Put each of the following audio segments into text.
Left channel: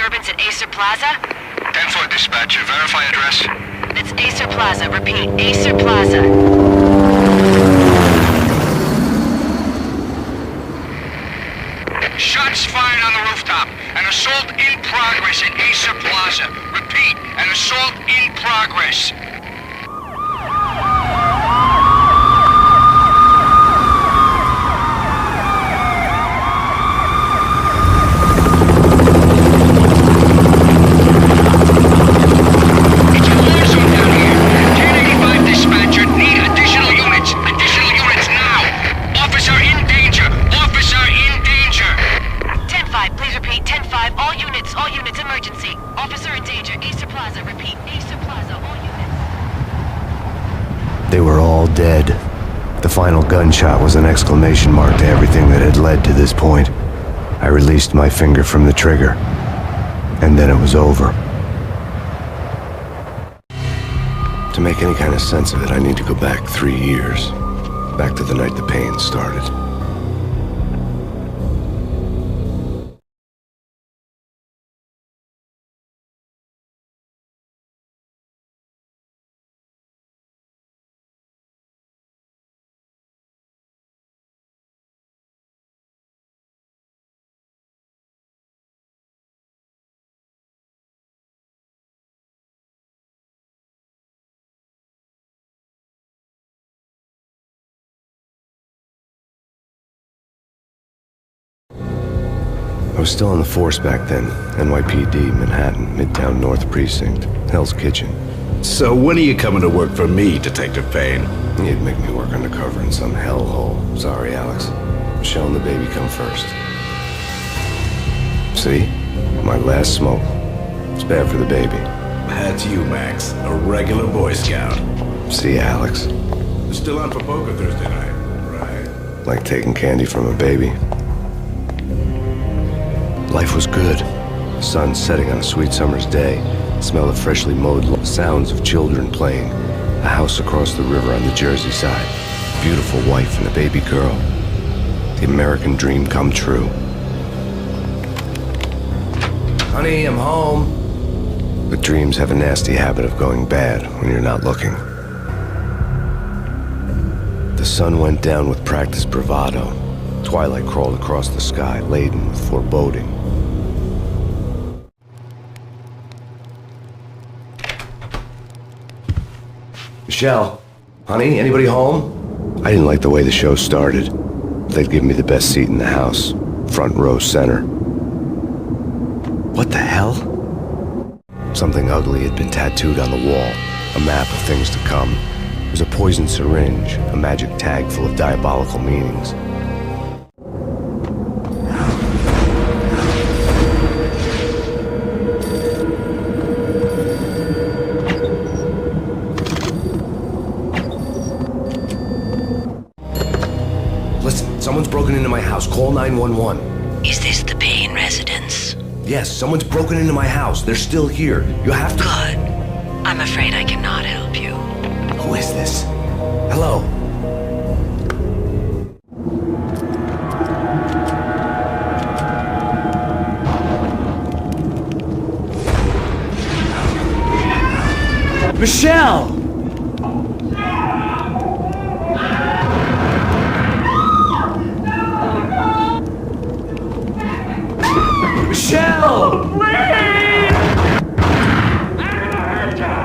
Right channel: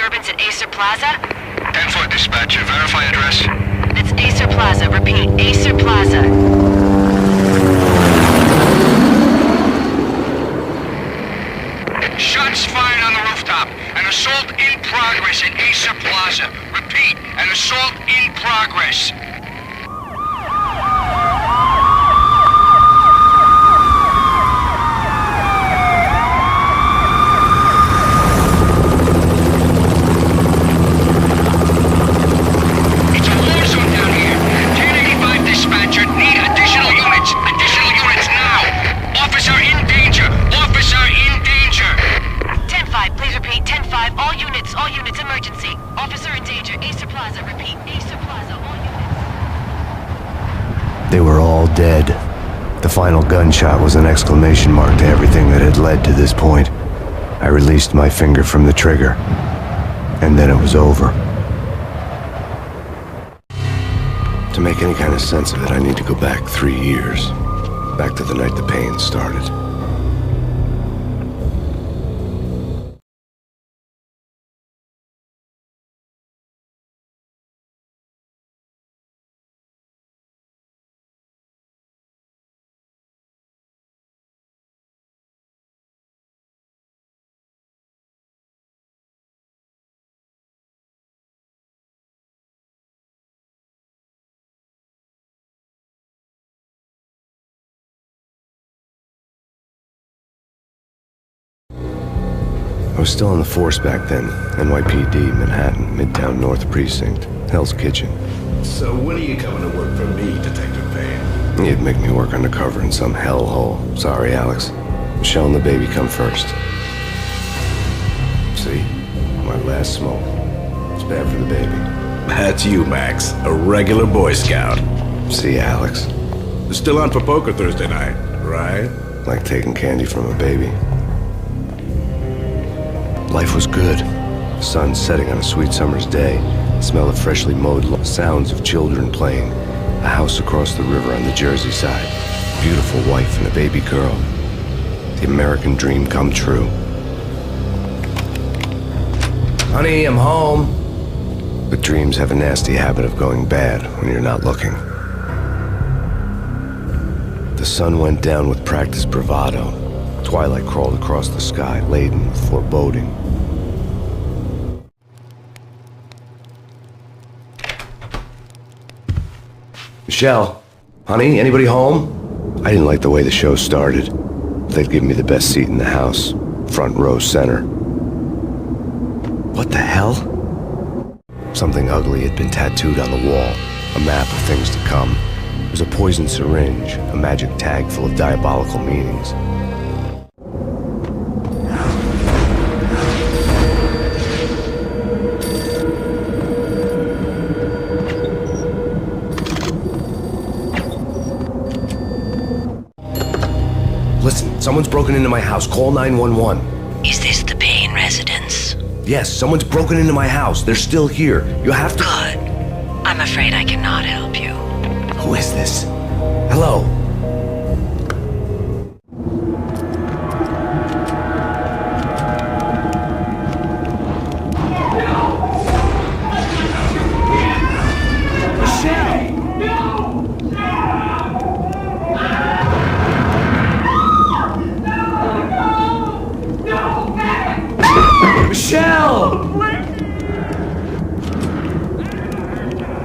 disturbance at Acer Plaza? 10-4 dispatcher, verify address. It's Acer Plaza. Repeat, Acer Plaza. Shots fired on the rooftop. An assault in progress at Acer Plaza. Repeat, an assault in progress. It's a war zone down here. 1085 dispatcher, need additional units. Additional units now. Officer in danger. Officer in danger. 10-5, please repeat. 10-5, all units, emergency. Officer in danger, Acer Plaza. Repeat, Acer Plaza, all units. They were all dead. The final gunshot was an exclamation mark to everything that had led to this point. I released my finger from the trigger, and then it was over. To make any kind of sense of it, I need to go back 3 years. Back to the night the Payne started. I was still on the force back then. NYPD, Manhattan, Midtown North Precinct, Hell's Kitchen. So when are you coming to work for me, Detective Payne? You'd make me work undercover in some hellhole. Sorry, Alex. Michelle and the baby come first. See? My last smoke. It's bad for the baby. That's you, Max. A regular Boy Scout. See, Alex? Still on for poker Thursday night, right? Like taking candy from a baby. Life was good. The sun setting on a sweet summer's day. The smell of freshly mowed lawn. Sounds of children playing. A house across the river on the Jersey side. Beautiful wife and a baby girl. The American dream come true. Honey, I'm home. But dreams have a nasty habit of going bad when you're not looking. The sun went down with practiced bravado. Twilight crawled across the sky, laden with foreboding. Michelle, honey, anybody home? I didn't like the way the show started. They'd give me the best seat in the house, front row center. What the hell? Something ugly had been tattooed on the wall, a map of things to come. It was a poisoned syringe, a magic tag full of diabolical meanings. Listen, someone's broken into my house. Call 911. Is this the Payne residence? Yes, someone's broken into my house. They're still here. You have to... Good. I'm afraid I cannot help you. Who is this? Hello? Michelle! Michelle! Please! I'm gonna hurt you!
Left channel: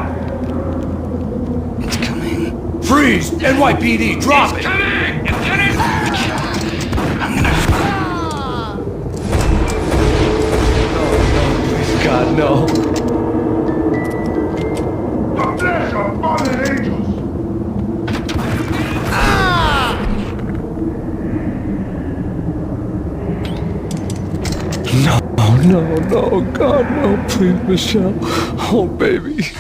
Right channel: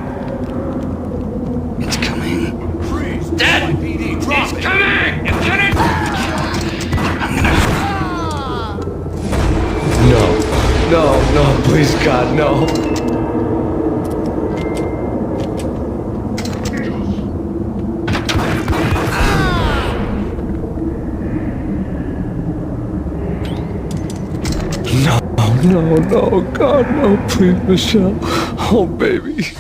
It's coming. Freeze! NYPD, drop it! It's coming! It's coming! I'm gonna... No, please, God, no. The flesh of fallen angels! No, God, no, please, Michelle. Oh, baby.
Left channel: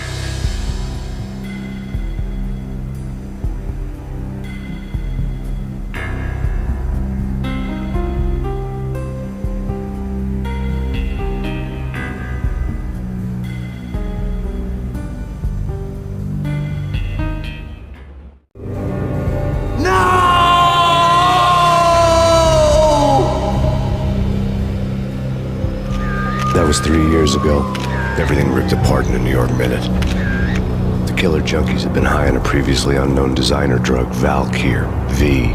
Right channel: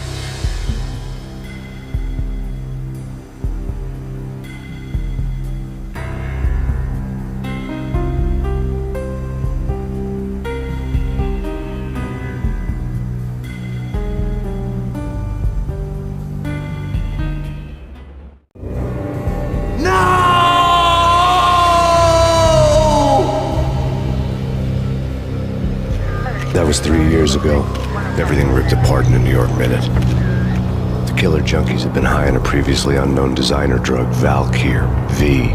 That was was 3 years ago. Everything ripped apart in a New York minute. The killer junkies had been high on a previously unknown designer drug, Valkyr, V.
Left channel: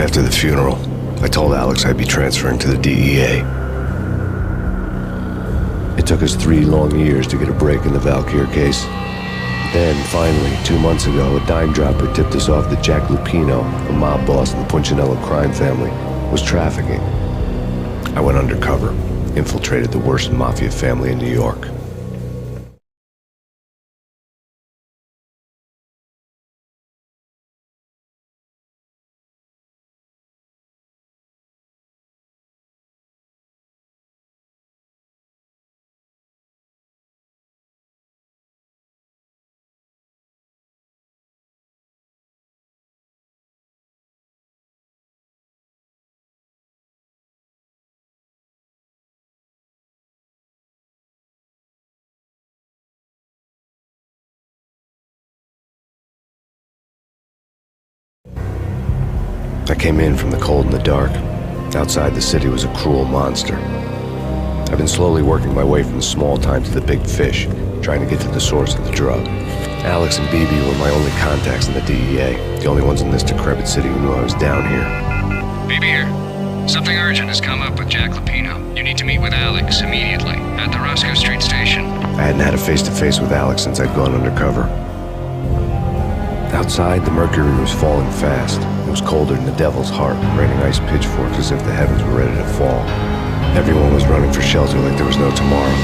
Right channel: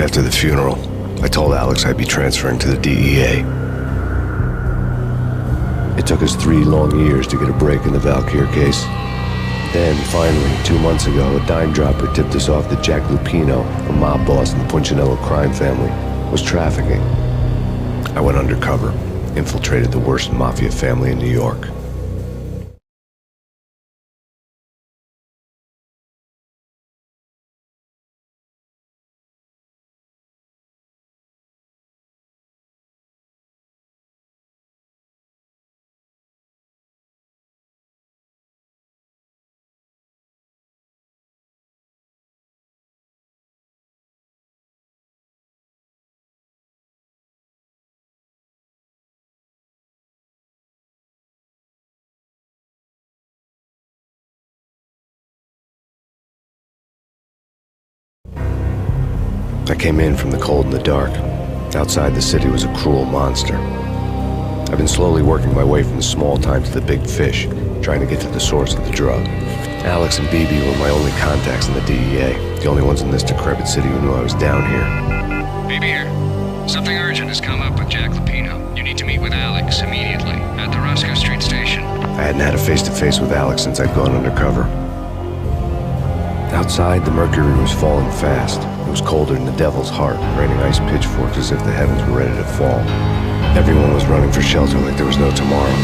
After the funeral, I told Alex I'd be transferring to the DEA. It took us 3 long years to get a break in the Valkyr case. Then, finally, 2 months ago, a dime dropper tipped us off that Jack Lupino, a mob boss in the Punchinello crime family, was trafficking. I went undercover, infiltrated the worst mafia family in New York. I came in from the cold and the dark. Outside the city was a cruel monster. I've been slowly working my way from the small time to the big fish, trying to get to the source of the drug. Alex and BB were my only contacts in the DEA, the only ones in this decrepit city who knew I was down here. BB here. Something urgent has come up with Jack Lupino. You need to meet with Alex immediately at the Roscoe Street station. I hadn't had a face-to-face with Alex since I'd gone undercover. Outside, the mercury was falling fast. It was colder than the devil's heart, raining ice pitchforks as if the heavens were ready to fall. Everyone was running for shelter like there was no tomorrow.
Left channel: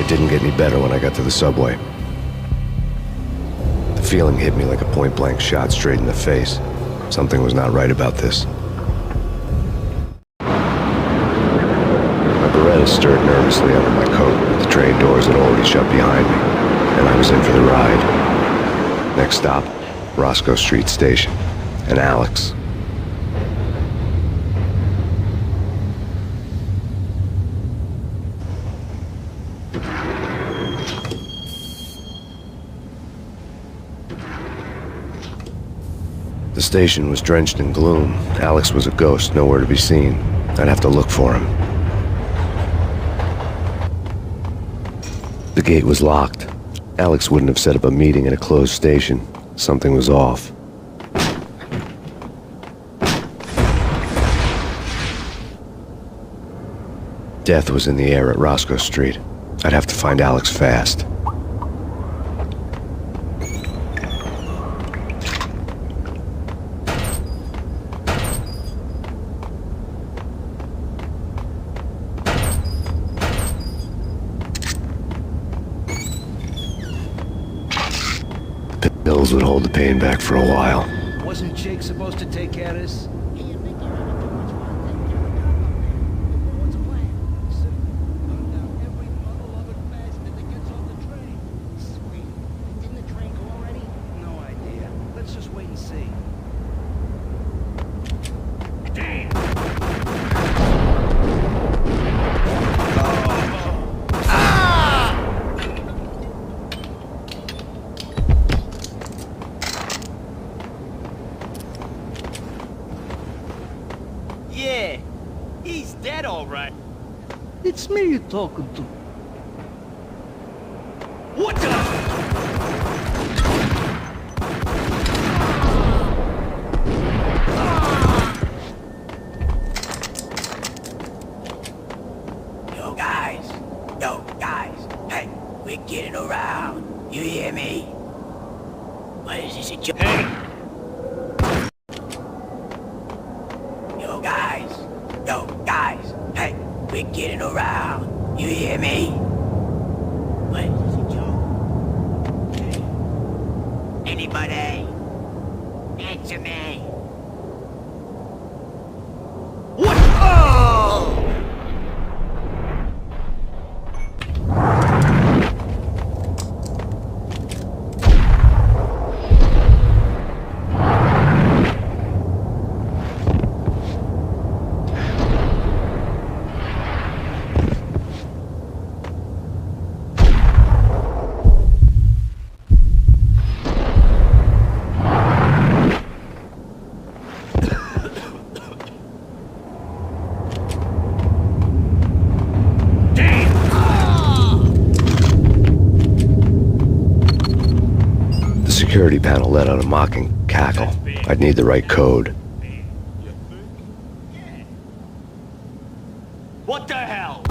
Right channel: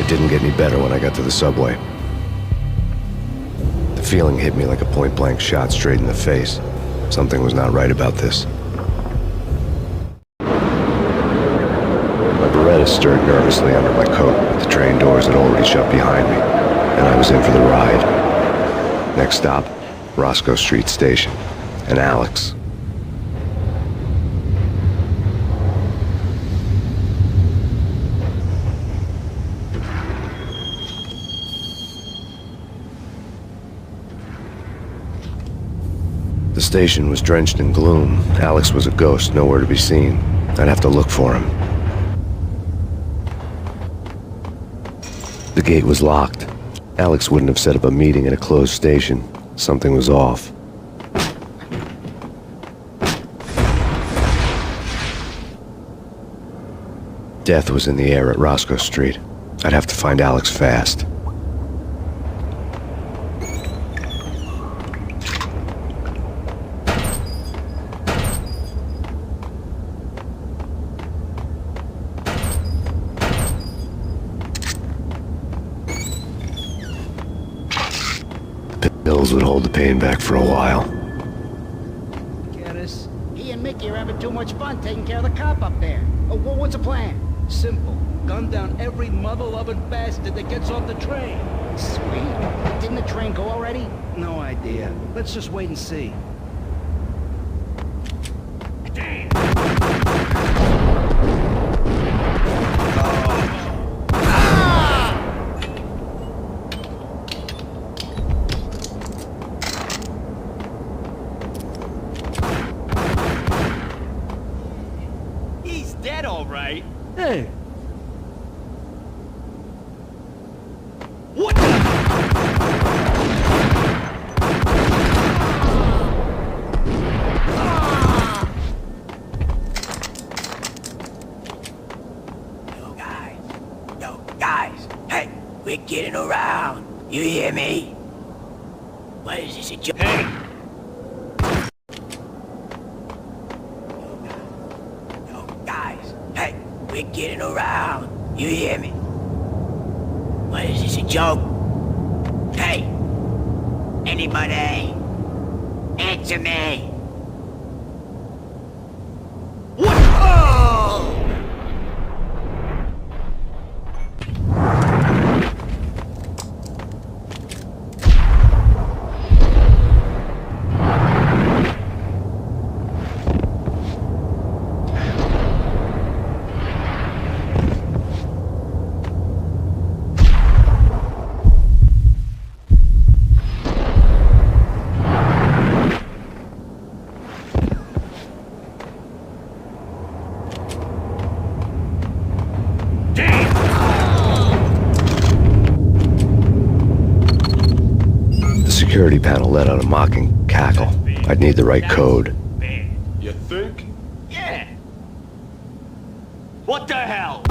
It didn't get any better when I got to the subway. The feeling hit me like a point-blank shot straight in the face. Something was not right about this. My Beretta stirred nervously under my coat, but the train doors had already shut behind me, and I was in for the ride. Next stop, Roscoe Street Station, and Alex. The station was drenched in gloom. Alex was a ghost, nowhere to be seen. I'd have to look for him. The gate was locked. Alex wouldn't have set up a meeting at a closed station. Something was off. Death was in the air at Roscoe Street. I'd have to find Alex fast. Pills would hold the pain back for a while. Wasn't Jake supposed to take care of this? He and Mickey are having too much fun taking care of the cop up there. Oh, well, what's the plan? Simple. Gun down every mother-loving bastard that gets off the train. Sweet. Didn't the train go already? No idea. Let's just wait and see. Damn! Yeah, he's dead all right. Hey, it's me you're talking to. What the? Yo guys, hey, we're getting around. You hear me? What is this, a joke? Hey! Yo guys, hey, we're getting around. You hear me? What is this, a joke? Hey, anybody? Answer me. What? Oh! security panel let out a mocking cackle. I'd need the right code. You think? Yeah. What the hell?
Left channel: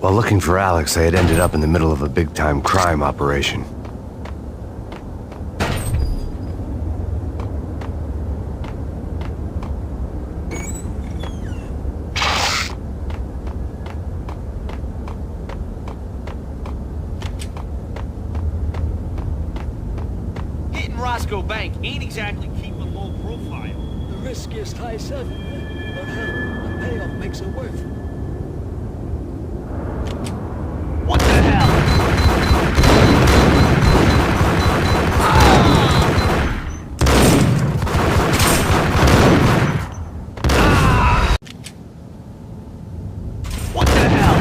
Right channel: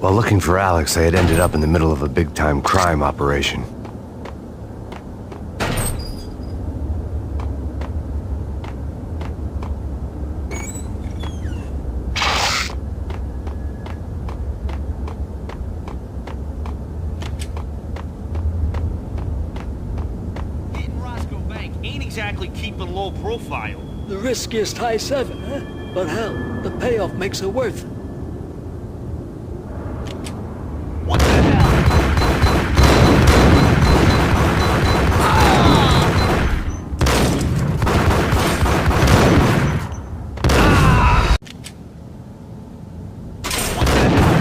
While looking for Alex, I had ended up in the middle of a big-time crime operation. Hitting Roscoe Bank ain't exactly keeping low profile. The riskiest high 7, huh? But hell, the payoff makes it worth it. What the hell? What the hell?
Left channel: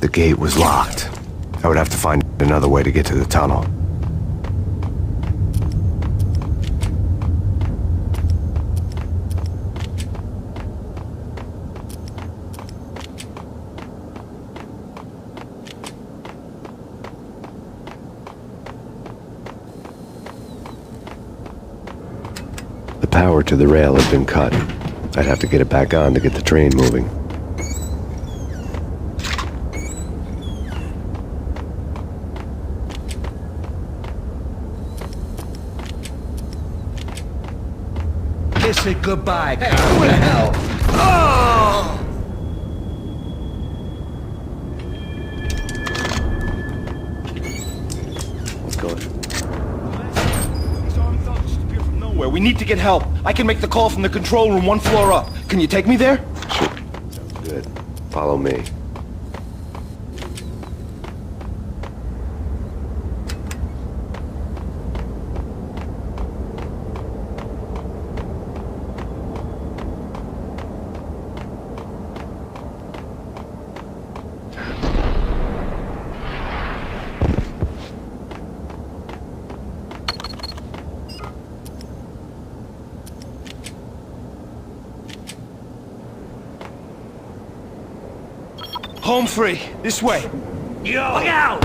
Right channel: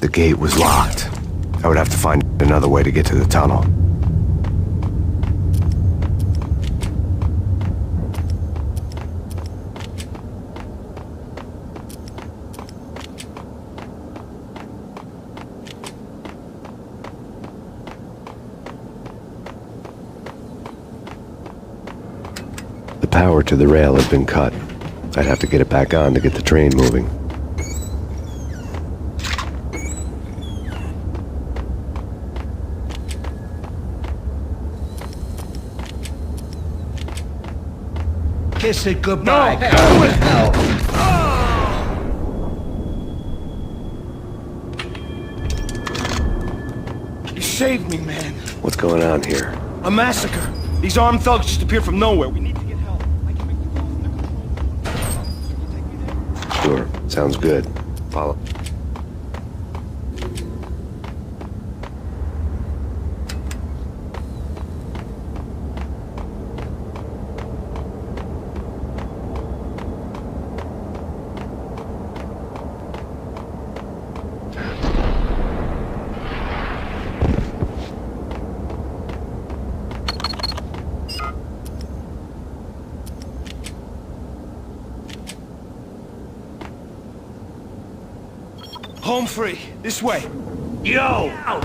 The gate was locked. I would have to find another way to get to the tunnel. The power to the rail had been cut. I'd have to get it back on to get the train moving. Kiss it goodbye, No, who the hell? You saved me, man. What's going on here? A massacre. These armed thugs just appeared from nowhere. We need to get help. I can make the call from the control room 1 floor up. Can you take me there? Sure, sounds good. Follow me. Home free. This way. Yo! Look out!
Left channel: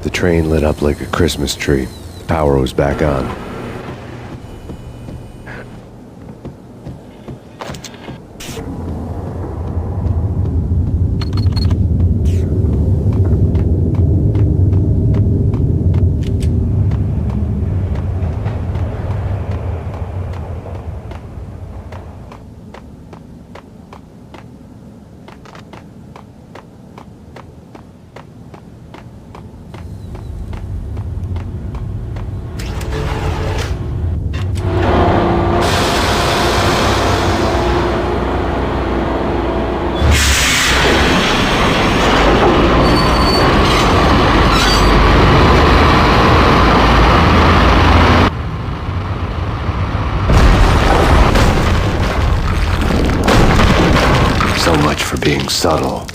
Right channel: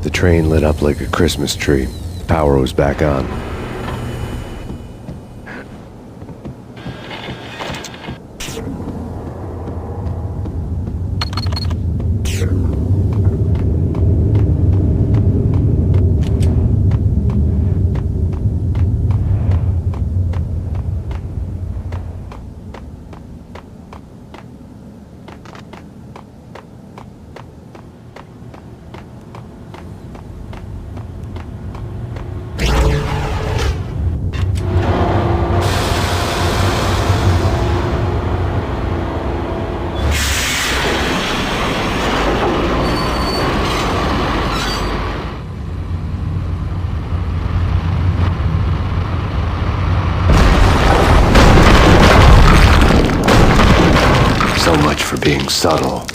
The train lit up like a Christmas tree. The power was back on. being subtle.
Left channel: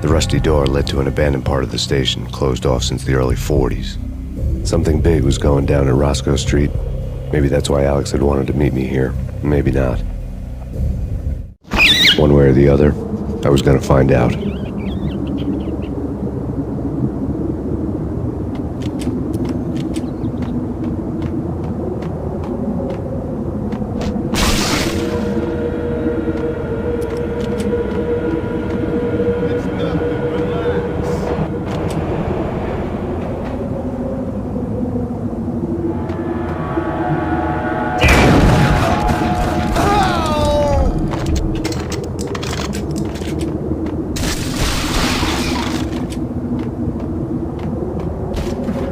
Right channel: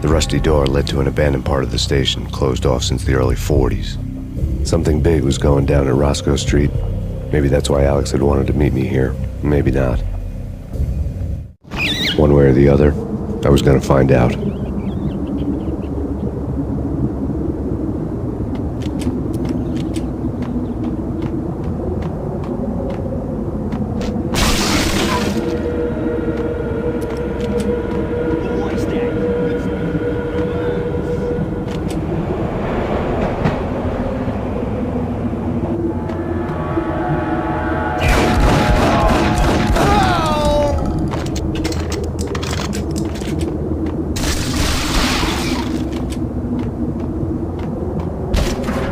The rusty door led to an abandoned part of the station, closed off since the early 40s. Something big was going down at Roscoe Street. Maybe that's why Alex had wanted to meet me here. Maybe not. One way or the other, I was gonna find out.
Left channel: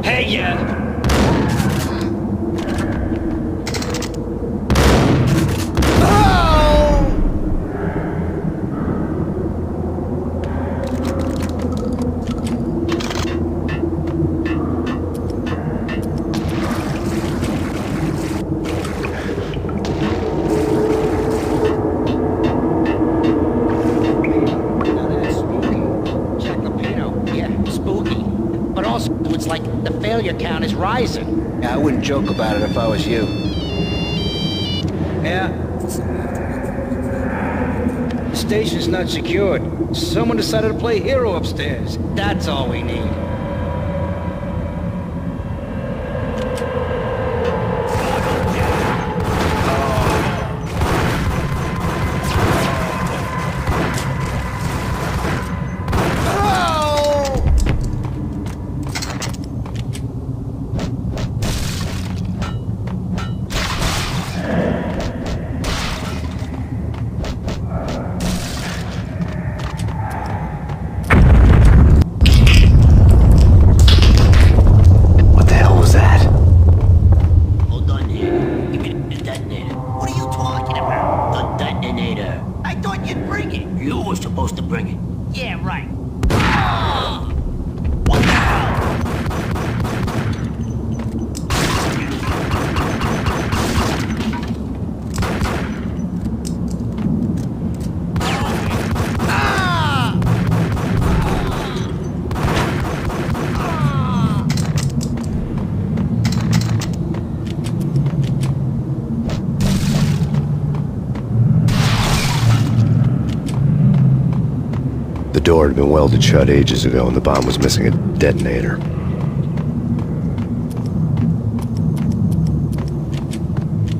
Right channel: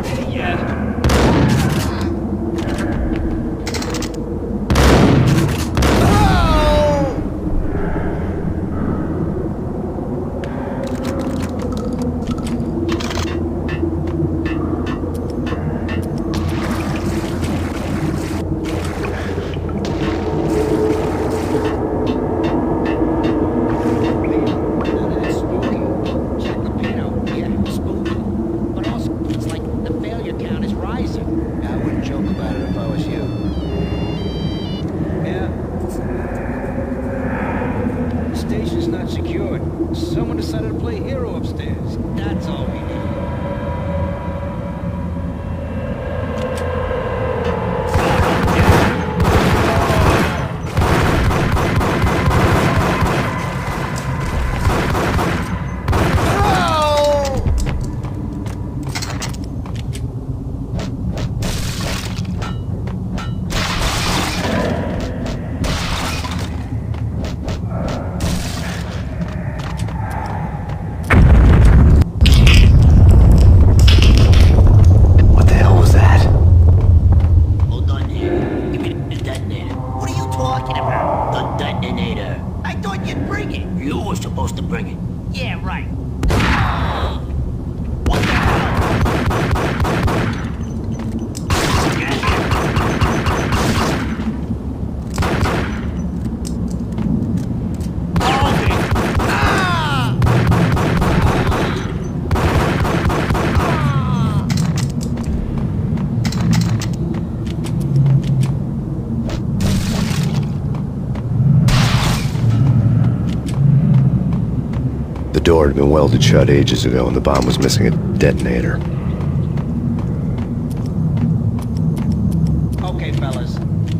Hey, yeah. Now that's spooky. Jack Lapino, yeah, spooky. But also, it's like the failure count is rising. Yeah, I wouldn't joke about it if I was you. Yeah? The station's not secured. Someone decided to play hero upstairs. That's all we need. What the hell was that? Hold on here. Give me the detonator. What are you talking about? The detonator. I thought you'd bring it. You were supposed to bring it. Yeah, right. What the hell? The door had been welded shut ages ago and the bomb was missing a detonator. Okay, fellas.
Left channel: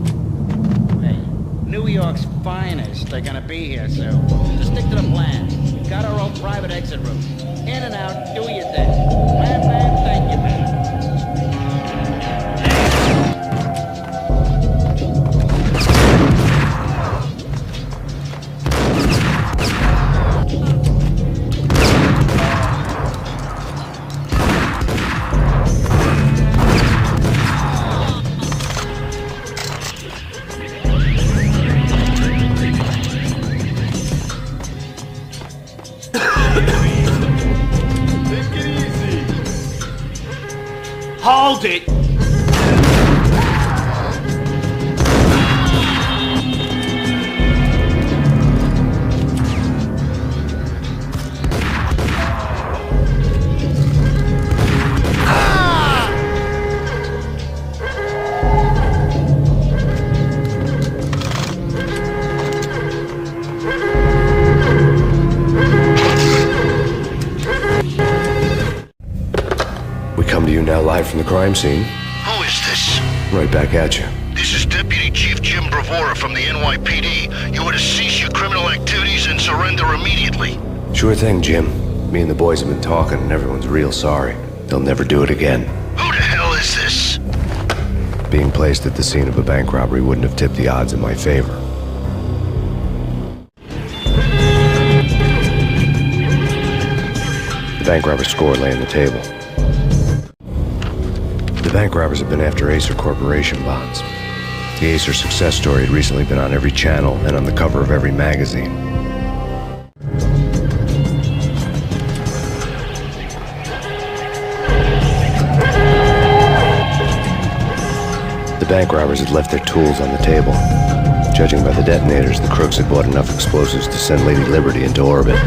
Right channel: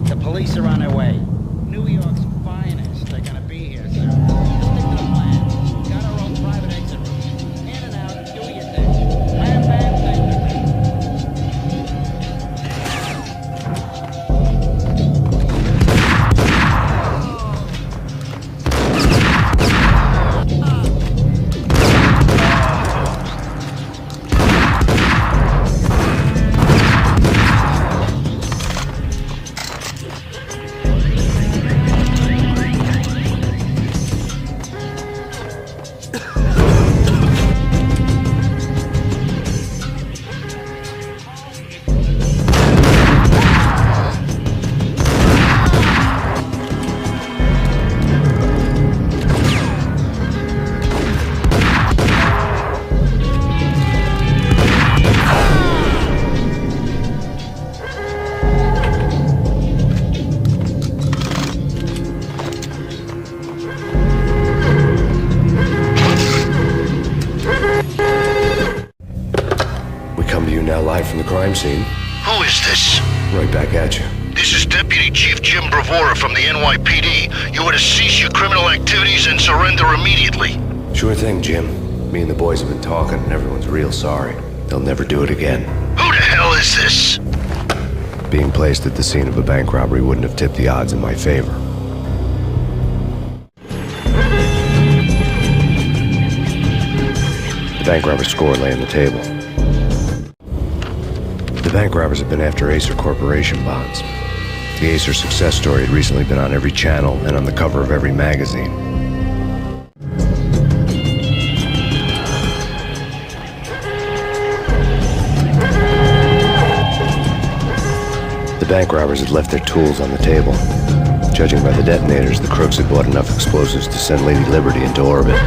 The police are on their way. New York's finest are gonna be here soon. Just stick to the plan. We've got our own private exit route. In and out, do your thing. Bam, bam, thank you, man. Hold it! We come to you now live from the crime scene. Who is this? Right back at you. This is Deputy Chief Jim Bravura from the NYPD. You are to cease your criminal activities and surrender immediately. Sure thing, Jim. Me and the boys have been talking and everyone's real sorry. They'll never do it again. Who the hell is this? Being placed at the scene of a bank robbery wouldn't have tipped the odds in my favor. The bank robber's score lay on the table. The bank robbers had been after Acer Corporation bonds. The Acer success story had recently been on every channel and on the cover of every magazine. The bank robbers had left their tools on the table. Judging by the detonators, the crooks had bought enough explosives to send Lady Liberty into orbit.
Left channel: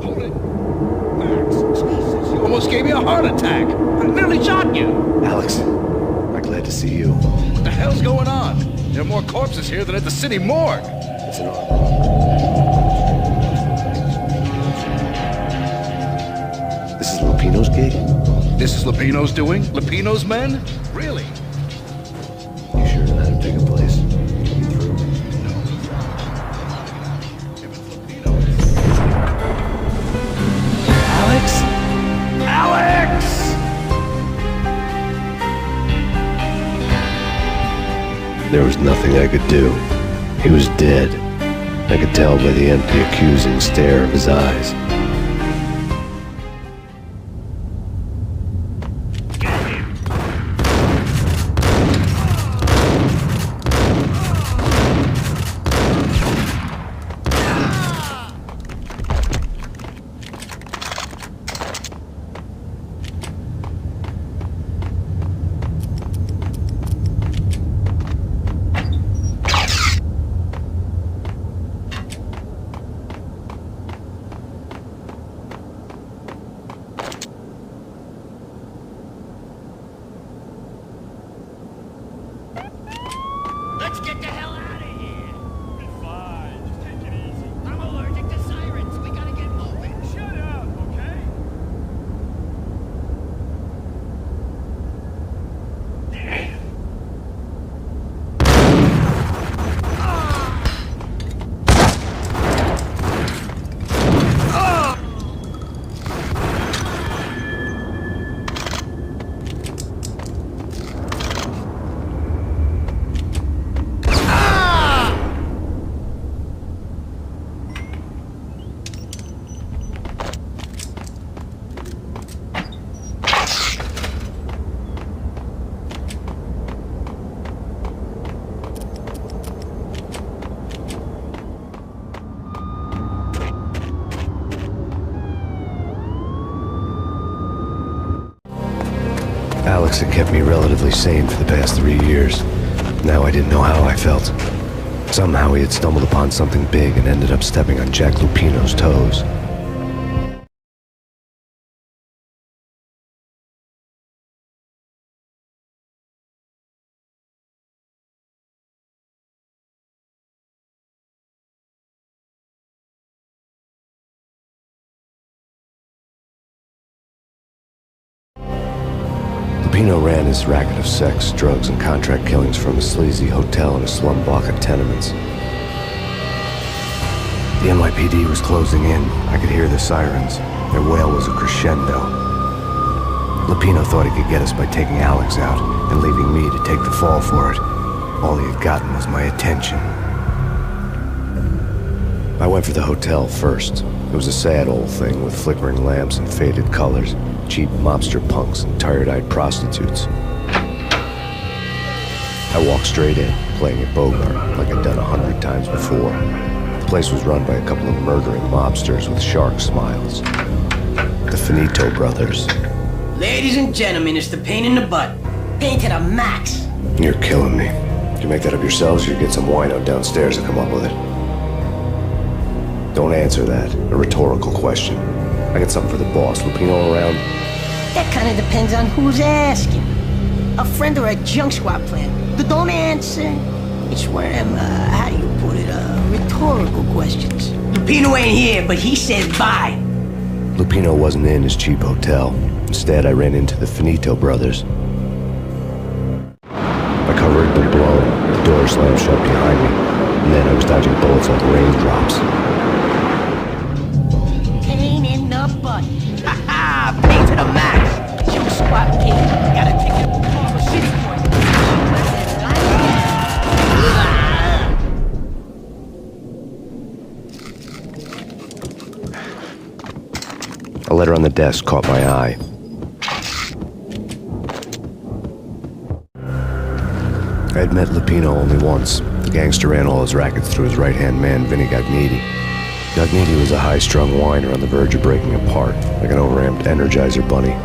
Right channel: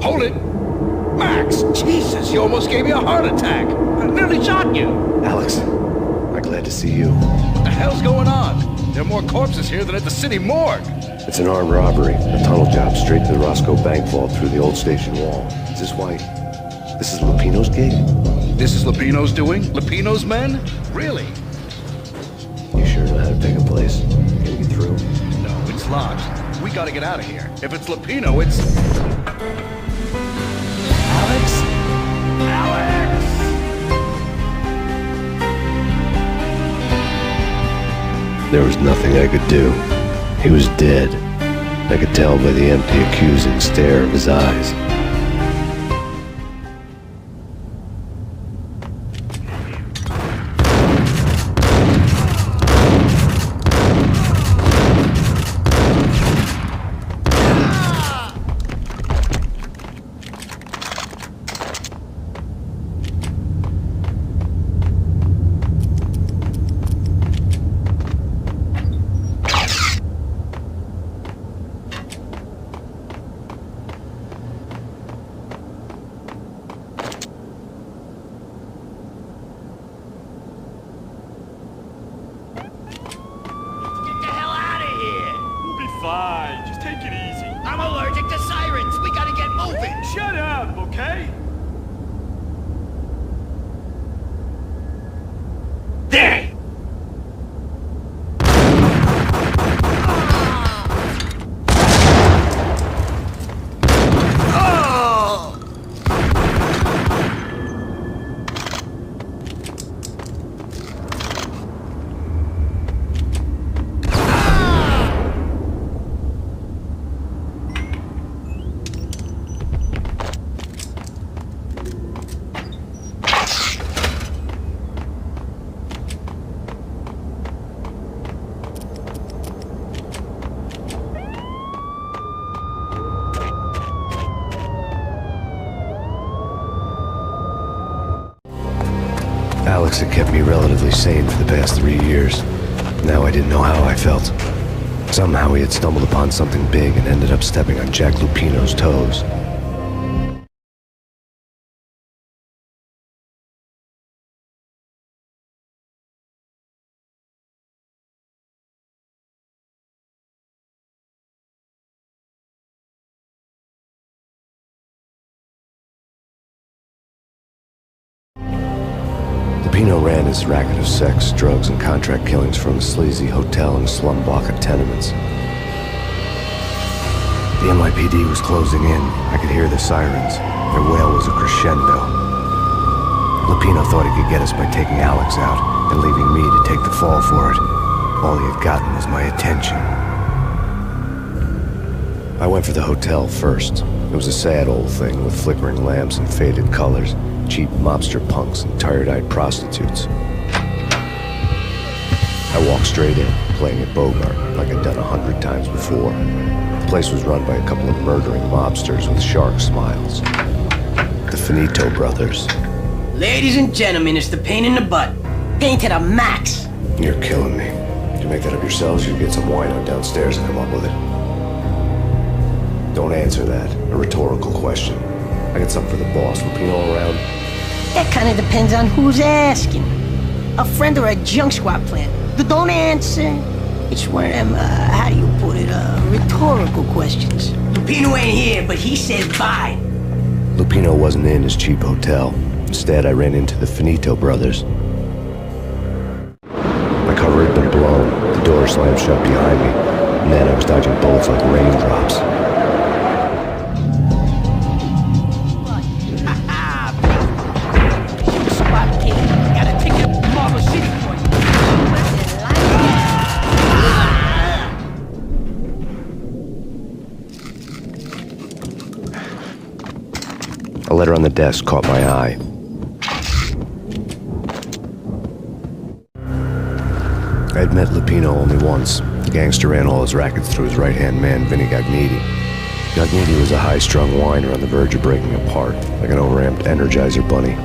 Hold it! Max, Jesus, you almost gave me a heart attack! I nearly shot you! Alex, am I glad to see you. What the hell's going on? There are more corpses here than at the city morgue! It's an armed robbery. A tunnel job straight to the Roscoe Bank vault through the old station wall. Is this why? This is Lupino's gig? This is Lupino's doing? Lupino's men? Really? You sure know how to pick a place? Can you get through? No, it's locked. We gotta get out of here. If it's Lupino, it's... Alex? Alex! There was nothing I could do. He was dead. I could tell by the empty, accusing stare of his eyes. Let's get the hell out of here! We'll be fine. Just take it easy. I'm allergic to sirens. We gotta get moving. Shut up, okay? There! Alex had kept me relatively sane for the past 3 years. Now I didn't know how I felt. Somehow he had stumbled upon something big and ended up stepping on Jack Lupino's toes. Lupino ran his racket of sex, drugs, and contract killings from a sleazy hotel in a slum block of tenements. The NYPD was closing in. I could hear the sirens. Their wail was a crescendo. Lupino thought he could get us by taking Alex out and leaving me to take the fall for it. All he had gotten was my attention. I went for the hotel first. It was a sad old thing with flickering lamps and faded colors, cheap mobster punks and tired-eyed prostitutes. I walked straight in, playing at Bogart like I'd done 100 times before. The place was run by a couple of murdering mobsters with shark smiles. The Finito brothers. Ladies and gentlemen, it's the Payne in the butt. Payne to the max. You're killing me. Did you make that up yourselves, or you get some wino downstairs to come up with it? Don't answer that. A rhetorical question. I got something for the boss. Lupino around? That kind of depends on who's asking. A friend or a junk squad plan. Don't answer. It's one of them, how do you put it, rhetorical questions. Lupino ain't here, but he said bye. Lupino wasn't in his cheap hotel. Instead, I ran into the Finito brothers. My cover had been blown, the door slammed shut behind me, and then I was dodging bullets like raindrops. Payne in the butt. Ha ha! Payne to the max. Junk squad kid. Got a ticket to Marble City for you. A letter on the desk caught my eye. I had met Lupino only once. The gangster ran all his rackets through his right-hand man, Vinny Gagniti. Gagniti was a high-strung whiner on the verge of breaking apart, like an overamped Energizer bunny.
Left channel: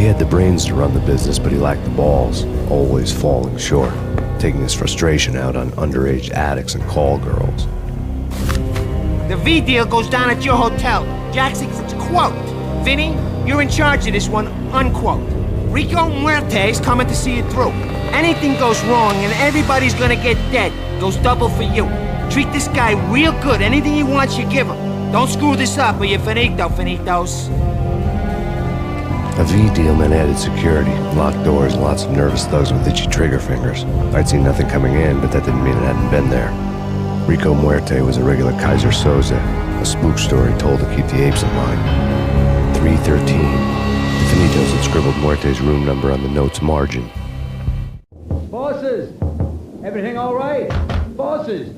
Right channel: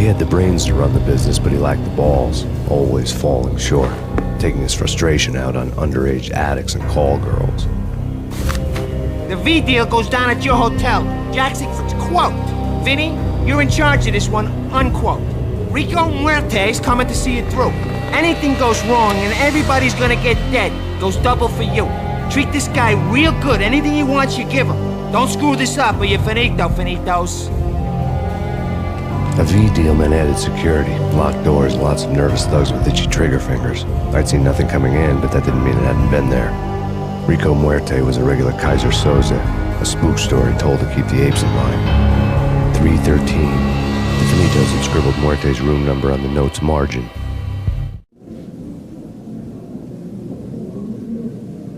He had the brains to run the business, but he lacked the balls, always falling short, taking his frustration out on underage addicts and call girls. The V deal goes down at your hotel. Jackson, quote. Vinny, you're in charge of this one, unquote. Rico Muerte's coming to see it through. Anything goes wrong and everybody's gonna get dead. Goes double for you. Treat this guy real good. Anything he wants, you give him. Don't screw this up or you're finito, finitos. A V deal meant added security, locked doors, and lots of nervous thugs with itchy trigger fingers. I'd seen nothing coming in, but that didn't mean it hadn't been there. Rico Muerte was a regular Kaiser Soze, a spook story told to keep the apes in line. 313. The Finitos had scribbled Muerte's room number on the note's margin. Bosses! Everything all right? Bosses!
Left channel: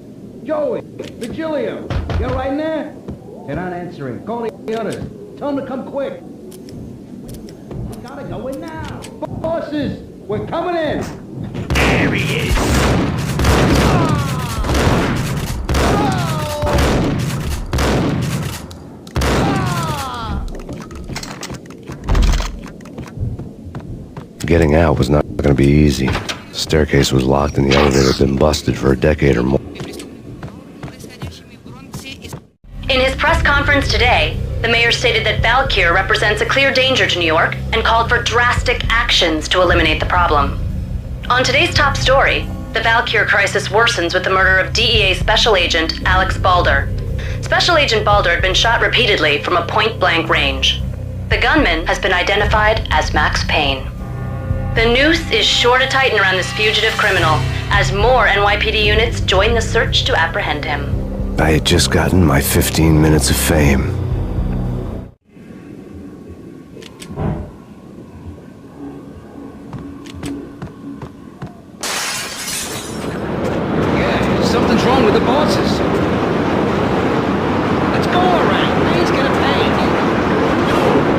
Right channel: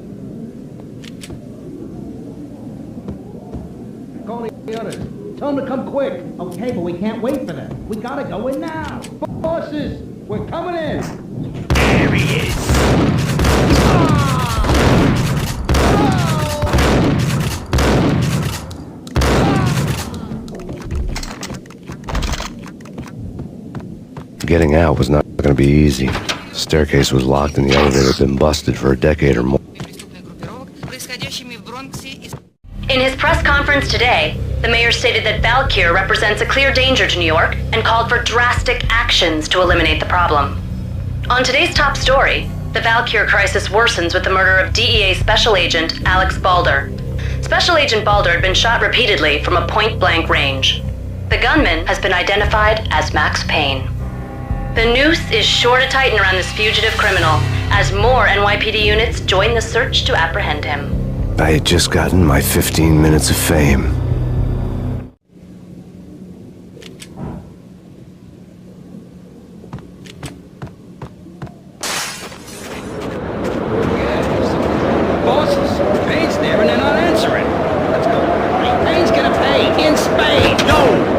Joey! Virgilio! You all right in there? They're not answering. Call the others. Tell them to come quick. Okay, but we can't wait for them. We gotta go in now. Bosses! We're coming in! There he is. Getting out was not going to be easy. The staircase was locked and the elevator had been busted for a decade or more. In his press conference today, the mayor stated that Valkyr represents a clear danger to New York and called for drastic actions to eliminate the problem. On today's top story, the Valkyr crisis worsens with the murder of DEA Special Agent Alex Balder. Special Agent Balder had been shot repeatedly from a point-blank range. The gunman has been identified as Max Payne. The noose is sure to tighten around this fugitive criminal as more NYPD units join the search to apprehend him. I had just gotten my 15 minutes of fame. Yeah, something's wrong with the bosses. Payne's there and they're not answering. Let's go already. Payne's gonna pay in spades. No!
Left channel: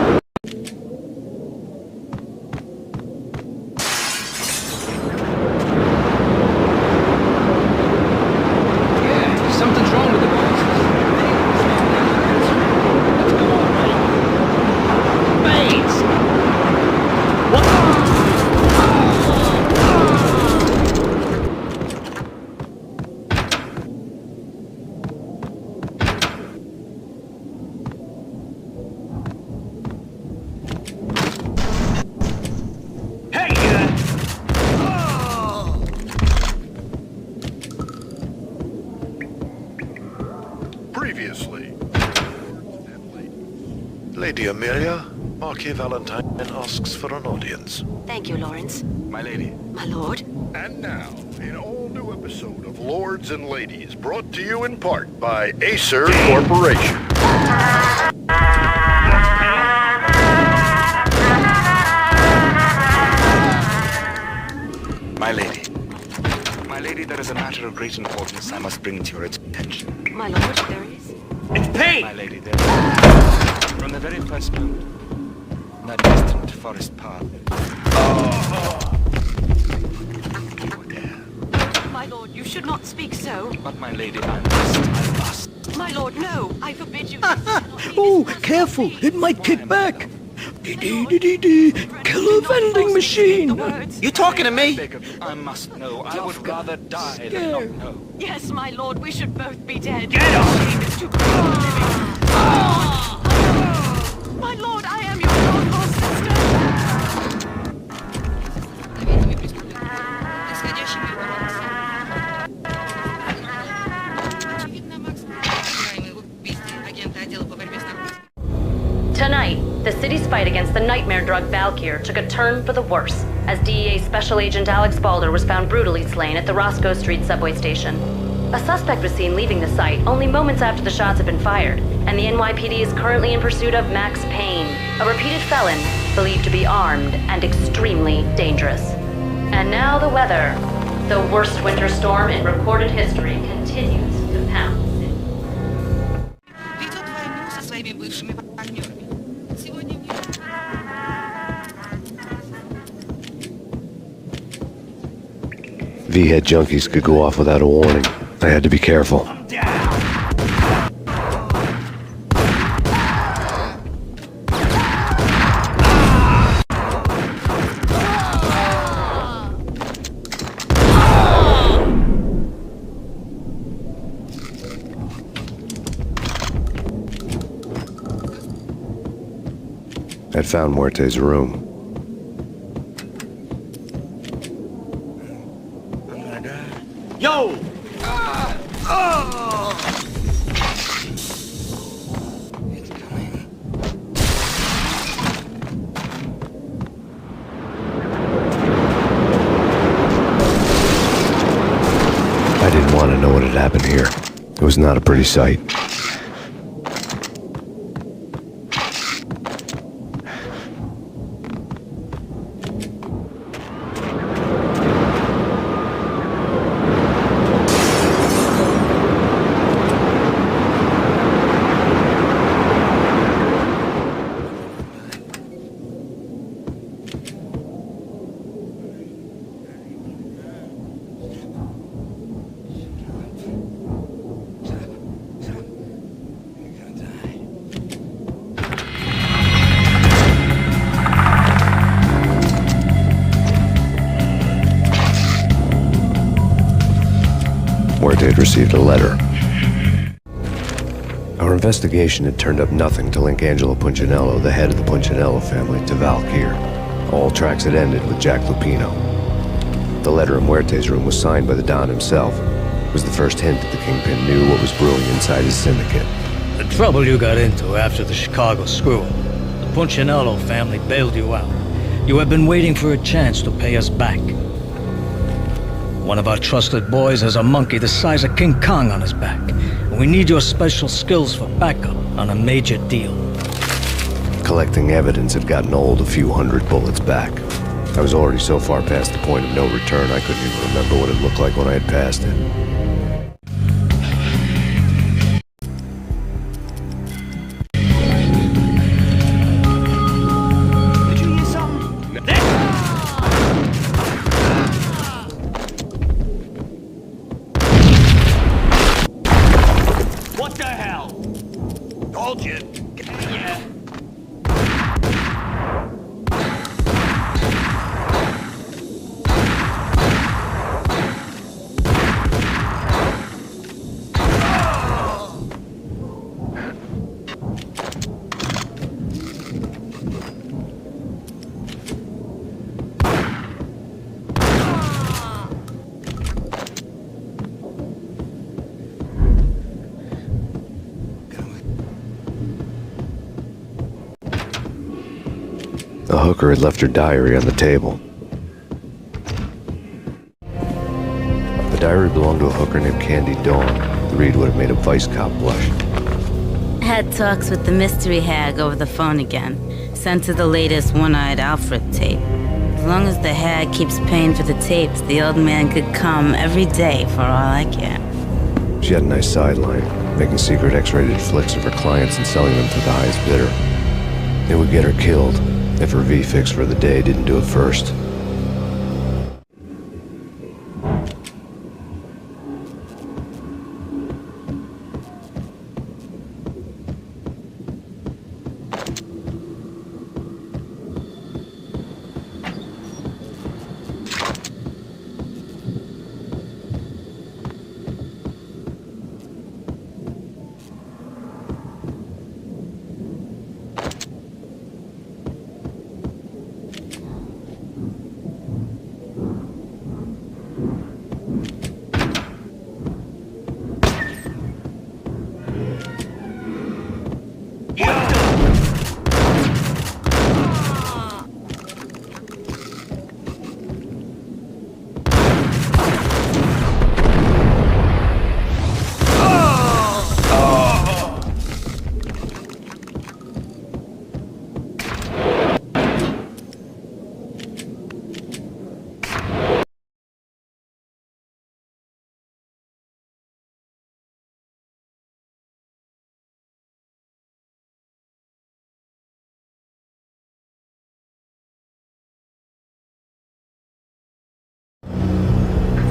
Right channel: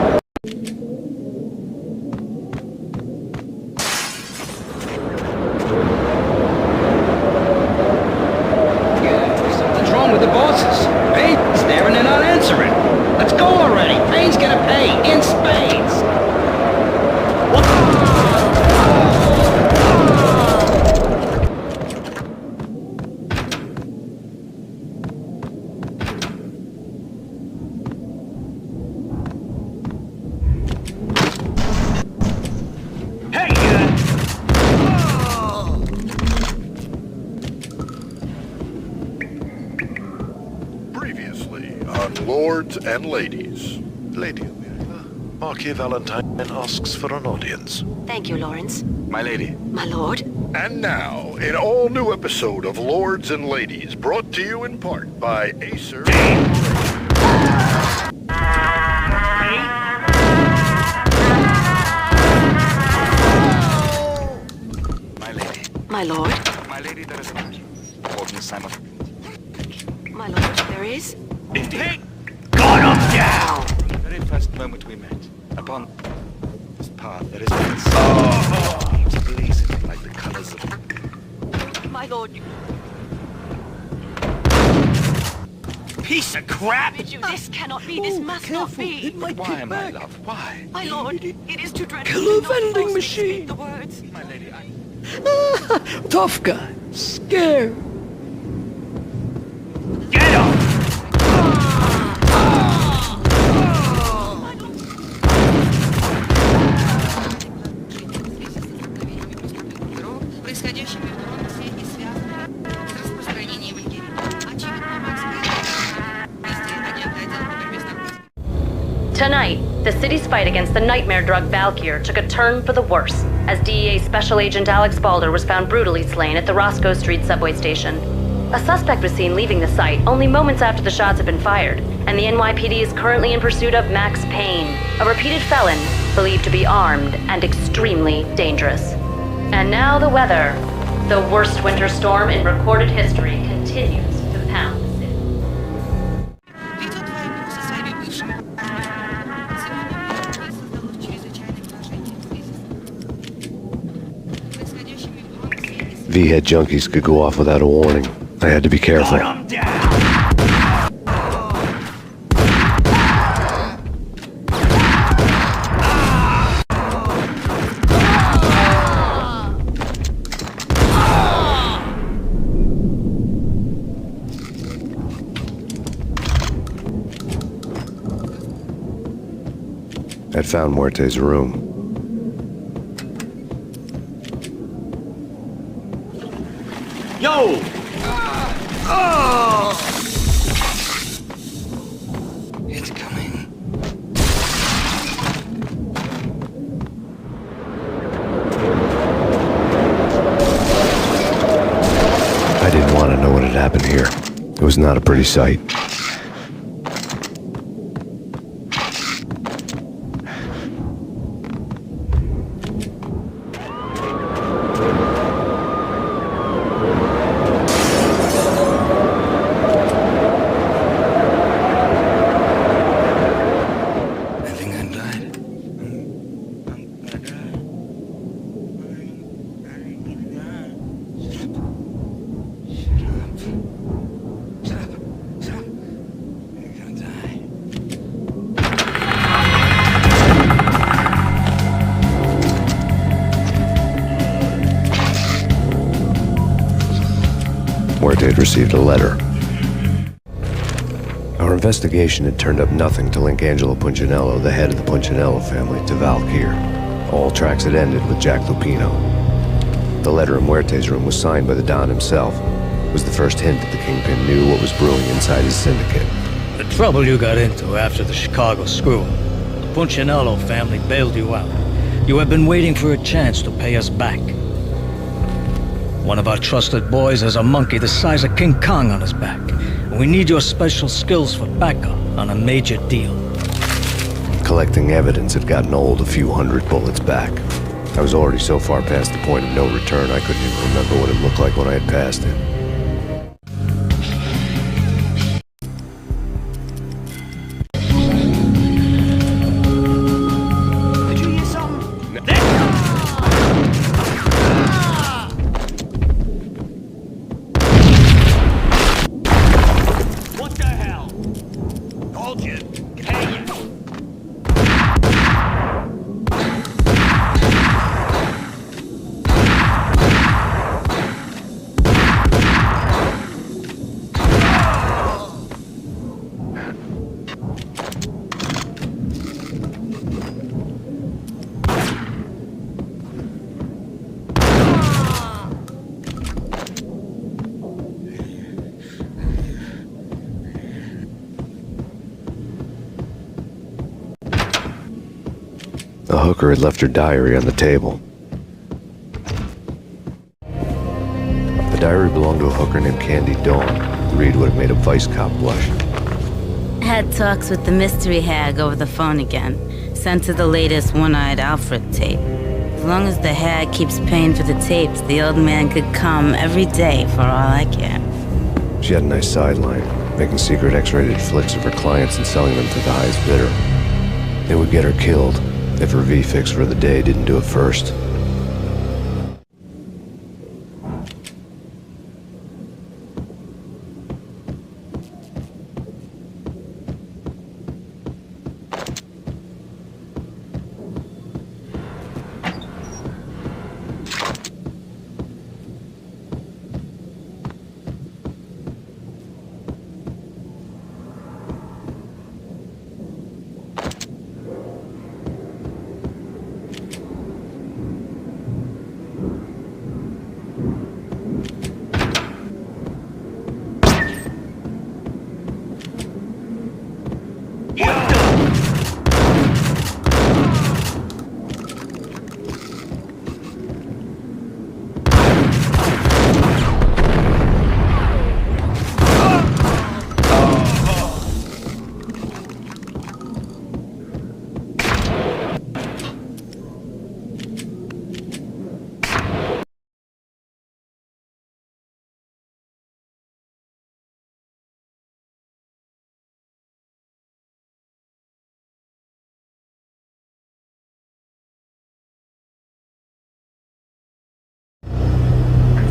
Something's wrong with the bosses. Payne's there and they're not answering. Let's go already. Payne's gonna pay in spades. What? Previously on Lords and Ladies. Lady Amelia, Marquis Valentine asks for an audience. Thank you, Lawrence. My lady. My lord. And now, an all-new episode of Lords and Ladies, brought to you in part by Acer Corporation. My lady. My lord. My lady, there is a matter of great importance I must bring to your attention. My lord, there is. It's Payne! My lady, there is. From the very first moment we met, upon that distant forest path, there is My lord, you should not speak so. But my lady... My lord, Piece no. of crap! I forbid you. This cannot be. This Oh, must careful! not be. It might Why, kick my back. love, why? My lord, it is too dreadful Killer to not vending falsely machine. speak the words. You talking to me? Tough guy. Scared. Yes, my lord, we should both be dead. Get up! My lord, I am your Tonight, the city's fight against the nightmare drug Valkyr took a turn for the worse, as DEA Special Agent Alex Balder was found brutally slain at the Roscoe Street subway station. A suspect was seen leaving the site only moments after the shots had been fired, and the NYPD is currently in pursuit of Max Payne, a repeated felon believed to be armed and extremely dangerous. And now the weather. The worst winter storm in recorded history continues to pound the city. V-head junkies could go off without a warning. I had to be careful. I'd found Muerte's room. Yo! It's coming. I didn't want to know what had happened here. It was not a pretty sight. I think I died. Shut up. You're gonna die. Muerte had received a letter. Our investigation had turned up nothing to link Angelo Punchinello, the head of the Punchinello family, to Valkyr. All tracks had ended with Jack Lupino. The letter in Muerte's room was signed by the Don himself. It was the first hint that the Kingpin knew what was brewing inside his syndicate. The trouble you got into after the Chicago screw-up. The Punchinello family bailed you out. You have been waiting for a chance to pay us back. One of our trusted boys has a monkey the size of King Kong on his back. And we need your special skills for backup on a major deal. Collecting evidence had gotten old a few hundred bullets back. I was already so far past the point of no return I couldn't even remember what it looked like when I had passed it. Did you hear something? What the hell? Told you. Hey, yeah. The hooker had left her diary on the table. The diary belonged to a hooker named Candy Dawn. The read would have made a vice cop blush. Had talks with the mystery hag over the phone again. Sent her the latest One-Eyed Alfred tape. As long as the hag keeps paying for the tapes, the old man could come every day for all I care. She had a nice sideline. making secret X-rated flicks of her clients and selling them to the highest bidder. It would get her killed if her V-fix for the day didn't do it first.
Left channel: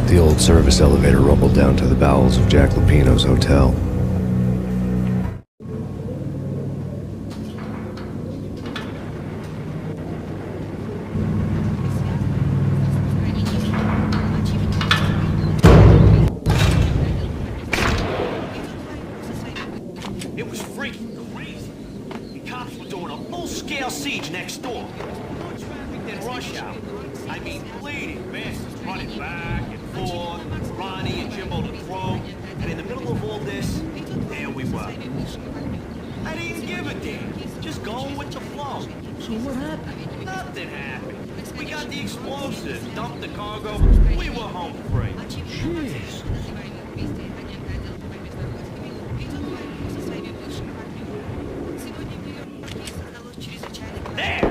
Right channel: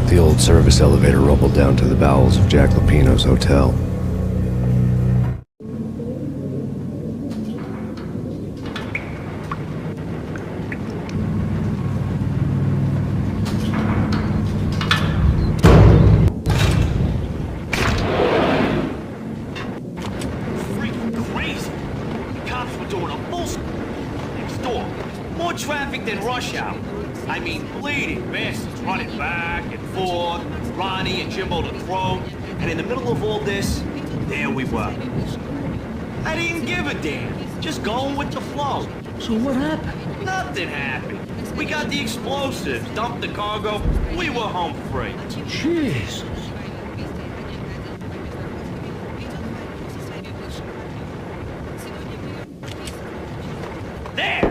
The old service elevator rumbled down to the bowels of Jack Lupino's hotel. It was freaking crazy. The cops were doing a full-scale siege next door. More traffic than rush hour. I mean, bleeding bastards running back and forth, Ronnie and Jimbo the Crow, and in the middle of all this, there we were. I didn't give a damn, just going with the flow. So what happened? Nothing happened. We got the explosives, dumped the cargo, we were home free. Jeez. There!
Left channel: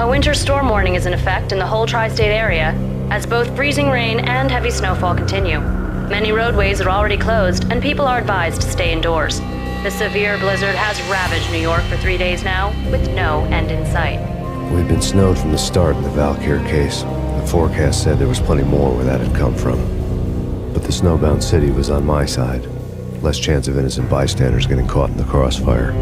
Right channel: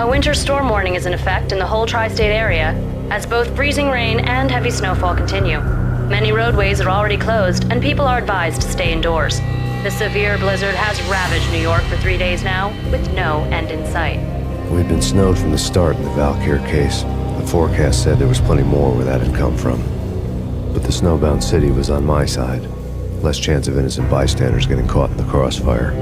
A winter storm warning is in effect in the whole tri-state area, as both freezing rain and heavy snowfall continue. Many roadways are already closed, and people are advised to stay indoors. The severe blizzard has ravaged New York for 3 days now, with no end in sight. We'd been snowed from the start in the Valkyr case. The forecast said there was plenty more where that had come from. But the snowbound city was on my side. Less chance of innocent bystanders getting caught in the crossfire.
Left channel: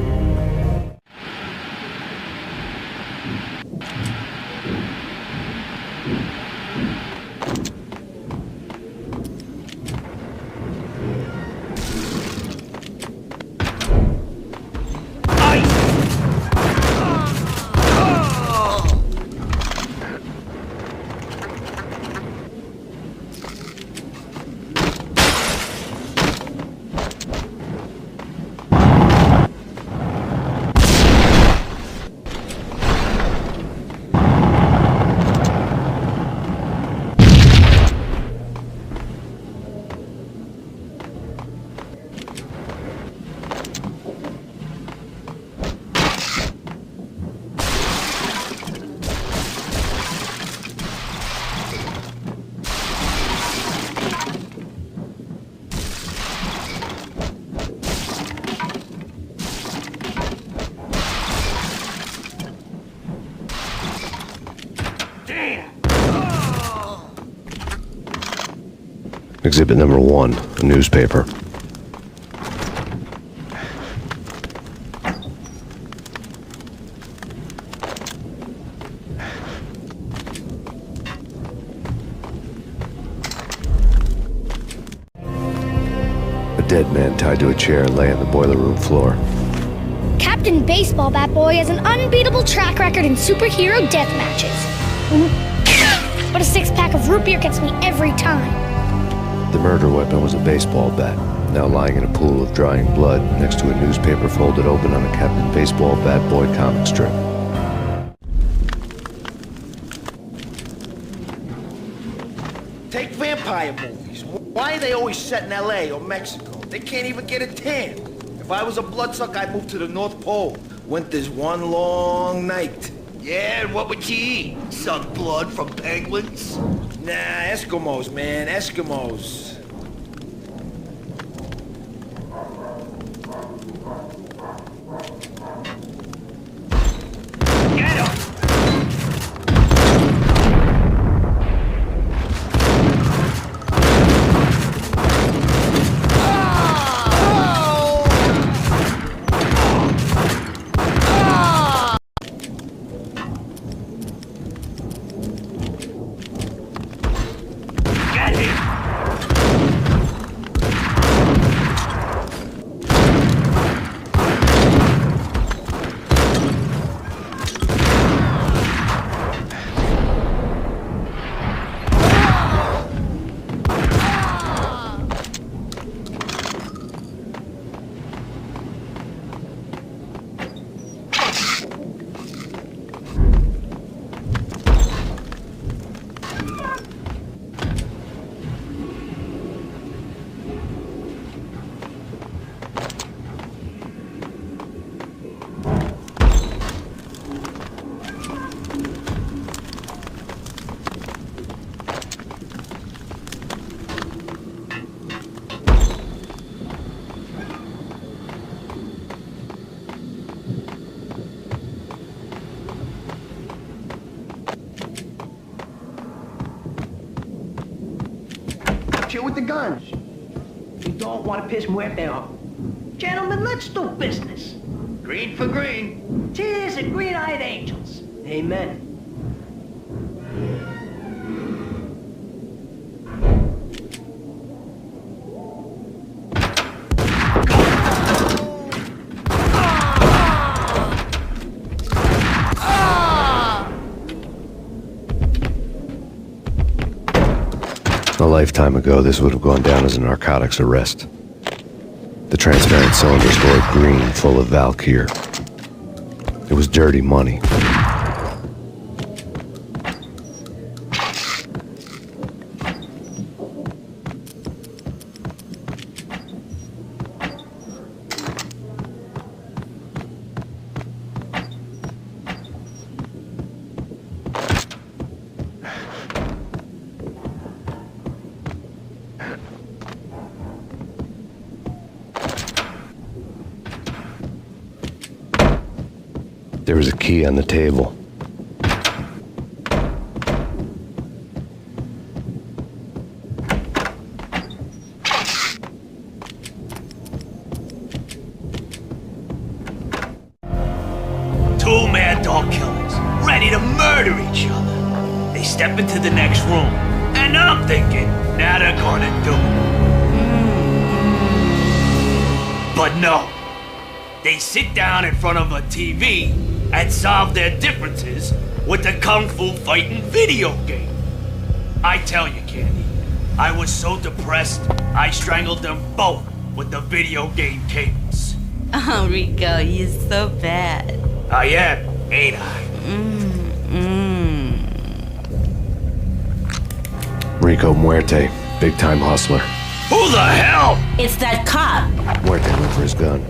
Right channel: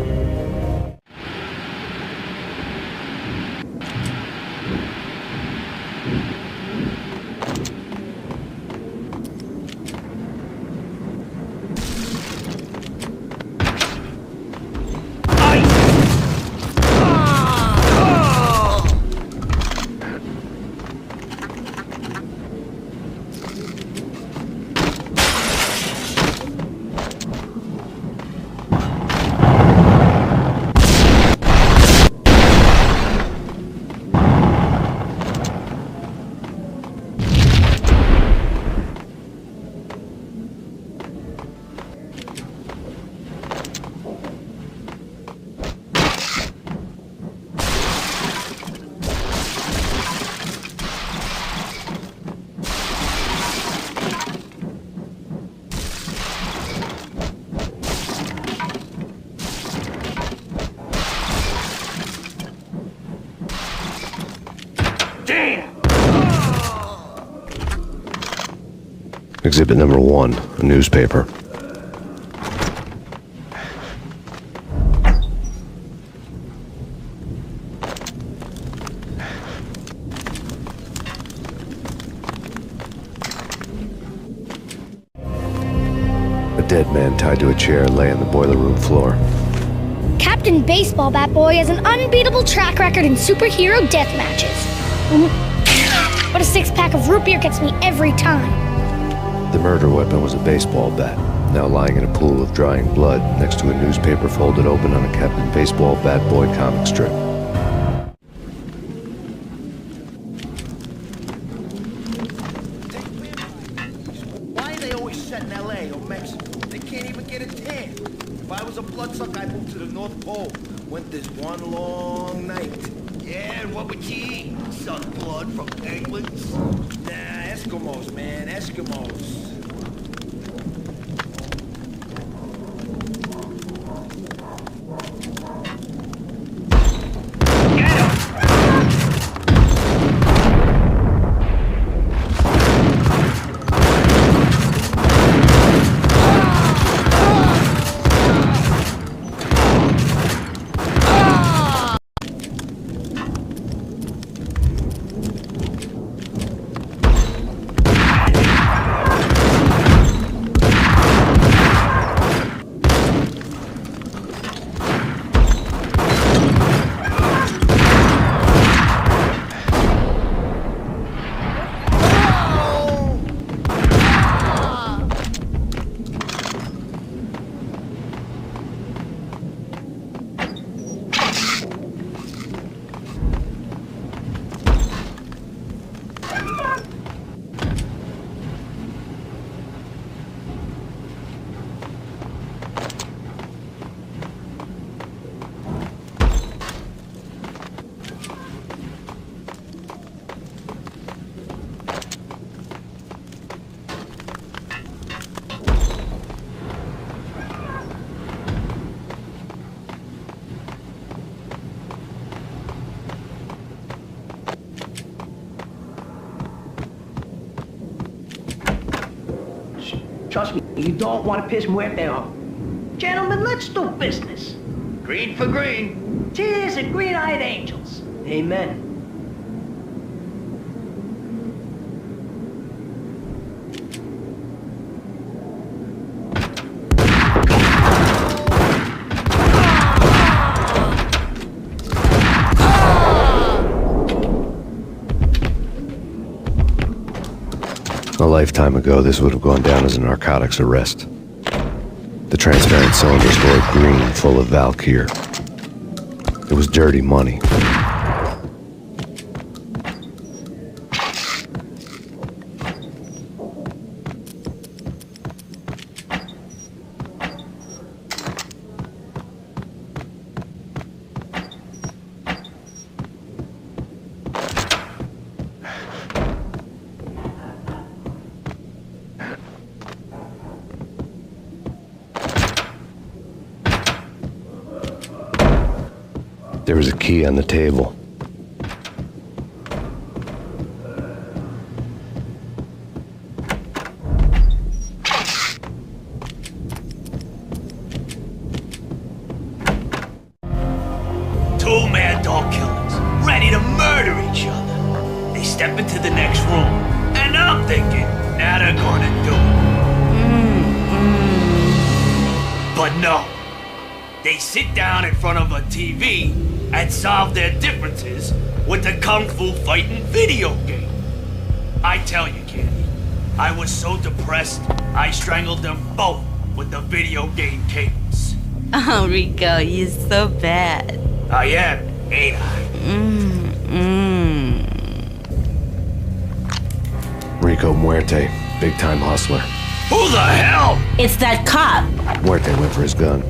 Exhibit number 1, a newspaper. A dead man tied to a chair lay on the boiler room floor. Captain Baseball Bat Boy has an unbeatable track record in superhero death matches. But a 6-pack of root beer gets me every time. The murder weapon was a baseball bat. now lying in a pool of drying blood next to a newspaper folded open on a Captain Baseball Bad Boy comic strip. Take vampire movies. Why are they always set in L.A. or Mexico? They can't even get a tan. If I was a bloodsucker, I'd move to the North Pole. Winter's one long night. Yeah, and what would you eat? Some blood from penguins? Nah, Eskimos, man, Eskimos. With the guns. Trust me, you don't want to piss Muerte off. Gentlemen, let's do business. Green for green. Cheers at green-eyed angels. Amen. A lifetime ago, this would have gone down as a narcotics arrest. The transparent cylinders glowed green, full of Valkyr. It was dirty money. There was a key on the table. Two mad dog killers, ready to murder each other. They step into the next room, and I'm thinking, now they're gonna do it. But no. They sit down in front of a TV and solve their differences with the Kung Fu fighting video game. I tell you, Candy, I was so depressed, I strangled them both with the video game cables. Oh, Rico, you're so bad. I am, ain't I? Rico Muerte, big-time hustler. Who the hell? It's that cop. Muerte went for his gun.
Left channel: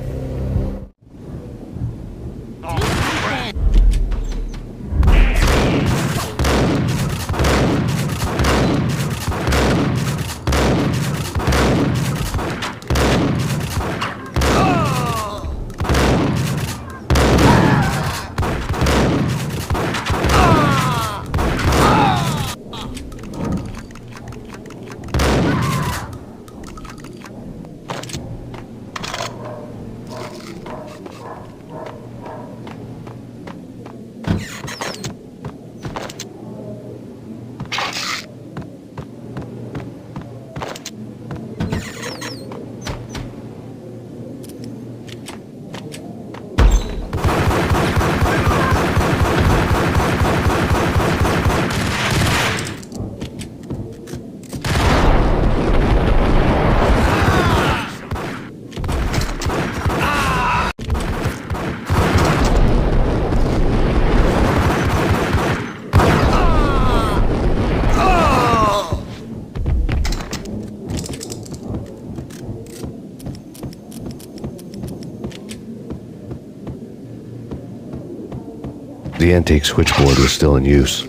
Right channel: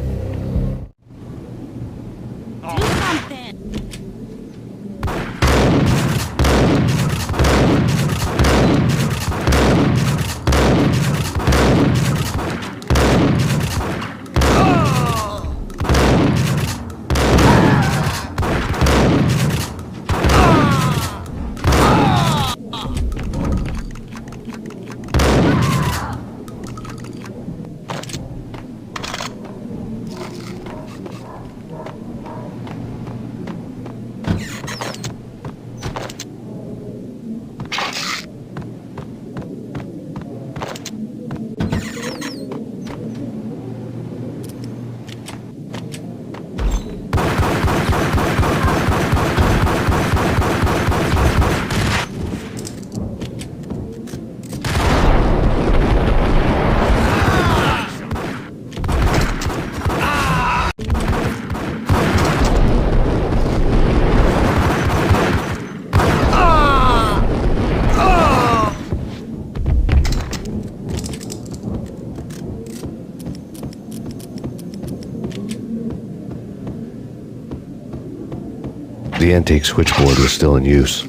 antique switchboard was still in use.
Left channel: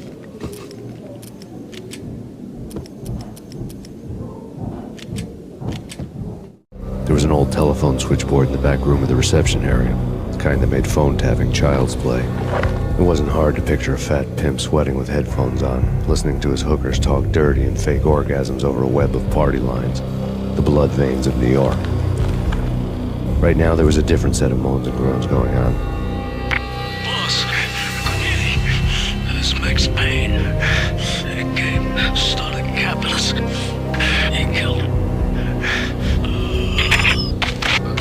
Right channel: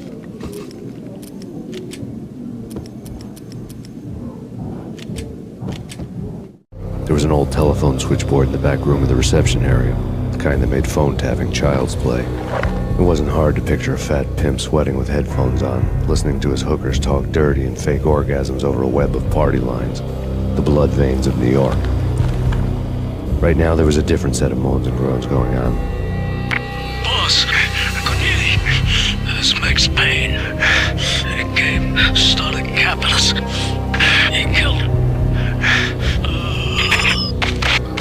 There was an old telephone switchboard in the back room of the reception area, the kind that made phone tapping child's play. It wasn't hard to picture a fat pimp sweating with headphones on, listening to his hookers talk dirty and fake orgasms over a web of party lines, the blood veins of New York. Right now, there was a different set of moans and groans going on. Boss, good evening. This is Max Payne. He came, started capitalist. He killed him.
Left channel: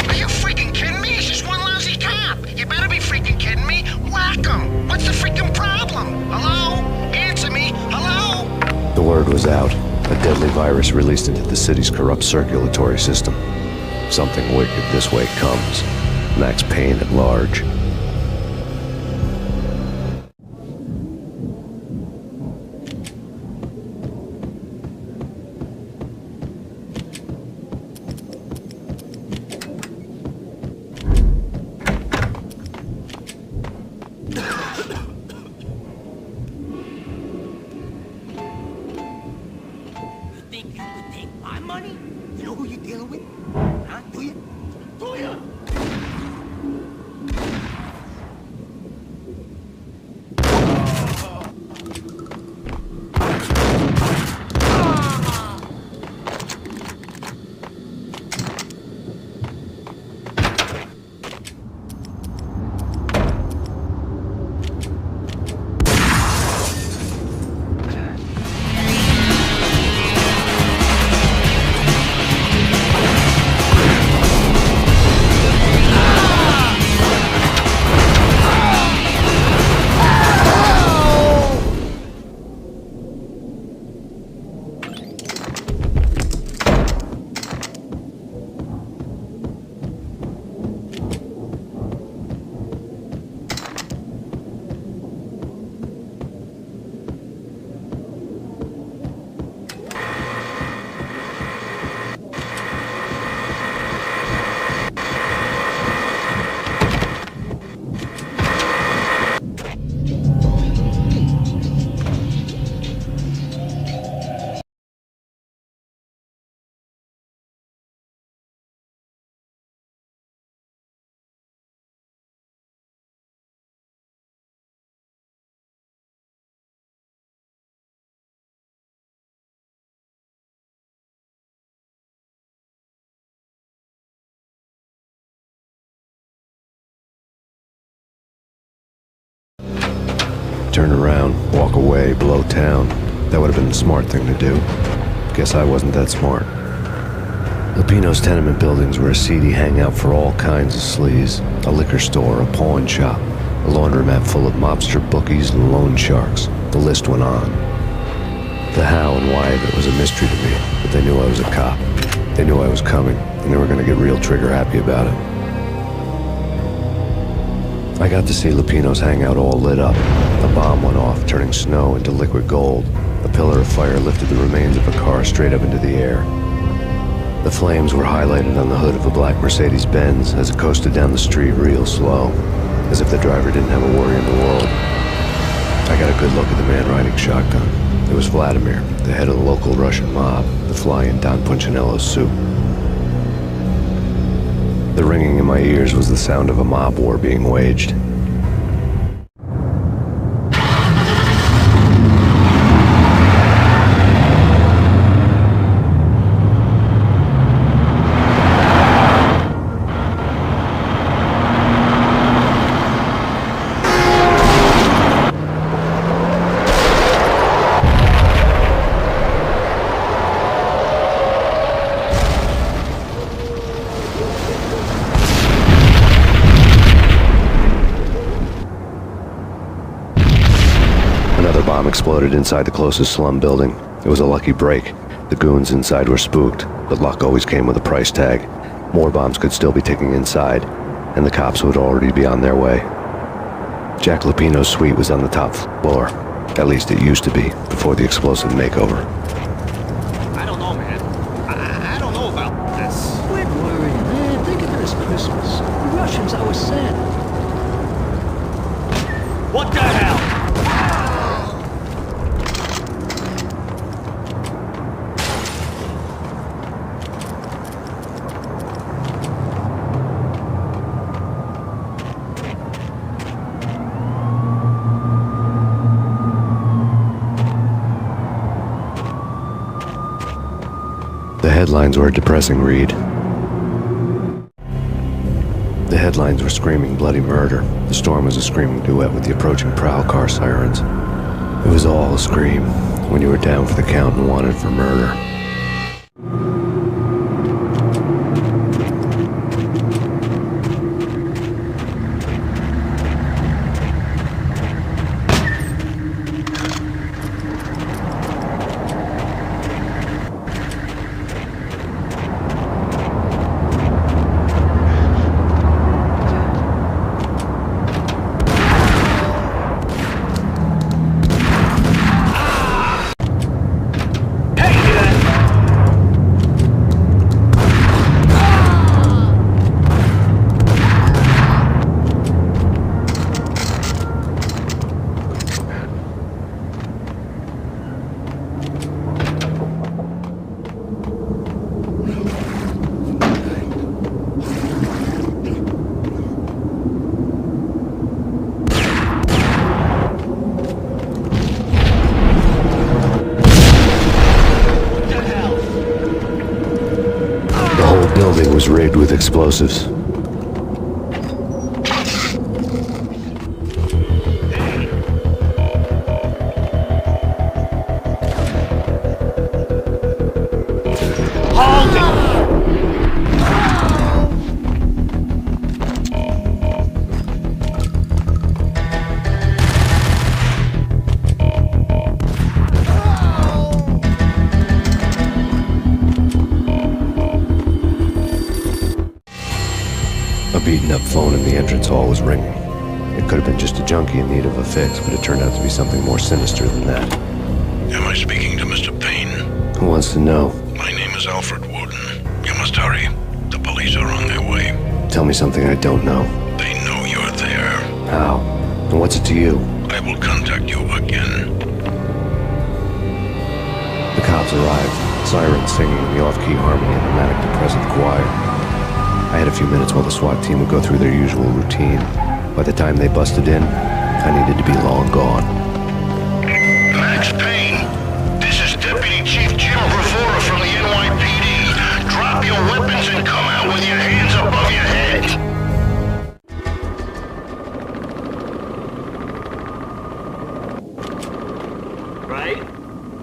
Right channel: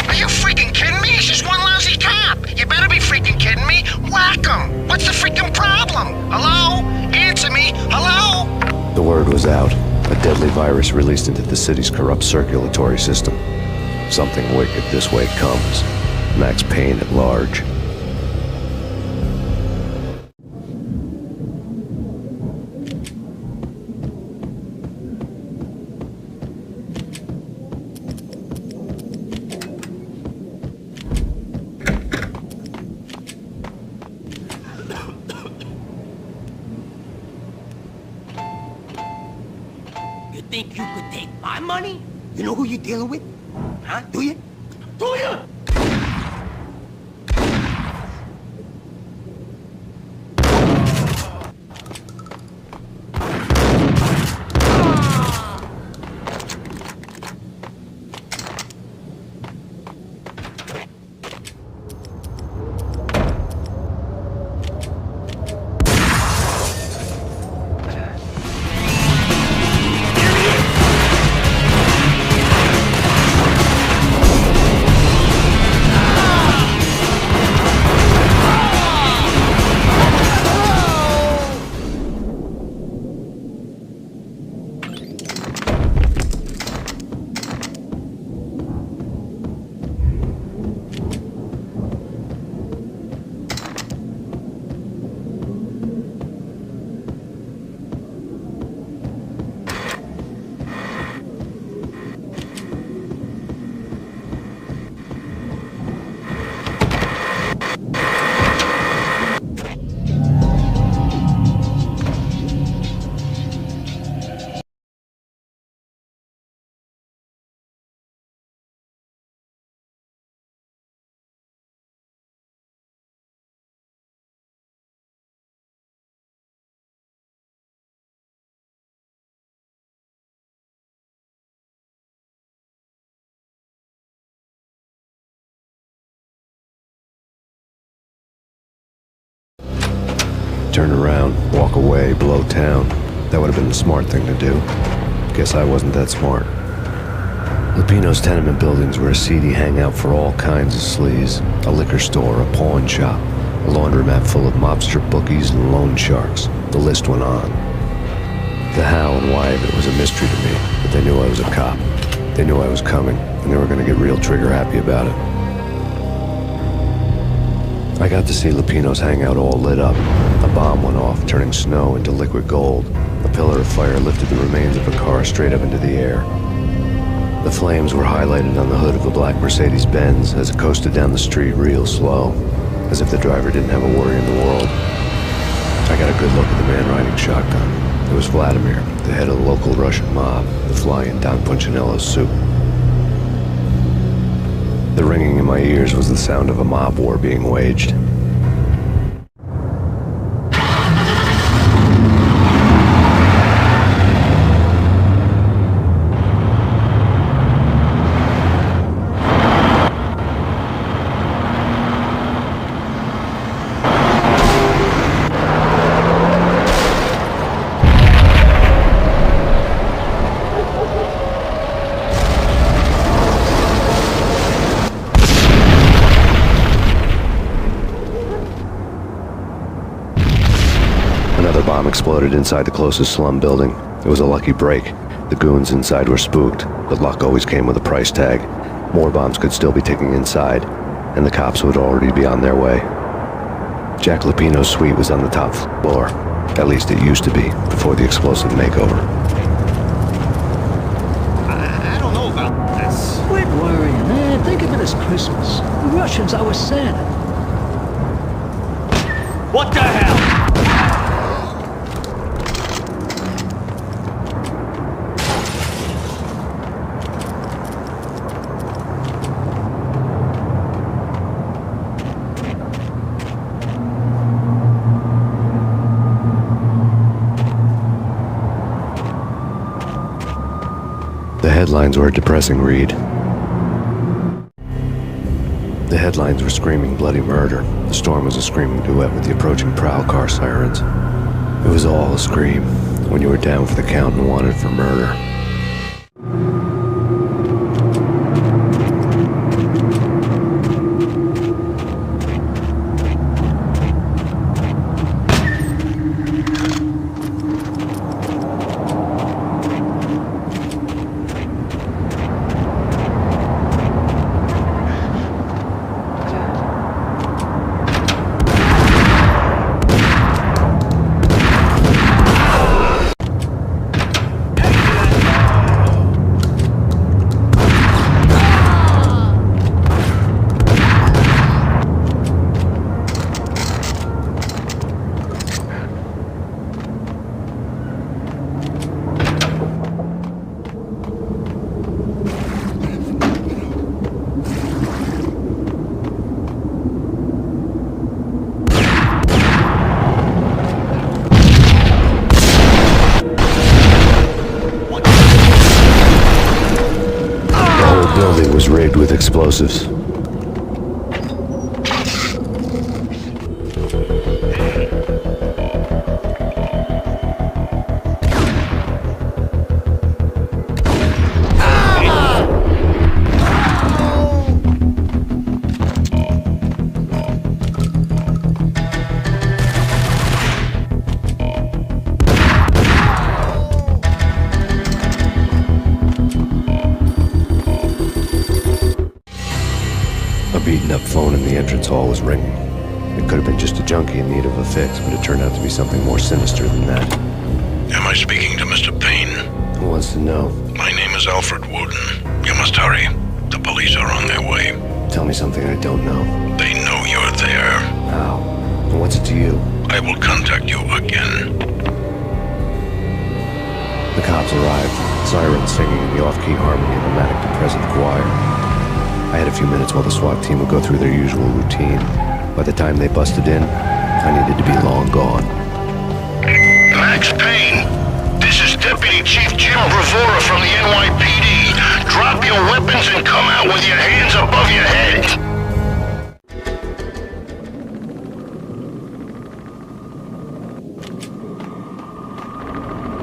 Are you freaking kidding me? He's just one lousy cop. You better be freaking kidding me. Whack him. What's the freaking problem? Hello? Answer me. Hello? The word was out. A deadly virus released into the city's corrupt circulatory system. Something wicked this way comes. Max Payne at large. You think you could take my money? You know who you're dealing with? Huh? Do you? Do you? Turn around, walk away, blow town. That would have been the smart thing to do. Guess I wasn't that smart. Lupino's tenement buildings were a seedy hangout for all kinds of sleaze. A liquor store, a pawn shop, a laundromat full of mobster bookies and loan sharks. The list went on. The how and why of it was a mystery to me, but they knew I was a cop. They knew I was coming, and they were going to get real trigger happy about it. I got to see Lupino's hangout all lit up. A bomb went off, turning snow into liquid gold. A pillar of fire lifted the remains of a car straight up into the air. The flames were highlighted on the hood of a black Mercedes-Benz as it coasted down the street real slow, as if the driver didn't have a worry in the world. I got a good look at the man riding shotgun. It was Vladimir, the head of the local Russian mob, the fly in Don Punchinello's soup. The ringing in my ears was the sound of a mob war being waged. Another bomb exploded inside the closest slum building. It was a lucky break. The goons inside were spooked, but luck always came with a price tag. More bombs could still be ticking inside, and the cops would already be on their way. Jack Lupino's suite was on the top floor. At least it used to be, before the explosive makeover. I don't know, man. I don't know about this. Quit worrying, man. Think of it as Christmas. The Russians, our Santa. What the hell? The headlines were a depressing read. The headlines were screaming bloody murder. The storm was a screaming duet with the approaching prowl car sirens. It was all a scream when you were down for the count and wanted for murder. The building was rigged with explosives. A beaten-up phone in the entrance hall was ringing. It could have been just a junkie in need of a fix, but it turned out to be something more sinister than that. Am I speaking to Mr. Payne? Who wants to know? My name is Alfred Wooden. You must hurry. The police are on their way. Tell me something I don't know. They know you're there. How? And what's it to you? I will contact you again. The cops arrived, sirens singing in the off-key harmony of a manic-depressive choir. I had a few minutes while the SWAT team would go through their usual routine. By the time they busted in, I needed to be long gone. Max Payne, this is Deputy Chief Jim Bravura from the NYPD. Drop your weapons and come out with your hands above your head.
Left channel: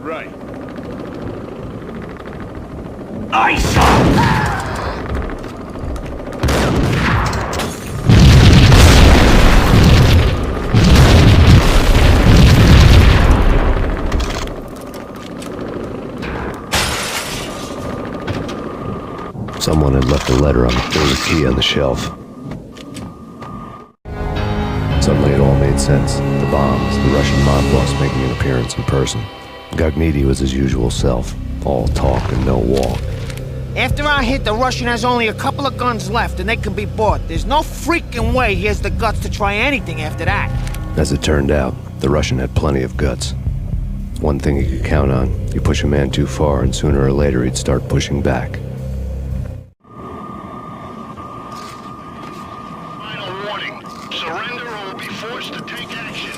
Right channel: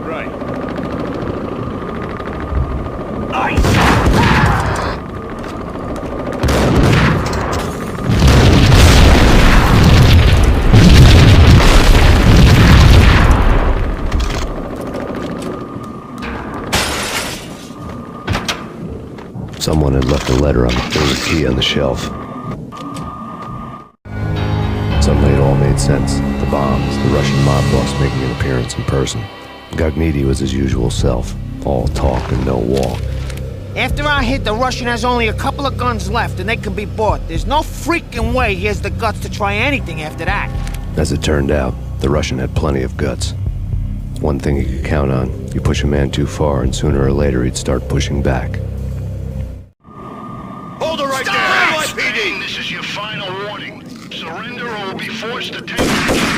Right. Ice! Someone had left a letter on there was a key on the shelf. Suddenly it all made sense. The bombs, the Russian mob boss making an appearance in person. Gognitti was his usual self, all talk and no walk. After our hit, the Russian has only a couple of guns left, and they can be bought. There's no freaking way he has the guts to try anything after that. As it turned out, the Russian had plenty of guts. One thing he could count on, you push a man too far and sooner or later he'd start pushing back. Hold it right there, NYPD. This is your final warning. Surrender or we'll be forced to take action.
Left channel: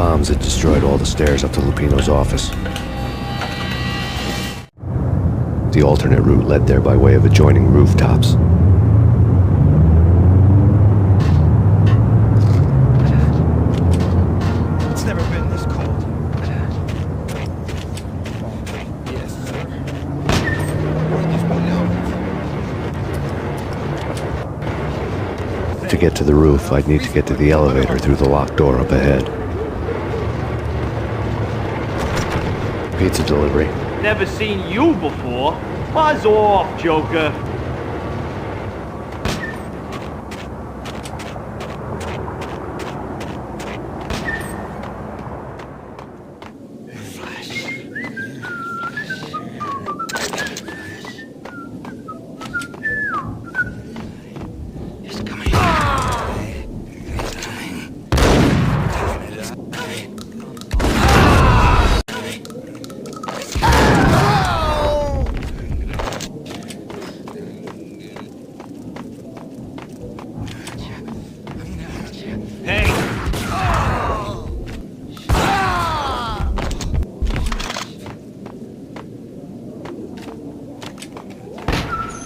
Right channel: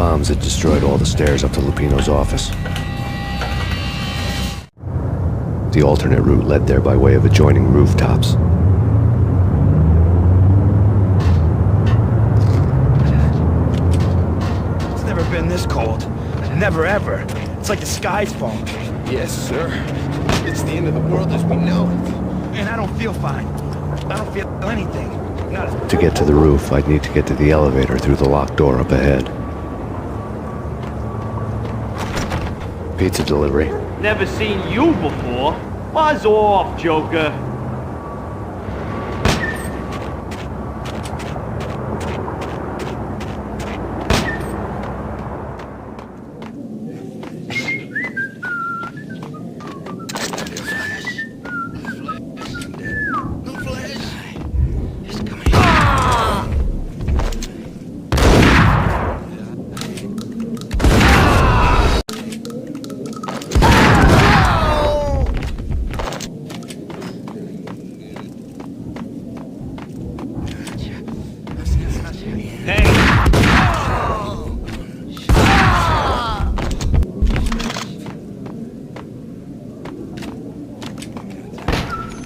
bombs had destroyed all the stairs up to Lupino's office. The alternate route led there by way of adjoining rooftops. It's never been this cold. Never ever. It's like the sky's falling. Yes, sir. It's the end of the world as we know it. And I don't feel fine. I don't feel anything. To get to the roof, I'd need to get to the elevator through the locked door up ahead. Pizza delivery. Never seen you before. Buzz off, Joker.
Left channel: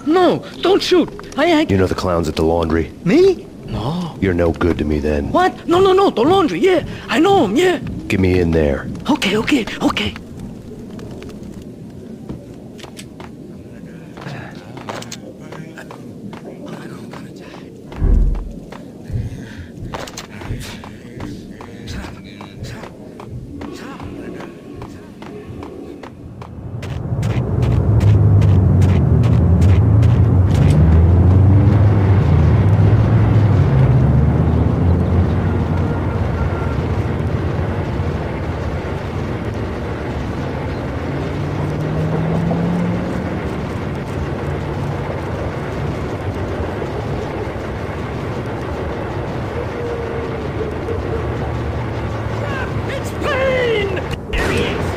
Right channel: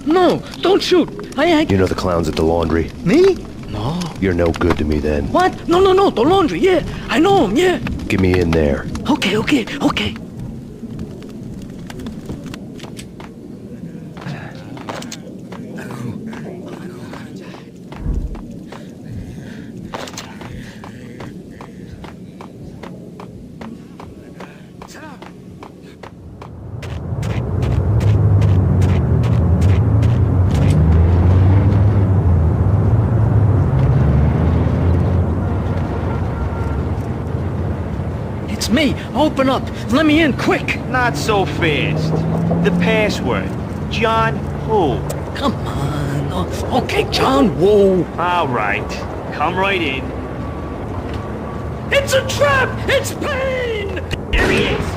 No, don't shoot. You know the clowns at the laundry? Me? No. You're no good to me then. What? No, the laundry, yeah. I know him, yeah. Get me in there. Okay. Me, open up. Let me in, quick. Not so fast. The password. John Woo. Come on. Okay, John Woo. All right. Come right in. It's a trap! It's Payne! There he is!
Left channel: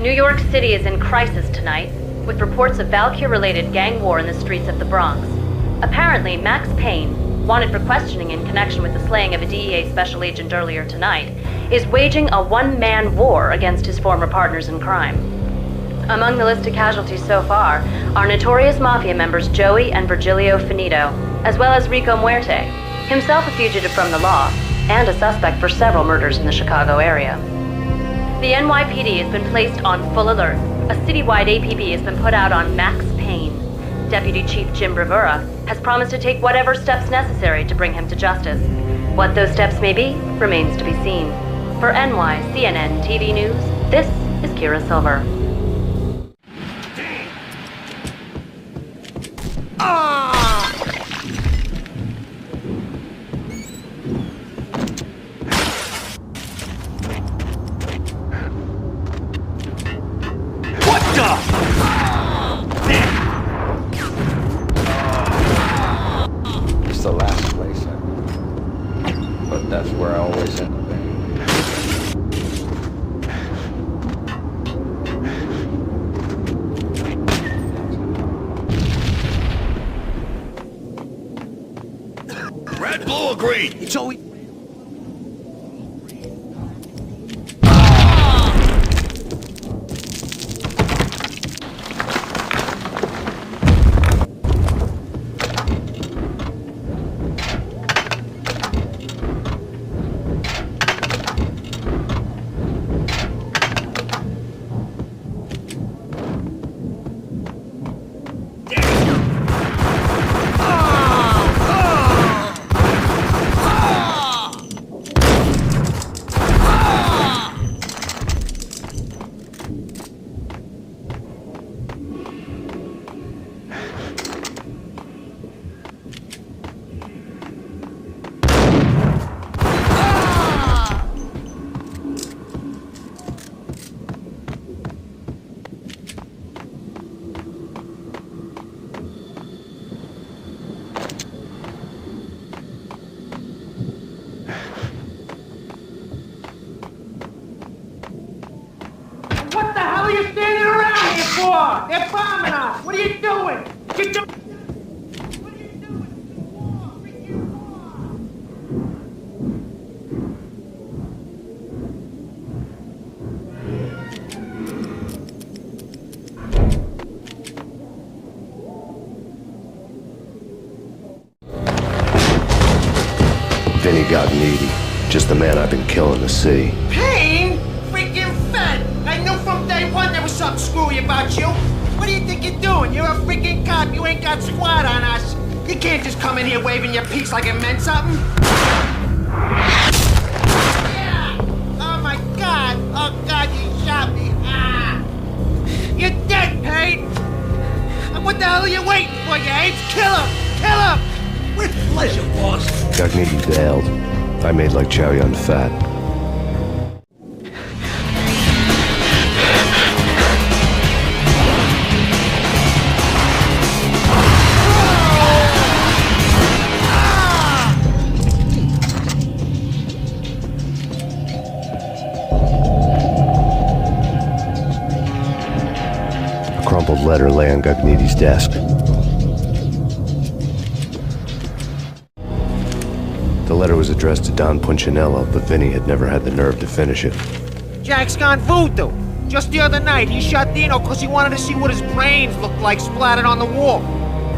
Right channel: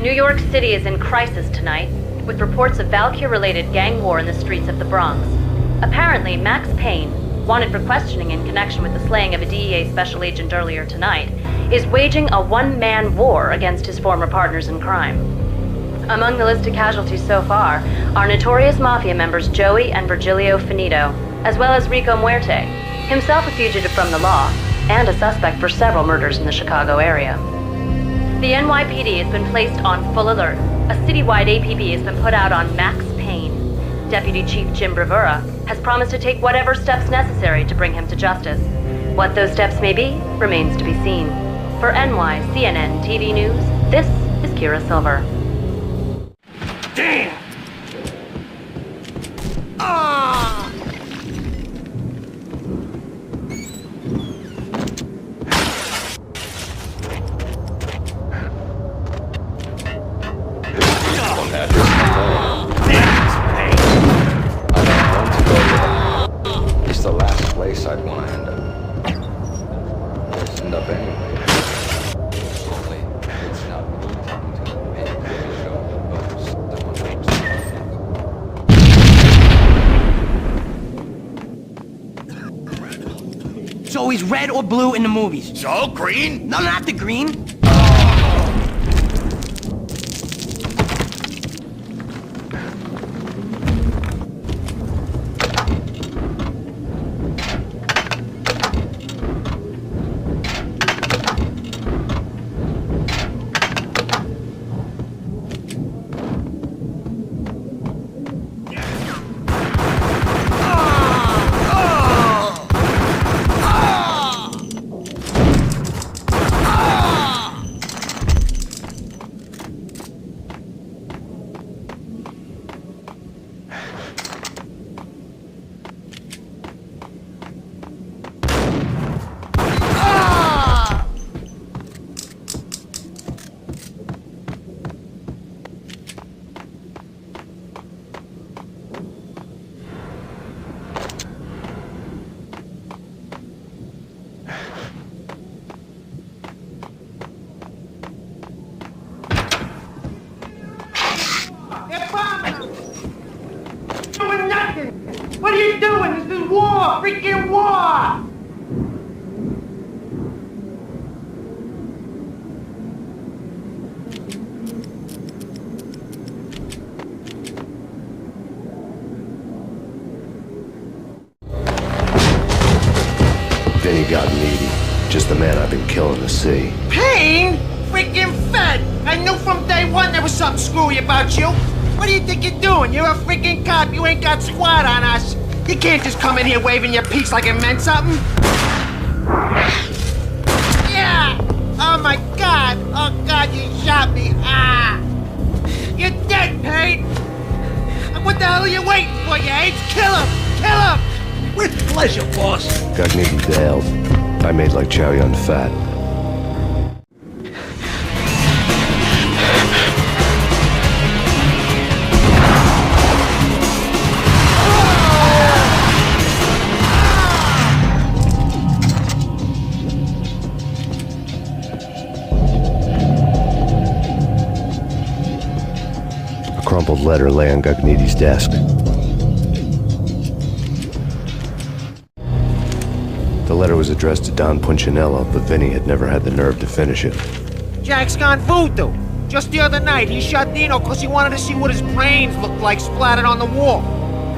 New York City is in crisis tonight, with reports of Valkyr-related gang war in the streets of the Bronx. Apparently, Max Payne, wanted for questioning in connection with the slaying of a DEA special agent earlier tonight, is waging a one-man war against his former partners in crime. Among the list of casualties so far are notorious mafia members Joey and Virgilio Finito, as well as Rico Muerte, himself a fugitive from the law, and a suspect for several murders in the Chicago area. The NYPD has been placed on full alert. A citywide APB has been put out on Max Payne. Deputy Chief Jim Bravura has promised to take whatever steps necessary to bring him to justice. What those steps may be remains to be seen. For NYCNN TV News, this is Kira Silver. Damn! It's the last place I'd want to end up. But that's where I always end up anyway. green? It's always red or blue in the movies. So, green? No, not the green. What the hell are you standing around here for? They're bombing us. What are you doing? You're doing nothing. What are you doing? This is war. Freaking war. Vinny got needy. Just the man I've been killing to see. Payne? Freaking fed. I knew from day one there was something screwy about you. What do you think you're doing? You're a freaking cop. You ain't got squad on us. You can't just come in here waving your piece like it meant something. Yeah! Oh my God! Oh God, you shot me! Ah! You're dead, Payne! And what the hell are you waiting for, you apes? Kill him! Kill him! With pleasure, boss. Gagnetti bailed. I made like Chow Yun Fat. A crumpled letter lay on Gagnetti's desk. The letter was addressed to Don Punchinello, but Vinny had never had the nerve to finish it. Jack's gone voodoo. Just the other night, he shot Dino because he wanted to see what his brains looked like splattered on the wall.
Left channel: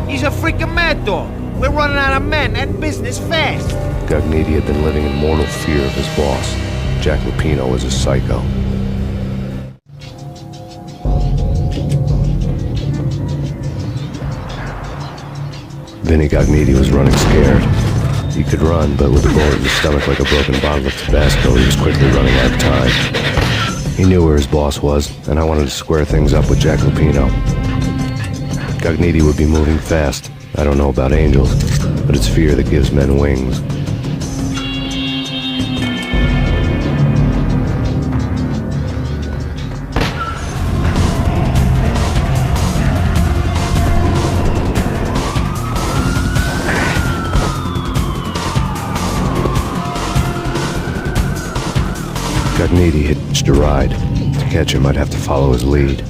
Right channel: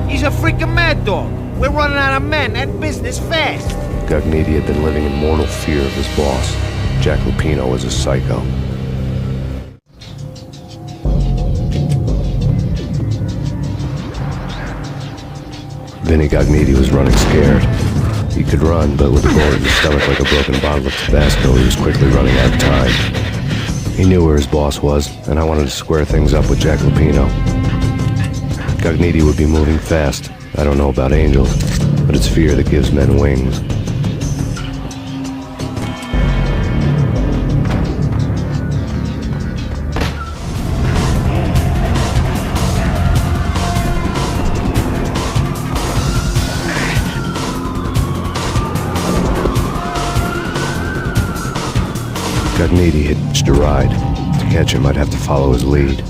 He's a freaking mad dog. We're running out of men and business fast. Gagnetti had been living in mortal fear of his boss. Jack Lupino was a psycho. Vinny Gagnetti was running scared. He could run, but with a bullet in his stomach like a broken bottle of Tabasco, he was quickly running out of time. He knew where his boss was, and I wanted to square things up with Jack Lupino. Gagnetti would be moving fast. I don't know about angels, but it's fear that gives men wings. Gagnetti hitched a ride. To catch him, I'd have to follow his lead.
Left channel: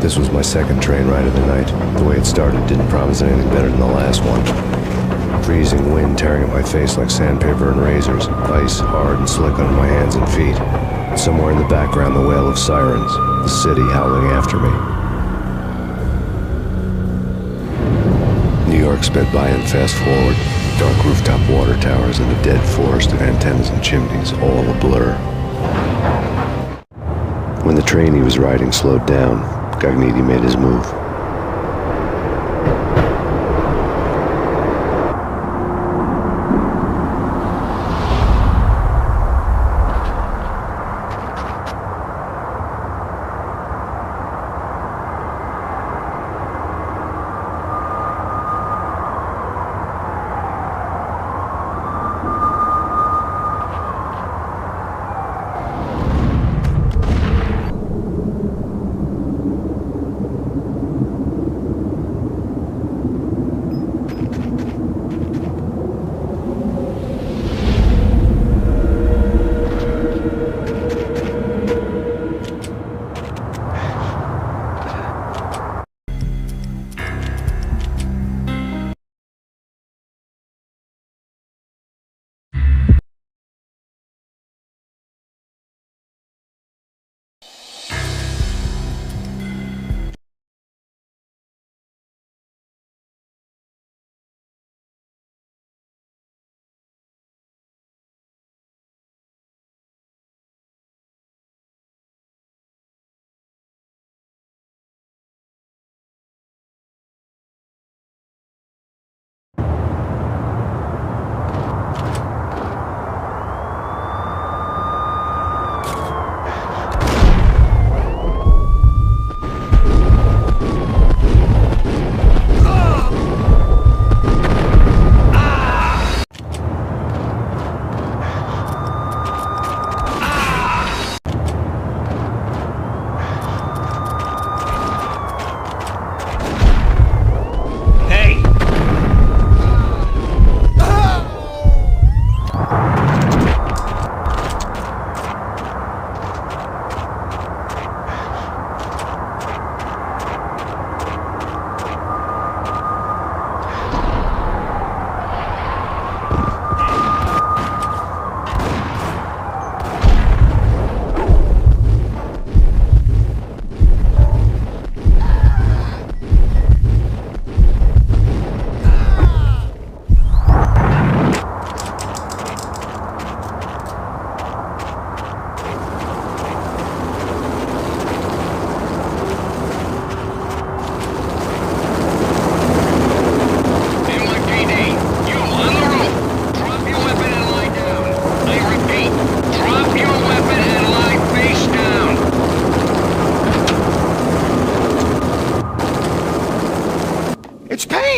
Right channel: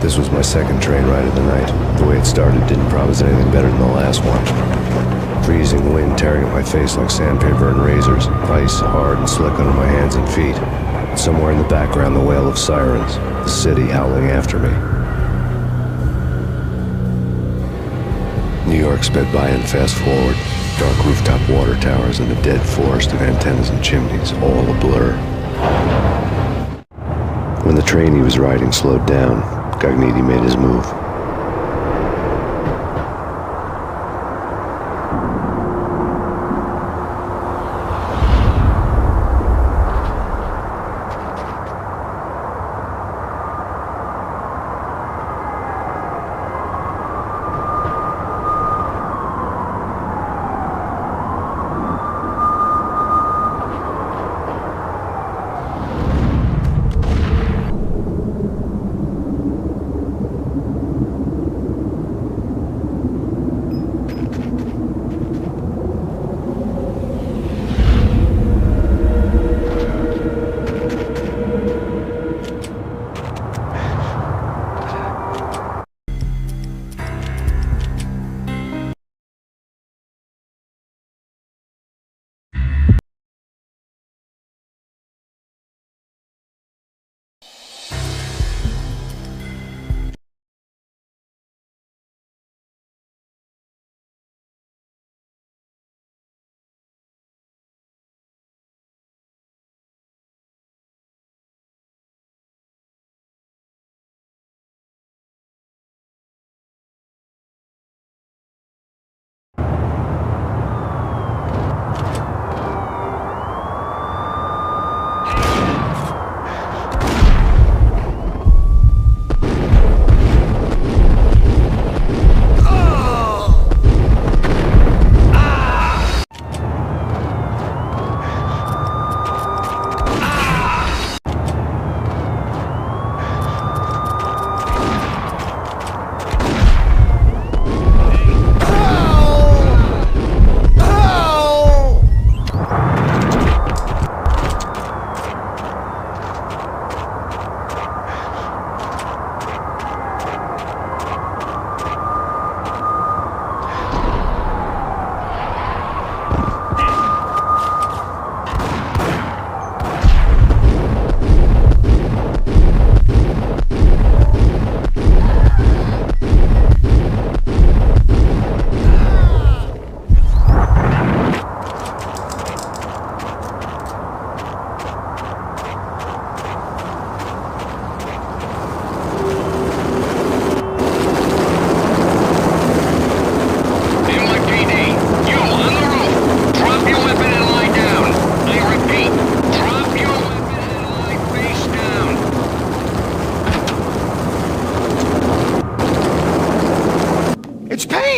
This was my second train ride of the night. The way it started didn't promise anything better than the last one. Freezing wind tearing at my face like sandpaper and razors, ice hard and slick under my hands and feet. Somewhere in the background, the wail of sirens, the city howling after me. New York sped by in fast forward. Dark rooftop water towers and a dead forest of antennas and chimneys, all a blur. When the train he was riding slowed down, Gagnetti made his move.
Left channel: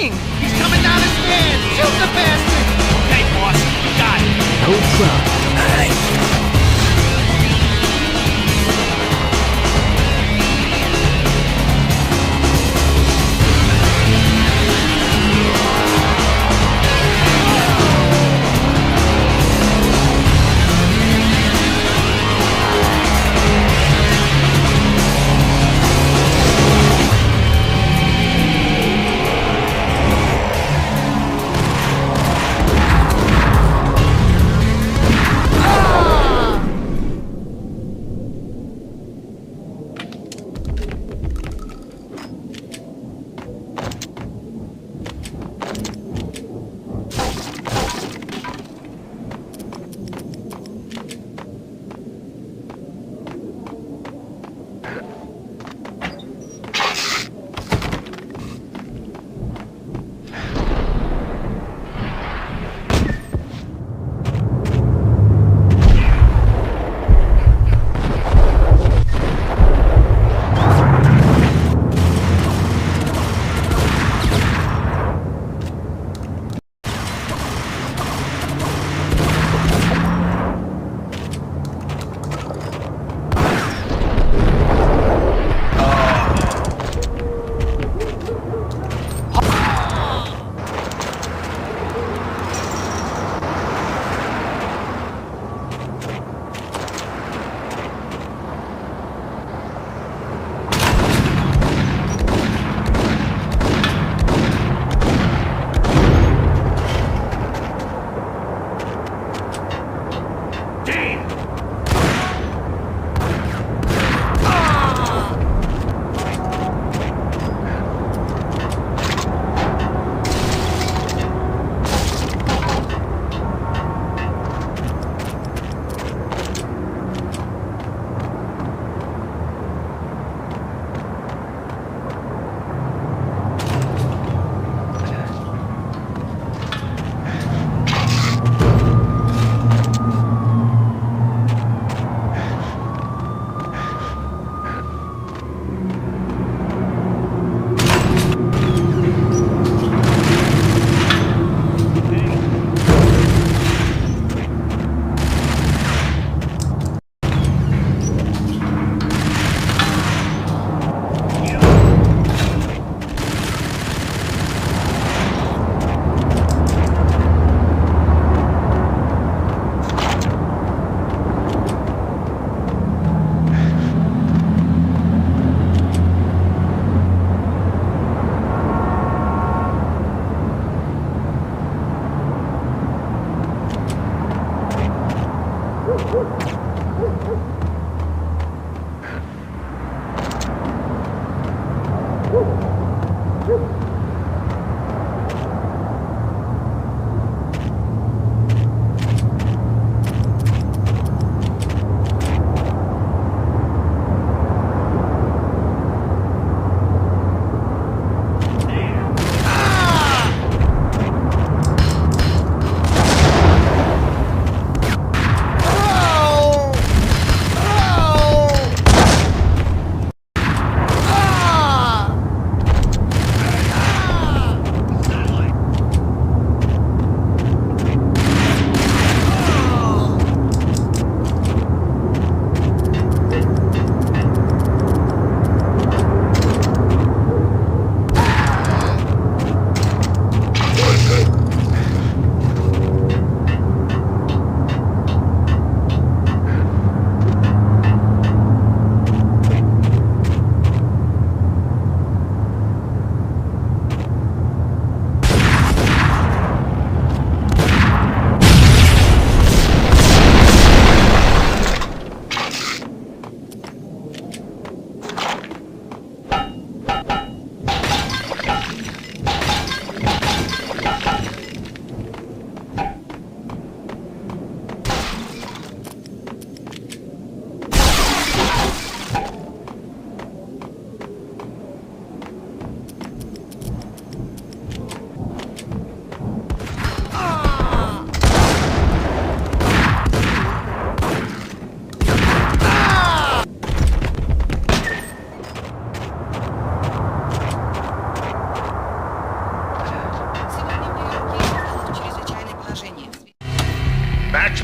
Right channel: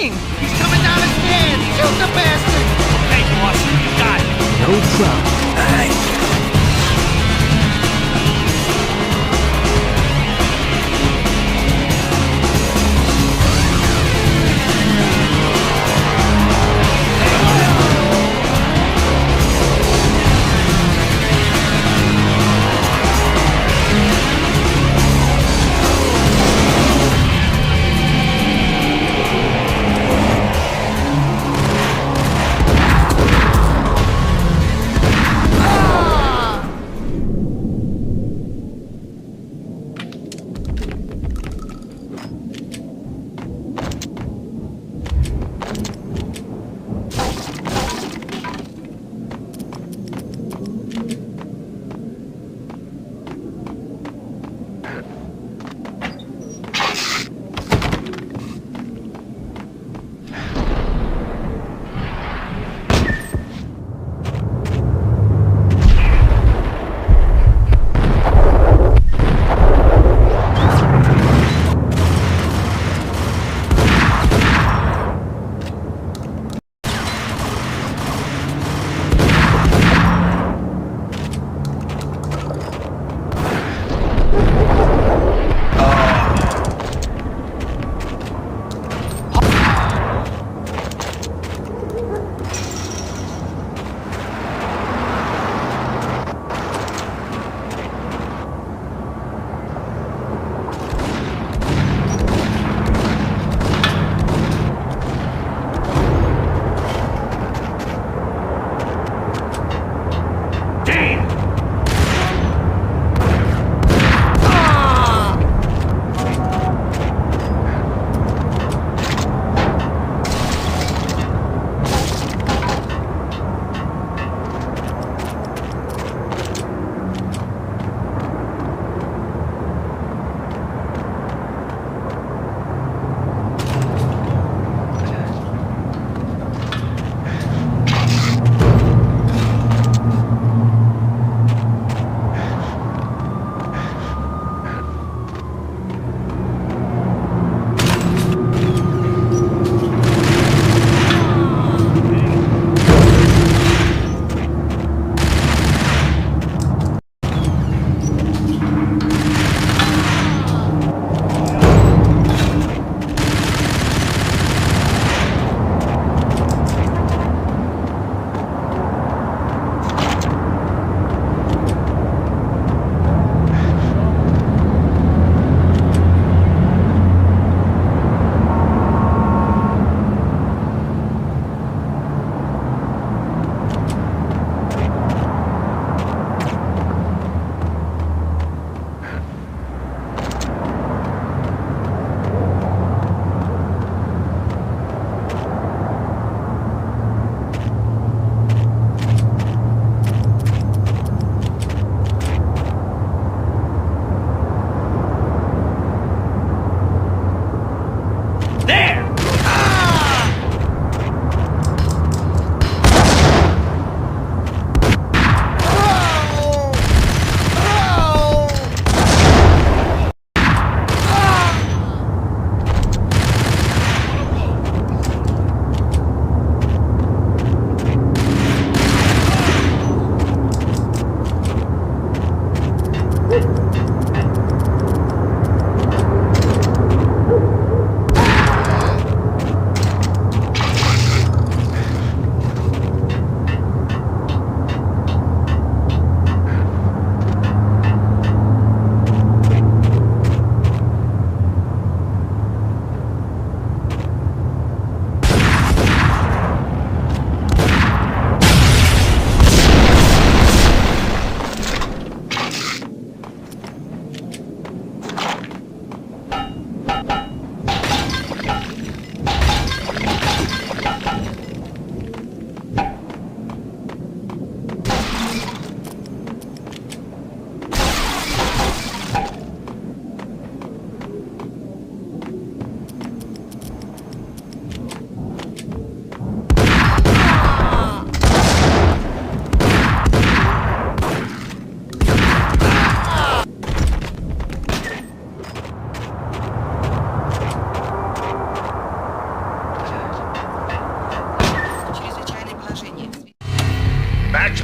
Payne! He's coming down the stairs! Shoot the bastard! Okay, boss, you got it. No problem.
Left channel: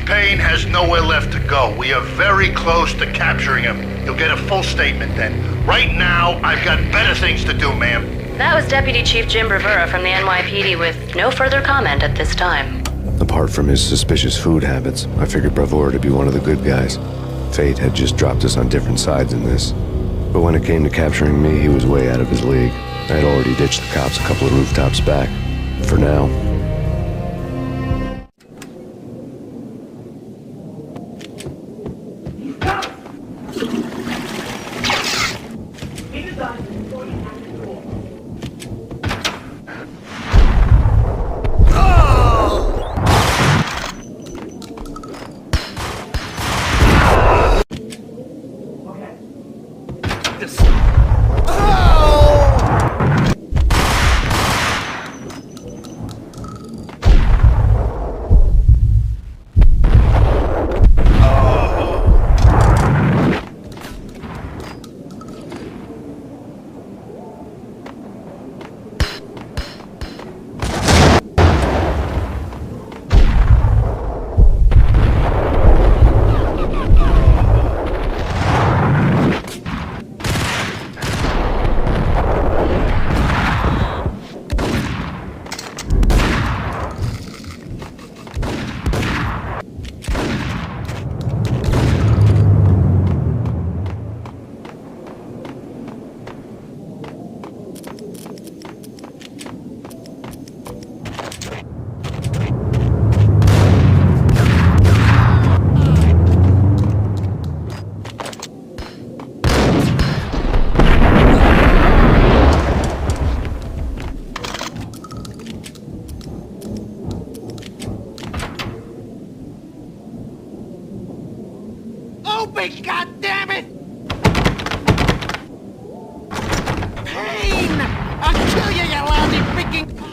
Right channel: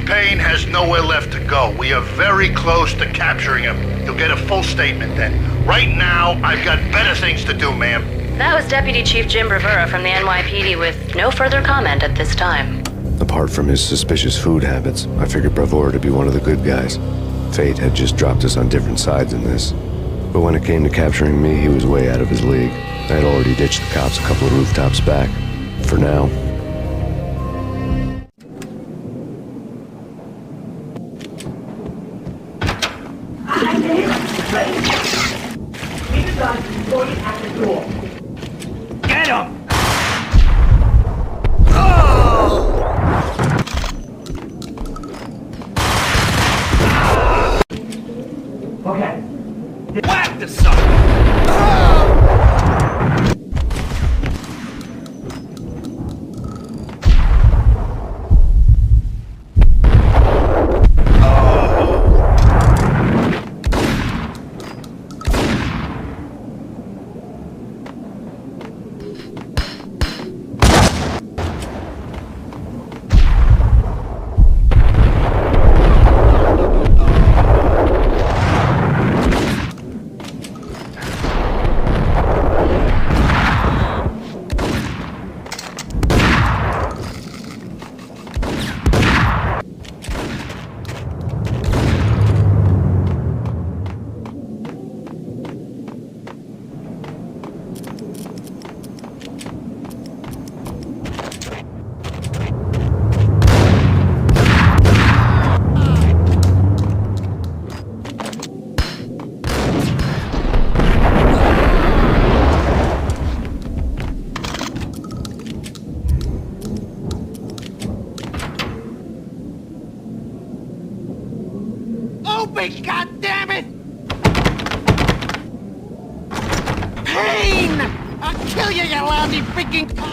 Payne has nowhere left to go. We are very close to capturing him. You'll get a full statement then. Right now, I've got better things to do, ma'am. That was Deputy Chief Jim Rivera from the NYPD with no further comment at this time. Apart from his suspicious food habits, I figured Bravura to be one of the good guys. Fate had just dropped us on different sides in this. But when it came to capturing me, he was way out of his league. I had already ditched the cops a couple of rooftops back. For now. Get him! Okay. Whack the sucker! Open, goddammit! Payne! I'll kill you, you lousy freaking cop!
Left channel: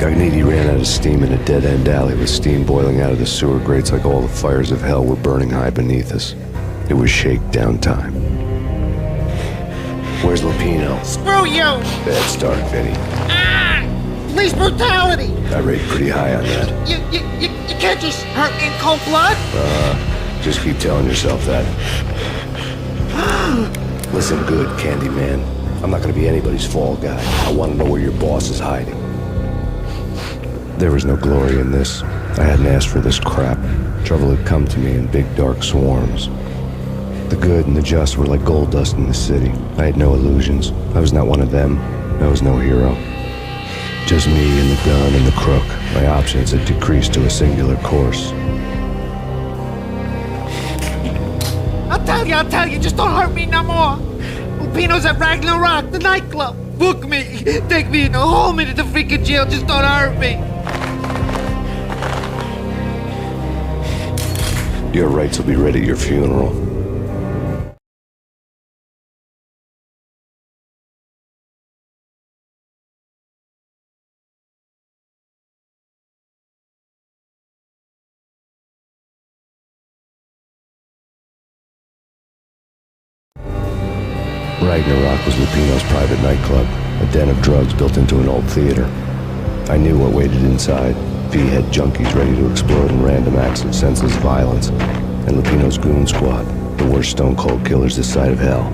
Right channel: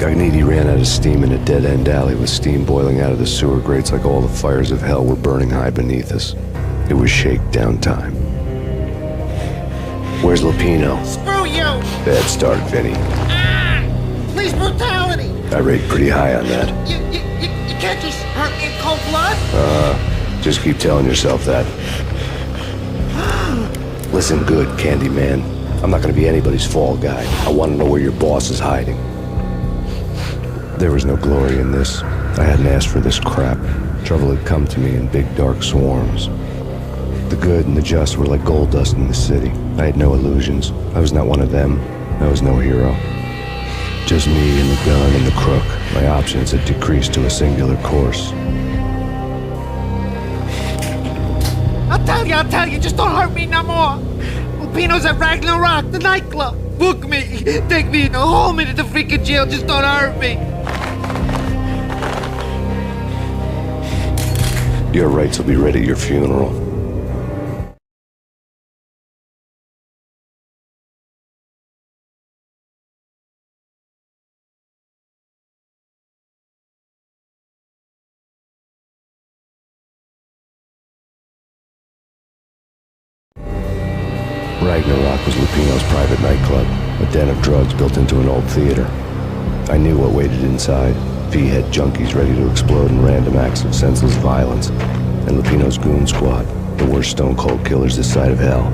Gognitti ran out of steam in a dead-end alley with steam boiling out of the sewer grates like all the fires of hell were burning high beneath us. It was shakedown time. Where's Lupino? Screw you! Bad start, Vinny. Ah! Police brutality! I rate pretty high on that. You can't just hurt in cold blood? Just keep telling yourself that. Listen good, Candyman. I'm not gonna be anybody's fall guy. I want to know where your boss is hiding. There was no glory in this. I hadn't asked for this crap. Trouble had come to me in big dark swarms. The good and the just were like gold dust in the city. I had no illusions. I was not one of them. I was no hero. Just me and the gun and the crook. My options had decreased to a singular course. I'll tell you, just don't hurt me no more. Lupino's at Ragnarok, the nightclub. Book me, take me in the home into the freaking jail, just don't hurt me. Your rights will be read at your funeral. Ragnarok was Lupino's private nightclub, a den of drugs built into an old theater. I knew what waited inside. V-head junkies ready to explode in random acts of senseless violence, and Lupino's goon squad, the worst stone-cold killers this side of hell.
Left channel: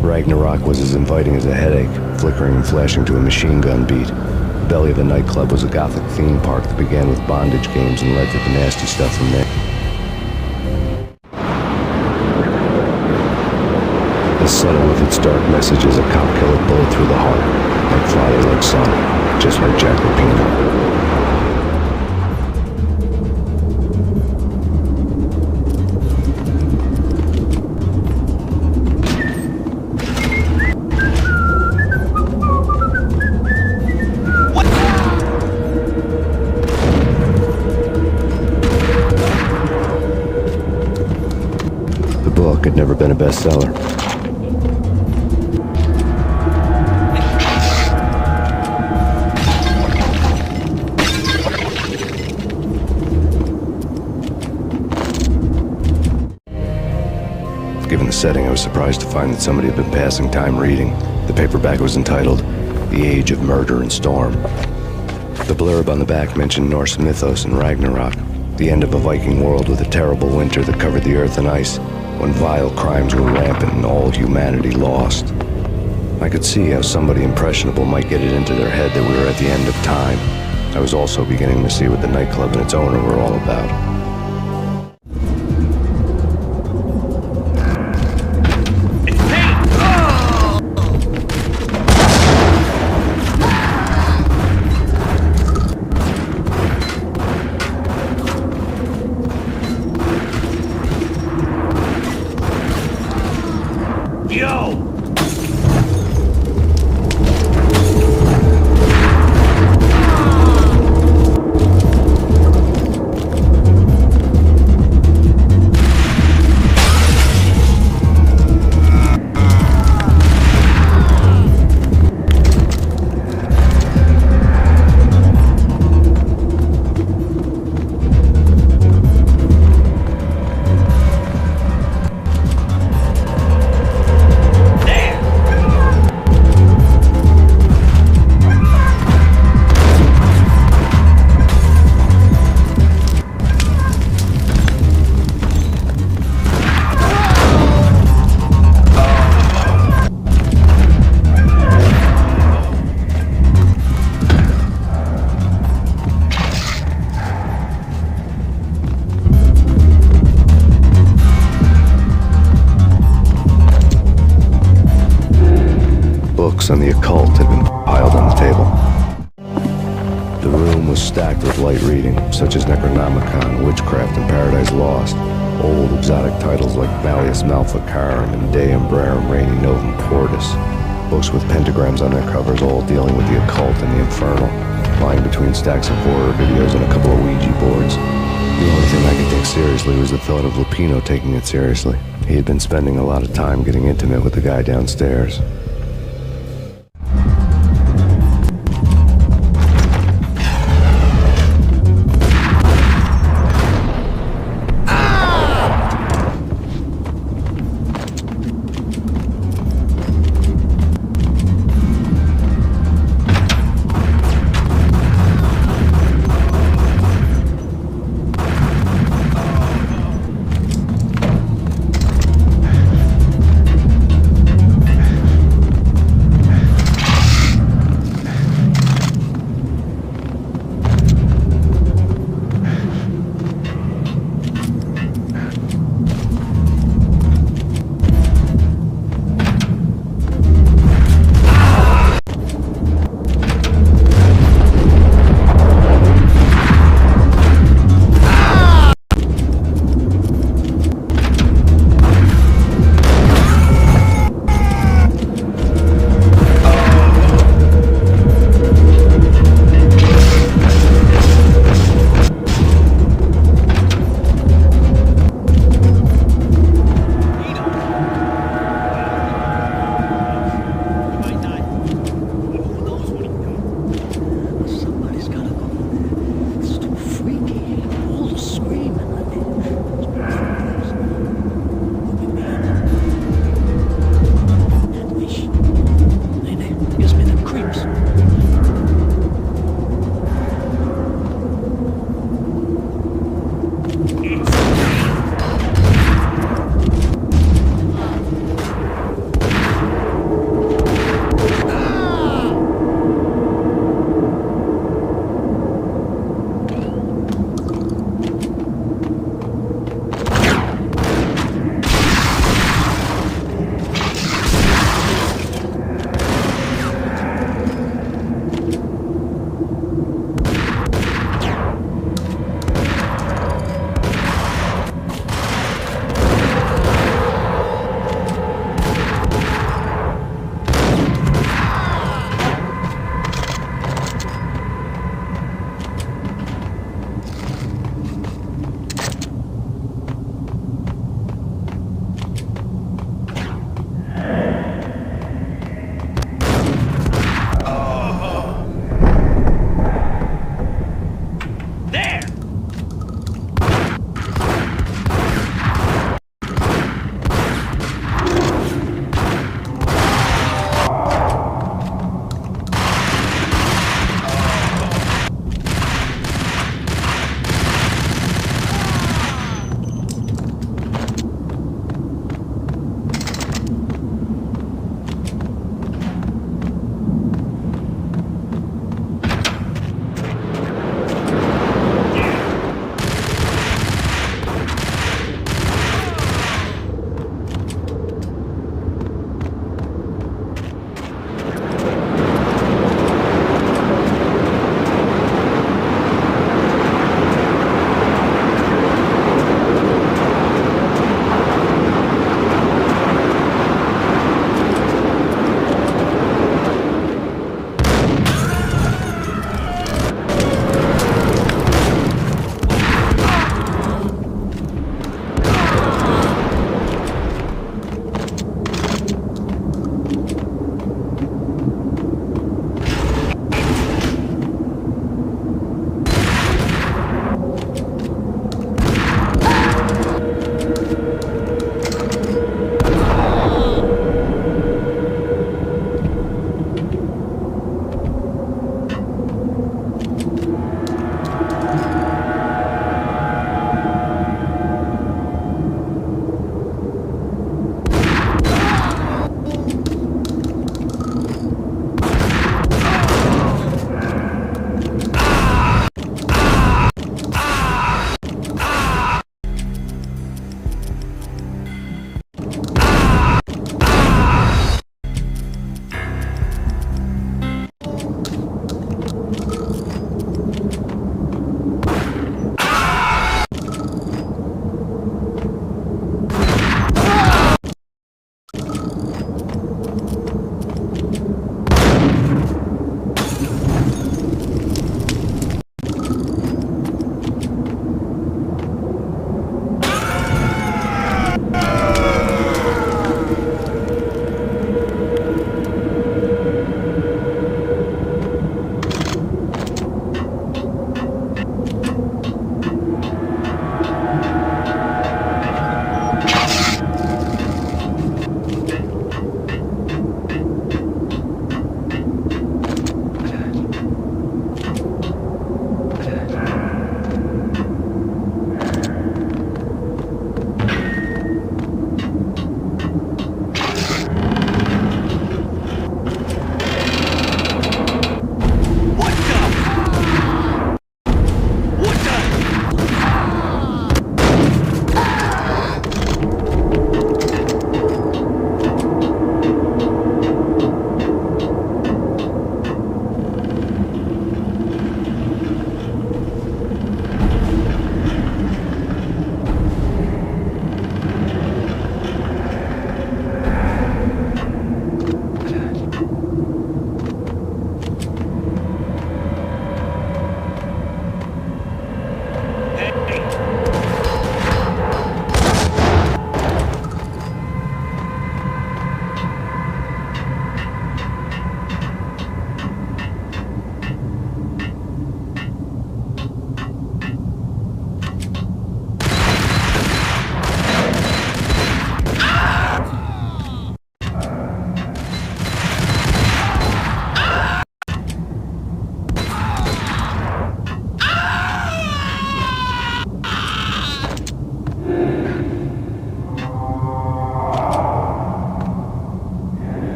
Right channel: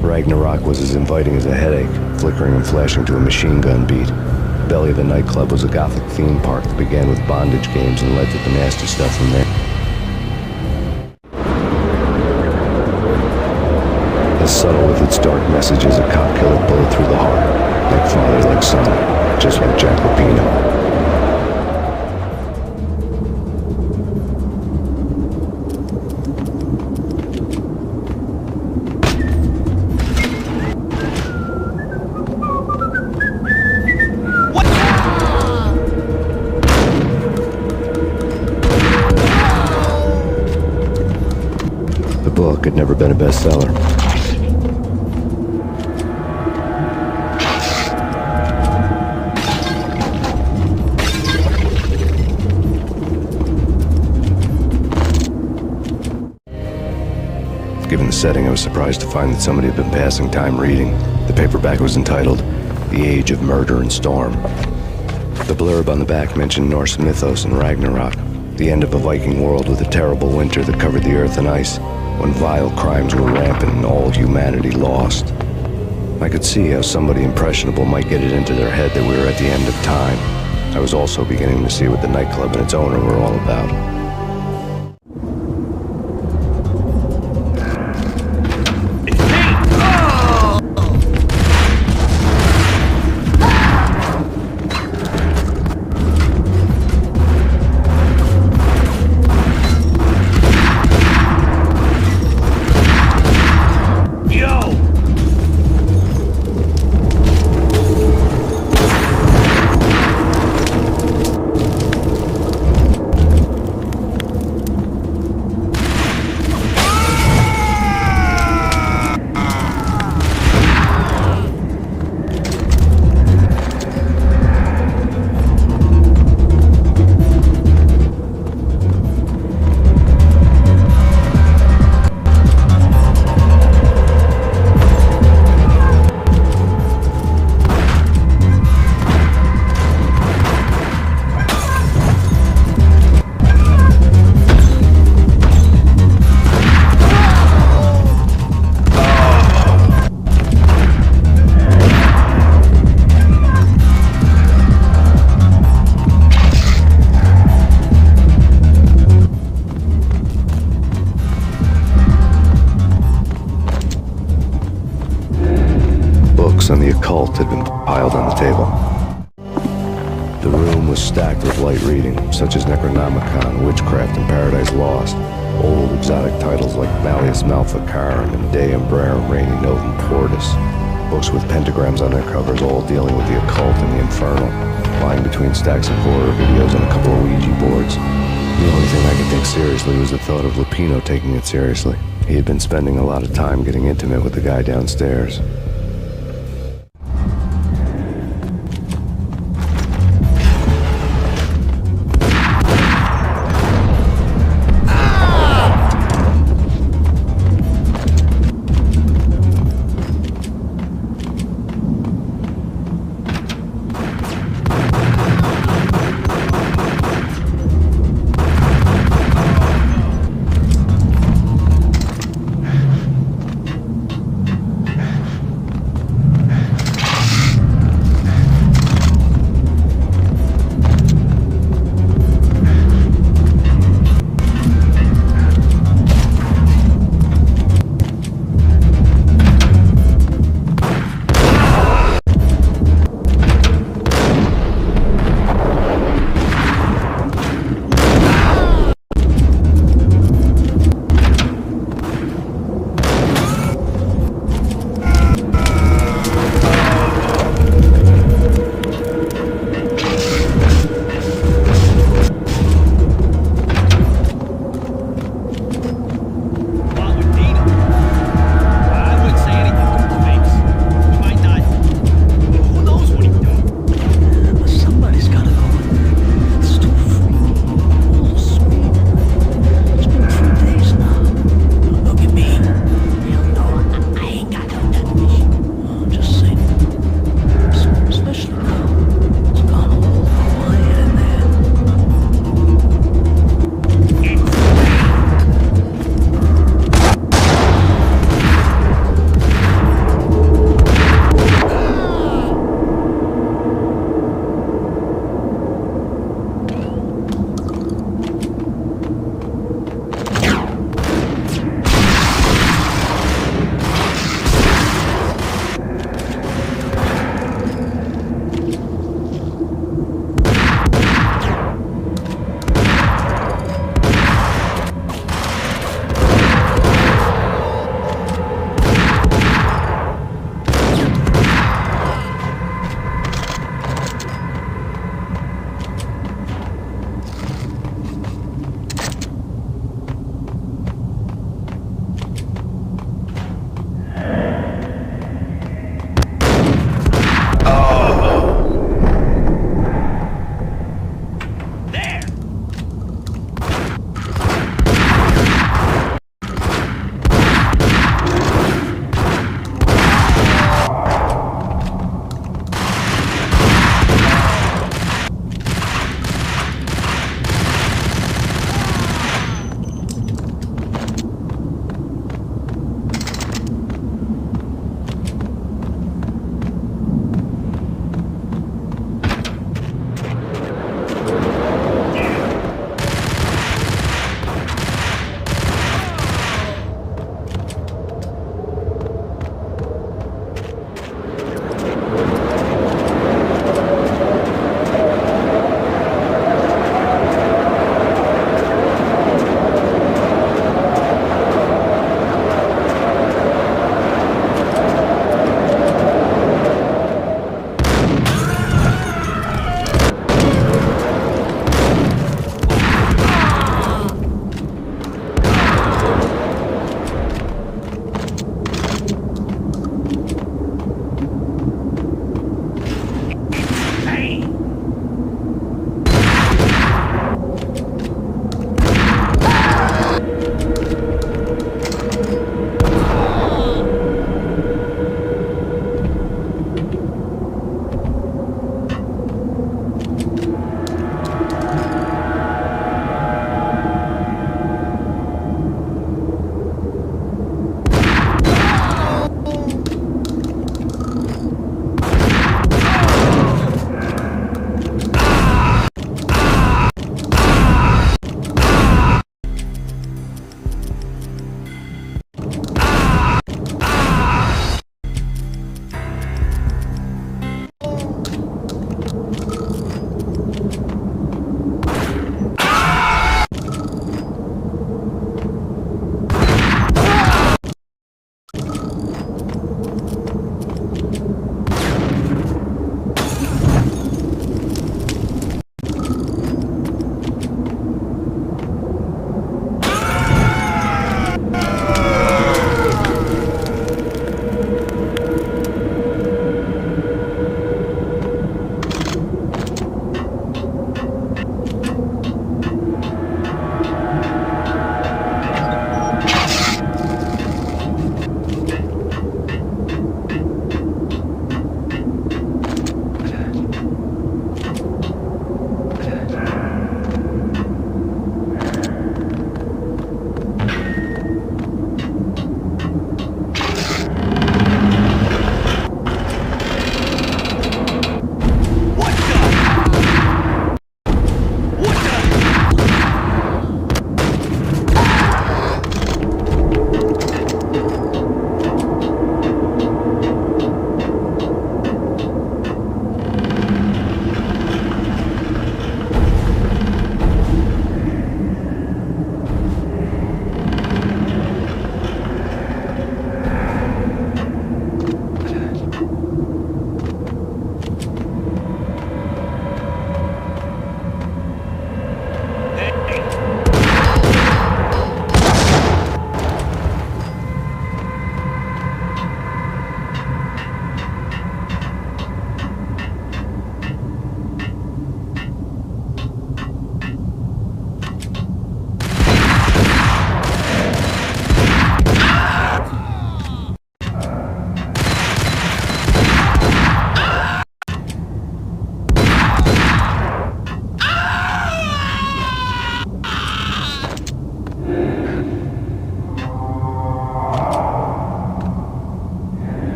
Ragnarok was as inviting as a headache, flickering and flashing to a machine gun beat. The belly of the nightclub was a gothic theme park that began with bondage games and led to the nasty stuff from there. As subtle with its dark message as a cop killer bullet through the heart. Like father, like son. Just like Jack Lupino. The book had never been a bestseller. Given the setting, I was surprised to find that somebody had been passing time reading. The paperback was entitled, The Age of Murder and Storm. The blurb on the back mentioned Norse mythos and Ragnarok, the end of a Viking world with a terrible winter that covered the earth in ice, when vile crimes were rampant and all humanity lost. I could see how somebody impressionable might get it into their head that we were at the end of time. I was also beginning to see what the nightclub and its owner were all about. On the occult had been piled on the table. The room was stacked with light reading, such as Necronomicon, Witchcraft, and Paradise Lost. Old exotic titles like Malleus Maleficarum and De Umbrarum Reini Novum Portus. Books with pentagrams on their covers, all dealing with the occult and the infernal, lying between stacks of horror videos and a couple of Ouija boards. The only thing I could take seriously was the thought of Lupino taking it seriously. He had been spending a lot of time getting intimate with the guy downstairs.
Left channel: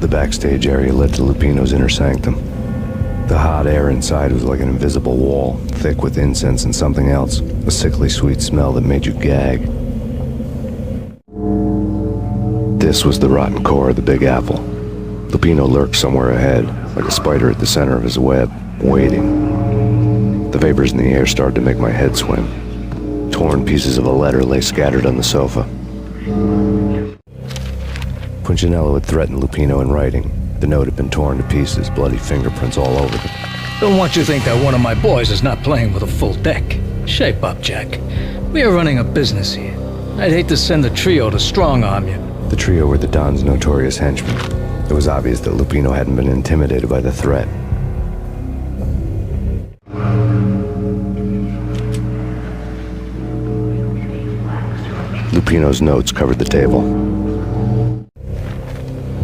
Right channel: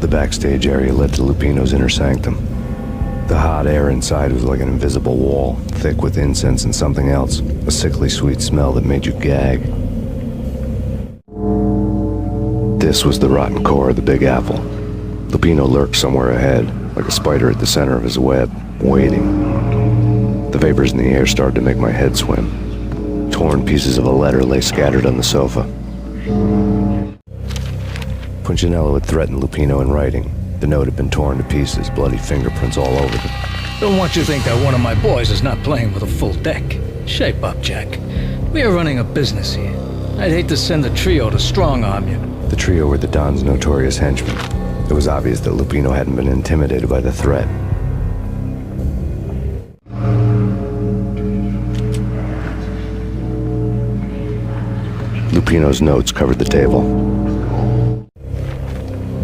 The backstage area led to Lupino's inner sanctum. The hot air inside was like an invisible wall, thick with incense and something else, a sickly sweet smell that made you gag. This was the rotten core of the Big Apple. Lupino lurked somewhere ahead, like a spider at the center of his web, waiting. The vapors in the air started to make my head swim. Torn pieces of a letter lay scattered on the sofa. Punchinello had threatened Lupino in writing. The note had been torn to pieces, bloody fingerprints all over them. Don't want you to think that one of my boys is not playing with a full deck. Shape up, Jack. We are running a business here. I'd hate to send the trio to strong-arm you. The trio were the Don's notorious henchmen. It was obvious that Lupino hadn't been intimidated by the threat. Lupino's notes covered the table.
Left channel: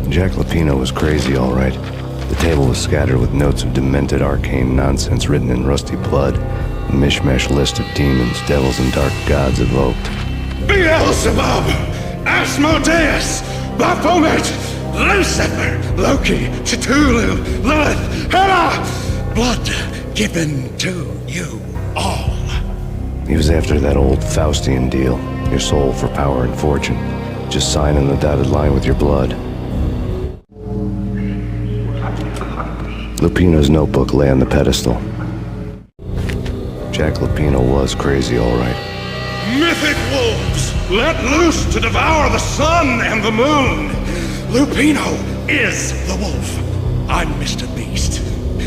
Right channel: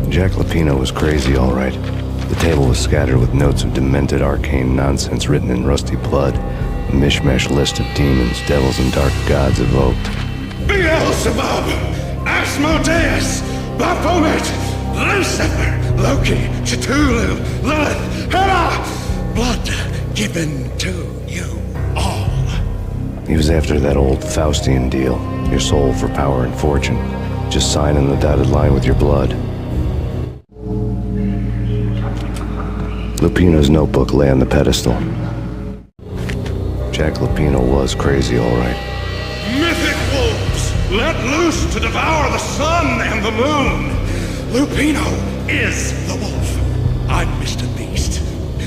Jack Lupino was crazy, all right. The table was scattered with notes of demented arcane nonsense written in rusty blood, a mishmash list of demons, devils, and dark gods evoked. Beelzebub, Asmodeus, Baphomet, Lucifer, Loki, Cthulhu, Lilith, Hela, blood given to you all. He was after that old Faustian deal, your soul for power and fortune. Just sign on the dotted line with your blood. Lupino's notebook lay on the pedestal. Jack Lupino was crazy, all right. Mythic wolves, let loose to devour the sun and the moon. Lupino is the wolf. I'm Mr. Beast,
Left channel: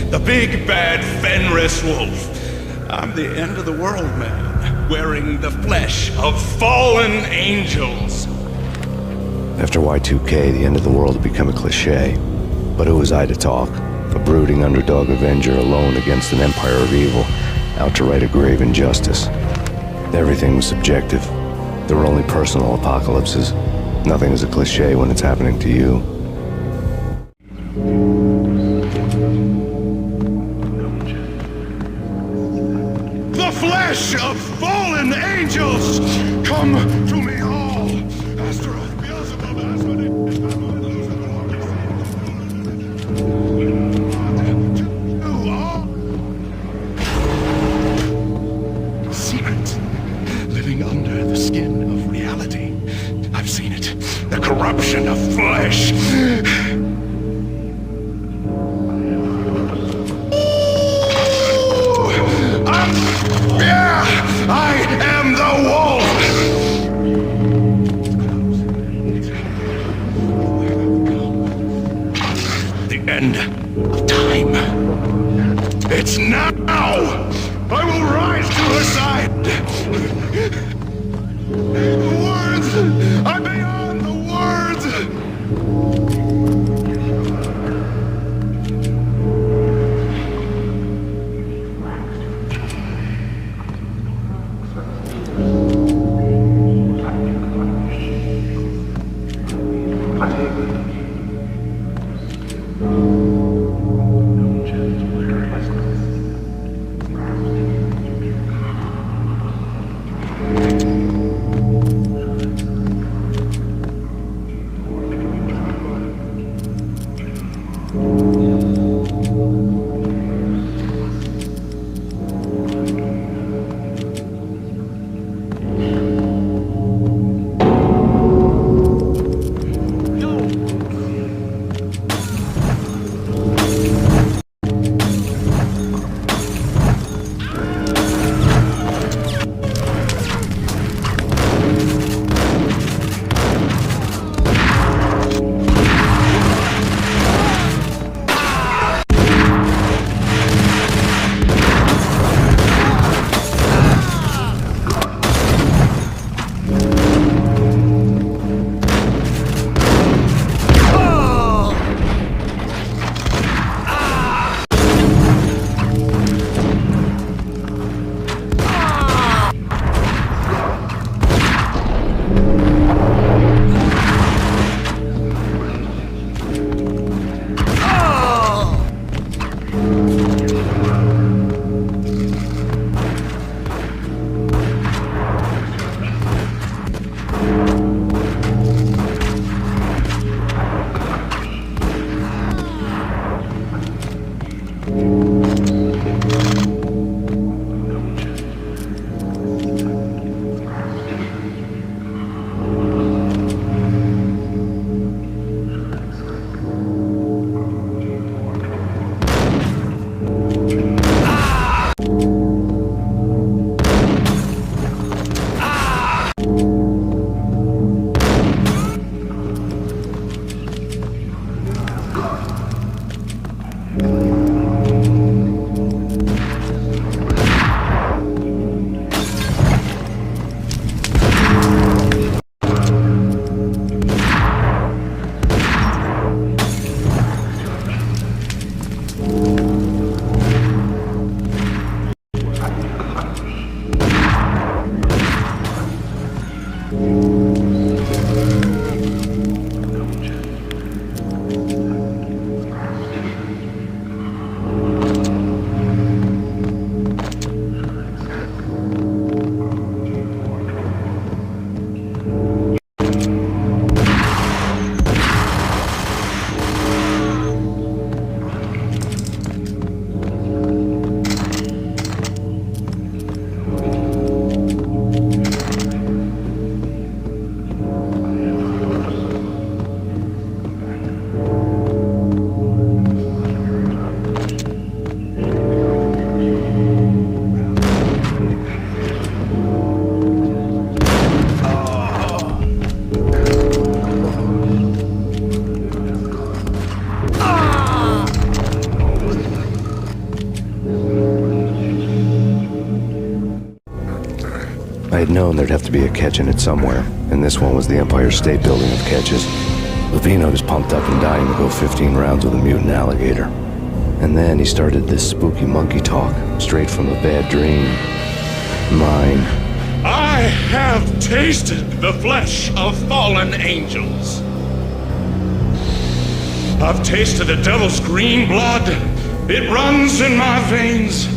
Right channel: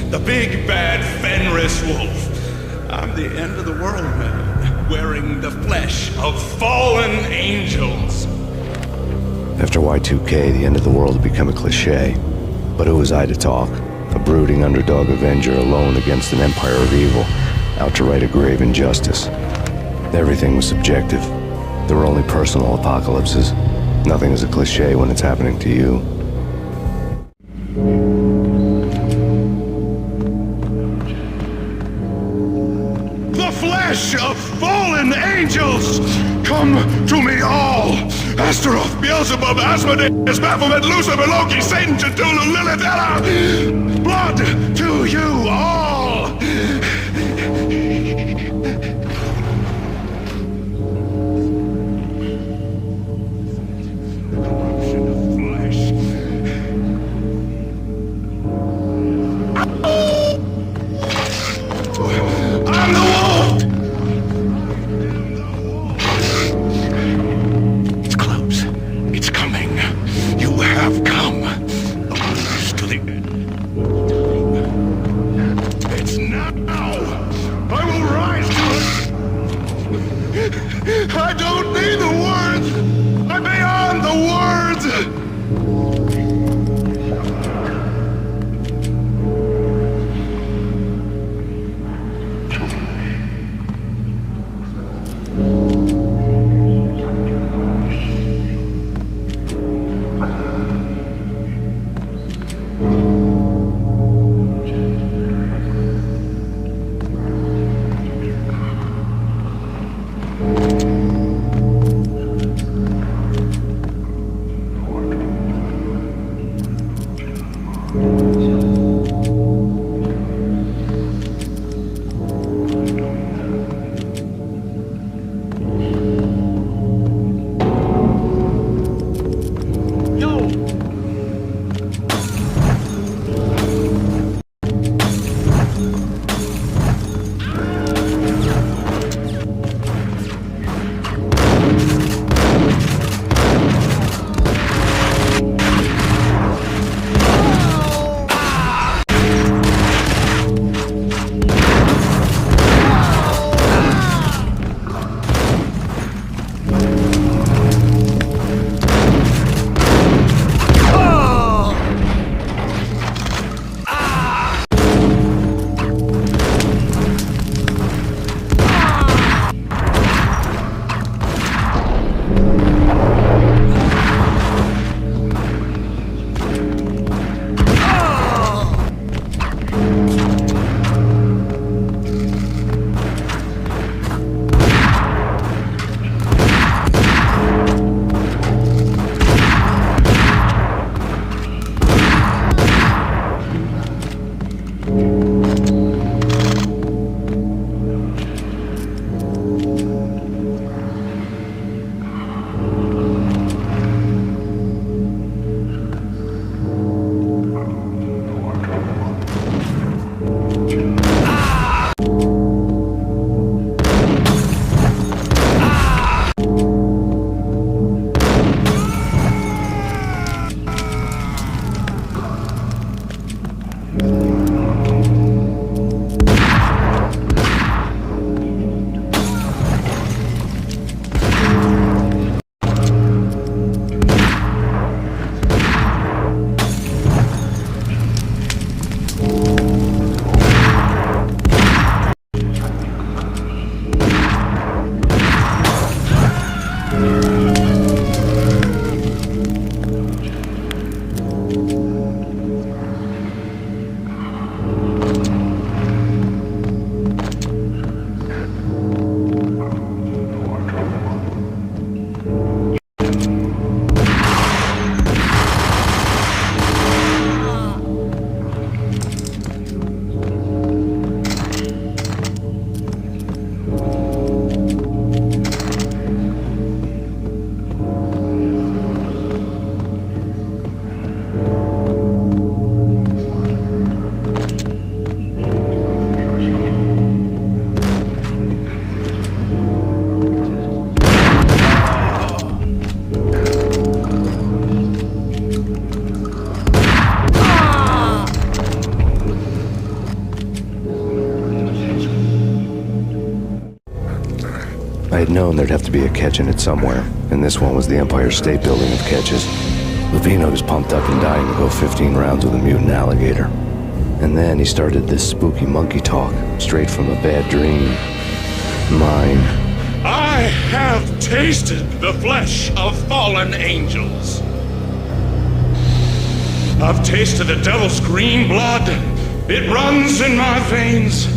the big bad Fenris wolf. I'm the end of the world man, wearing the flesh of fallen angels. After Y2K, the end of the world had become a cliche. But who was I to talk? A brooding underdog avenger alone against an empire of evil, out to right a grave injustice. Everything was subjective. There were only personal apocalypses. Nothing is a cliche when it's happening to you. The flesh of fallen angels, come to me all. Astaroth, Beelzebub, Asmodeus, Baphomet, Lucifer, Loki, Satan, Cthulhu, Lilith, Hela. Blood to you all. Cement, living under the skin of reality. I've seen it. The corruption of flesh. I'm the wolf, yeah! I am the wolf! It's close. It's coming. You have come. To the end of time. It's now! I will rise to her side! I don't need the words! I'm beyond the words! I had known there'd have to be a catch in it somewhere, and this one was the Empire State Building of catches. Lupino was pumped up and dying to go 15 rounds with a mutant alligator. And then he started this spooky monkey talk, straight from a bad dream. Mine. I have tasted the flesh of fallen angels. I've tasted the devil's green blood. It runs in my veins.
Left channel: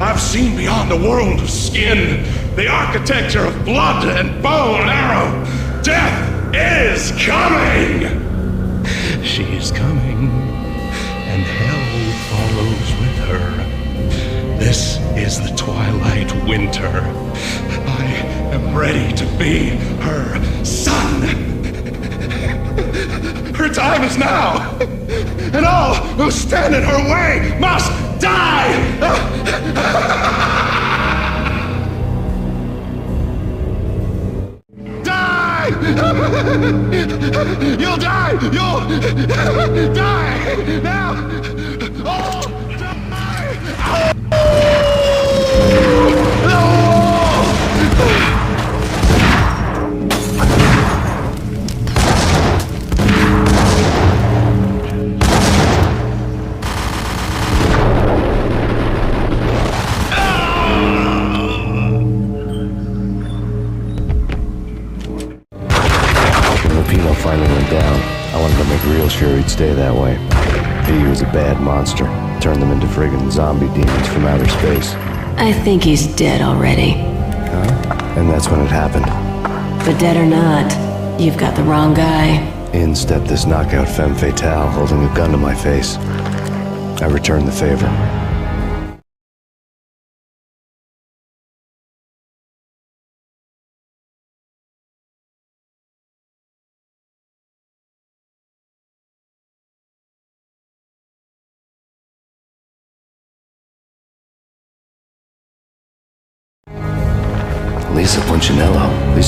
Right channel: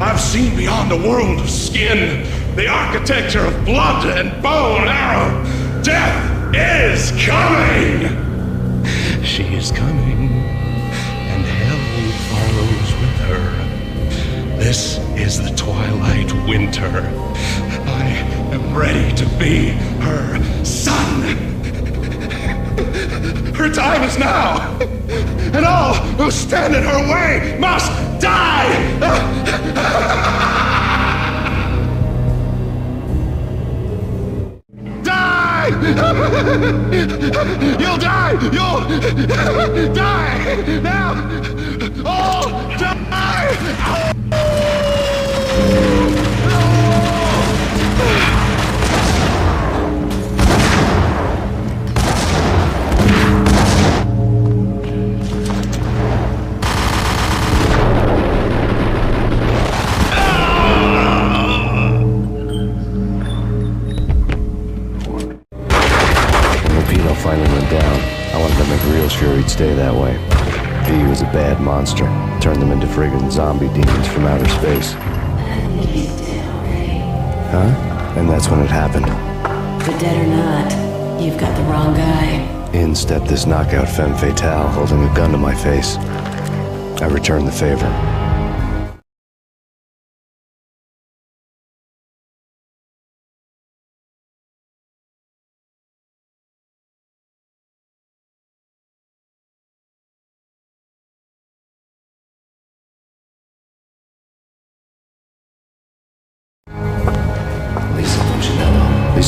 I've seen beyond the world of skin, the architecture of blood and bow and arrow. Death is coming! She is coming, and hell follows with her. This is the twilight winter. I am ready to be her son. Her time is now, and all who stand in her way must die! Die! You'll die! You'll die! Now! All die! Finally went down. I wanted to make real sure he'd stay that way. V was a bad monster. Turned them into friggin' zombie demons from outer space. I think he's dead already. Huh? And that's when it happened. But dead or not, you've got the wrong guy. In stepped this knockout femme fatale holding a gun to my face. I returned the favor. Lisa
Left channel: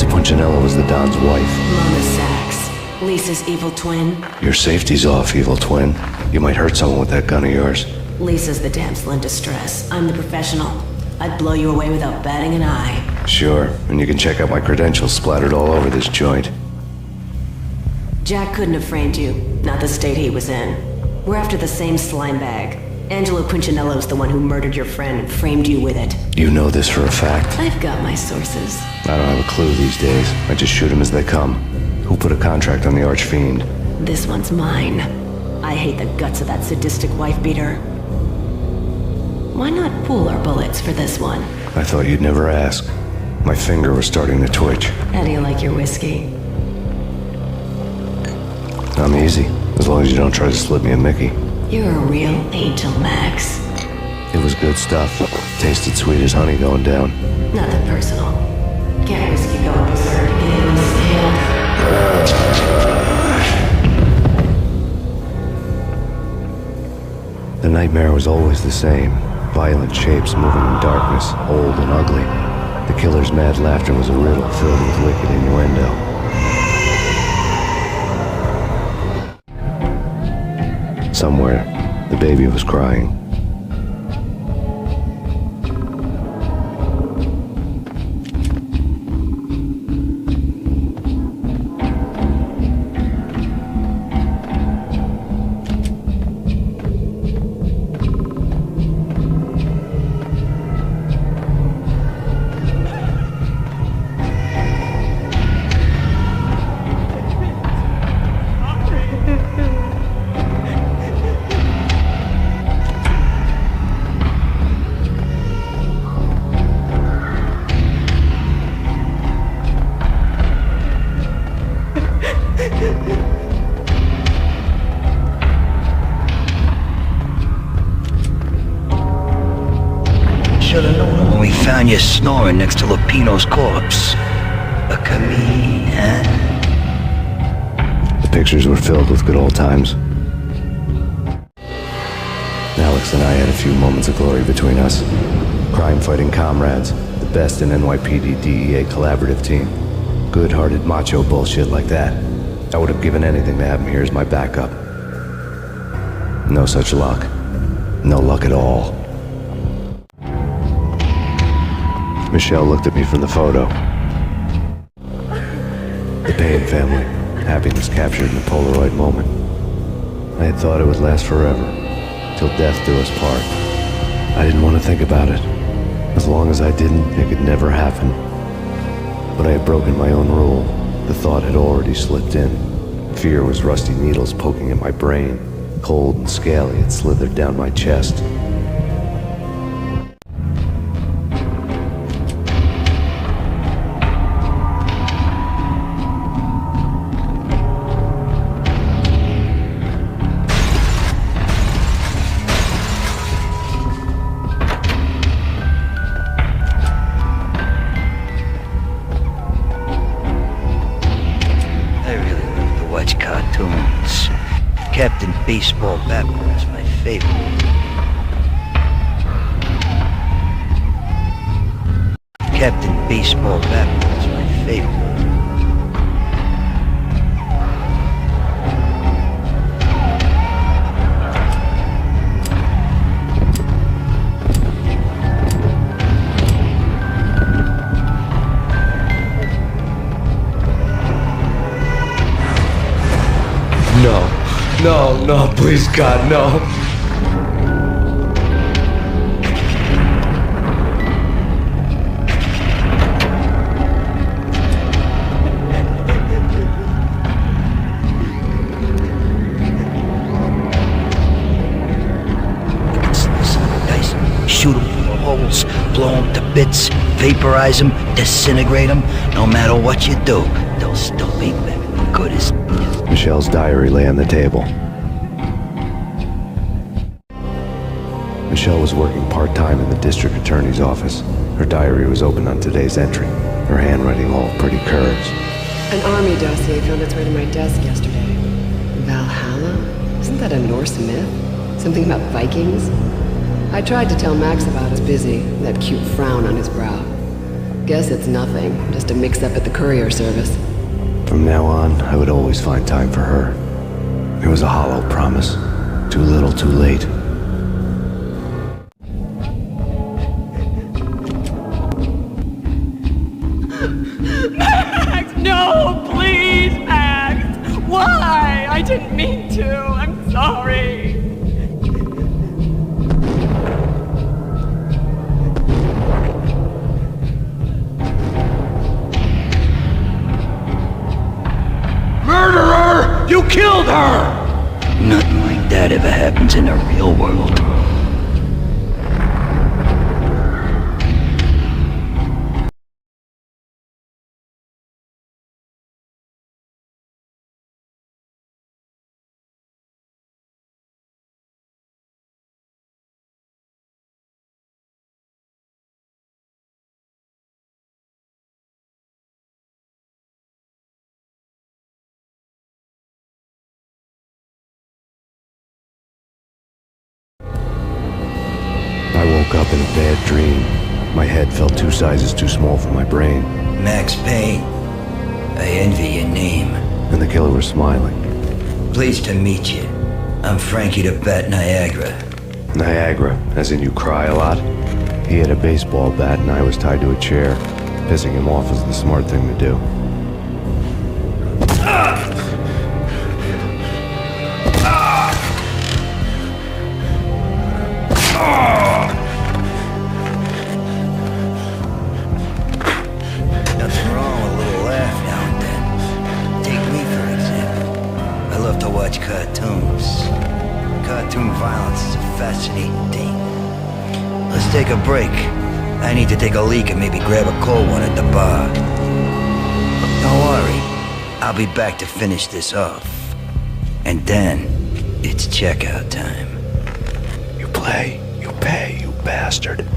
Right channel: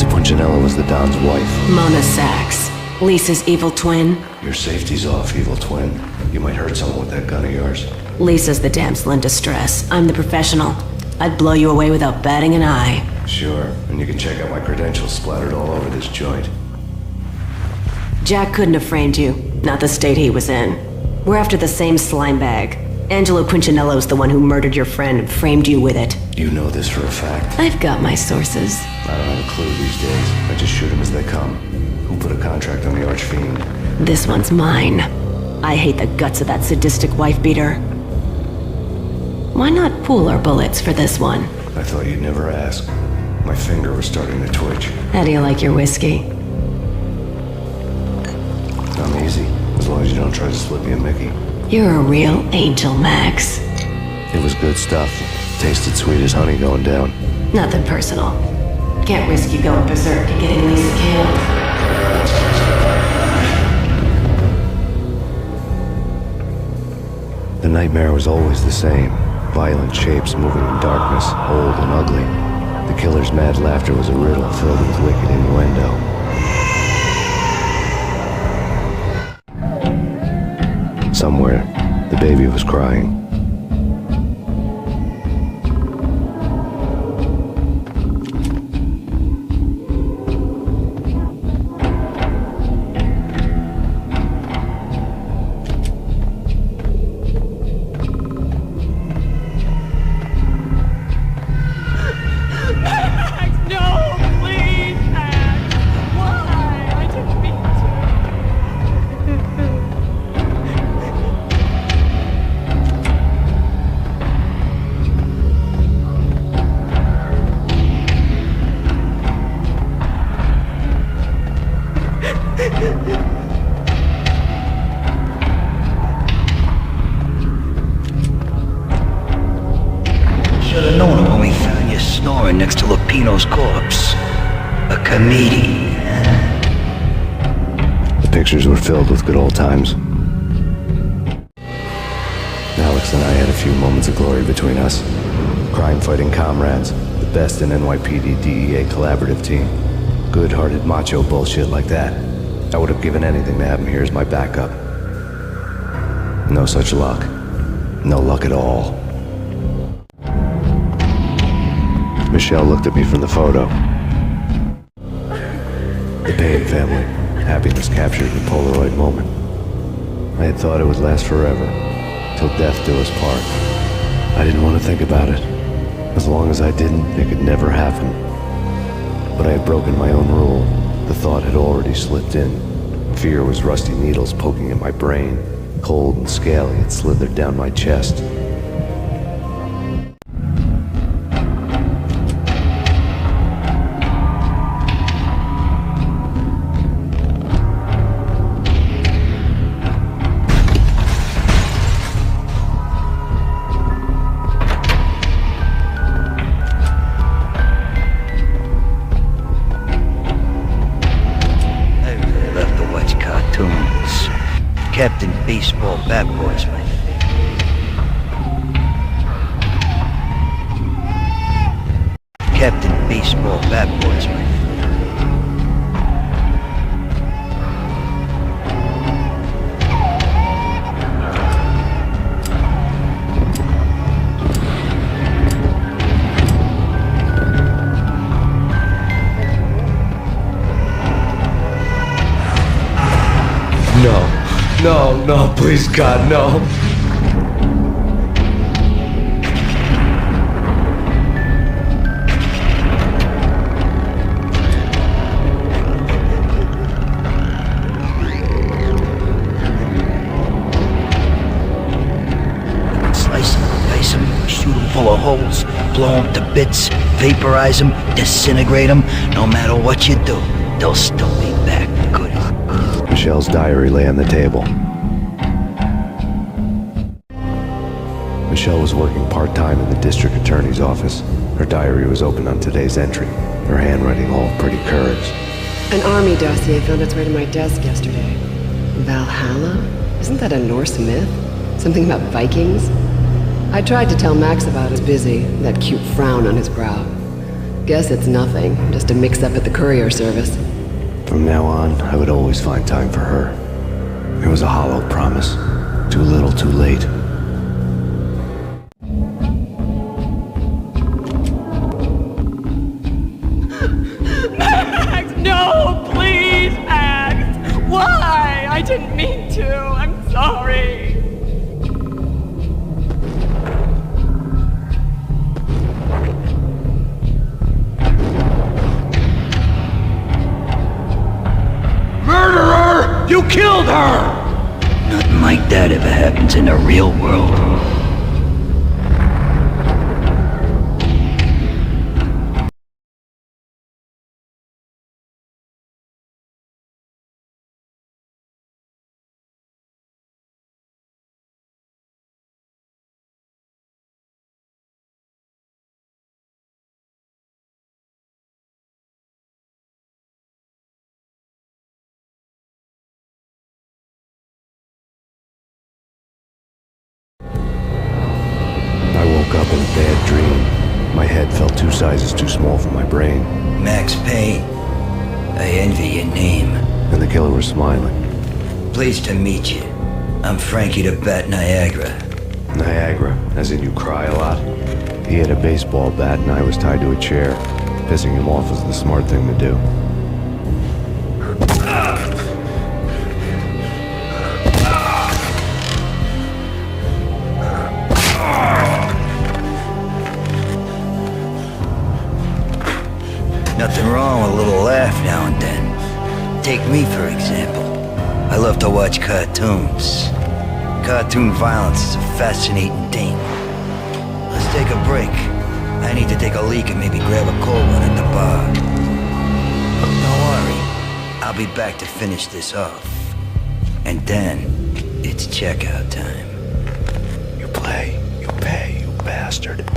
Punchinello was the Don's wife. Mona Sachs, Lisa's evil twin. Your safety's off, evil twin. You might hurt someone with that gun of yours. Lisa's the damsel in distress. I'm the professional. I'd blow you away without batting an eye. Sure, and you can check out my credentials splattered all over this joint. Jack couldn't have framed you, not the state he was in. We're after the same slime bag. Angelo Punchinello's the one who murdered your friend and framed you with it. You know this for a fact. I've got my sources. I don't have a clue these days. I just shoot them as they come. Who put a contract on the Archfiend? This one's mine. I hate the guts of that sadistic wife-beater. Why not pool our bullets for this one? I thought you'd never ask. My finger was starting to twitch. How do you like your whiskey? I'm easy, as long as you don't try to slip me a Mickey. You're a real angel, Max. It was good stuff. Tasted sweet as honey going down. Nothing personal. Can't risk you going berserk and getting Lisa killed. The nightmare was always the same. Violent shapes moving in darkness, old and ugly. The killer's mad laughter was a riddle filled with wicked innuendo. Somewhere, the baby was crying. Should have known it when we found you snoring next to Lupino's corpse. A comedian, huh? The pictures were filled with good old times. Alex and I had a few moments of glory between us. Crime-fighting comrades, the best in NYPD DEA collaborative team. Good-hearted macho bullshit like that. I would have given anything to have him here as my backup. No such luck. No luck at all. Michelle looked at me from the photo. The Payne family. Happiness captured in a Polaroid moment. I had thought it would last forever. Till death do us part. I didn't want to think about it. As long as I didn't, it could never happen. But I had broken my own rule. The thought had already slipped in. Fear was rusty needles poking at my brain. Cold and scaly, it slithered down my chest. Cartoons. Captain Baseball Bat Boy's my favorite. Captain Baseball Bat Boy's my favorite. No, please God, no. Slice him, dice him, shoot him full of holes, blow him to bits, vaporize him, disintegrate him. No matter what you do, they'll still be back good as new. Michelle's diary lay on the table. Michelle was working part-time in the district attorney's office. Her diary was open on today's entry, her handwriting all pretty curves. An army dossier found its way to my desk yesterday. Valhalla? Isn't that a Norse myth? Something about Vikings? I tried to tell Max about his busy, that cute frown on his brow. Guess it's nothing, just a mix-up at the courier service. From now on, I would always find time for her. It was a hollow promise. Too little, too late. Max, no, please, Max. Why? I didn't mean to. I'm sorry. Murderer! You killed her! Nothing like that ever happens in the real world. I woke up in a bad dream. My head felt 2 sizes too small for my brain. Max Payne. I envy your name. And the killer was smiling. Pleased to meet you. I'm Frankie the Bat Niagara. Niagara, as in you cry a lot? He had a baseball bat and I was tied to a chair. Pissing him off was the smart thing to do. Nothing wrong with a little laugh now and then. Take me, for example. I love to watch cartoons. Cartoon violence is a fascinating thing. Let's take a break. I need to take a leak and maybe grab a cold one at the bar. Don't worry. I'll be back to finish this off. And then, it's checkout time. You play, you pay, you bastard.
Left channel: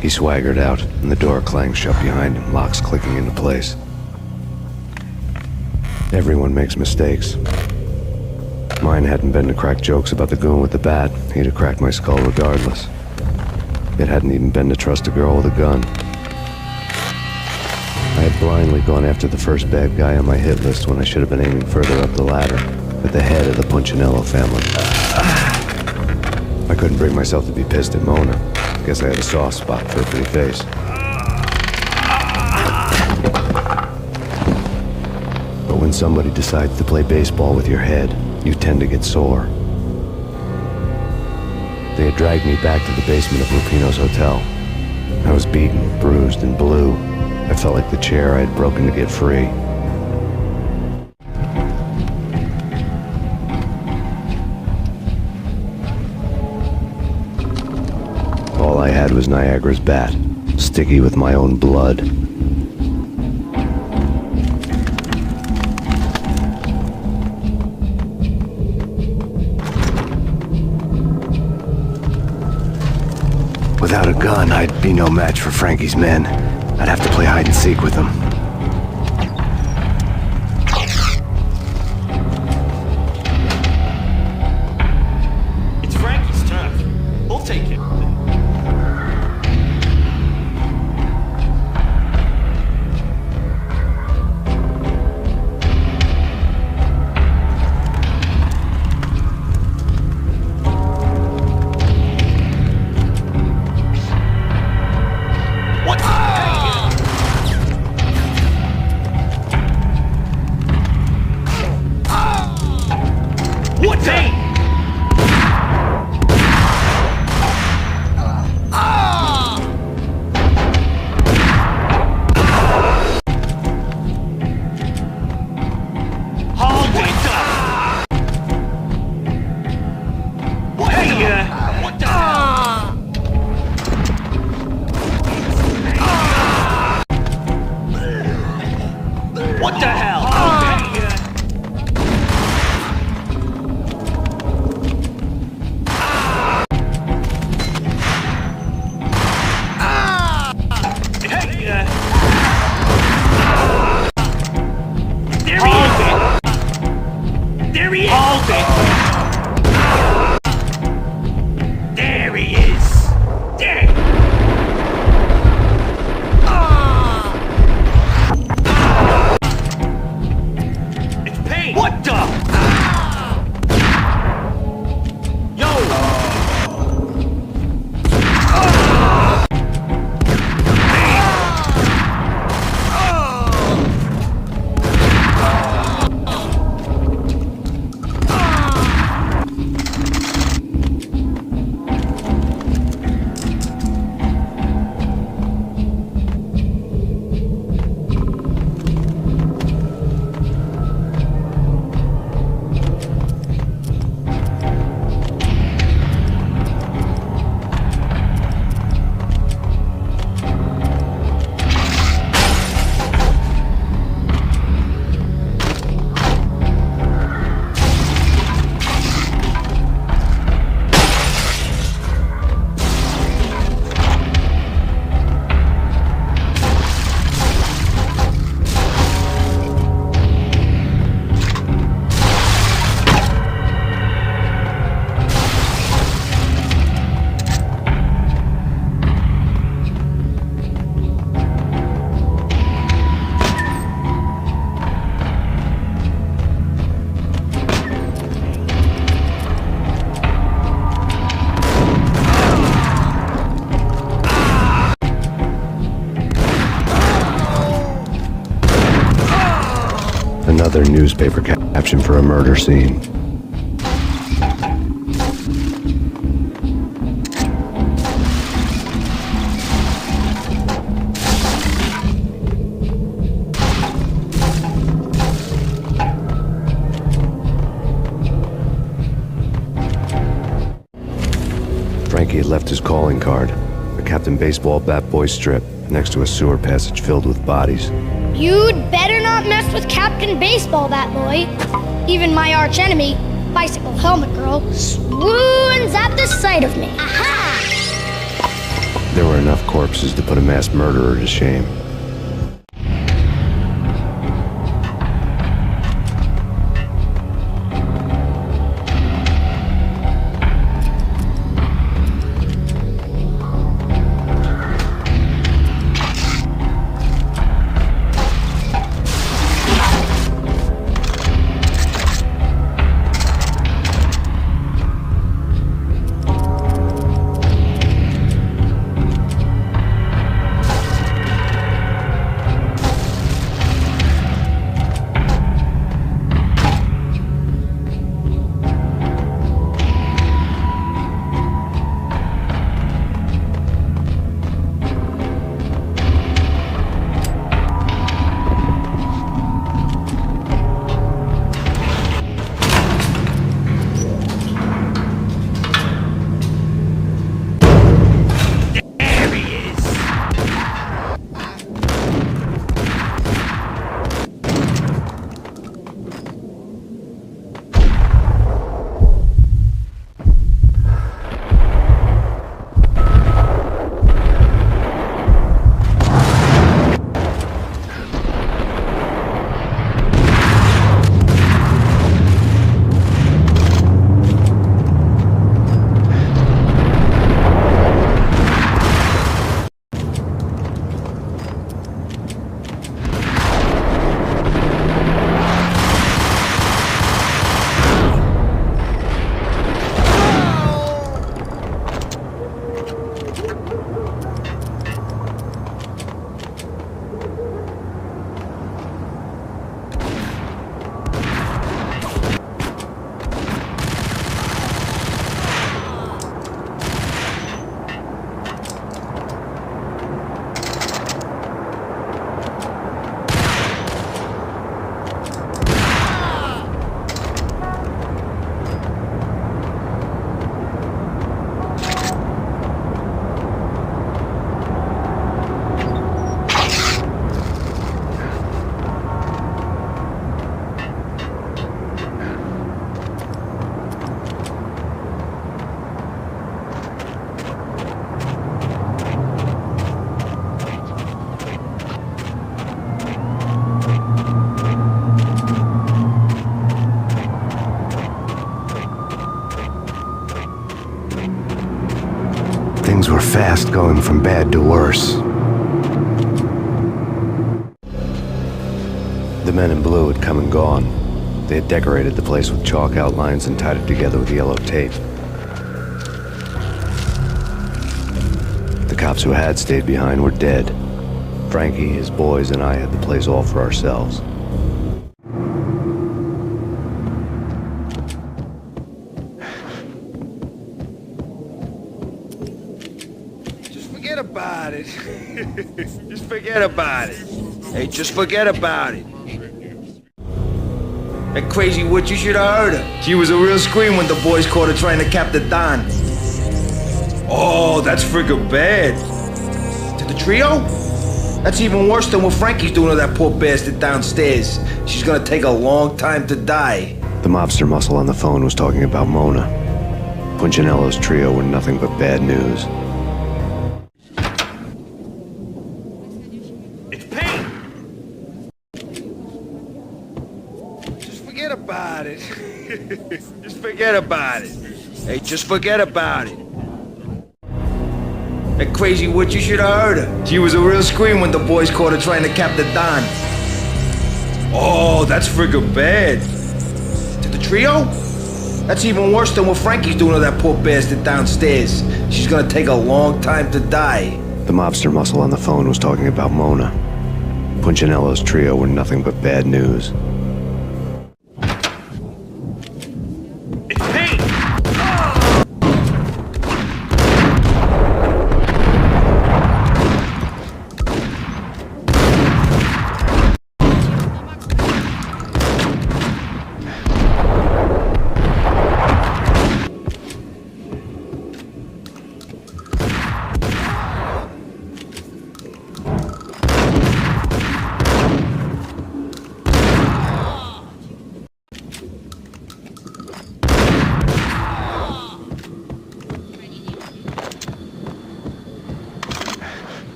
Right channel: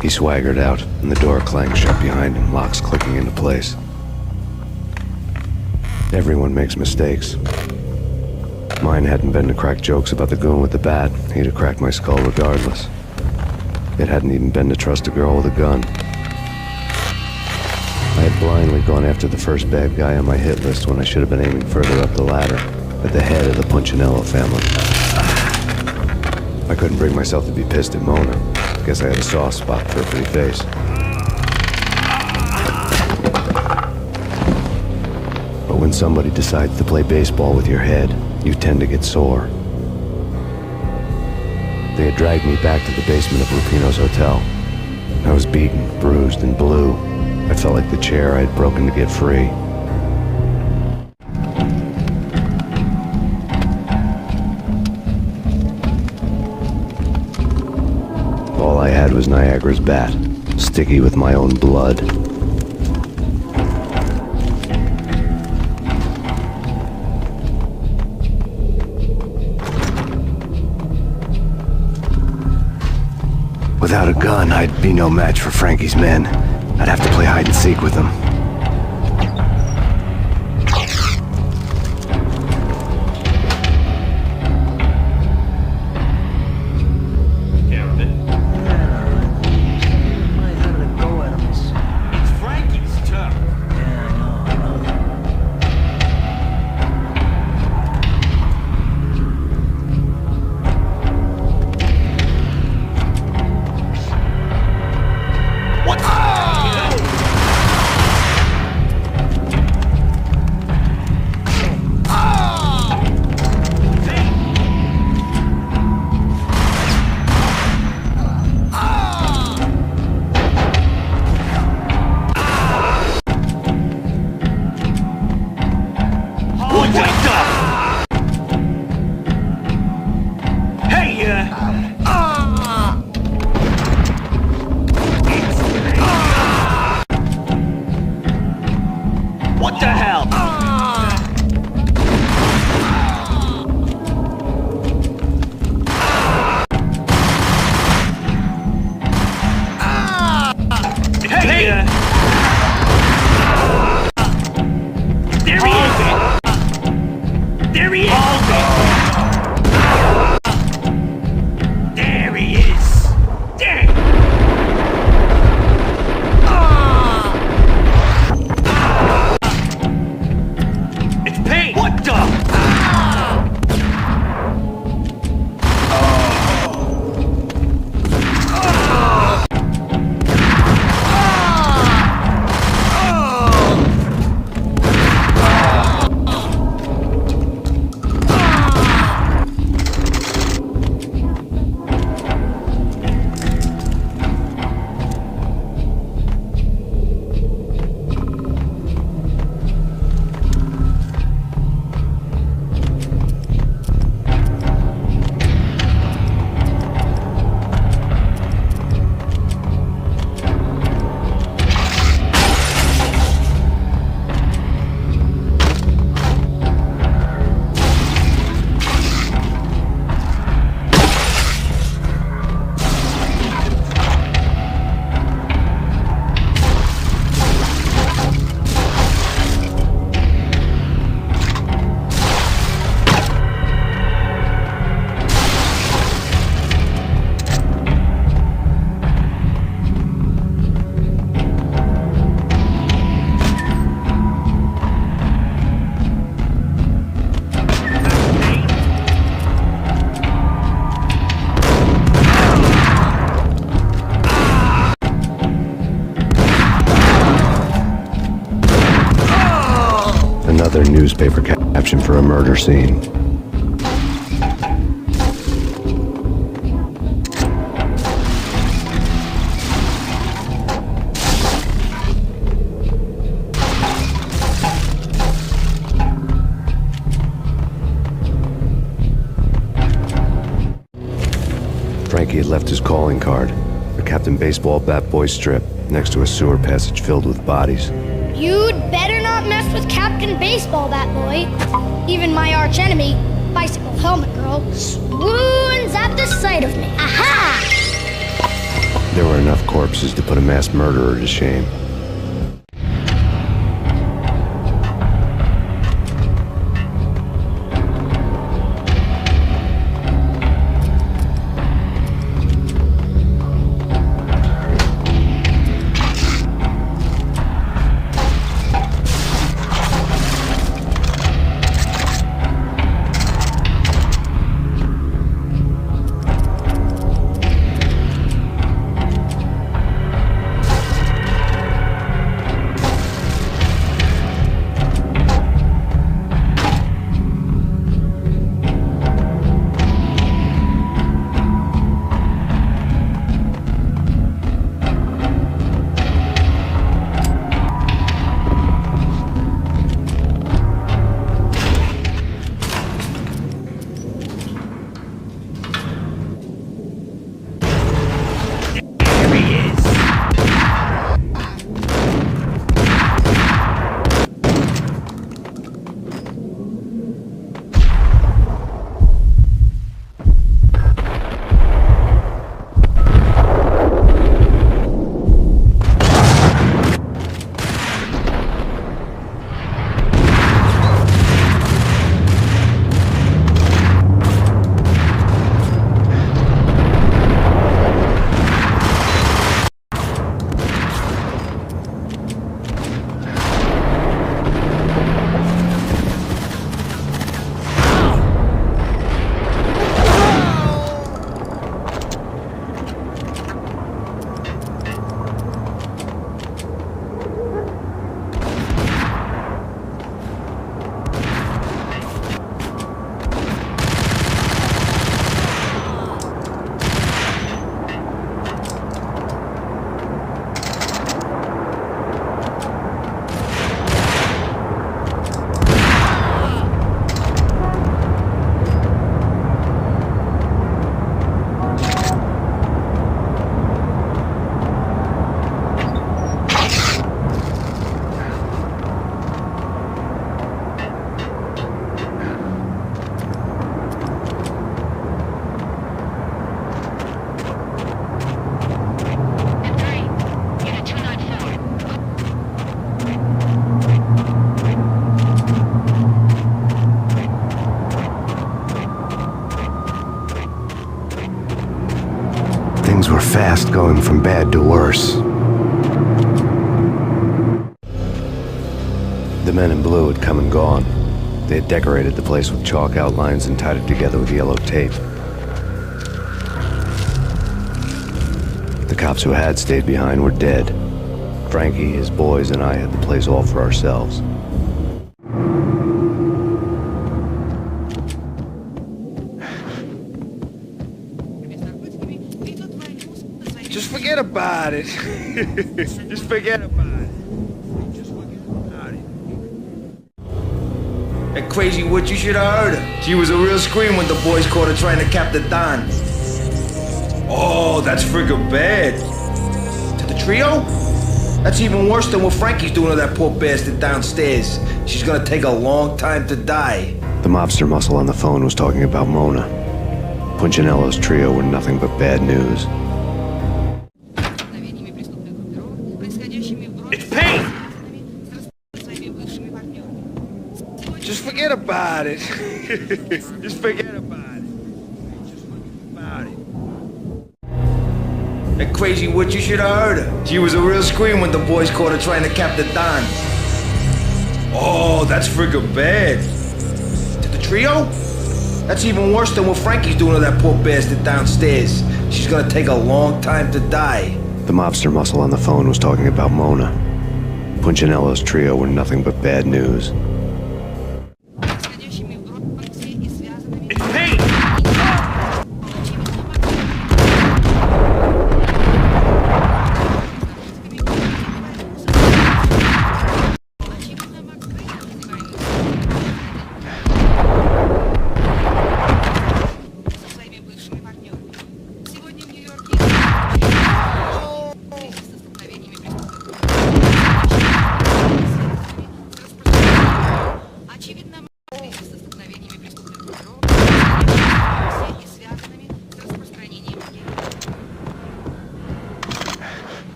He swaggered out, and the door clanged shut behind him, locks clicking into place. Everyone makes mistakes. Mine hadn't been to crack jokes about the goon with the bat. He'd have cracked my skull regardless. It hadn't even been to trust a girl with a gun. I had blindly gone after the first bad guy on my hit list when I should have been aiming further up the ladder, at the head of the Punchinello family. I couldn't bring myself to be pissed at Mona. Guess I had a soft spot for her pretty face. But when somebody decides to play baseball with your head, you tend to get sore. They had dragged me back to the basement of Lupino's hotel. I was beaten, bruised, and blue. I felt like the chair I had broken to get free. All I had was Niagara's bat, sticky with my own blood. Without a gun, I'd be no match for Frankie's men. I'd have to play hide and seek with them. It's Frankie's turn. We'll take care of it. It's Frankie's turn. What? What the? Hold it up! Hey, what the hell? Hey! There he is! There he is! Hold it! There he is! Damn! Another newspaper caption for a murder scene. Frankie had left his calling card, a Captain Baseball bat boy strip, next to a sewer passage filled with bodies. You'd better not mess with Captain Baseball Bat Boy. Even my arch enemy, Bicycle Helmet Girl, swoons at the sight of me. Aha! There were enough corpses to put a mass murderer to shame. Things were fast going from bad to worse. The men in blue had come and gone. They had decorated the place with chalk outlines and tied it together with yellow tape. The cops who had stayed behind were dead. Frankie, his boys, and I had the place all for ourselves. Just forget about it. Just forget about it. Hey, just forget about it. That crazy witch, you should have heard her. She was a real scream when the boys caught her trying to cap the Don. Oh, that's friggin' bad. To the trio? That's even worse than what Frankie's doing to that poor bastard downstairs. She's gonna take a long time to die. The mobster muscle on the phone was talking about Mona. Punchinello's trio were nothing but bad news. It's Payne! Just forget about it. Just forget about it. Hey, just forget about it. That crazy witch, you should have heard her. She was a real scream when the boys caught her trying to cap the Don. Oh, that's friggin' bad. To the trio? That's even worse than what Frankie's doing to that poor bastard downstairs. She's gonna take a long time to die. The mobster muscle on the phone was talking about Mona. Punchinello's trio were nothing but bad news.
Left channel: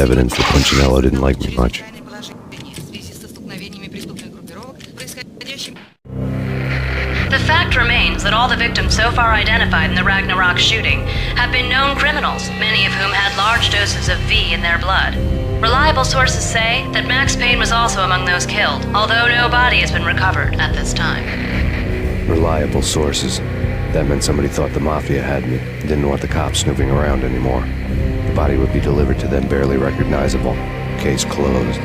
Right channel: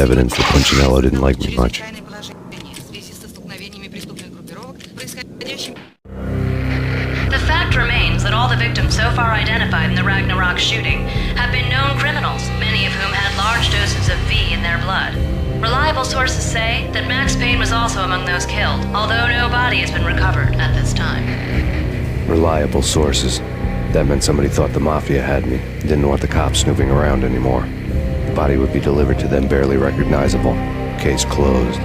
evidence that Punchinello didn't like me much. The fact remains that all the victims so far identified in the Ragnarok shooting have been known criminals, many of whom had large doses of V in their blood. Reliable sources say that Max Payne was also among those killed, although no body has been recovered at this time. Reliable sources. That meant somebody thought the Mafia had me, didn't want the cops snooping around anymore. The body would be delivered to them barely recognizable. Case closed.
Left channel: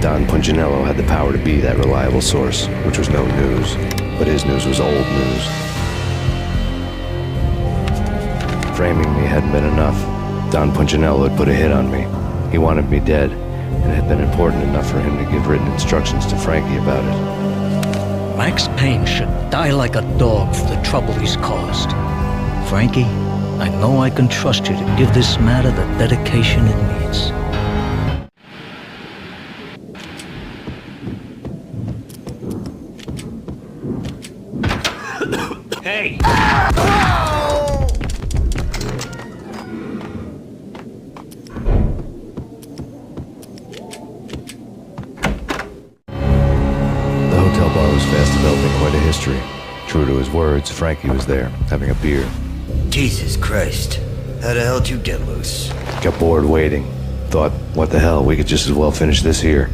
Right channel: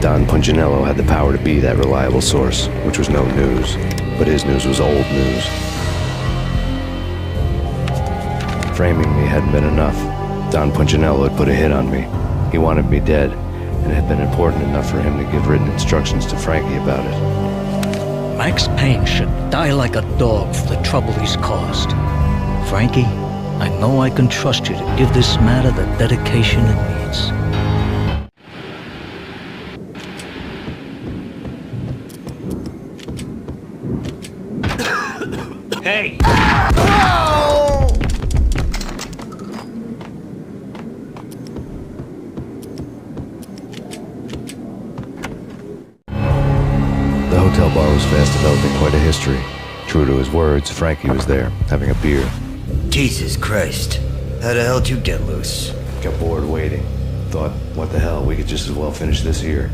Don Punchinello had the power to be that reliable source, which was no news. But his news was old news. Framing me hadn't been enough. Don Punchinello had put a hit on me. He wanted me dead, and it had been important enough for him to give written instructions to Frankie about it. Max Payne should die like a dog for the trouble he's caused. Frankie, I know I can trust you to give this matter the dedication it needs. Hey! The hotel bar was fast developing quite a history. True to his words, Frankie was there, having a beer. Jesus Christ. How the hell did you get loose? Got bored waiting. Thought, what the hell, we could just as well finish this here.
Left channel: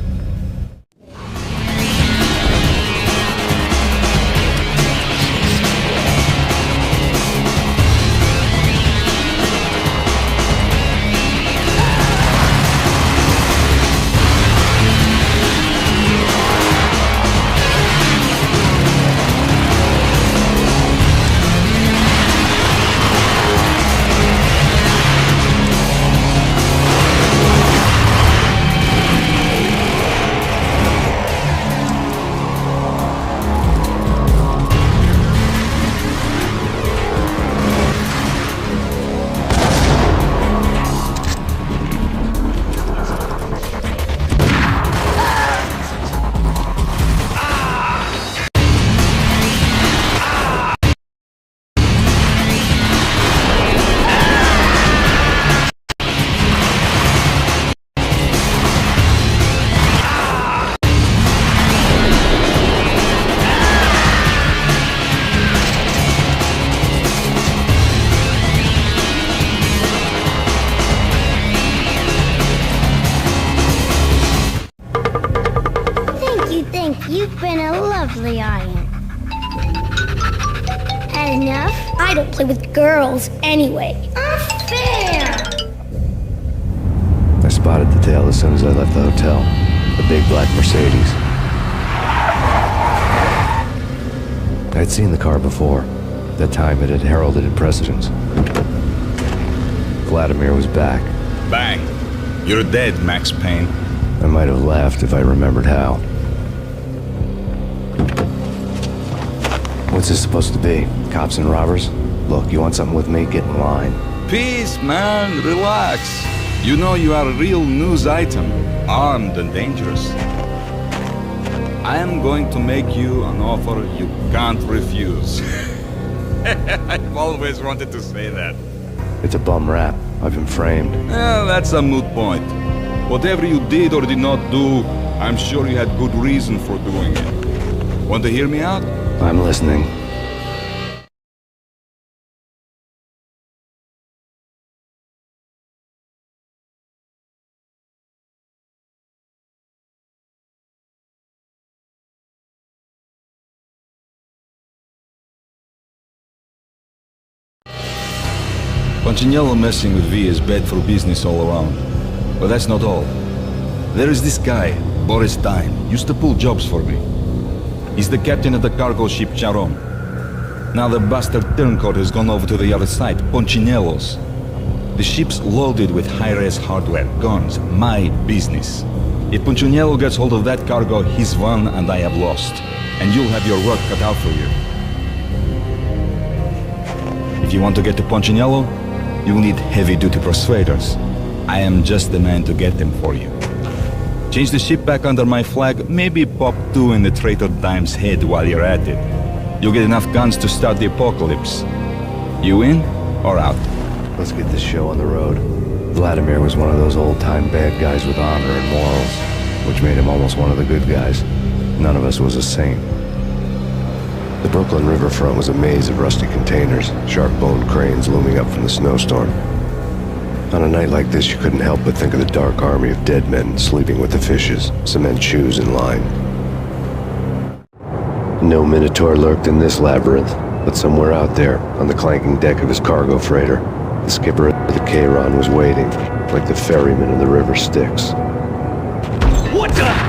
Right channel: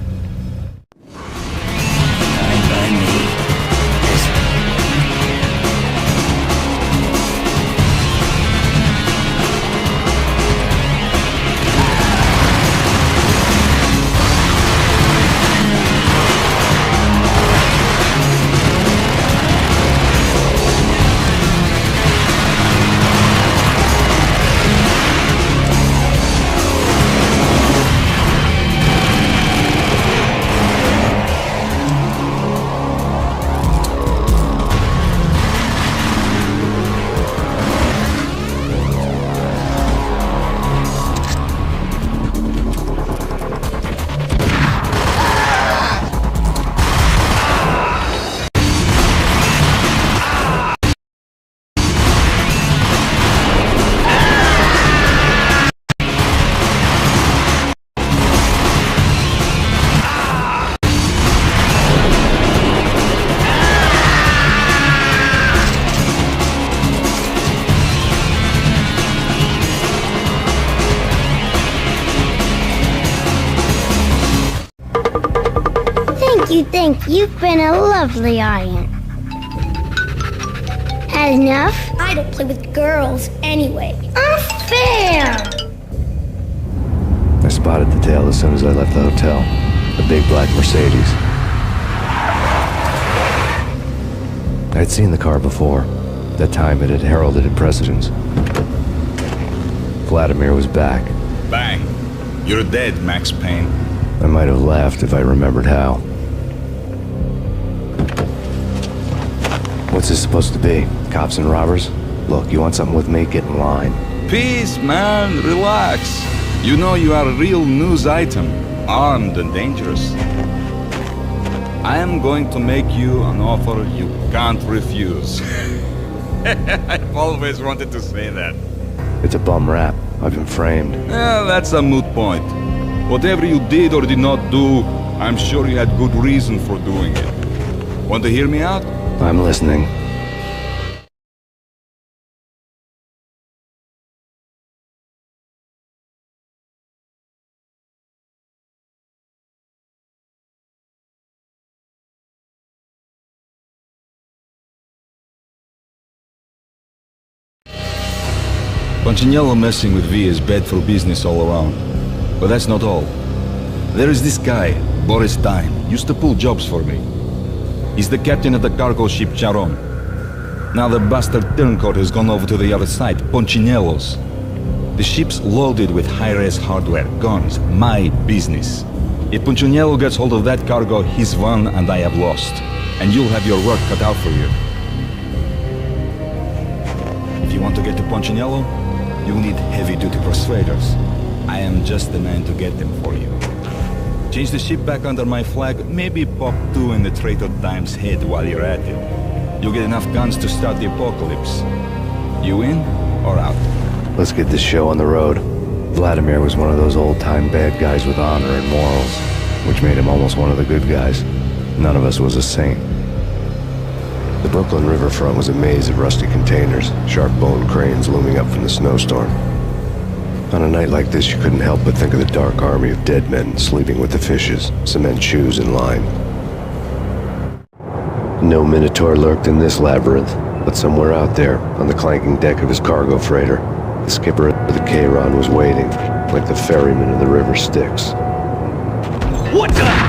You've been a lovely aunt. Had enough? I don't play with girls anyway. Unfair! I spotted the tail as soon as I left the hotel. The big black Mercedes. I'd seen the car before. That time it had heralded in precedence. Vladimir was back. Bang. You're dead, Max Payne. I might have laughed if I remembered how. What's this supposed to be? Cops and robbers? Look, you want something with me? Get in line. Peace, man. Relax. You know you are a real news item. Armed and dangerous. I am going to make you an offer you can't refuse. I've always wanted to say that. It's a bum rap. I've been framed. That's a moot point. Whatever you did or did not do, I'm sure you had good reason for doing it. Want to hear me out? I'm listening. Punchinello messing with V is bad for business all around. But that's not all. There is this guy, Boris Time, used to pull jobs for me. He's the captain of the cargo ship Charon. Now the bastard turncoat has gone over to the other side, Punchinello's. The ship's loaded with high-res hardware, guns, my business. If Punchinello gets hold of that cargo, he's won and I have lost. And you'll have your work cut out for you. If you want to get to Punchinello, you'll need heavy-duty persuaders. I am just the man to get them for you. Change the ship back under my flag, maybe pop 2 in the traitor Dime's head while you're at it. You'll get enough guns to start the apocalypse. You in or out? Let's get this show on the road. Vladimir was one of those old-time bad guys with honor and morals, which made him almost one of the good guys. None of us was a saint. The Brooklyn riverfront was a maze of rusty containers, sharp-boned cranes looming up from the snowstorm. On a night like this, you couldn't help but think of the dark army of dead men sleeping with the fishes, cement shoes in line. No Minotaur lurked in this labyrinth, but somewhere out there, on the clanking deck of his cargo freighter, the skipper of the Chiron was waiting, like the ferryman of the river Styx. What the?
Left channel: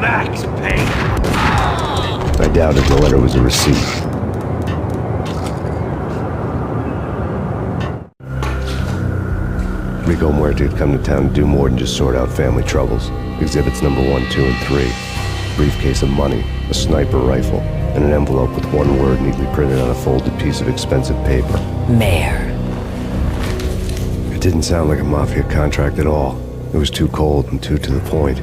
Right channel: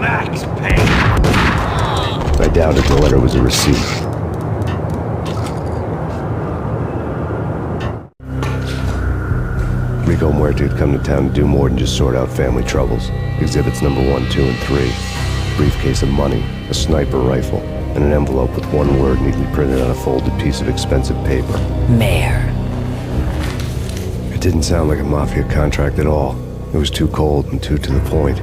Max Payne. I doubted the letter was a receipt. Rico Muerte had come to town to do more than just sort out family troubles. Exhibits number 1, 2, and 3. Briefcase of money, a sniper rifle, and an envelope with one word neatly printed on a folded piece of expensive paper. Mayor. It didn't sound like a mafia contract at all. It was too cold and too to the point.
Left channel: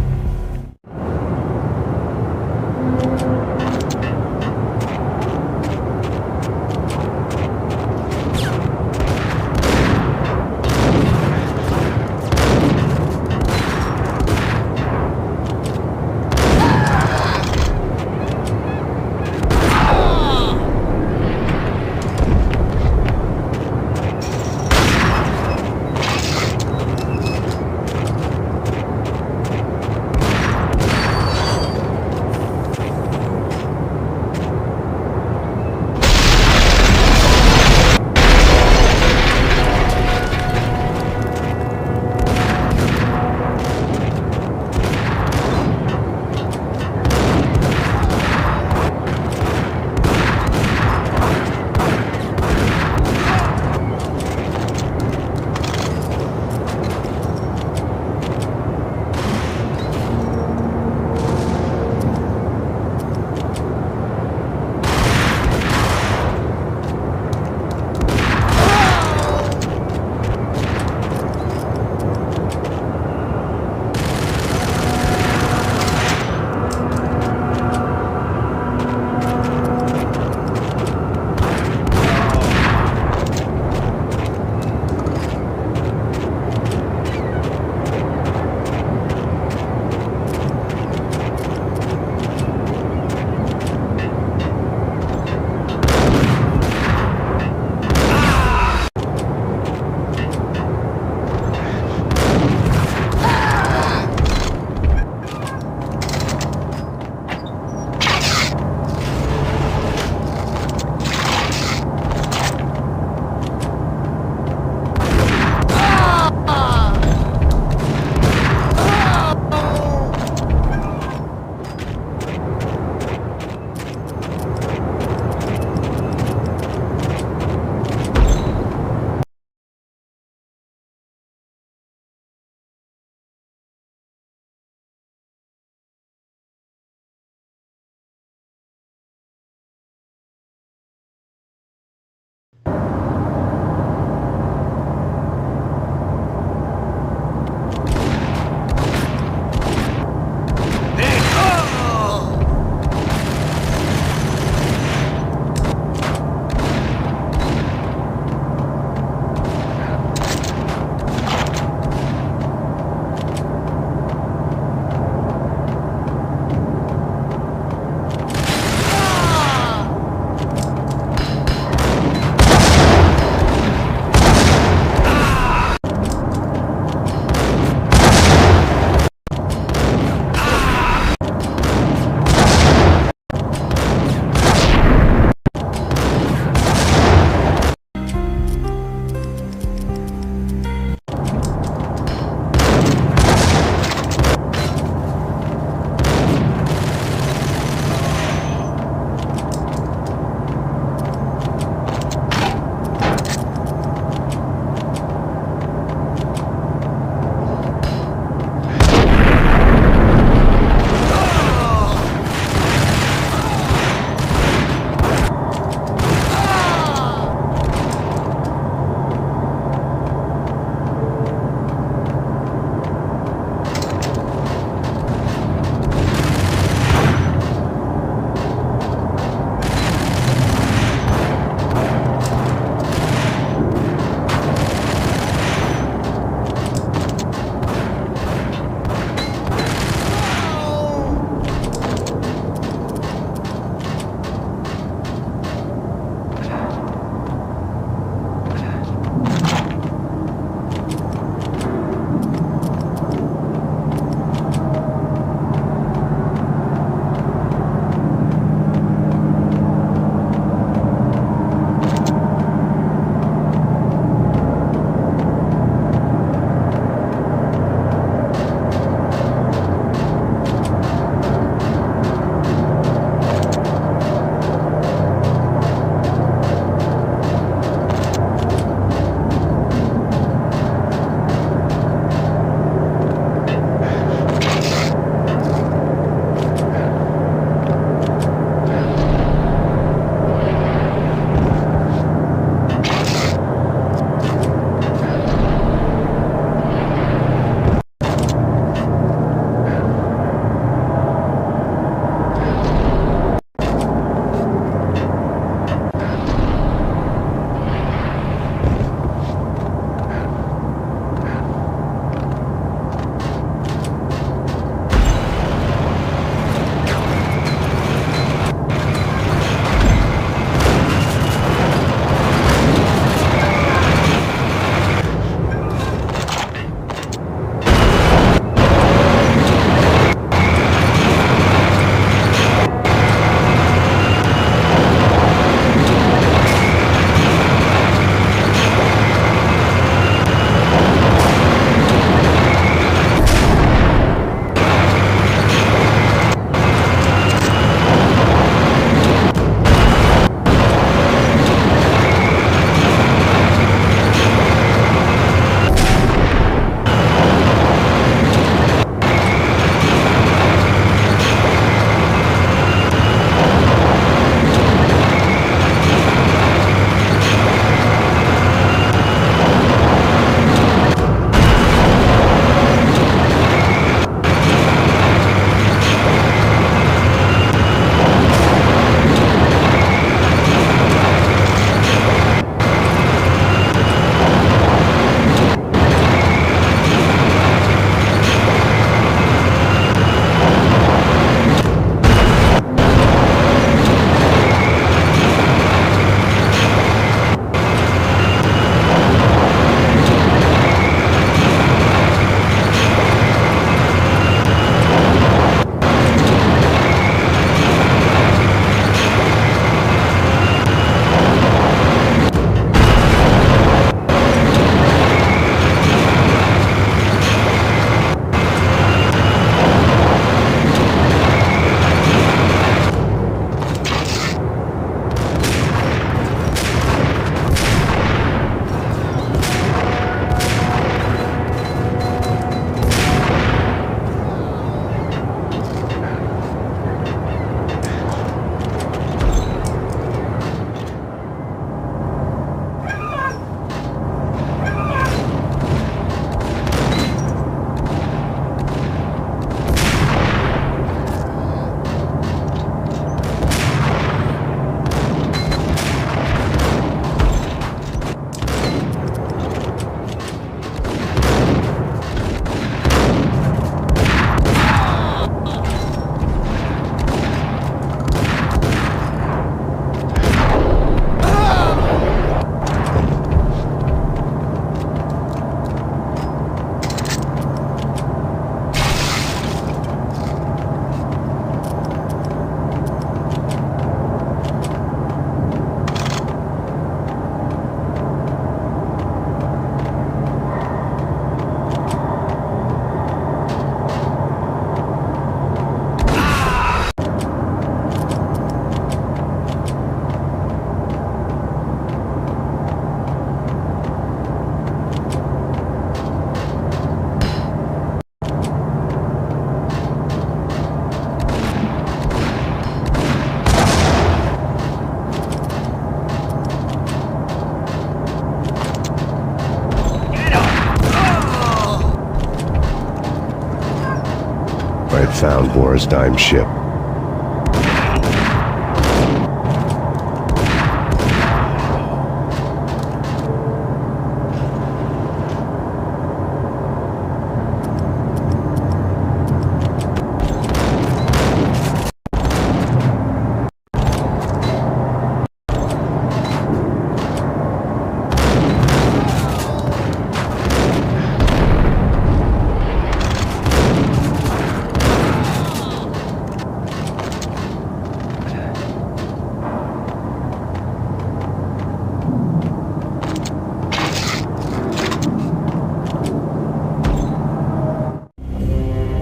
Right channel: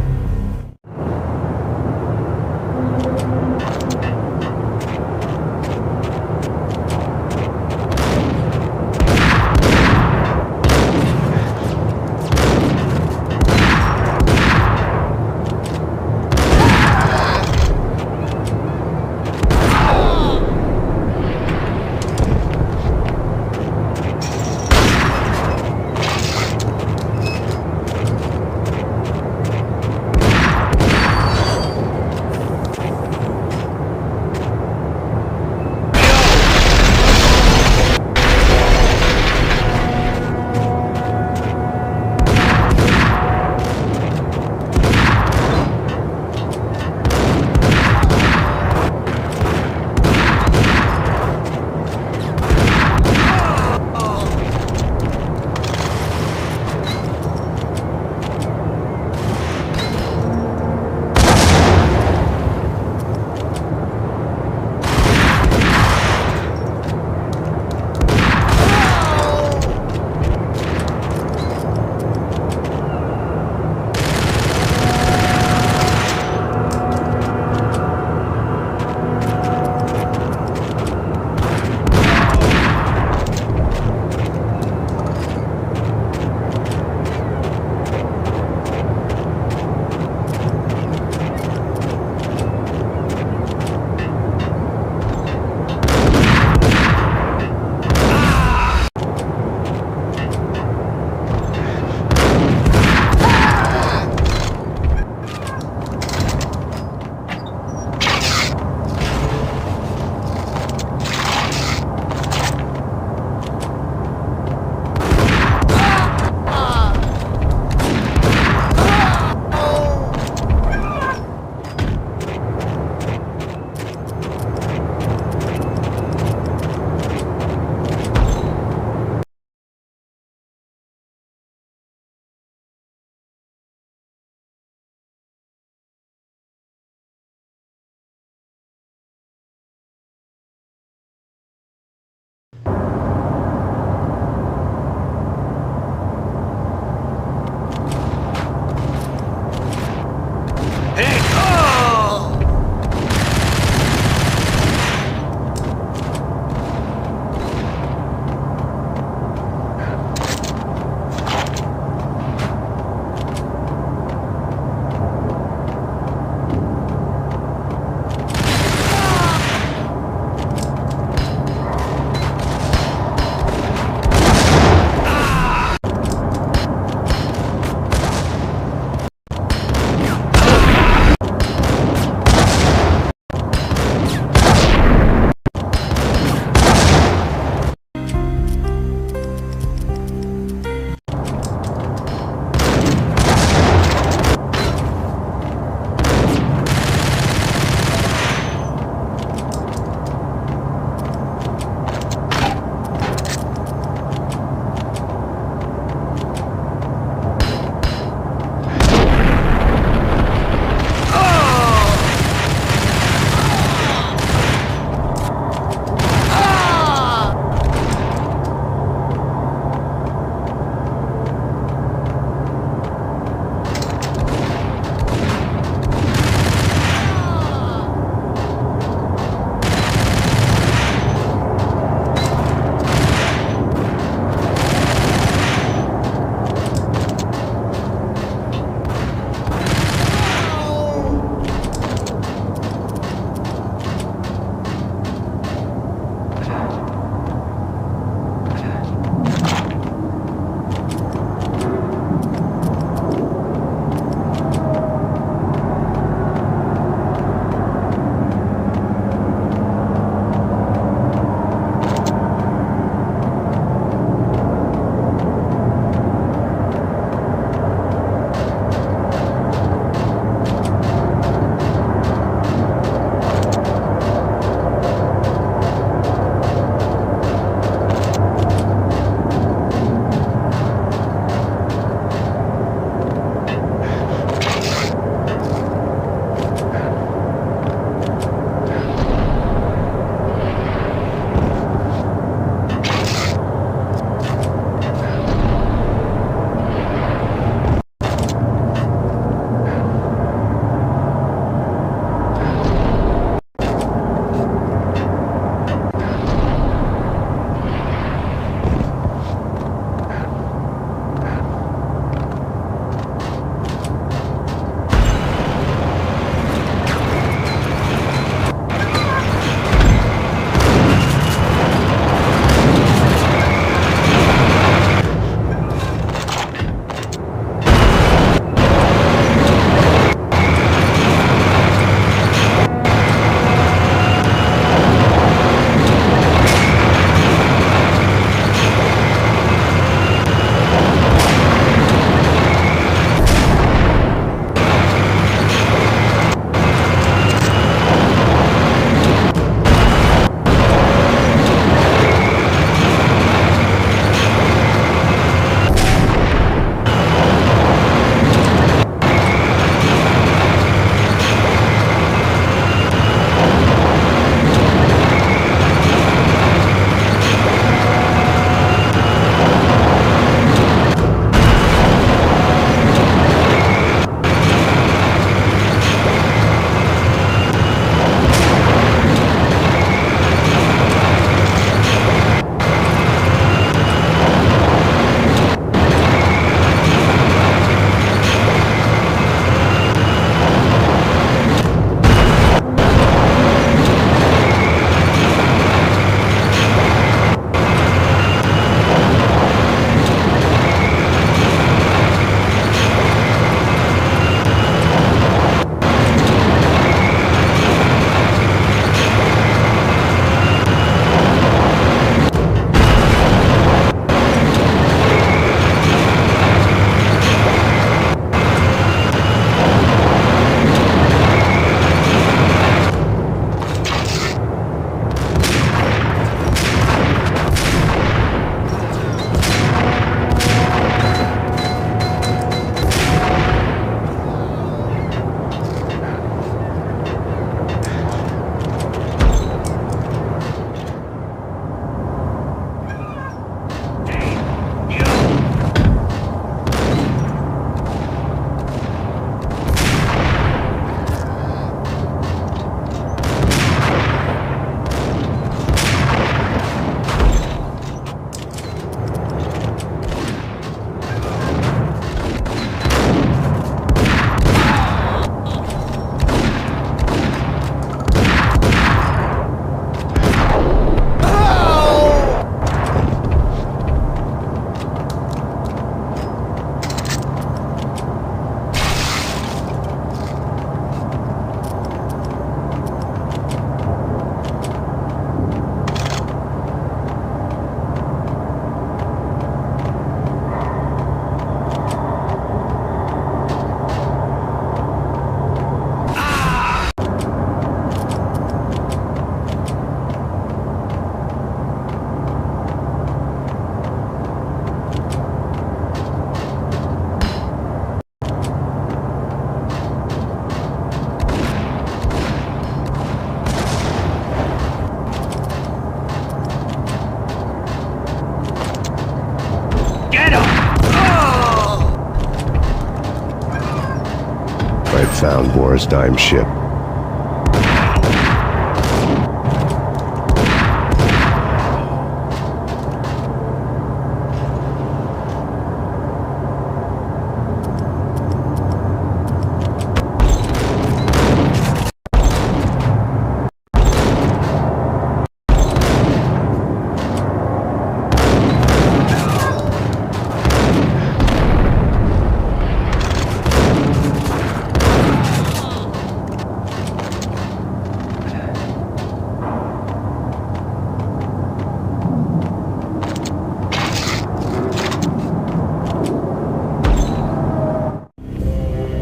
found Boris Dime's ship.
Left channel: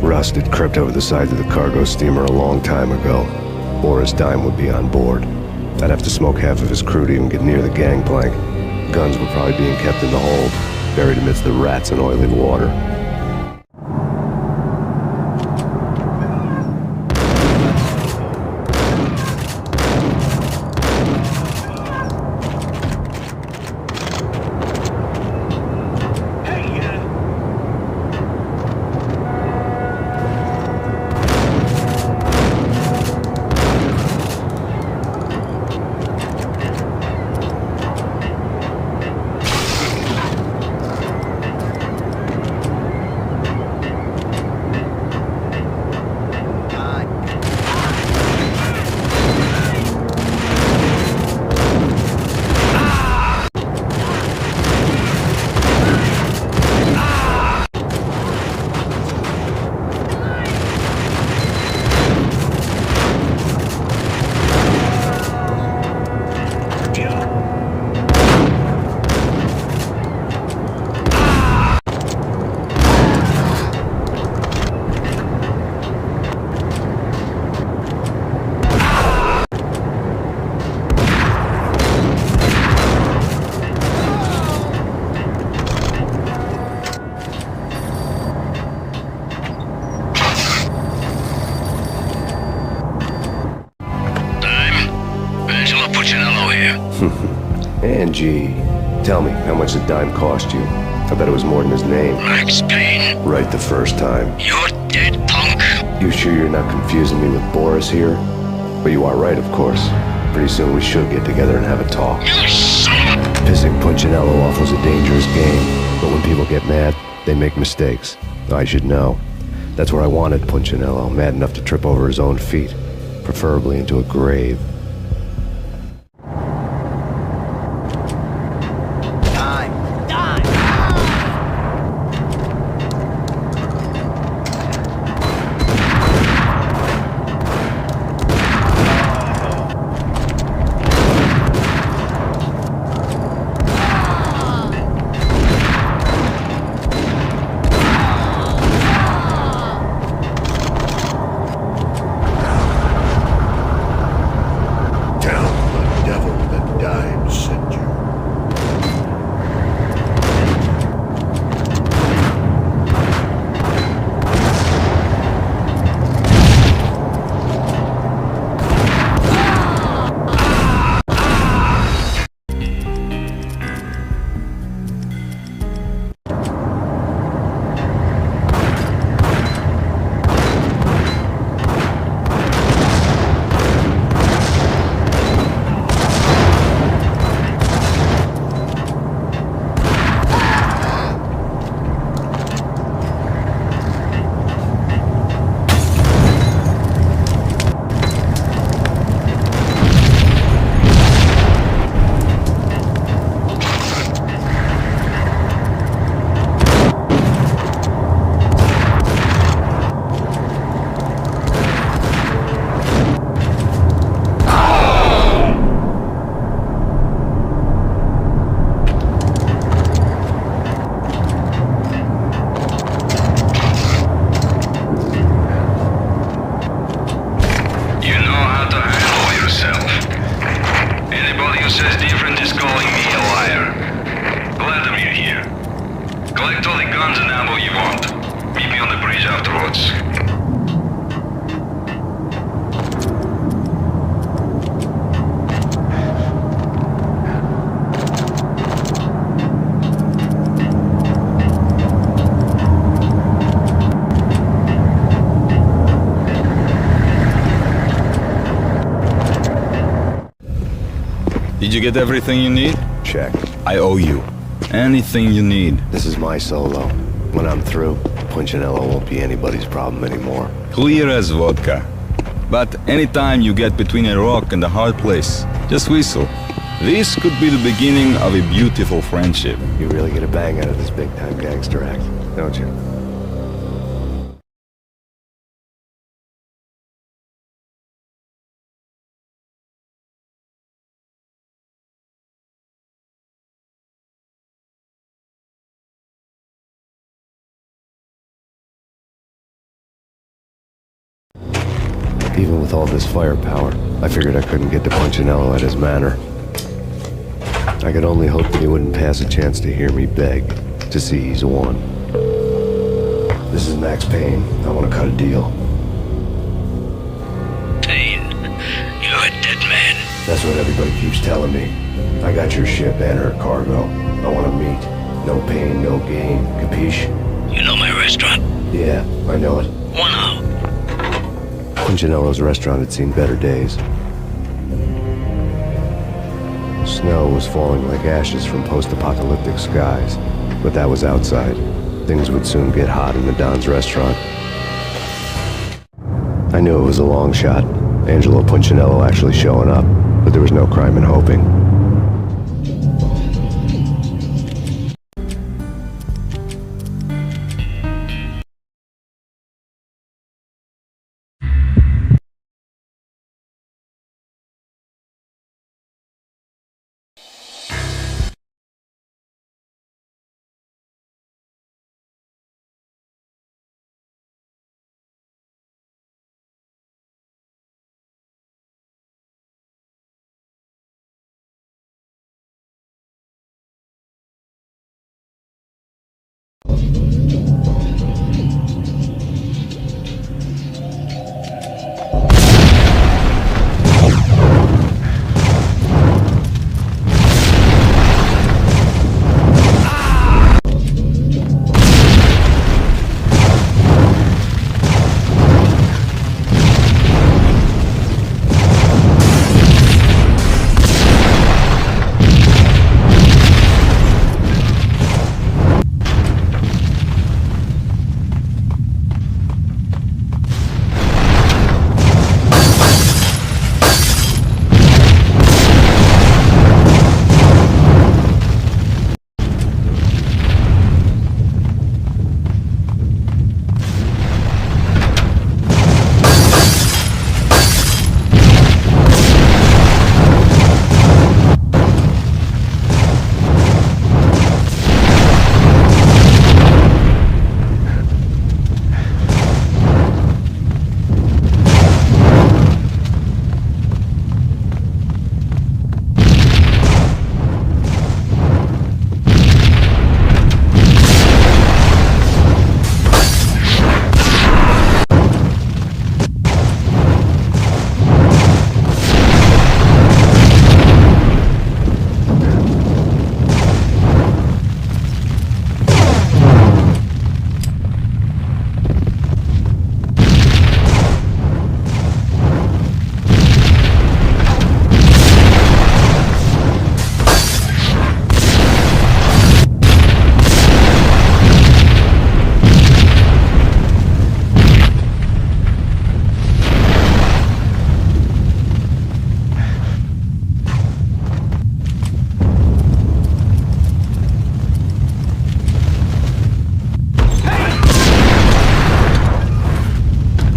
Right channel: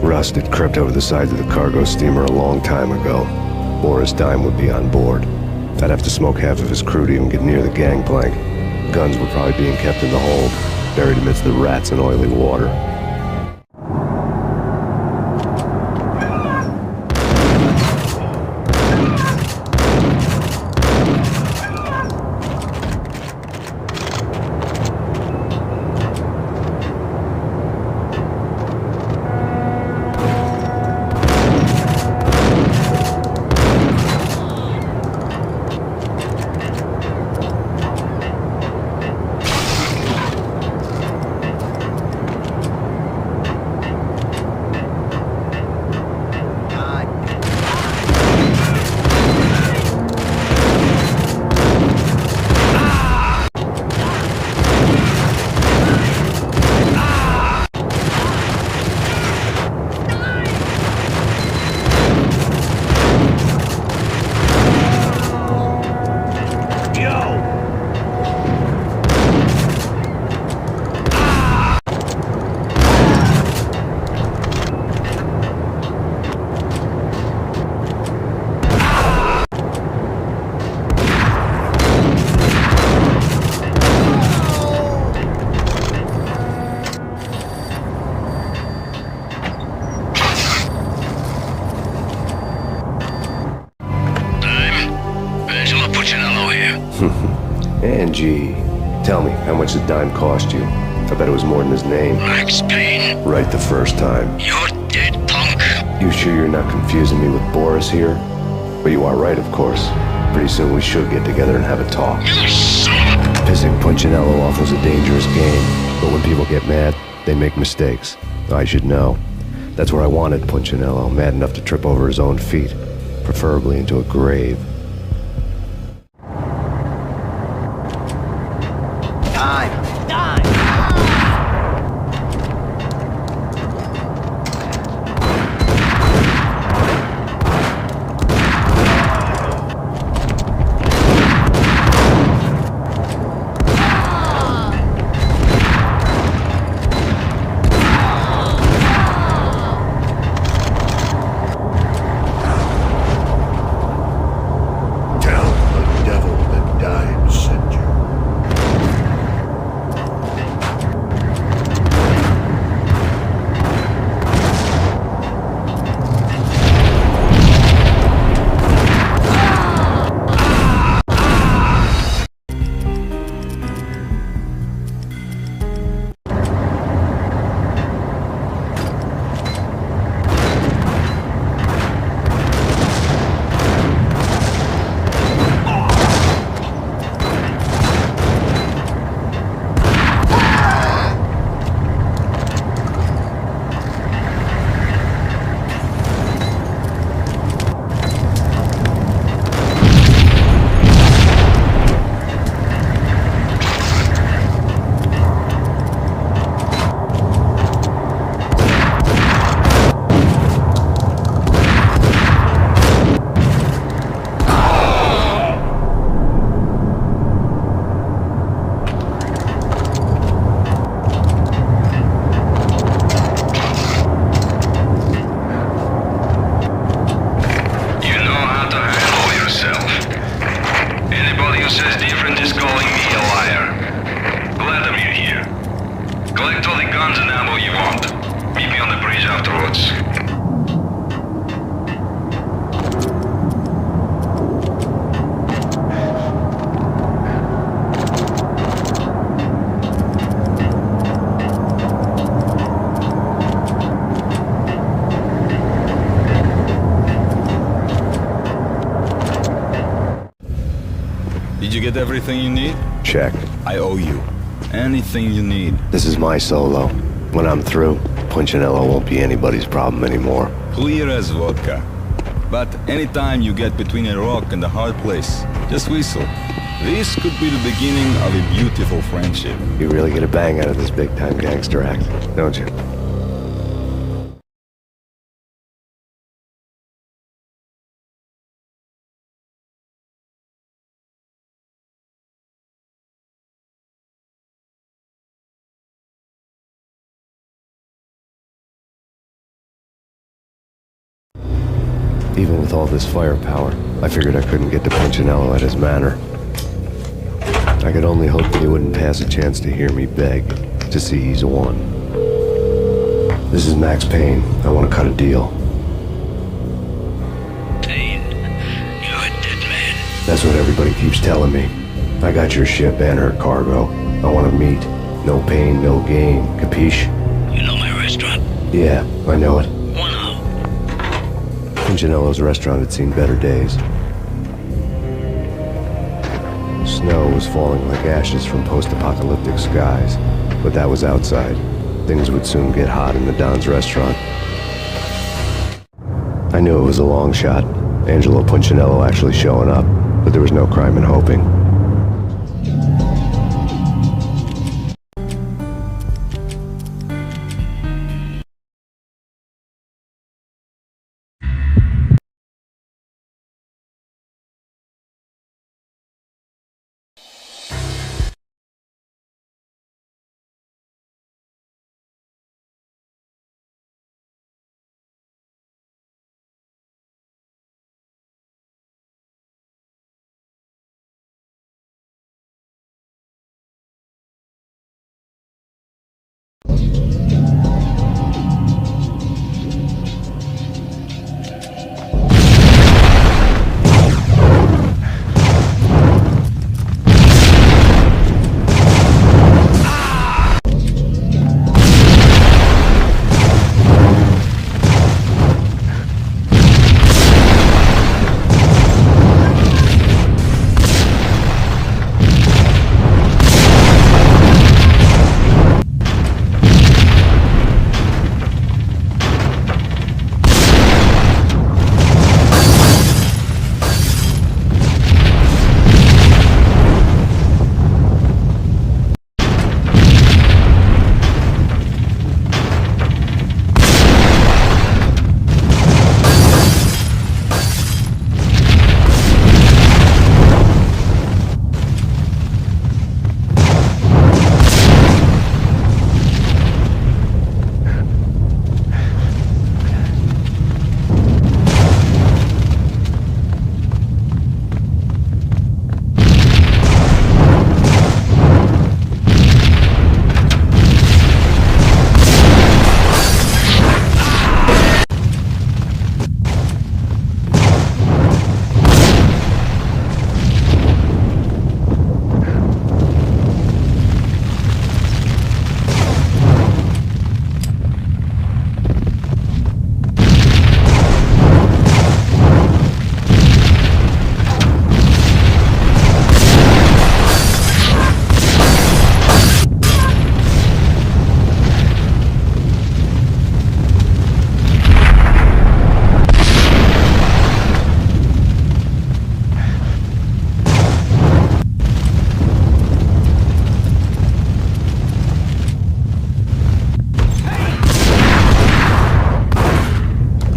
Rust had crept over the sides of the cargo steamer a long time ago. Boris Dime would be on board. I'd have to smoke half of his crew to even get near the gangplank. Guns were probably being kept in the hold, buried amidst the rats and oily water. Angie, tell me, how much did Dime cost you? I bet it was more than his name. Max Payne. Right the first time. You're dead, punk. You sure you're not confusing me with Boris here? But you are right, of course. Pretty soon we should get together and have a talk. You son of a... Pissing Punchinello off was a dangerous game, but when people get mad, they make mistakes. I should know. That's where I wanted Punchinello, mad enough to trip over his own feet, preferably into a grave. Collect all the guns and ammo you want. Meet me on the bridge afterwards. Did you get everything you need? Check. I owe you. Anything you need. This is my solo. When I'm through, Punchinello won't be anybody's problem anymore. Clear as vodka. But anytime you get between a rock and a hard place, just whistle. This could be the beginning of a beautiful friendship. You really get a bang out of this big-time gangster act, don't you? Even with all this firepower, I figured I couldn't get to Punchinello at his manor. I could only hope that he wouldn't pass a chance to hear me beg to see he's won. This is Max Payne. I want to cut a deal. Payne, you're a dead man. That's what everybody keeps telling me. I got your ship and her cargo. I want to meet. No pain, no gain. Capiche? You know my restaurant? Yeah, I know it. One out. Punchinello's restaurant had seen better days. Snow was falling like ashes from post-apocalyptic skies, but that was outside. Things would soon get hot in the Don's restaurant. I knew it was a long shot, Angelo Punchinello actually showing up, but there was no crime in hoping.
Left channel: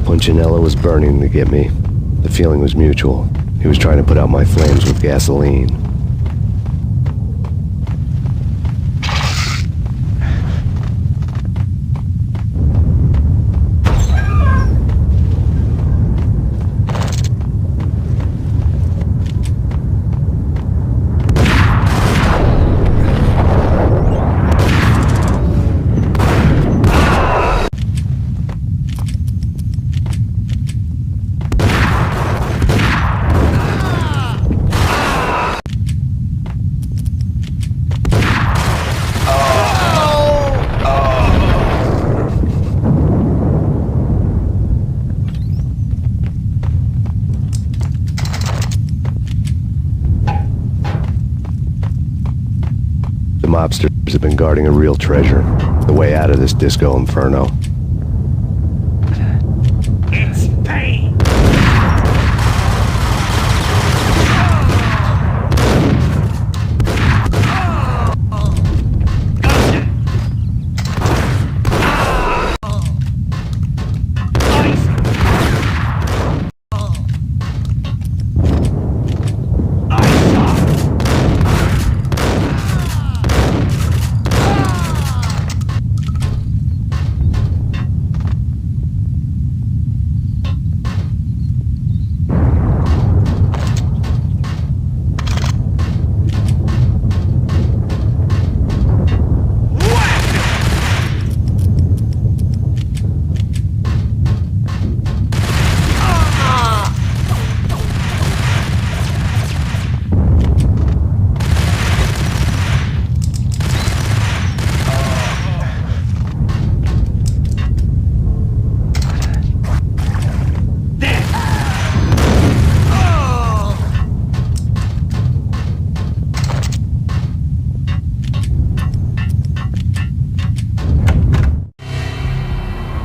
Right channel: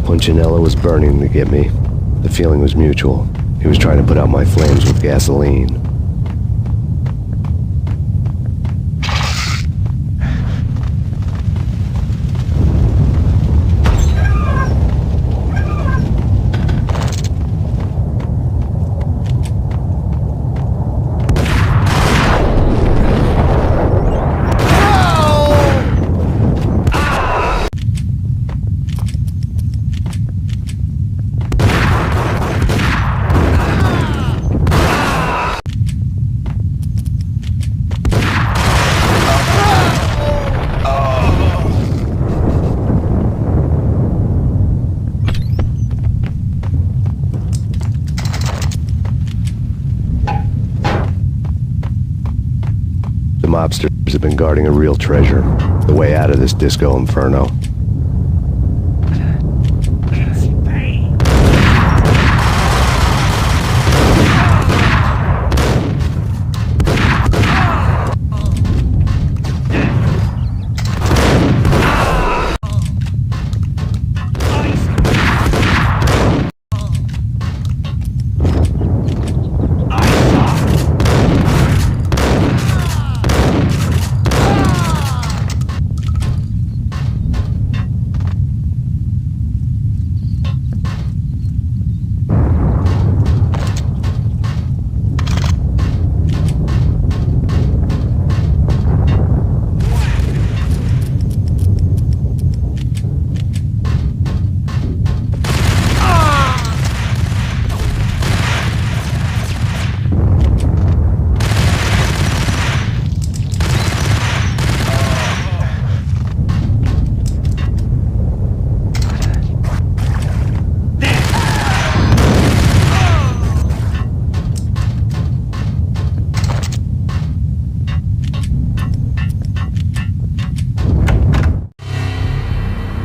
Punchinello was burning to get me. The feeling was mutual. He was trying to put out my flames with gasoline. mobsters have been guarding a real treasure. The way out of this disco inferno. It's Payne!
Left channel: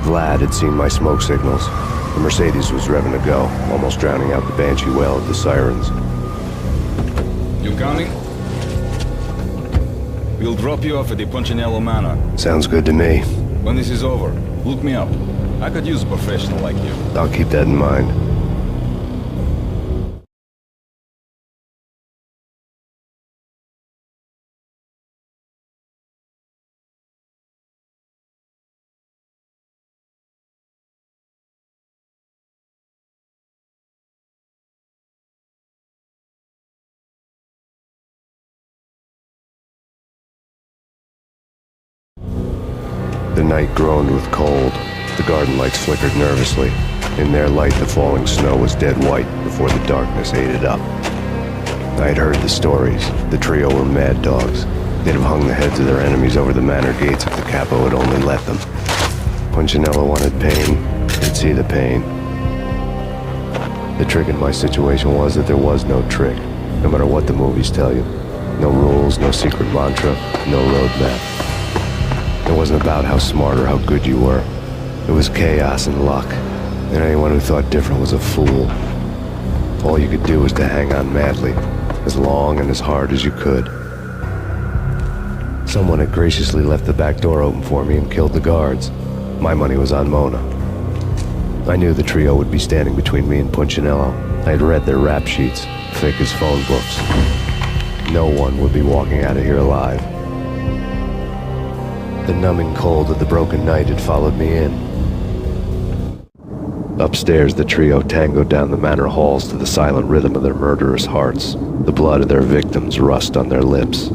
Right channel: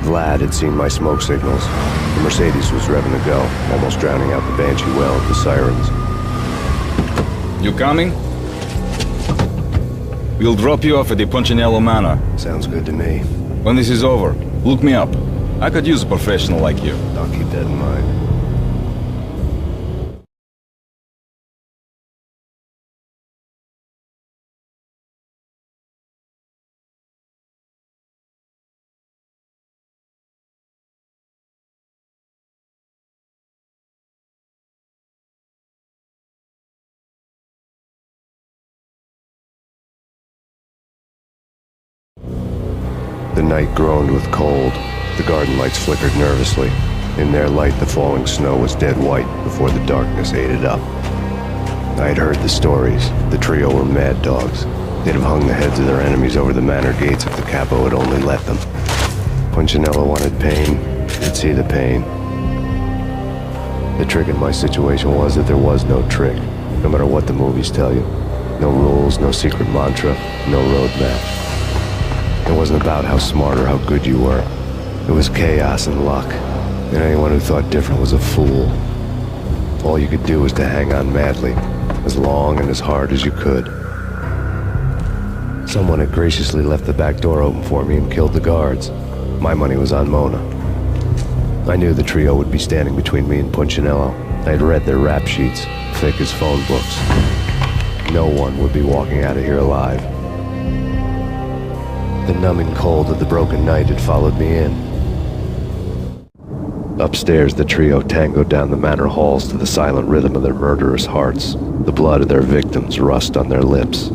Vlad had seen my smoke signals. The Mercedes was revving to go, almost drowning out the banshee wail of the sirens. You coming? We'll drop you off at the Punchinello Manor. Sounds good to me. When this is over, look me up. I could use a professional like you. I'll keep that in mind. The night groaned with cold. The garden lights flickered nervously. In their light, the falling snow was dead white before the darkness ate it up. I had heard the stories. The trio were mad dogs. They'd have hung the heads of their enemies over the manor gates if the capo had only let them. Punchinello wanted Payne. He'd see the pain. The trick in my situation was that there was no trick, no matter what the movies tell you. No rules, no secret mantra, no roadmap. It wasn't about how smart or how good you were. It was chaos and luck, and anyone who thought different was a fool. All you could do was to hang on madly, as long and as hard as you could. Someone had graciously left the back door open for me and killed the guards. My money was on Mona. I knew the trio would be standing between me and Punchinello. I had read their rap sheets, thick as phone books. No one would be walking out of here alive. The numbing cold of the broken night had followed me in. Upstairs, the trio tangoed down the manor halls to the silent rhythm of their murderous hearts, the blood of their victims rust on their lips.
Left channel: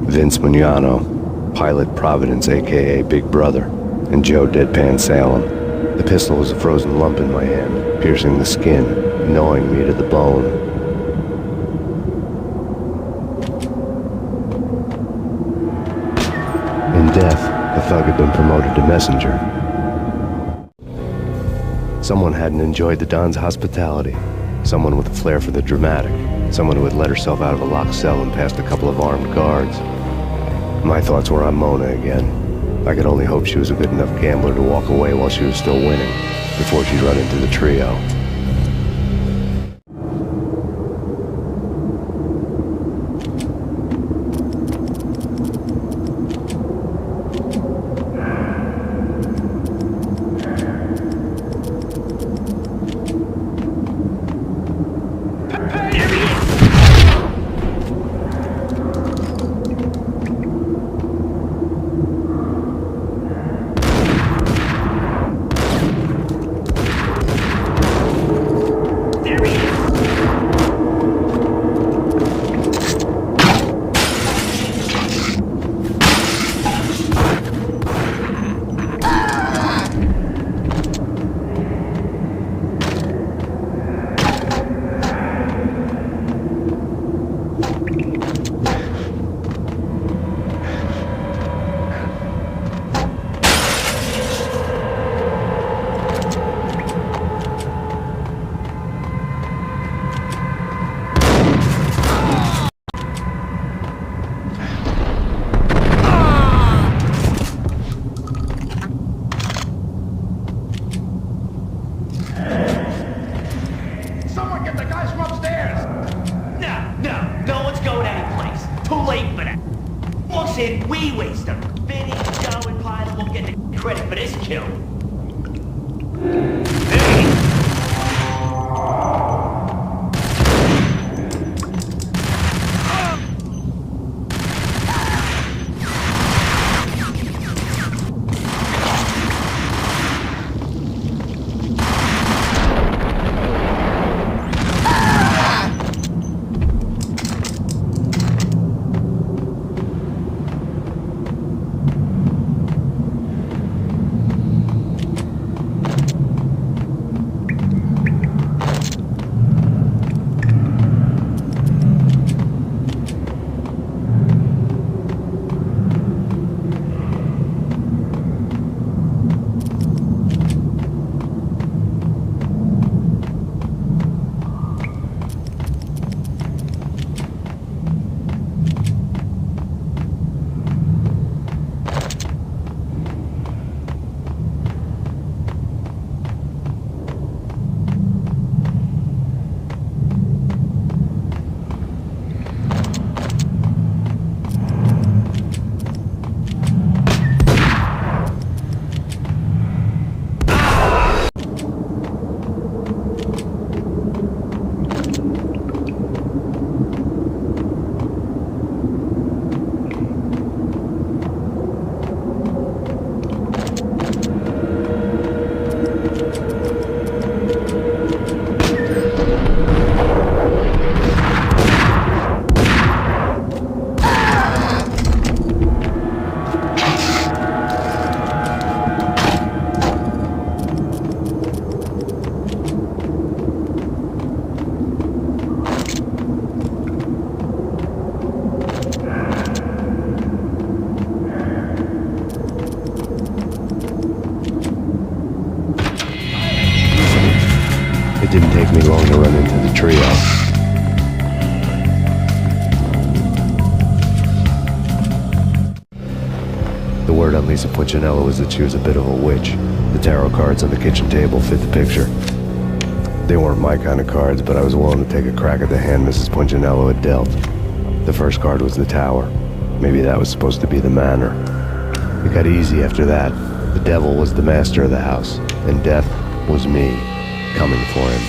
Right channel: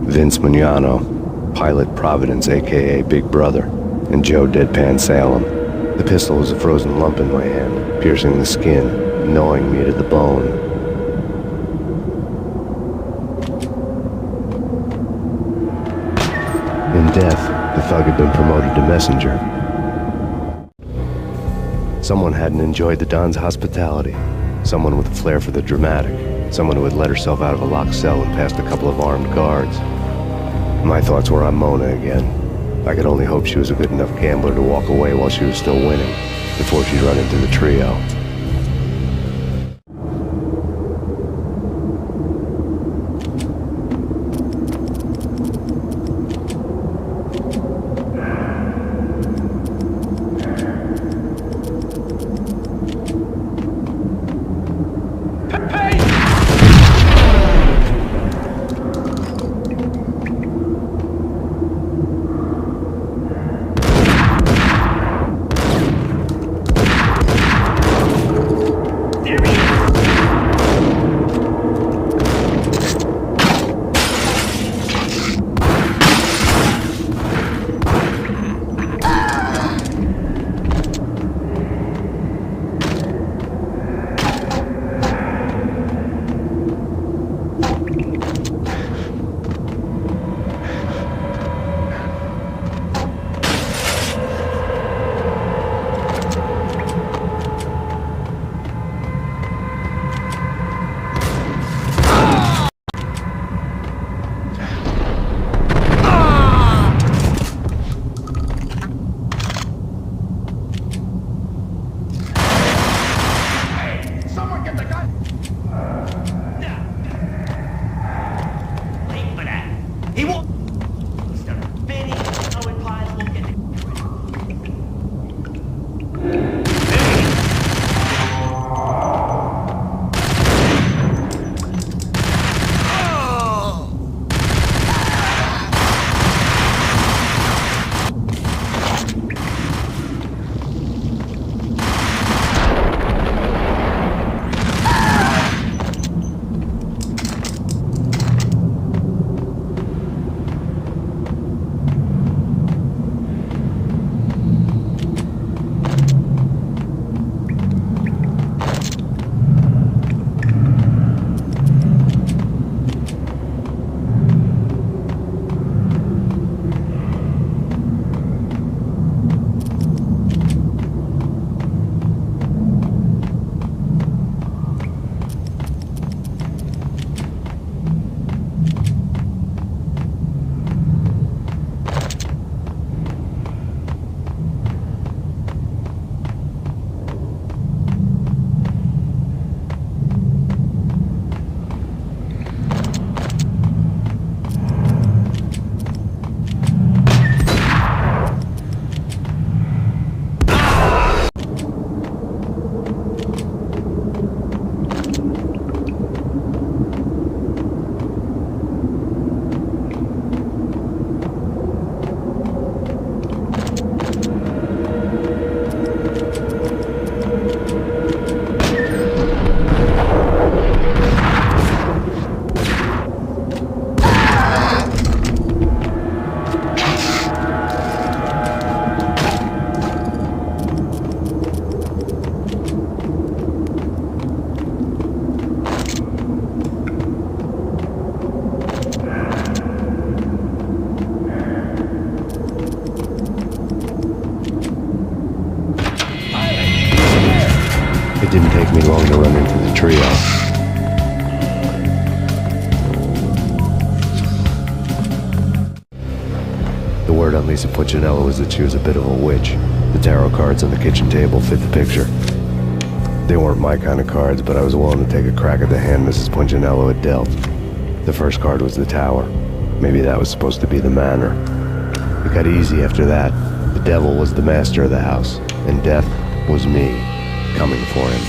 Vince Mugnano, Pilot Providence, a.k.a. Big Brother, and Joe Deadpan Salem. The pistol was a frozen lump in my hand, piercing the skin, gnawing me to the bone. In death, the thug had been promoted to messenger. Someone hadn't enjoyed the Don's hospitality. Someone with a flair for the dramatic. Someone who had let herself out of a locked cell and past a couple of armed guards. My thoughts were on Mona again. I could only hope she was a good enough gambler to walk away while she was still winning, before she'd run into the trio. I'll get the guys from upstairs. No one's going anyplace. Too late for that. He walks in, we waste him. Vinny, Joe, and Pilot won't get the credit for this kill. It didn't take me long to run into the trio. The word on Lisa Puccinello was that she was a bit of a witch. The tarot cards on the kitchen table fit the picture. They weren't my kind of cards, but I was willing to take a crack at the hand Mrs. Puccinello had dealt. The first card was the tower. Maybe that was supposed to be the manor. It got easy after that. The devil was the master of the house, and death was me, coming for him.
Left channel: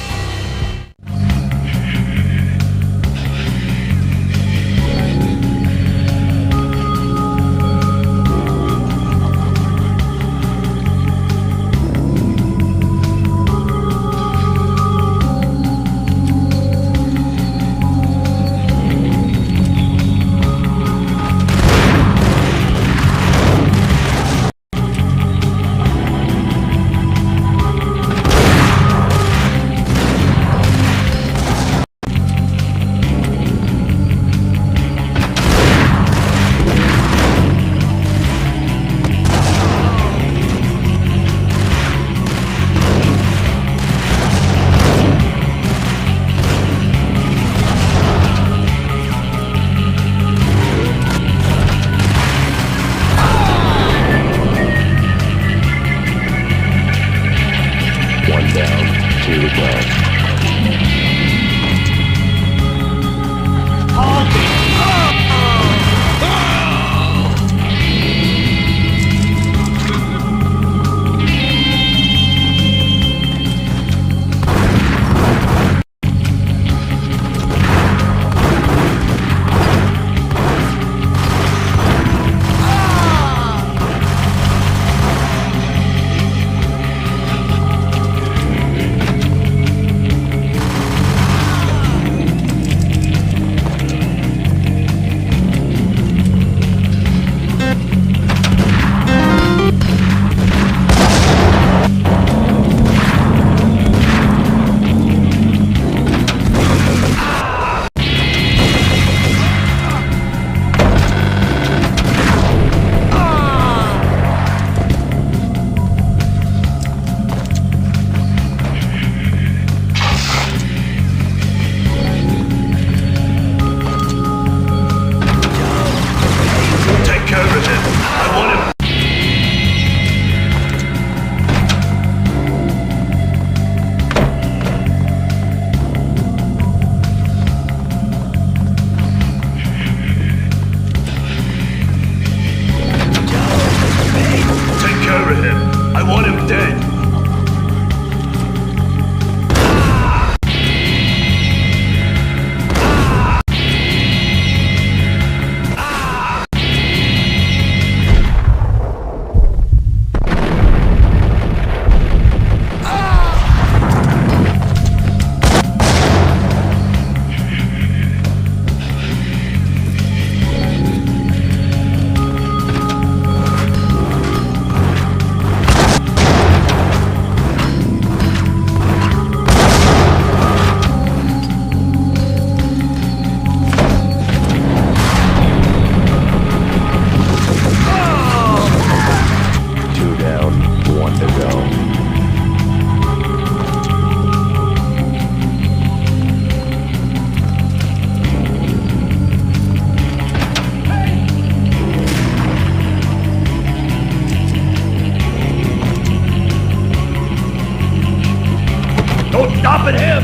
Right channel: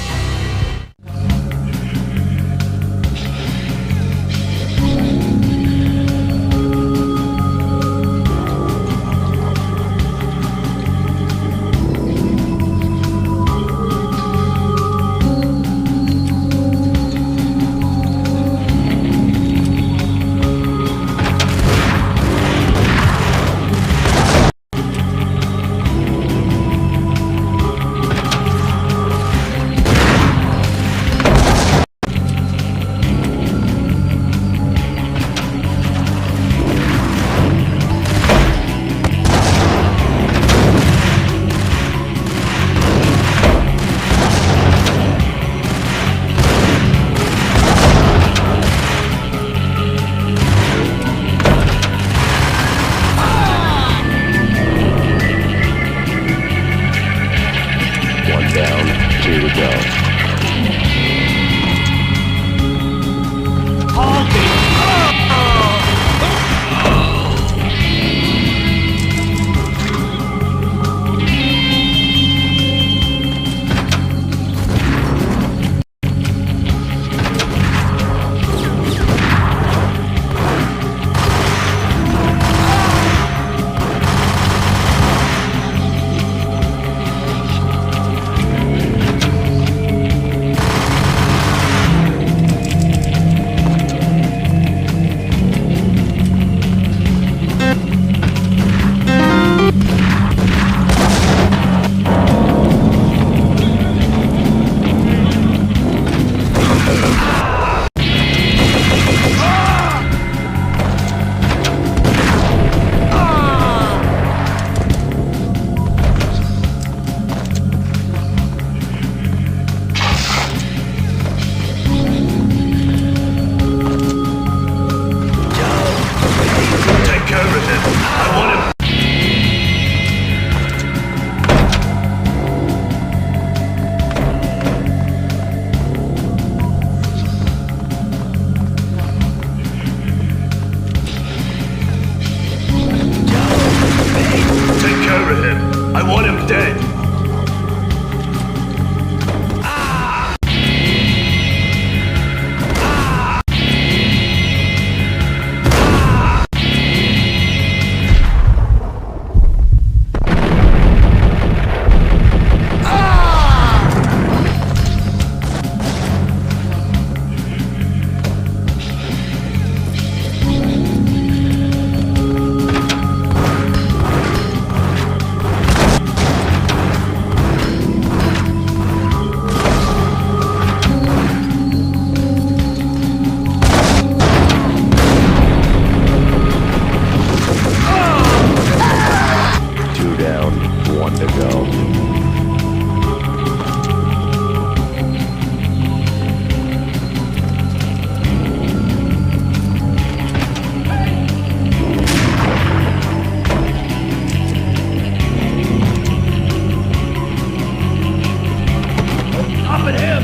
stopping him!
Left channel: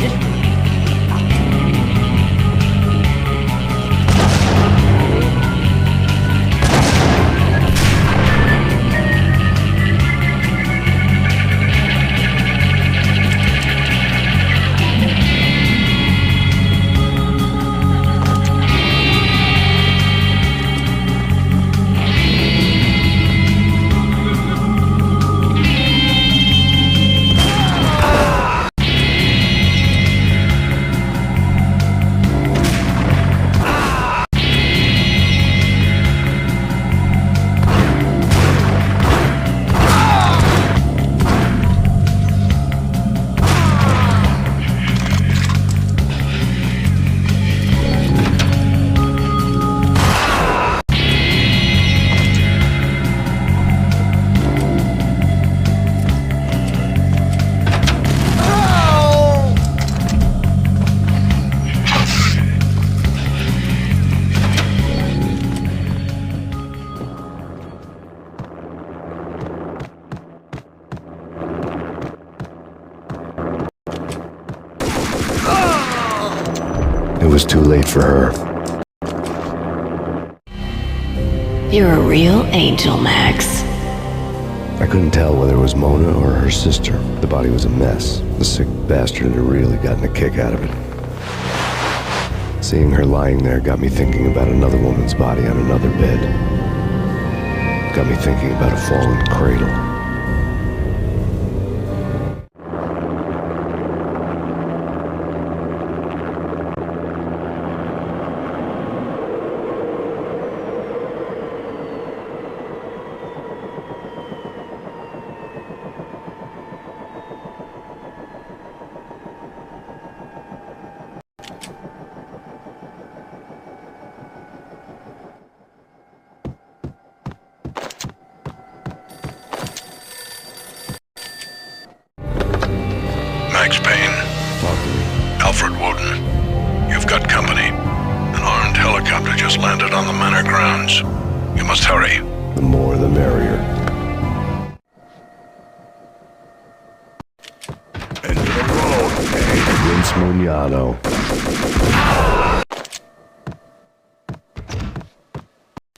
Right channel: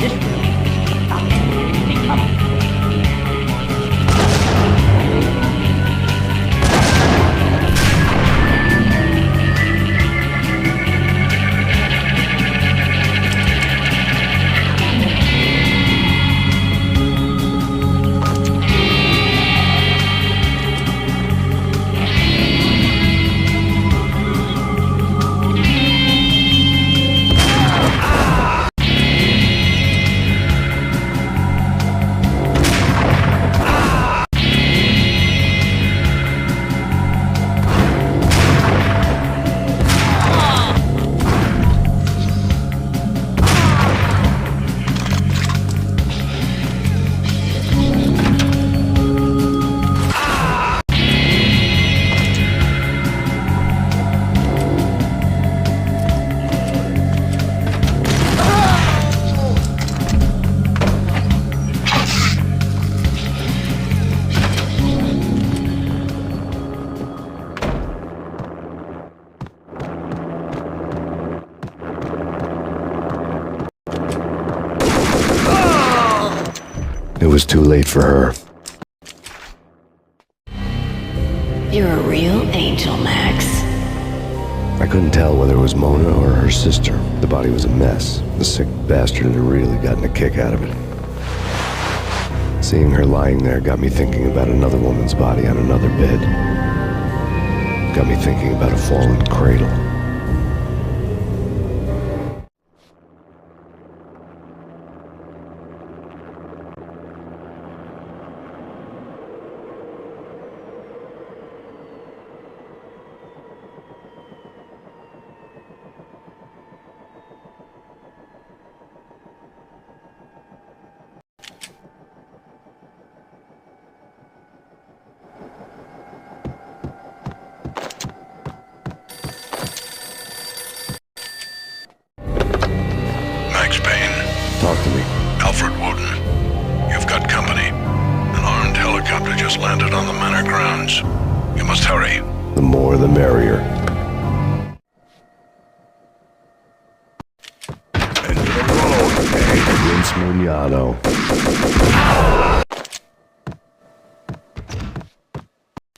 This way. It was too late for her. You're a real angel, Max. I couldn't tell whether it was Mona or her sister. The body was a mess. The sick bastard had really gotten a kick out of it. Seeing her lying there got me thinking about another woman's body on another bed. Got me thinking about a fallen cradle. Max Payne. Talk to me. Alfred Woden. You've got company. An armed helicopter just landed on the manor grounds. You must hurry. The more the merrier. Into the road, Payne. Vince Mugnano.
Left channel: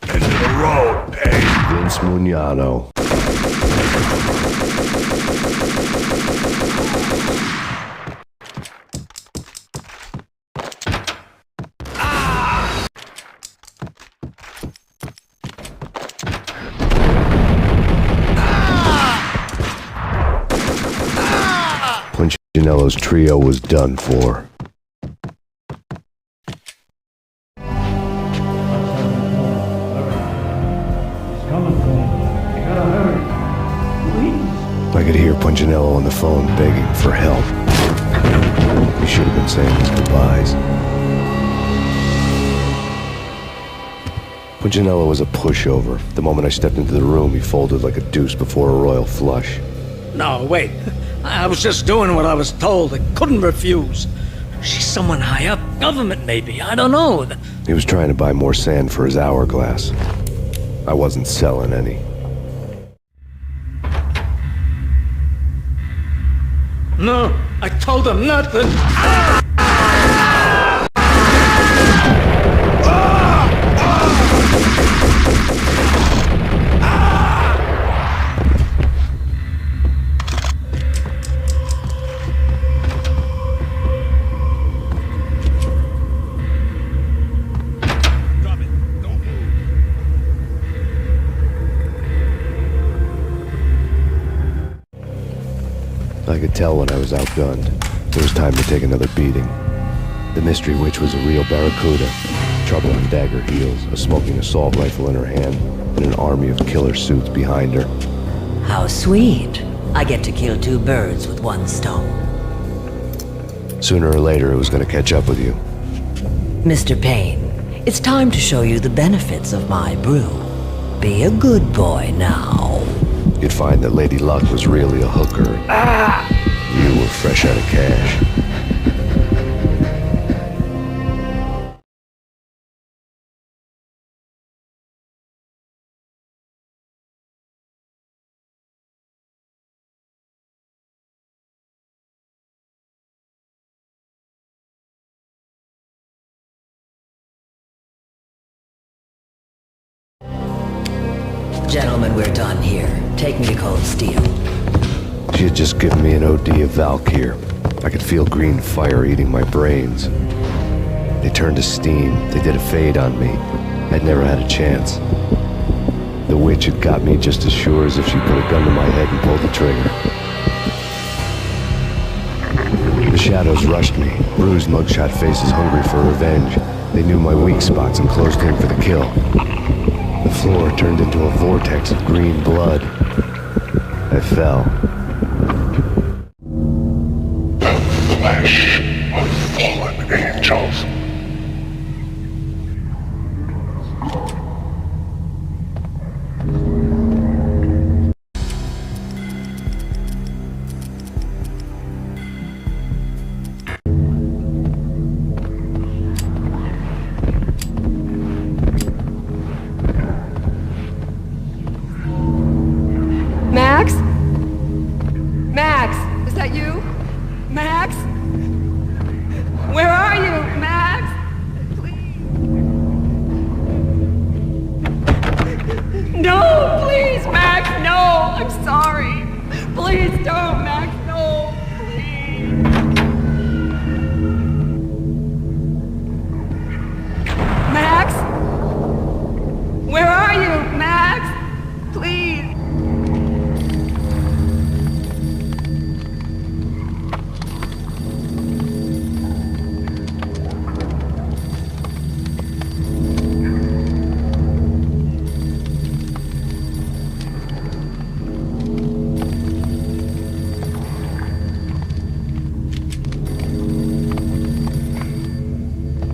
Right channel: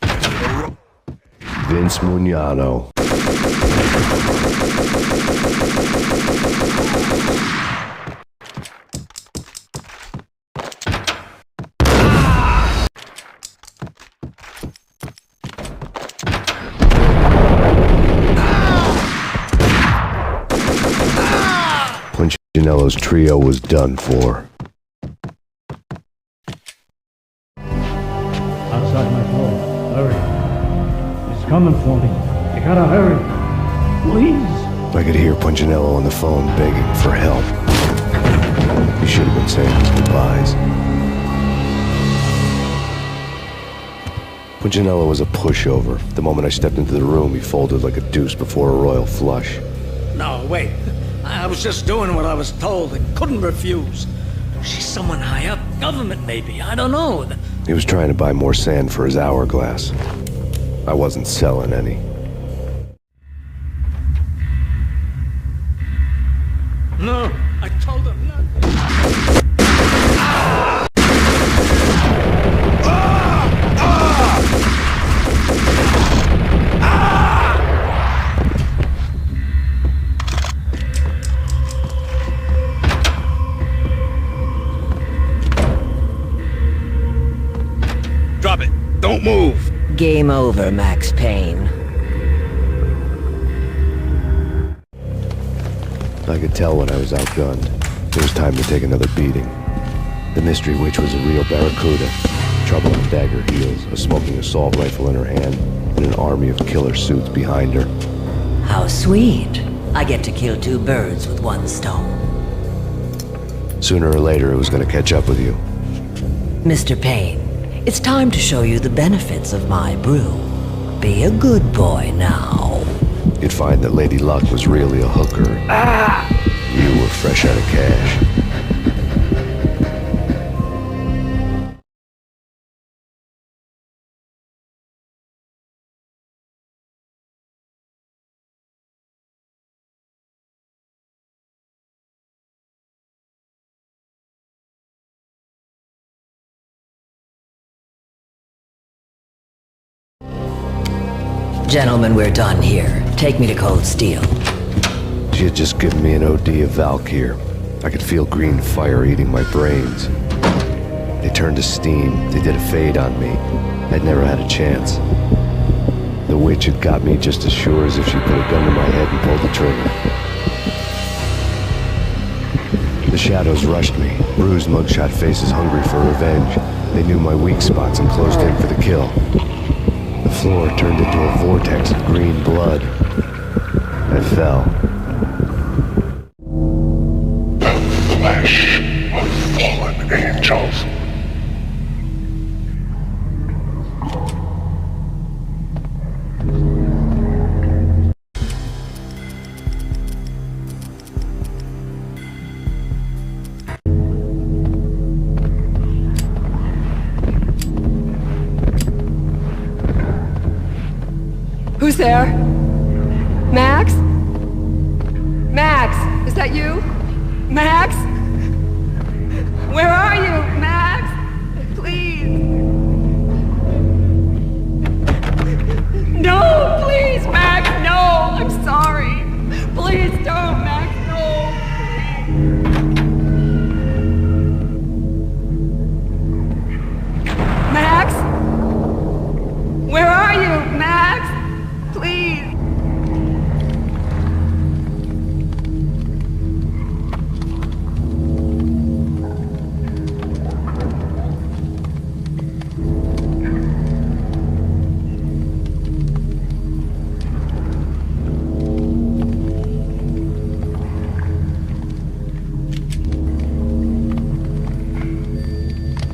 Into the road, Payne. Vince Mugnano. Punchinello's trio was done for. Outside my door. Hurry. He's coming for me. You gotta hurry. Please. I could hear Punchinello on the phone begging for help. He should have been saying his goodbyes. Punchinello was a pushover. The moment I stepped into the room, he folded like a deuce before a royal flush. No, wait. I was just doing what I was told. I couldn't refuse. She's someone high up. Government, maybe. I don't know. He was trying to buy more sand for his hourglass. I wasn't selling any. No, I told him not to. Drop it. Don't move. Game over, Max Payne. I could tell when I was outgunned. It was time to take another beating. The mystery witch was a real barracuda. Trouble on dagger heels, a smoking assault rifle in her hand, and an army of killer suits behind her. How sweet. I get to kill two birds with one stone. Sooner or later, it was going to catch up with you. Mr. Payne, it's time to show you the benefits of my brew. Be a good boy now. You'd find that Lady Luck was really a hooker. You were fresh out of cash. Gentlemen, we're done here. Take me to Cold Steel. She had just given me an OD of Valkyr. I could feel green fire eating my brains. They turned to steam. They did a fade on me. I'd never had a chance. The witch had got me just as sure as if she put a gun to my head and pulled the trigger. The shadows rushed me, bruised mugshot faces hungry for revenge. They knew my weak spots and closed in for the kill. The floor turned into a vortex of green blood. I fell. The flesh of fallen angels. Who's there? Max? Max, is that you? Max? Where are you, Max? Please. No, please, Max, no. I'm sorry. Please don't, Max, no. Please. Max? Where are you, Max? Please.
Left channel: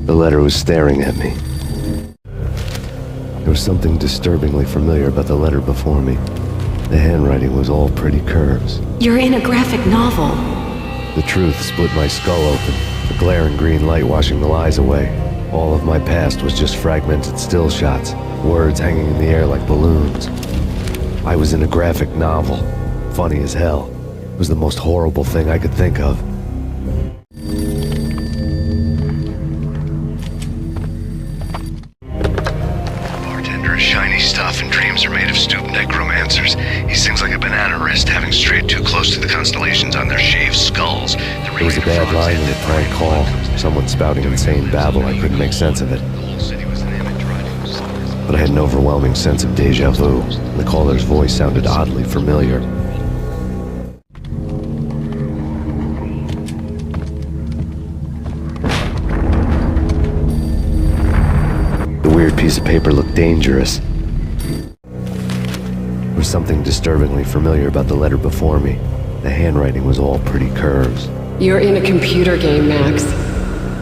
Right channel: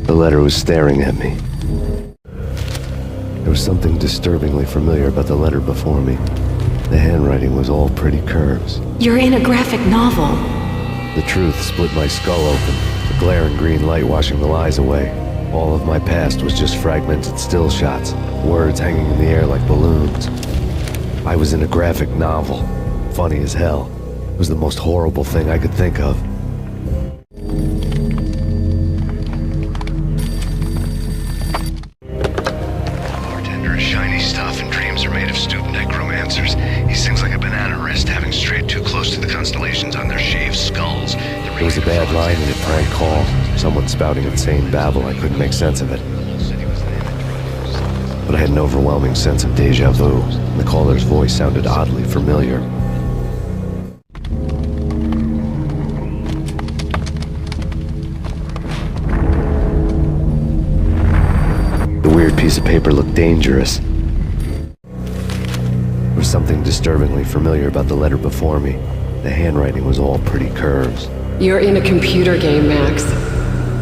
The letter was staring at me. There was something disturbingly familiar about the letter before me. The handwriting was all pretty curves. You're in a graphic novel. The truth split my skull open, the glaring green light washing the lies away. All of my past was just fragmented still shots, words hanging in the air like balloons. I was in a graphic novel. Funny as hell. It was the most horrible thing I could think of. Shiny stuff, and dreams are made of stooped necromancers. He sings like a banana wrist, having strayed too close to the constellations on their shaved skulls. There was a bad line in a prank call. Someone spouting insane babble. I couldn't make sense of it. But I had an overwhelming sense of deja vu. The caller's voice sounded oddly familiar. The weird piece of paper looked dangerous. There was something disturbingly familiar about the letter before me. The handwriting was all pretty curves. You're in a computer game, Max.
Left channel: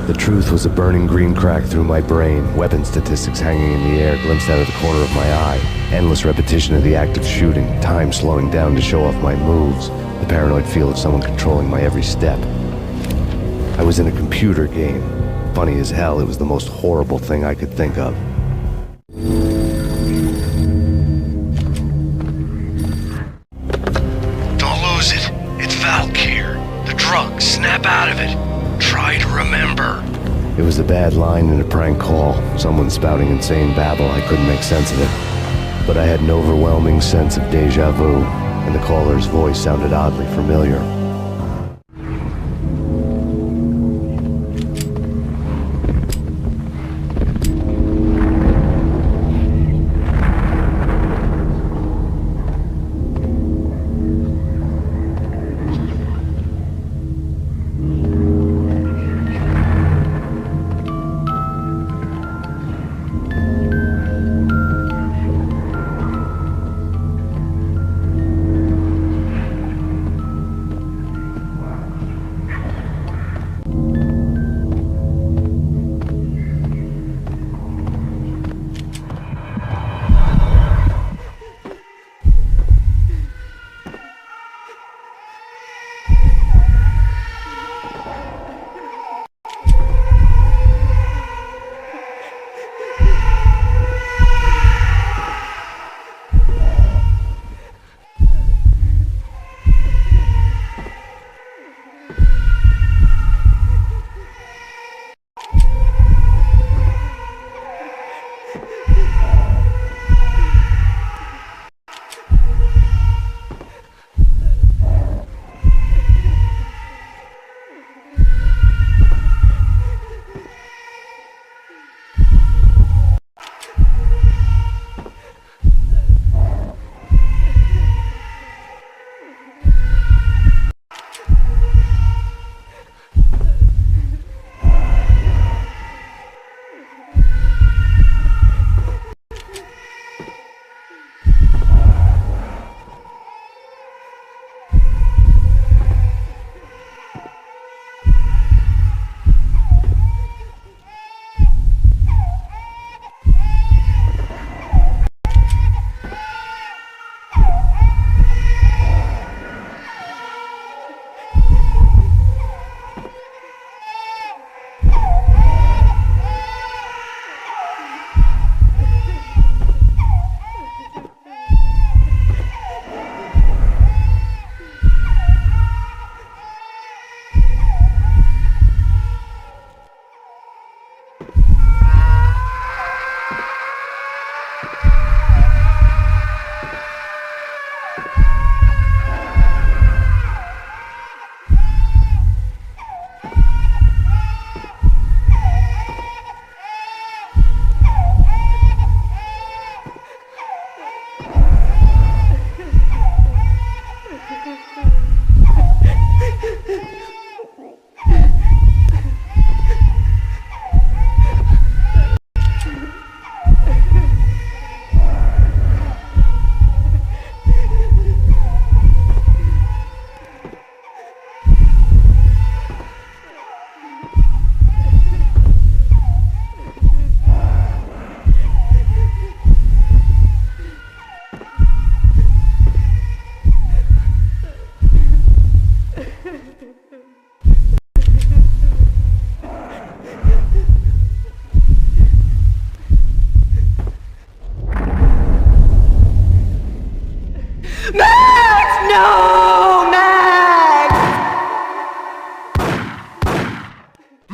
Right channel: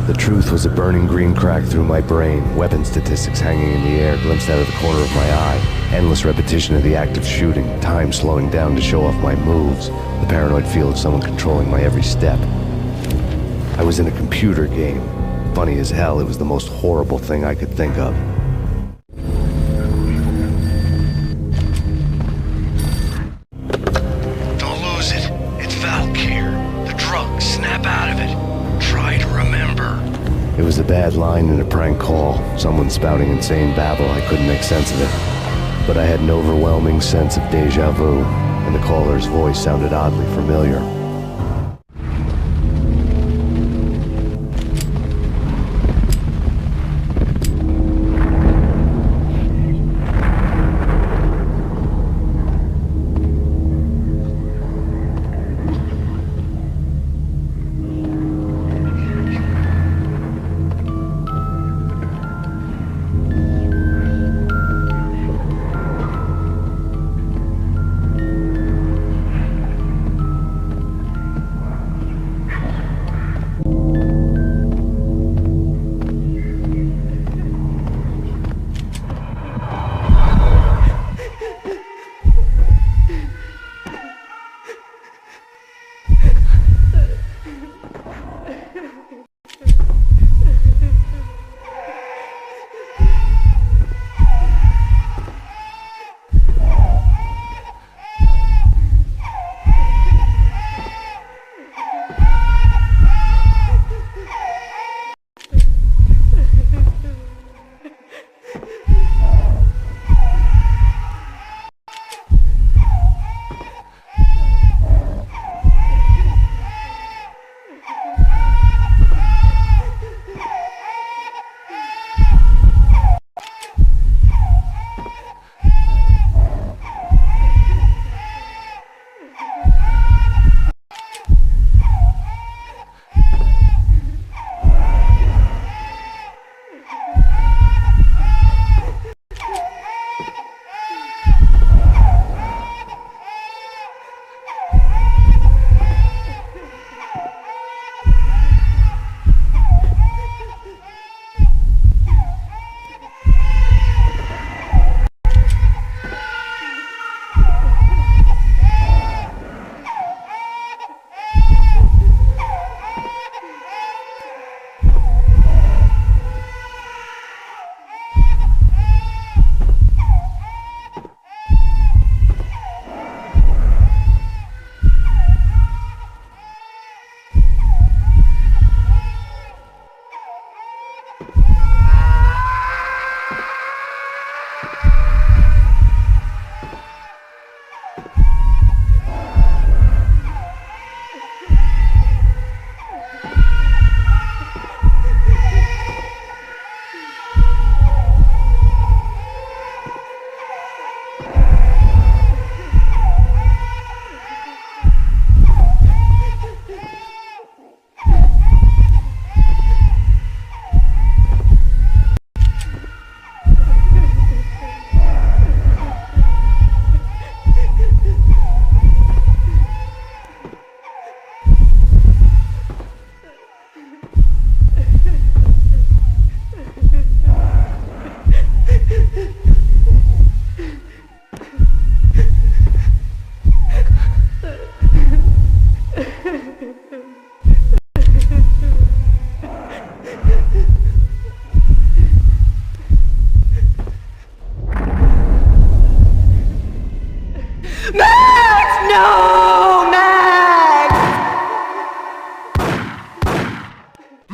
The truth was a burning green crack through my brain, weapon statistics hanging in the air, glimpsed out of the corner of my eye, endless repetition of the act of shooting, time slowing down to show off my moves, the paranoid feel of someone controlling my every step. I was in a computer game. Funny as hell, it was the most horrible thing I could think of. Don't lose it. It's Valkyr. The drug. Snap out of it. Try to remember. It was a bad line in a prank call. Someone spouting insane babble. I couldn't make sense of it. But I had an overwhelming sense of deja vu, and the caller's voice sounded oddly familiar.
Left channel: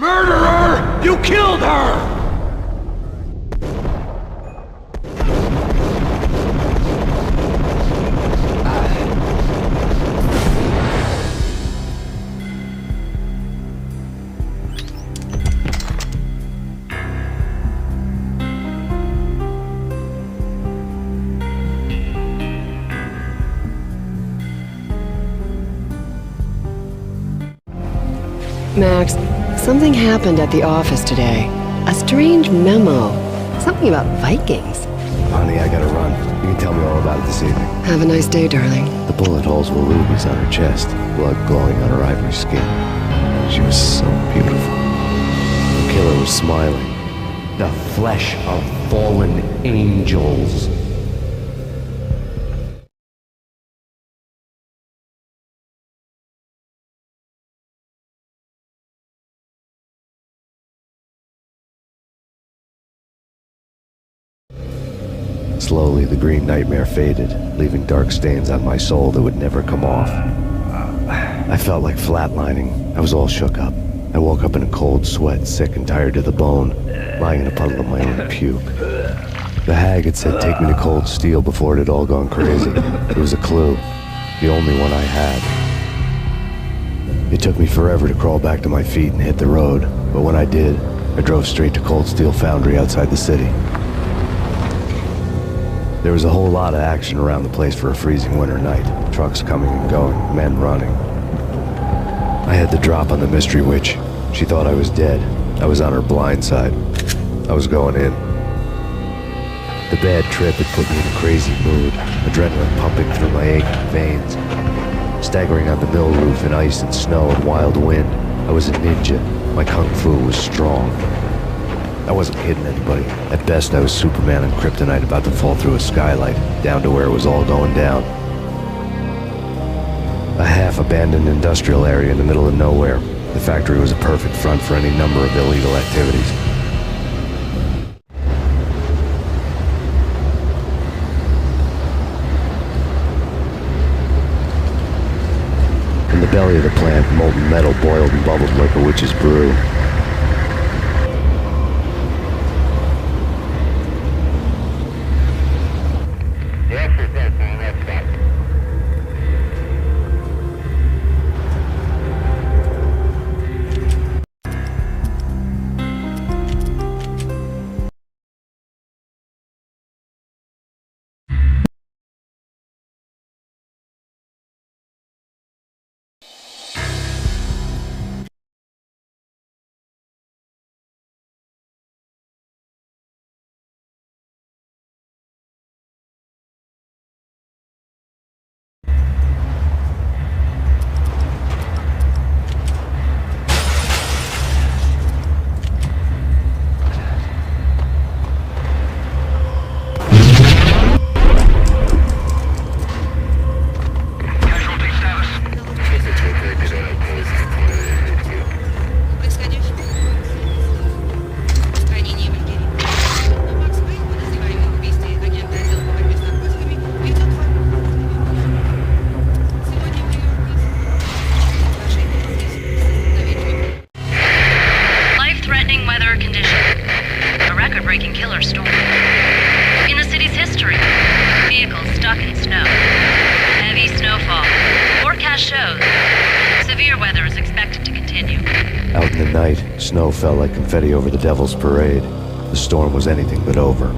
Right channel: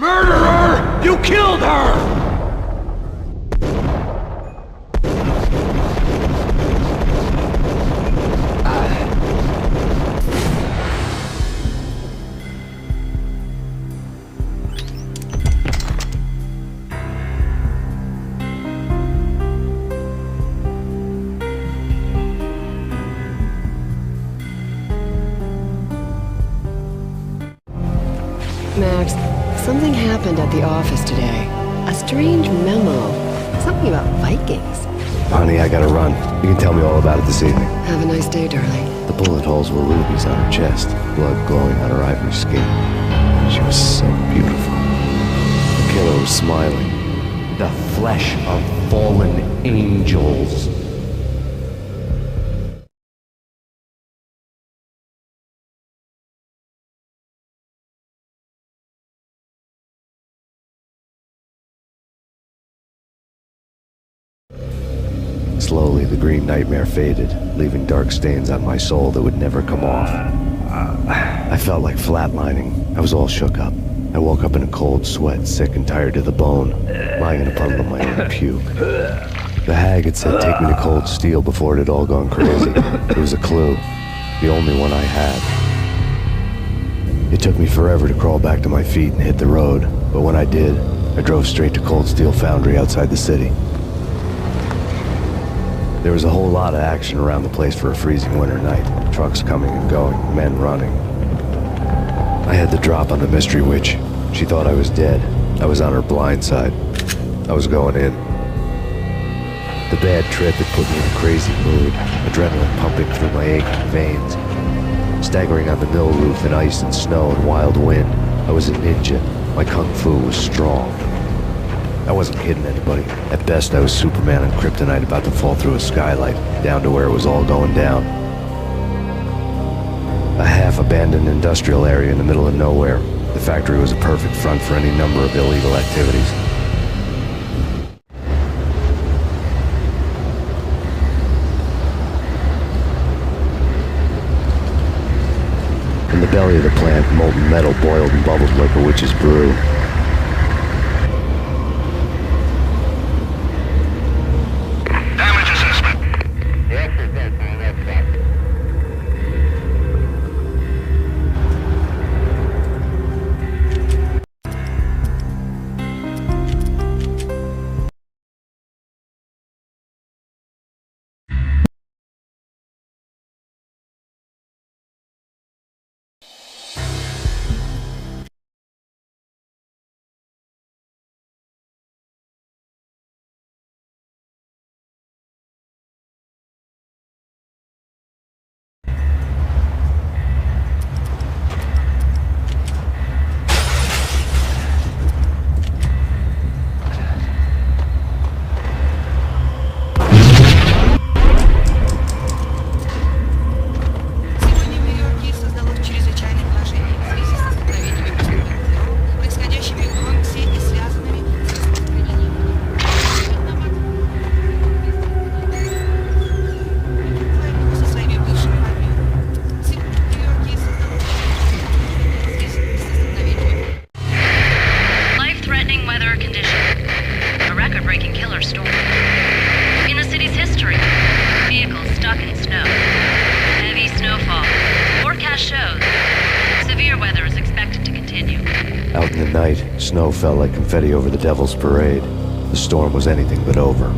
Murderer! You killed her! Max, something happened at the office today. A strange memo. Something about Vikings. Honey, I gotta run. You can tell me all about it this evening. Have a nice day, darling. The bullet holes were rubies on her chest, blood glowing on her ivory skin. She was so beautiful. The killer was smiling. The flesh of fallen angels. Slowly, the green nightmare faded, leaving dark stains on my soul that would never come off. I felt like flatlining. I was all shook up. I woke up in a cold sweat, sick and tired to the bone, lying in a puddle of my own puke. The hag had said take me to Cold Steel before it had all gone crazy. It was a clue, the only one I had. It took me forever to crawl back to my feet and hit the road, but when I did, I drove straight to Cold Steel Foundry outside the city. There was a whole lot of action around the place for a freezing winter night. Trucks coming and going, men running. I had the drop on the mystery witch. She thought I was dead. I was on her blind side. I was going in. The bad trip had put me in a crazy mood, adrenaline pumping through my aching veins. Staggering on the mill roof in ice and snow and wild wind, I was a ninja. My kung fu was strong. I wasn't kidding anybody. At best, I was Superman on Kryptonite about to fall through a skylight, down to where it was all going down. A half-abandoned industrial area in the middle of nowhere. The factory was a perfect front for any number of illegal activities. In the belly of the plant, molten metal boiled and bubbled like a witch's brew. Out in the night, snow fell like confetti over the Devil's Parade. The storm was anything but over.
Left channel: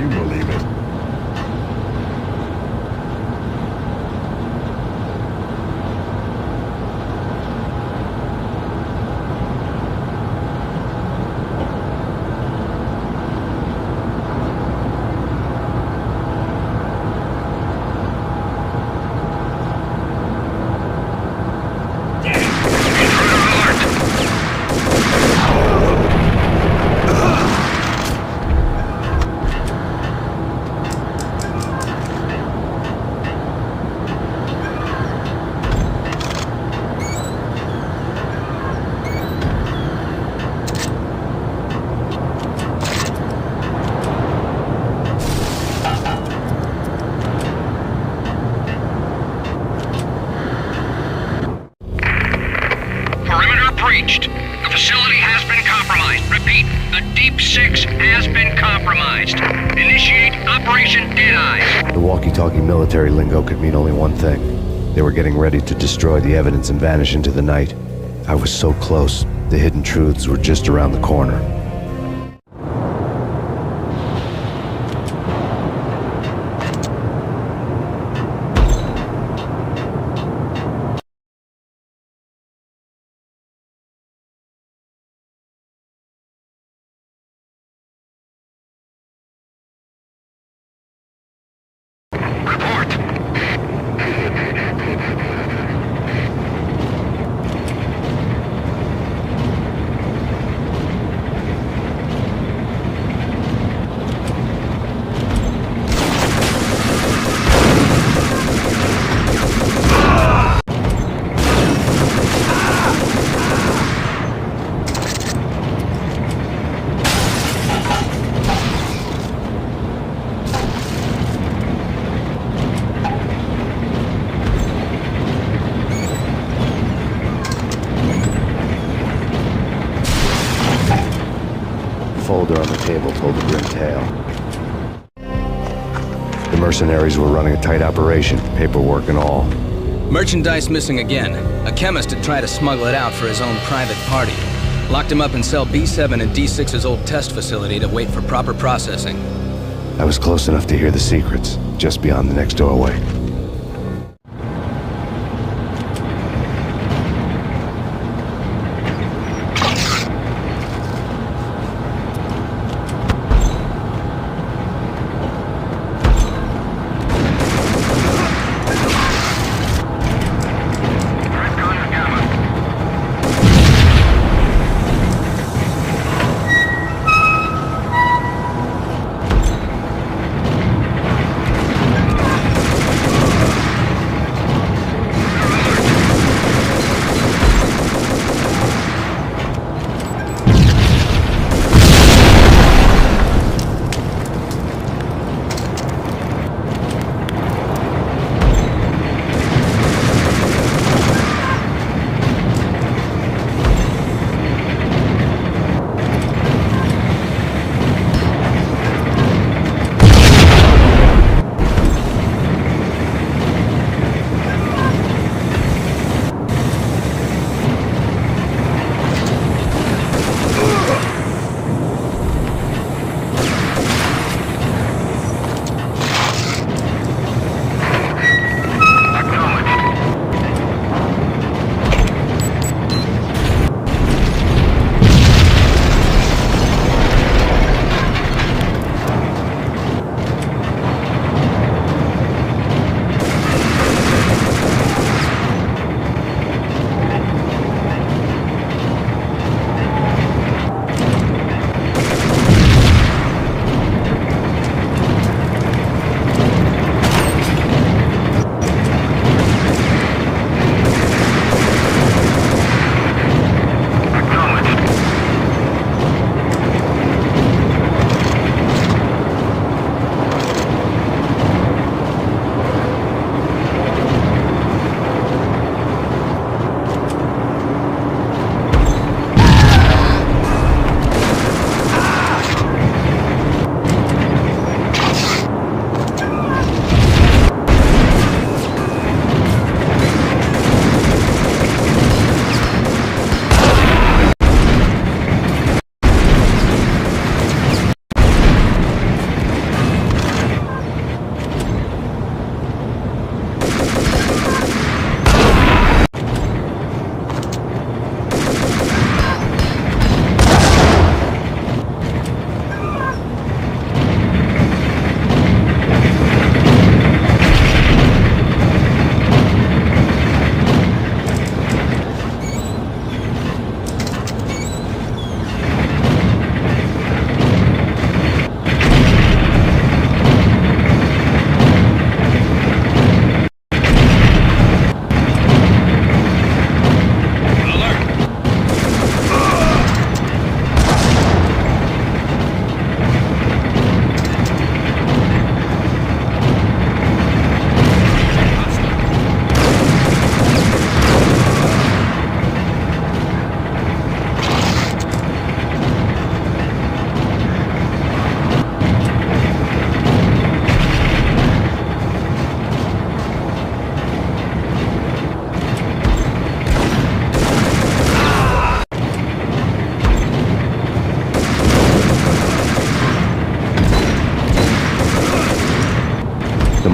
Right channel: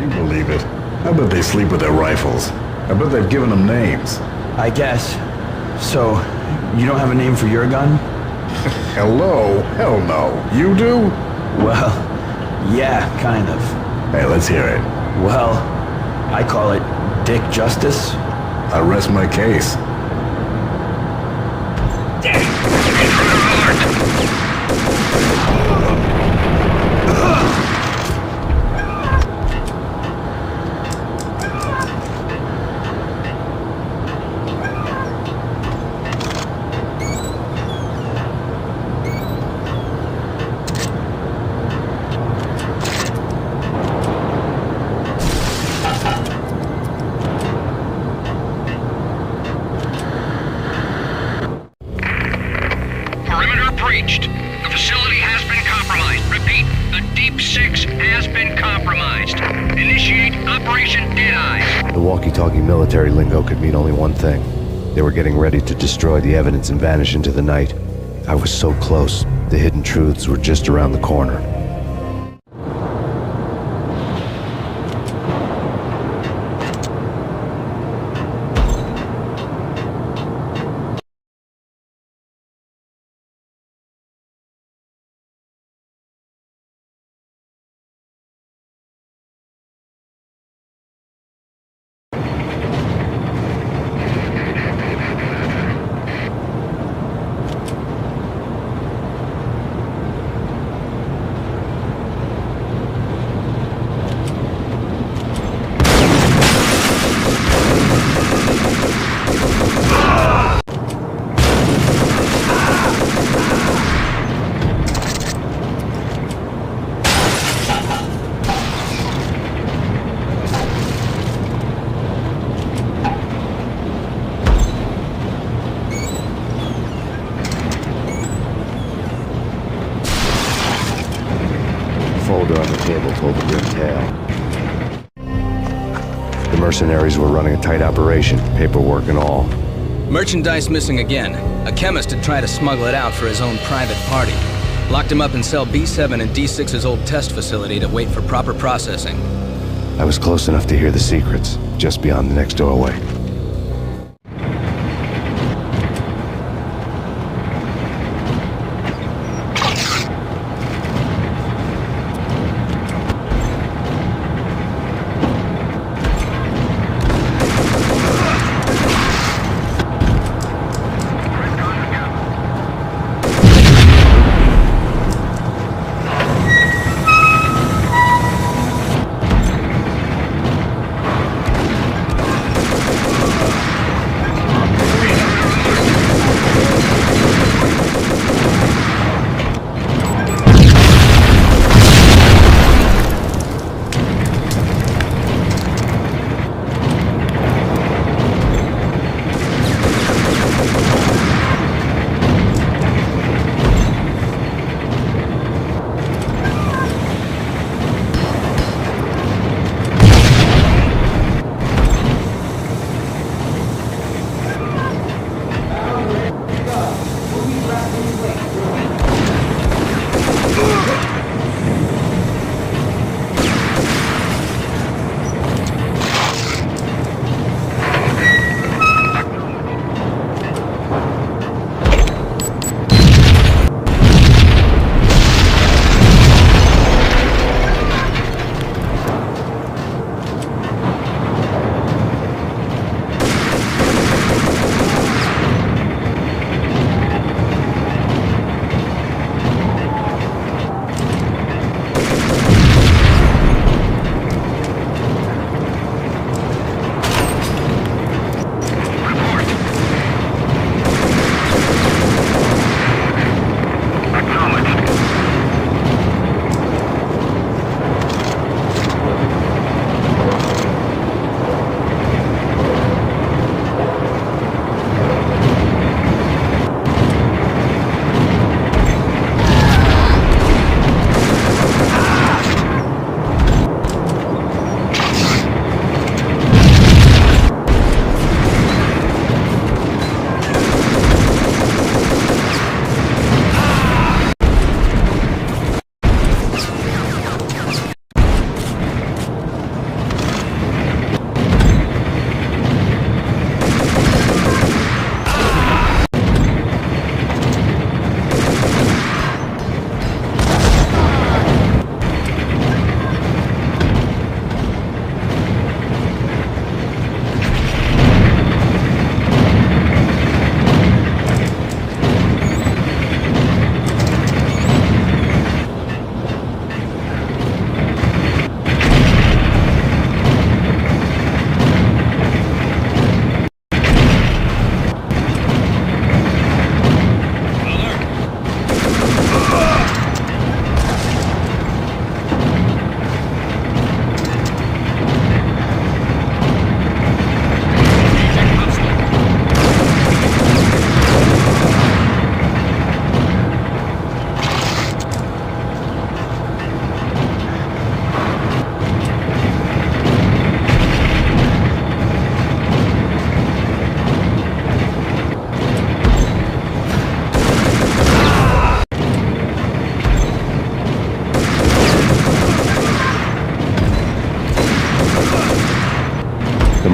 you believe it? I bet they sleep with their rifles. I bet they've given them names. I guess. So, you don't have a name for your gun? Hello? Hell no. You do? Well, yeah, kind of. Hey, let's hear it. Well, I call it Dick Justice. I rest my case. Perimeter breached. The facility has been compromised. Repeat, the Deep Six has been compromised. Initiate Operation Deadeye. The walkie-talkie military lingo could mean only one thing. They were getting ready to destroy the evidence and vanish into the night. I was so close. The hidden truths were just around the corner. Folder on the table told a grim tale. The mercenaries were running a tight operation, paperwork and all. Merchandise missing again. A chemist had tried to smuggle it out for his own private party. Locked him up in cell B7 in D6's old test facility to wait for proper processing. I was close enough to hear the secrets, just beyond the next doorway.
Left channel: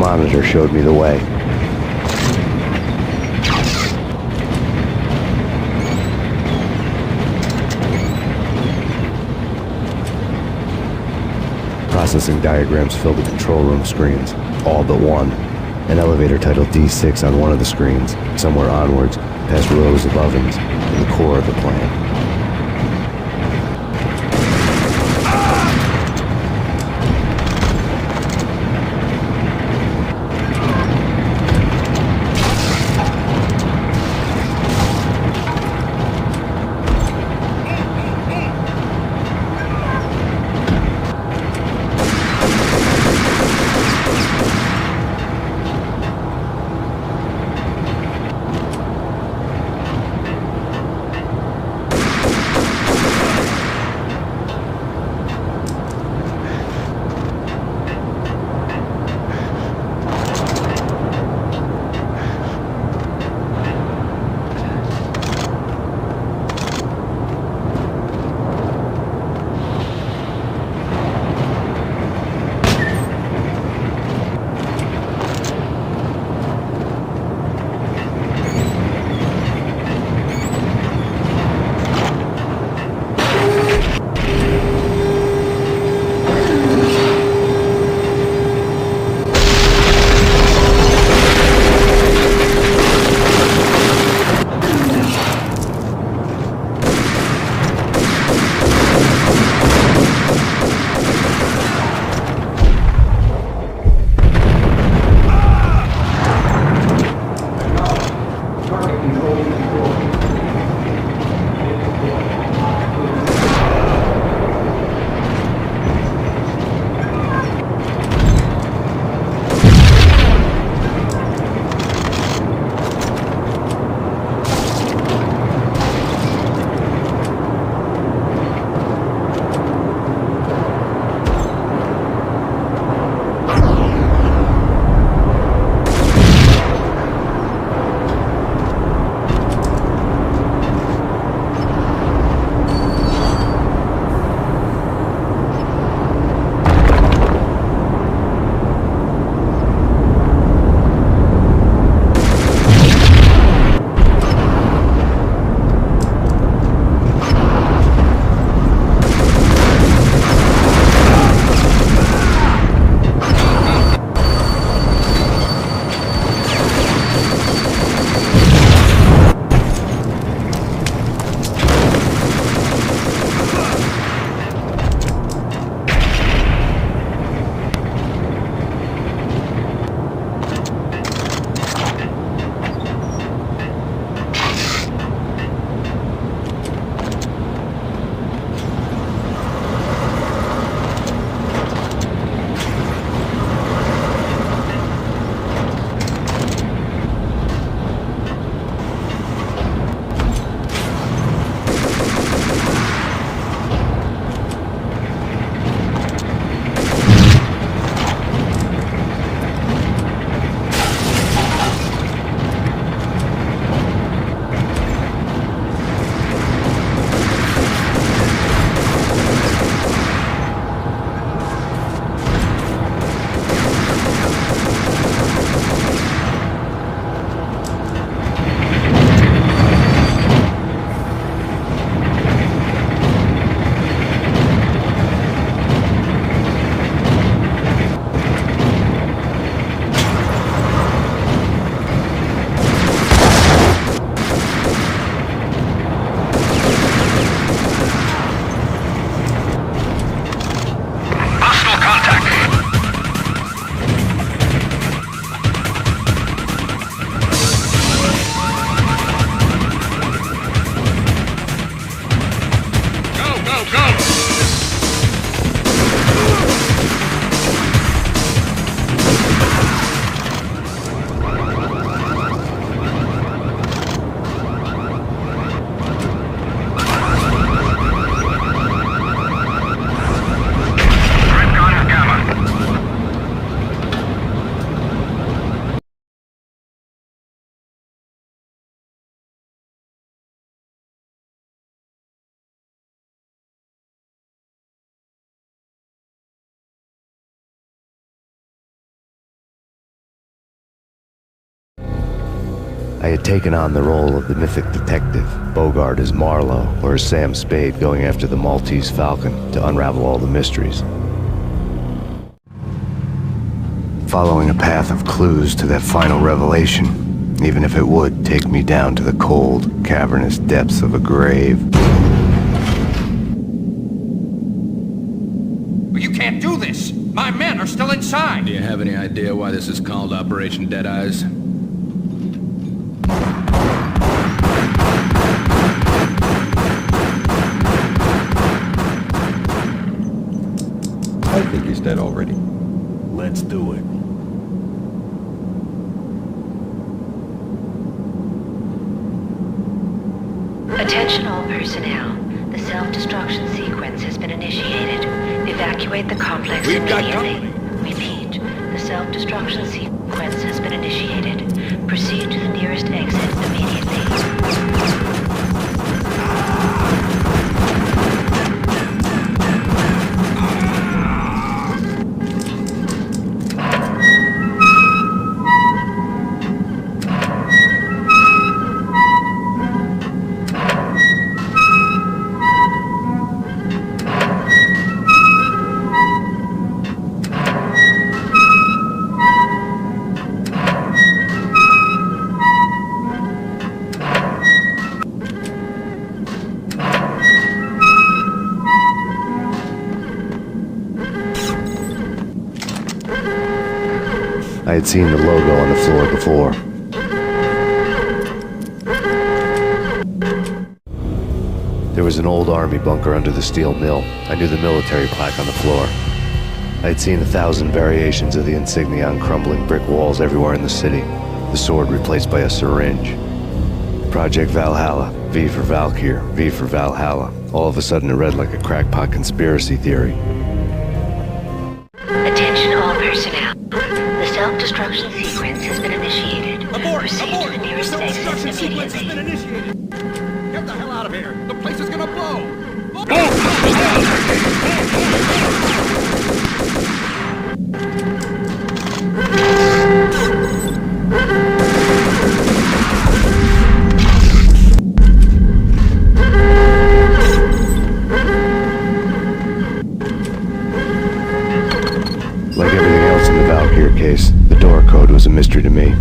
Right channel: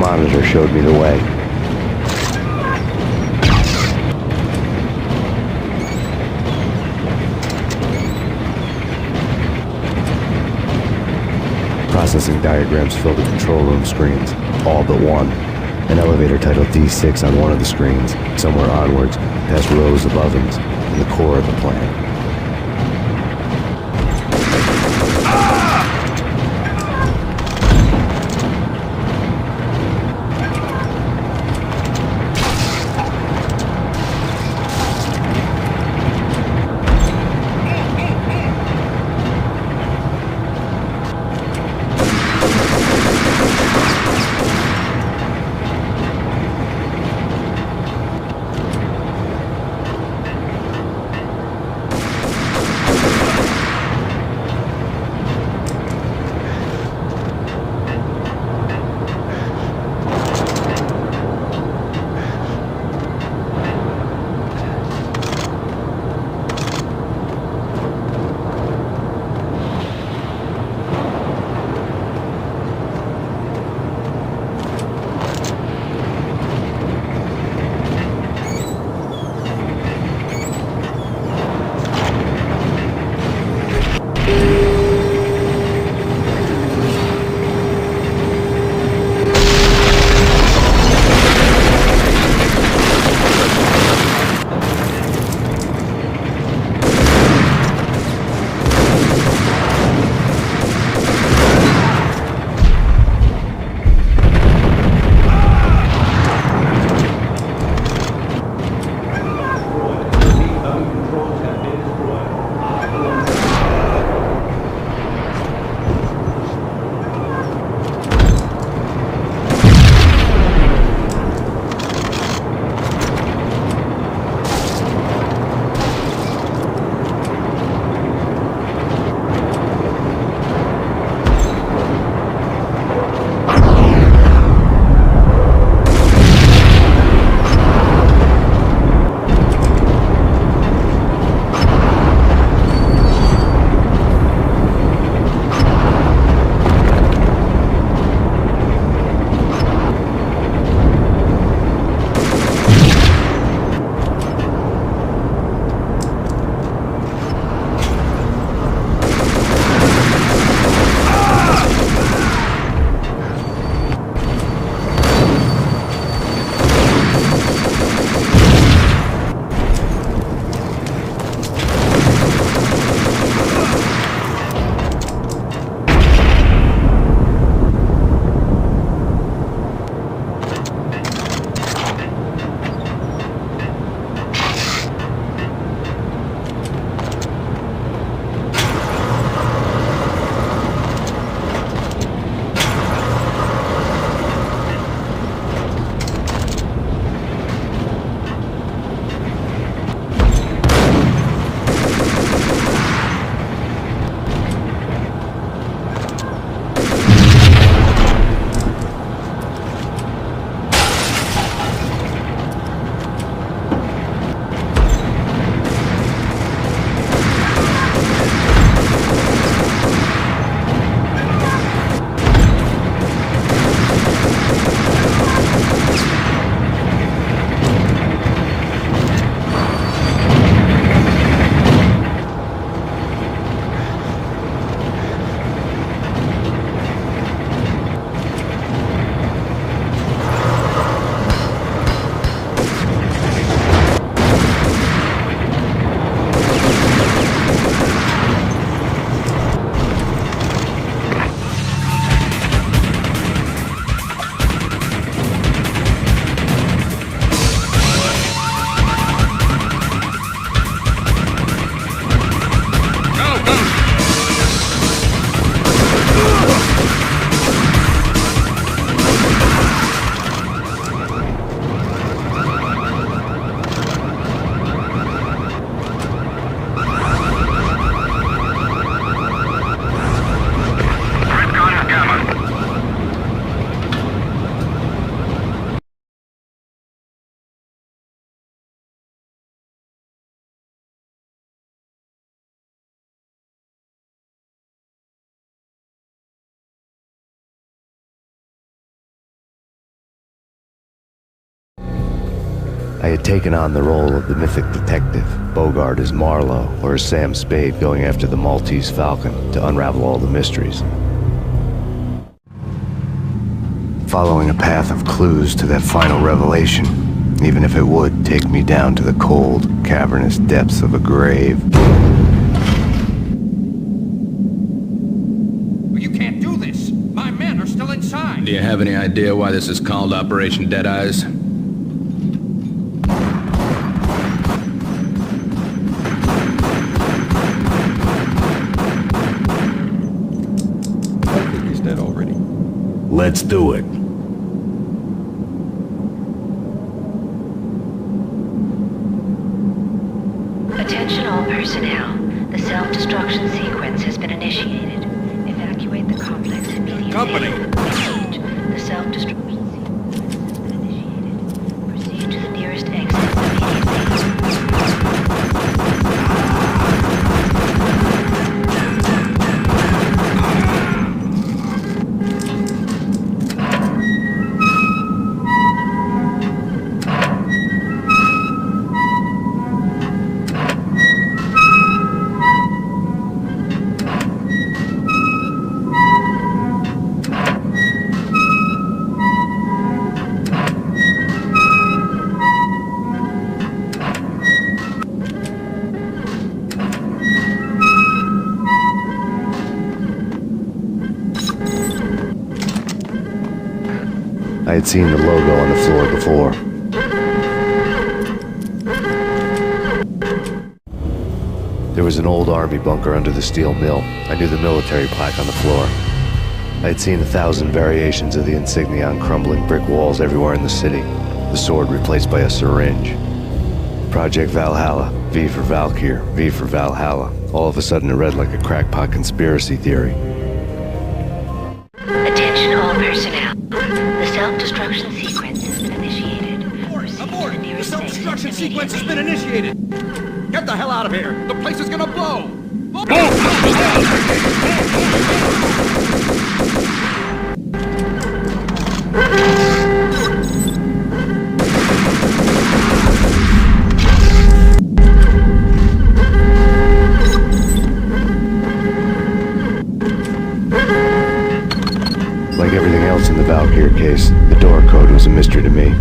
monitor showed me the way. Processing diagrams filled the control room screens, all but one. An elevator titled D6 on one of the screens, somewhere onwards, past rows of ovens, in the core of the plant. I had taken on the role of the mythic detective, Bogart as Marlowe or as Sam Spade going after the Maltese Falcon to unravel all the mysteries. Following a path of clues to that final revelation, even if it would take me down to the cold, cavernous depths of a grave. You can't do this! My men are still inside! Do you have any idea why this is called Operation Dead Eyes? I think he's dead already. Let's do it. Attention all personnel. The self-destruction sequence has been initiated. Evacuate the complex immediately. Repeat. The self-destruction sequence has been initiated. Proceed to the nearest exit immediately. I had seen the logo on the floor before. There was an old army bunker under the steel mill. I knew the military plaque on the floor. I had seen 1,000 variations of the insignia on crumbling brick walls everywhere in the city. The sword replaced by a syringe. Project Valhalla, V for Valkyr, V for Valhalla. All of a sudden it read like a crackpot conspiracy theory. Attention all personnel. The self-destruction sequence has been initiated. Abort! Abort! The self-destruction sequence has been initiated! Get the hell out of here! The place is gonna blow! Like everything else in the Valkyr case, the door code was a mystery to me.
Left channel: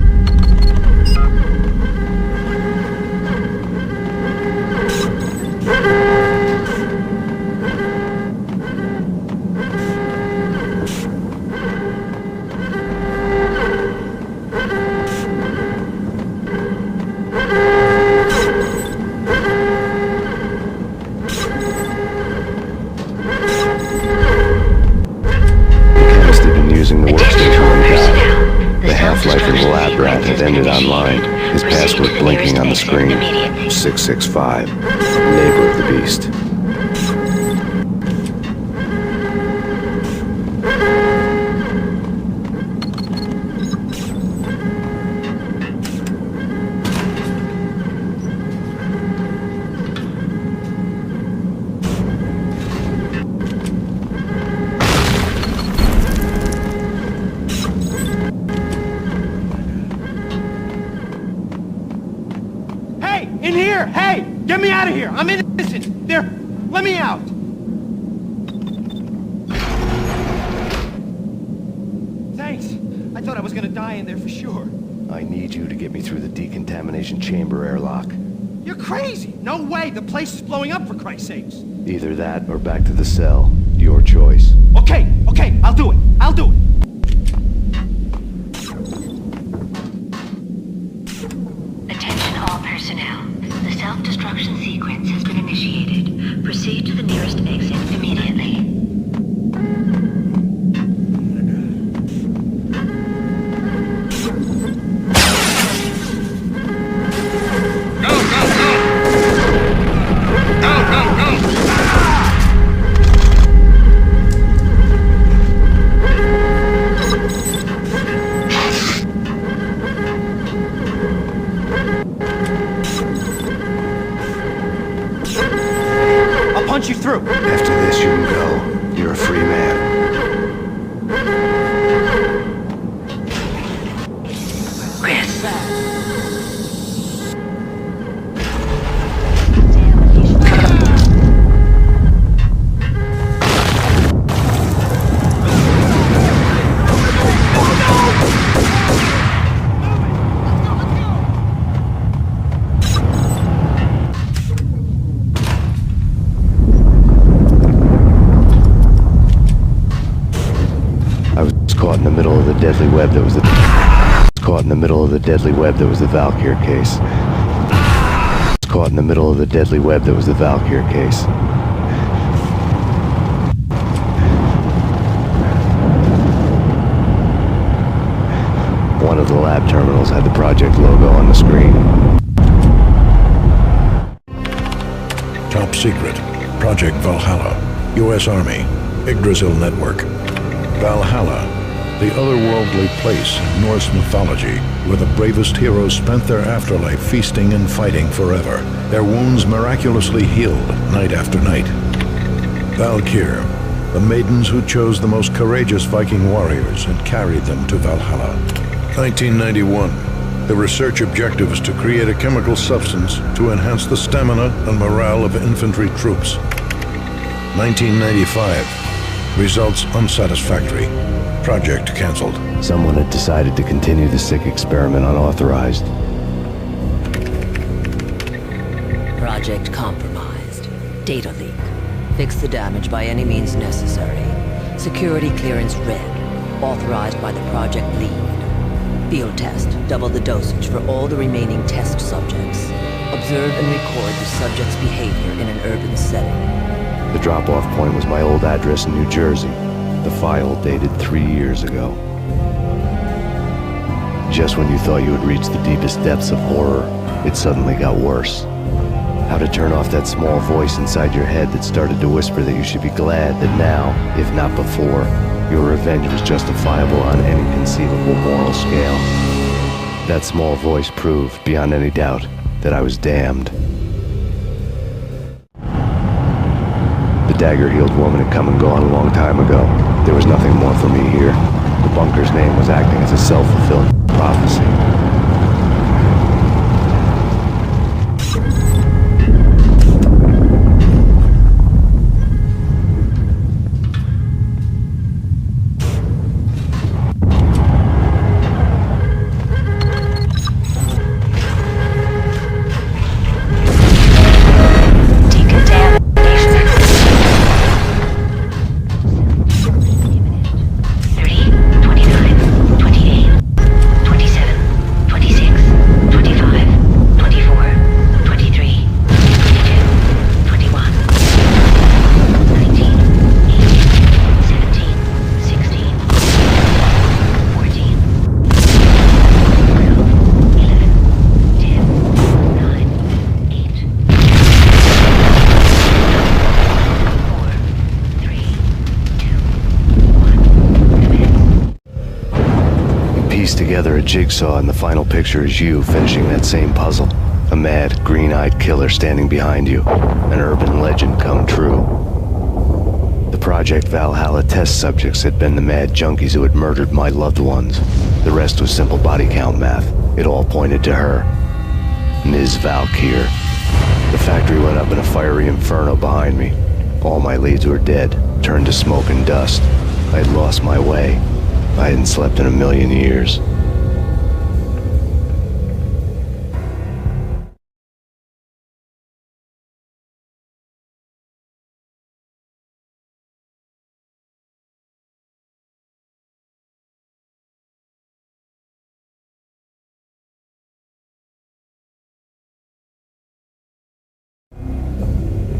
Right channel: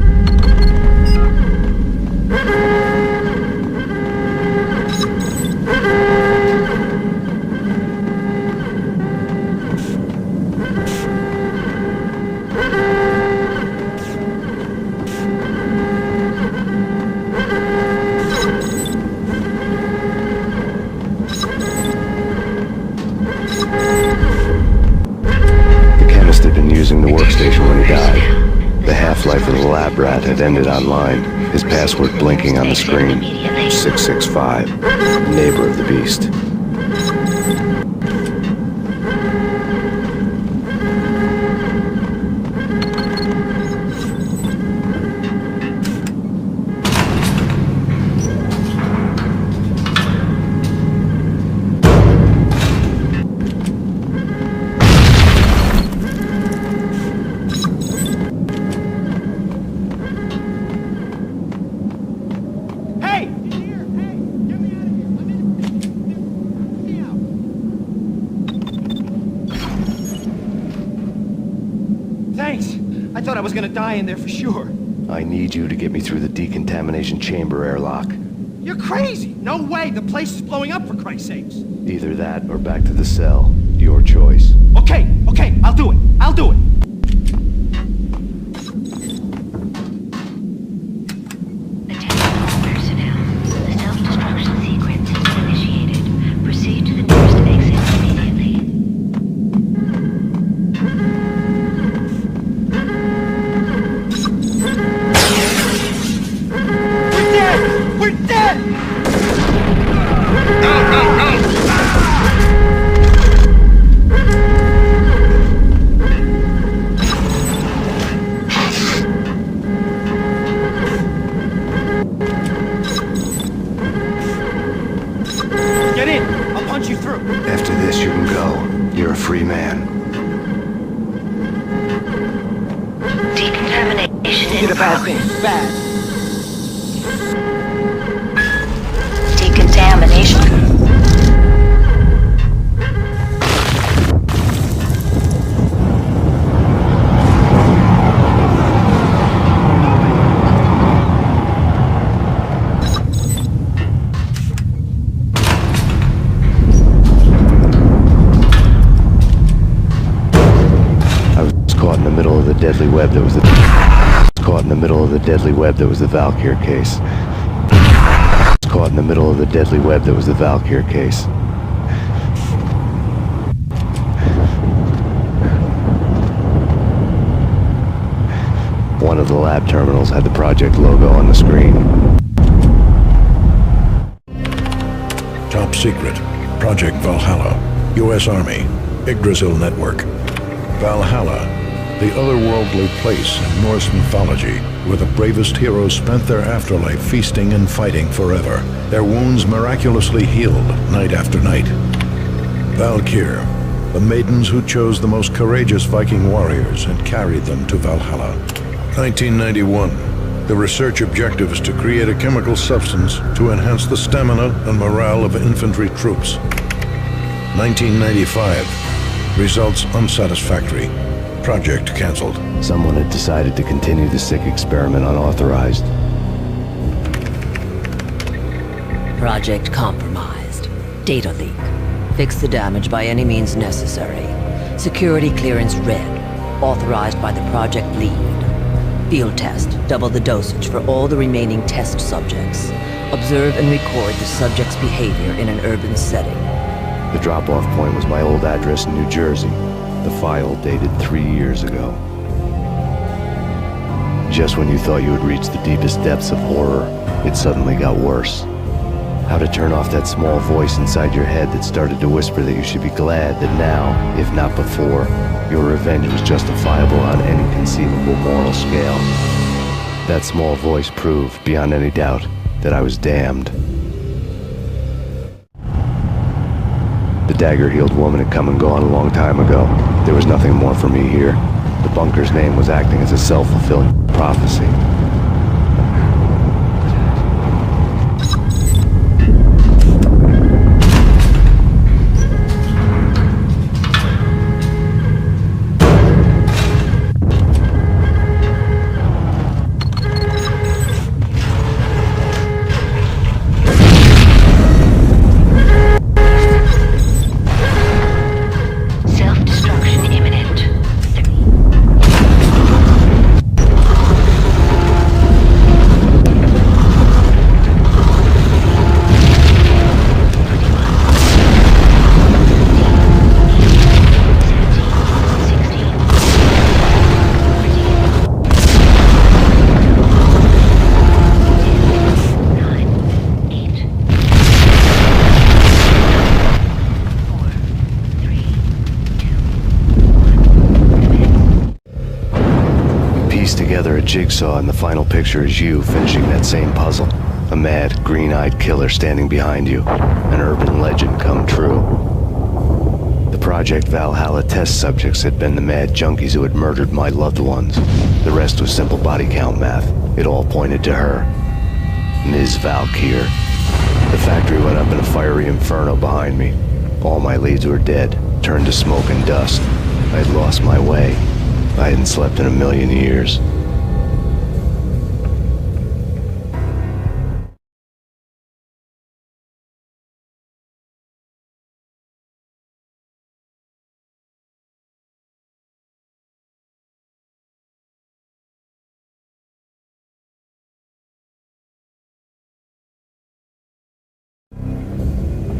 Using the workstation when he died. The half-life of the lab rat had ended online, his password blinking on the screen. 665, neighbor of the beast. Get me out of here! I'm innocent! There! Let me out! Thanks! I thought I was gonna die in there for sure. I need you to get me through the decontamination chamber airlock. You're crazy! No way! The place is blowing up, for Christ's sakes! Either that or back to the cell. Your choice. Okay, I'll do it! I'll do it! Attention all personnel. The self-destruction sequence has been initiated. Proceed to the nearest exit immediately. Punch you through. After this, you can go. You're a free man. Decontamination in progress. middle of the deadly web that was the... Caught in the middle of the deadly web that was the Valkyr case. Caught in the middle of the deadly web that was the Valkyr case. One of the lab terminals had the project logo on the screen. Top secret. Project Valhalla. U.S. Army. Yggdrasil Network. Valhalla. The otherworldly place in Norse mythology where the bravest heroes spent their afterlife feasting and fighting forever, their wounds miraculously healed night after night. Valkyr, the maidens who chose the most courageous Viking warriors and carried them to Valhalla. 1991. The research objective is to create a chemical substance to enhance the stamina and morale of infantry troops. 1995. Results unsatisfactory. Project canceled. Someone had decided to continue the sick experiment unauthorized. Project compromised. Data leak. Fix the damage by any means necessary. Security clearance red. Authorized by the project lead. Field test. Double the dosage for all the remaining test subjects. Observe and record the subject's behavior in an urban setting. The drop-off point was my old address in New Jersey. The file dated 3 years ago. Just when you thought you had reached the deepest depths of horror, it suddenly got worse. How to turn off that small voice inside your head that started to whisper that you should be glad that now, if not before, your revenge was justifiable on any conceivable moral scale. That small voice proved, beyond any doubt, that I was damned. The dagger-heeled woman had come and gone a long time ago. There was nothing more for me here. The bunker's name was acting as a self-fulfilling prophecy. Together a jigsaw, and the final picture is you finishing that same puzzle. A mad, green-eyed killer standing behind you. An urban legend come true. The Project Valhalla test subjects had been the mad junkies who had murdered my loved ones. The rest was simple body count math. It all pointed to her. Ms. Valkyr. The factory went up in a fiery inferno behind me. All my leads were dead, turned to smoke and dust. I had lost my way. I hadn't slept in a million years.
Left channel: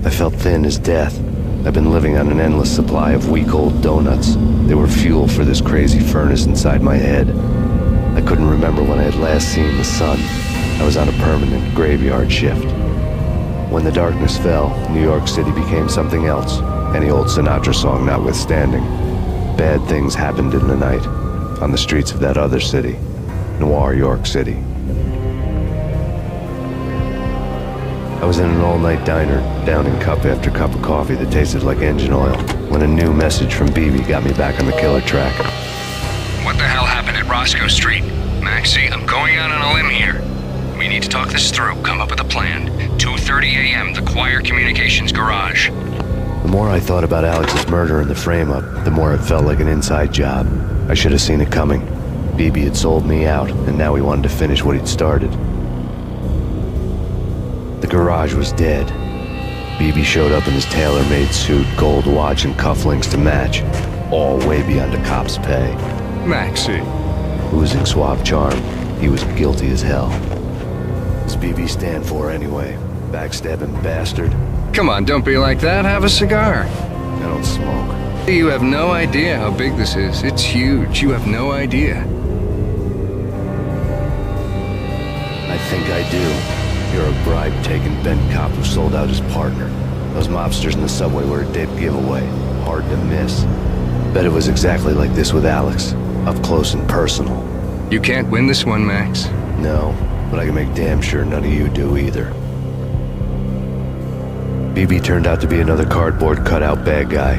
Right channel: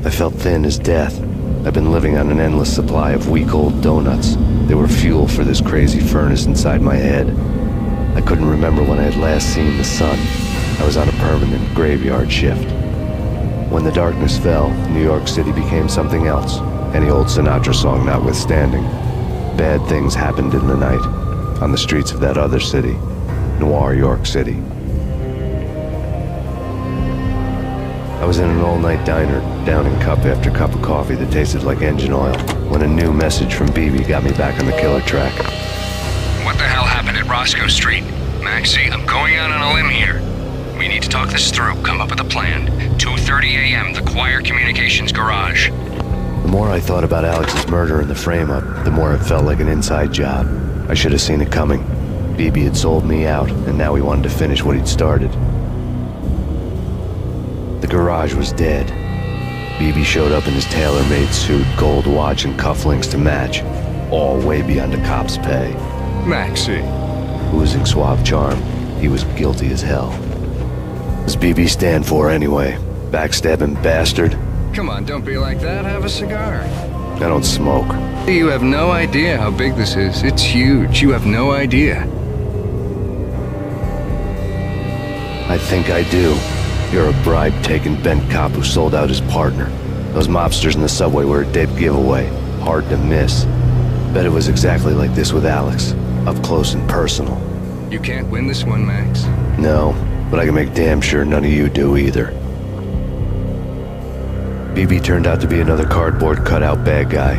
I felt thin as death. I've been living on an endless supply of week-old donuts. They were fuel for this crazy furnace inside my head. I couldn't remember when I had last seen the sun. I was on a permanent graveyard shift. When the darkness fell, New York City became something else, any old Sinatra song notwithstanding. Bad things happened in the night, on the streets of that other city, Noir York City. I was in an all-night diner, downing cup after cup of coffee that tasted like engine oil, when a new message from BB got me back on the killer track. What the hell happened at Roscoe Street? Maxie, I'm going out on a limb here. We need to talk this through, come up with a plan. 2:30 a.m., the Choir Communications Garage. The more I thought about Alex's murder and the frame-up, the more it felt like an inside job. I should have seen it coming. BB had sold me out, and now he wanted to finish what he'd started. The garage was dead. BB showed up in his tailor-made suit, gold watch, and cufflinks to match, all way beyond a cop's pay. Maxie. Oozing suave charm, he was guilty as hell. What does BB stand for anyway? Backstabbing bastard? Come on, don't be like that. Have a cigar. I don't smoke. You have no idea how big this is. It's huge. You have no idea. I think I do. You're a bribe-taking bent cop who sold out his partner. Those mobsters in the subway were a dead giveaway. Hard to miss. Bet it was exactly like this with Alex. Up close and personal. You can't win this one, Max. No, but I can make damn sure none of you do either. BB turned out to be another cardboard cutout bad guy.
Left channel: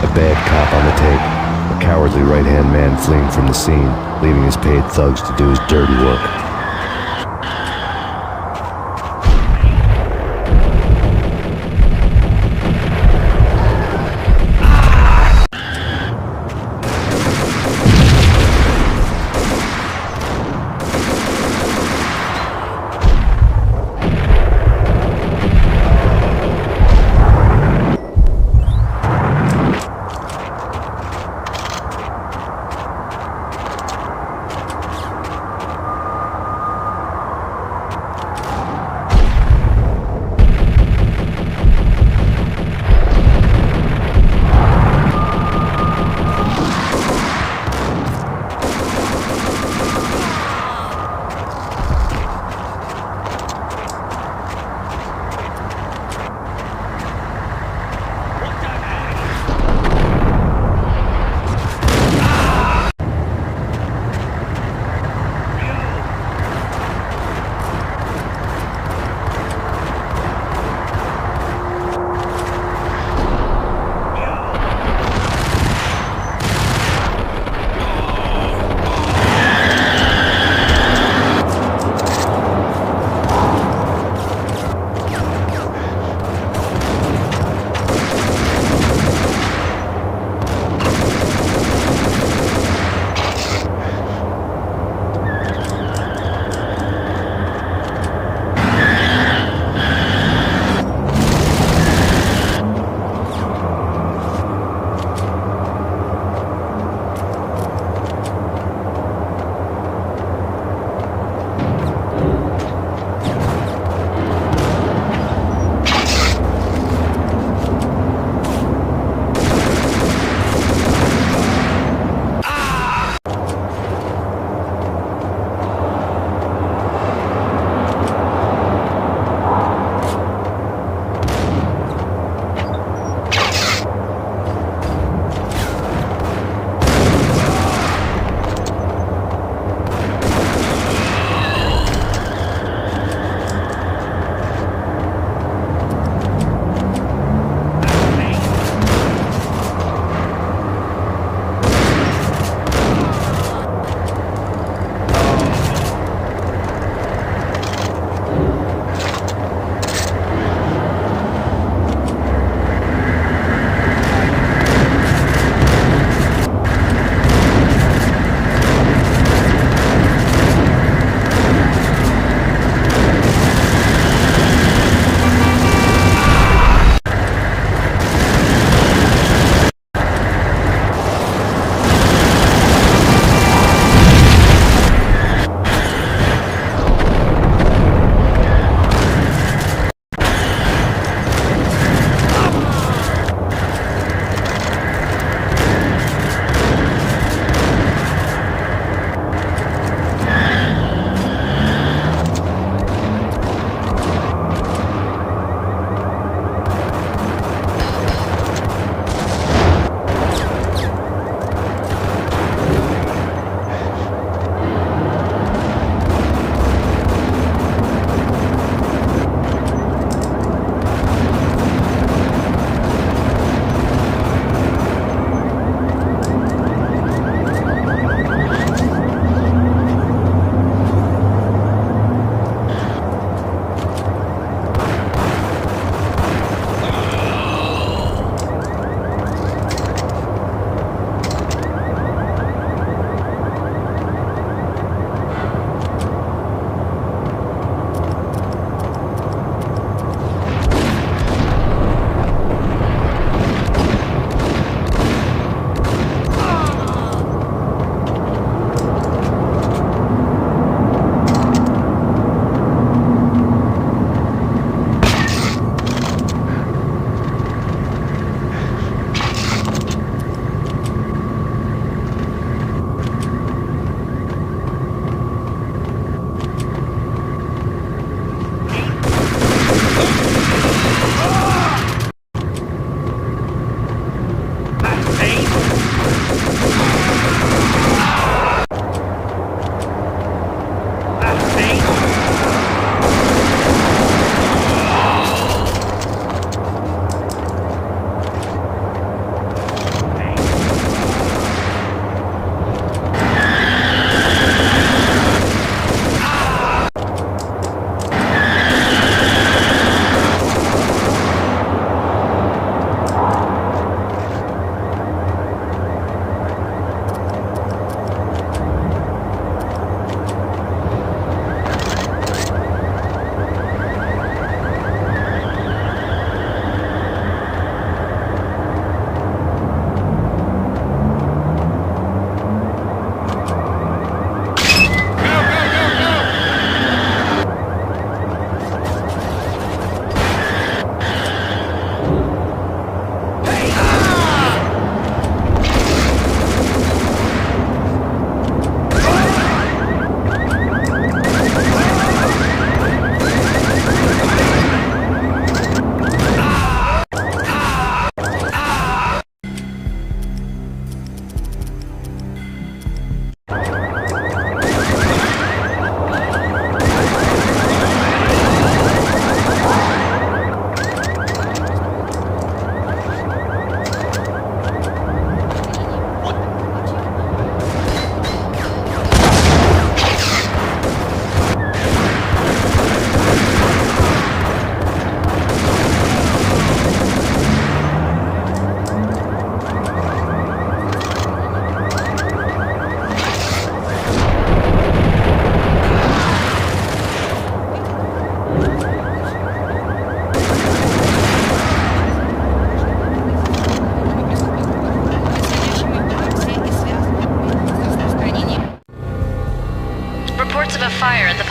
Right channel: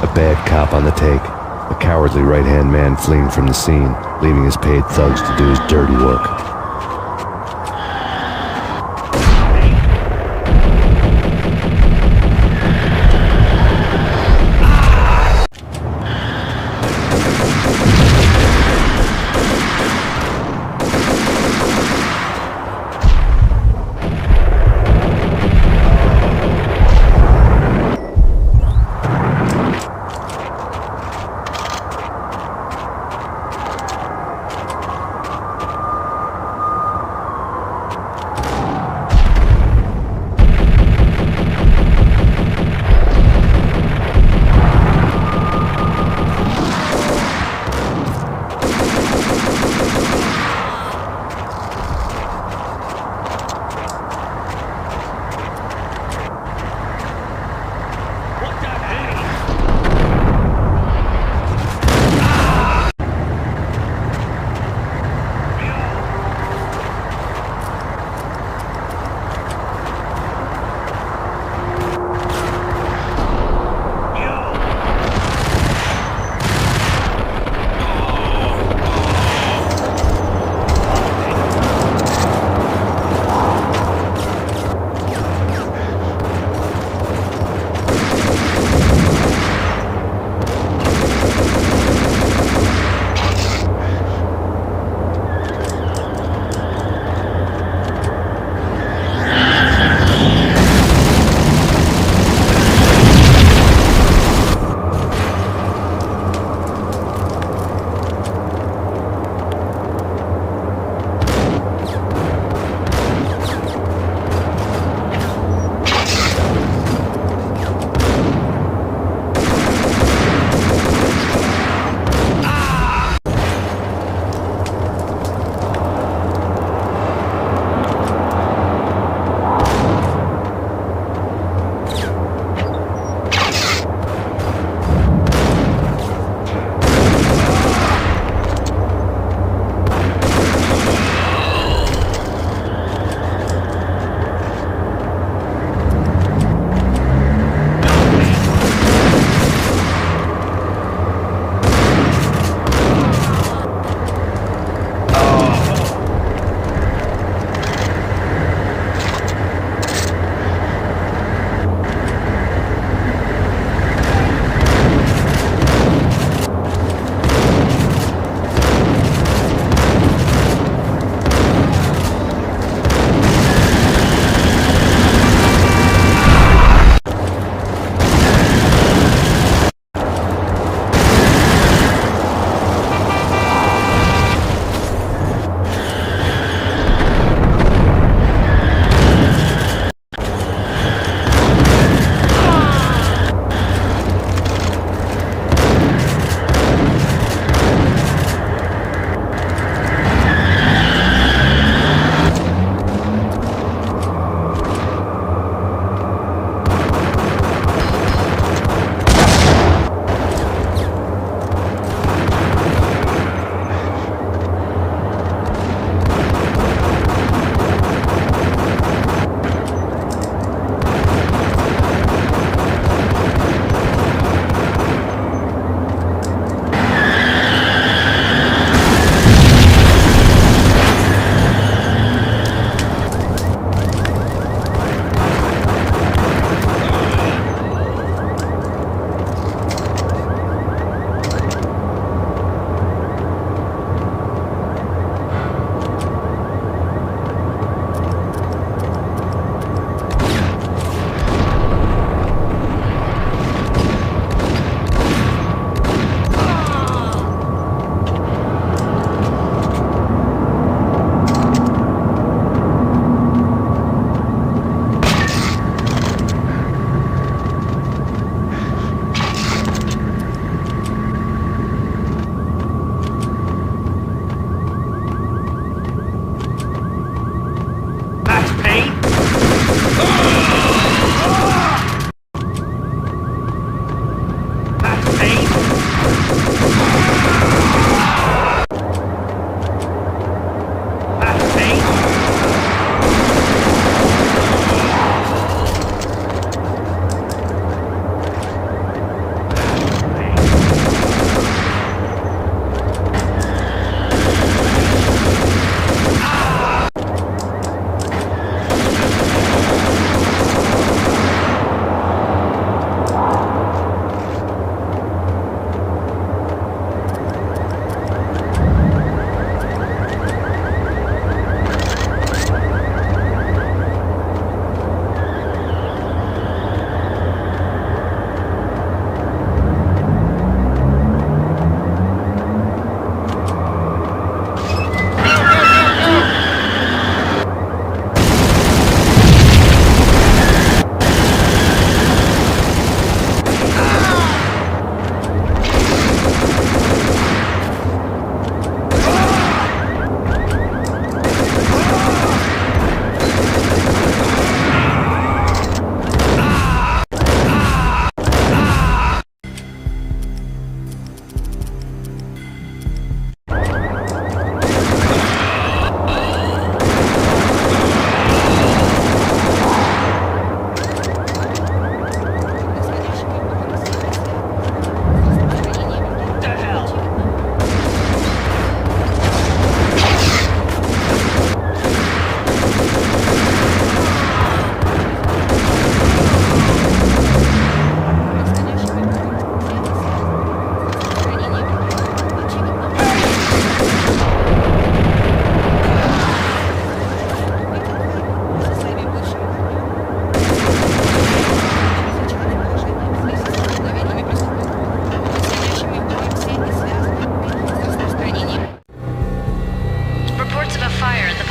A bad cop on the take. A cowardly right-hand man fleeing from the scene, leaving his paid thugs to do his dirty work.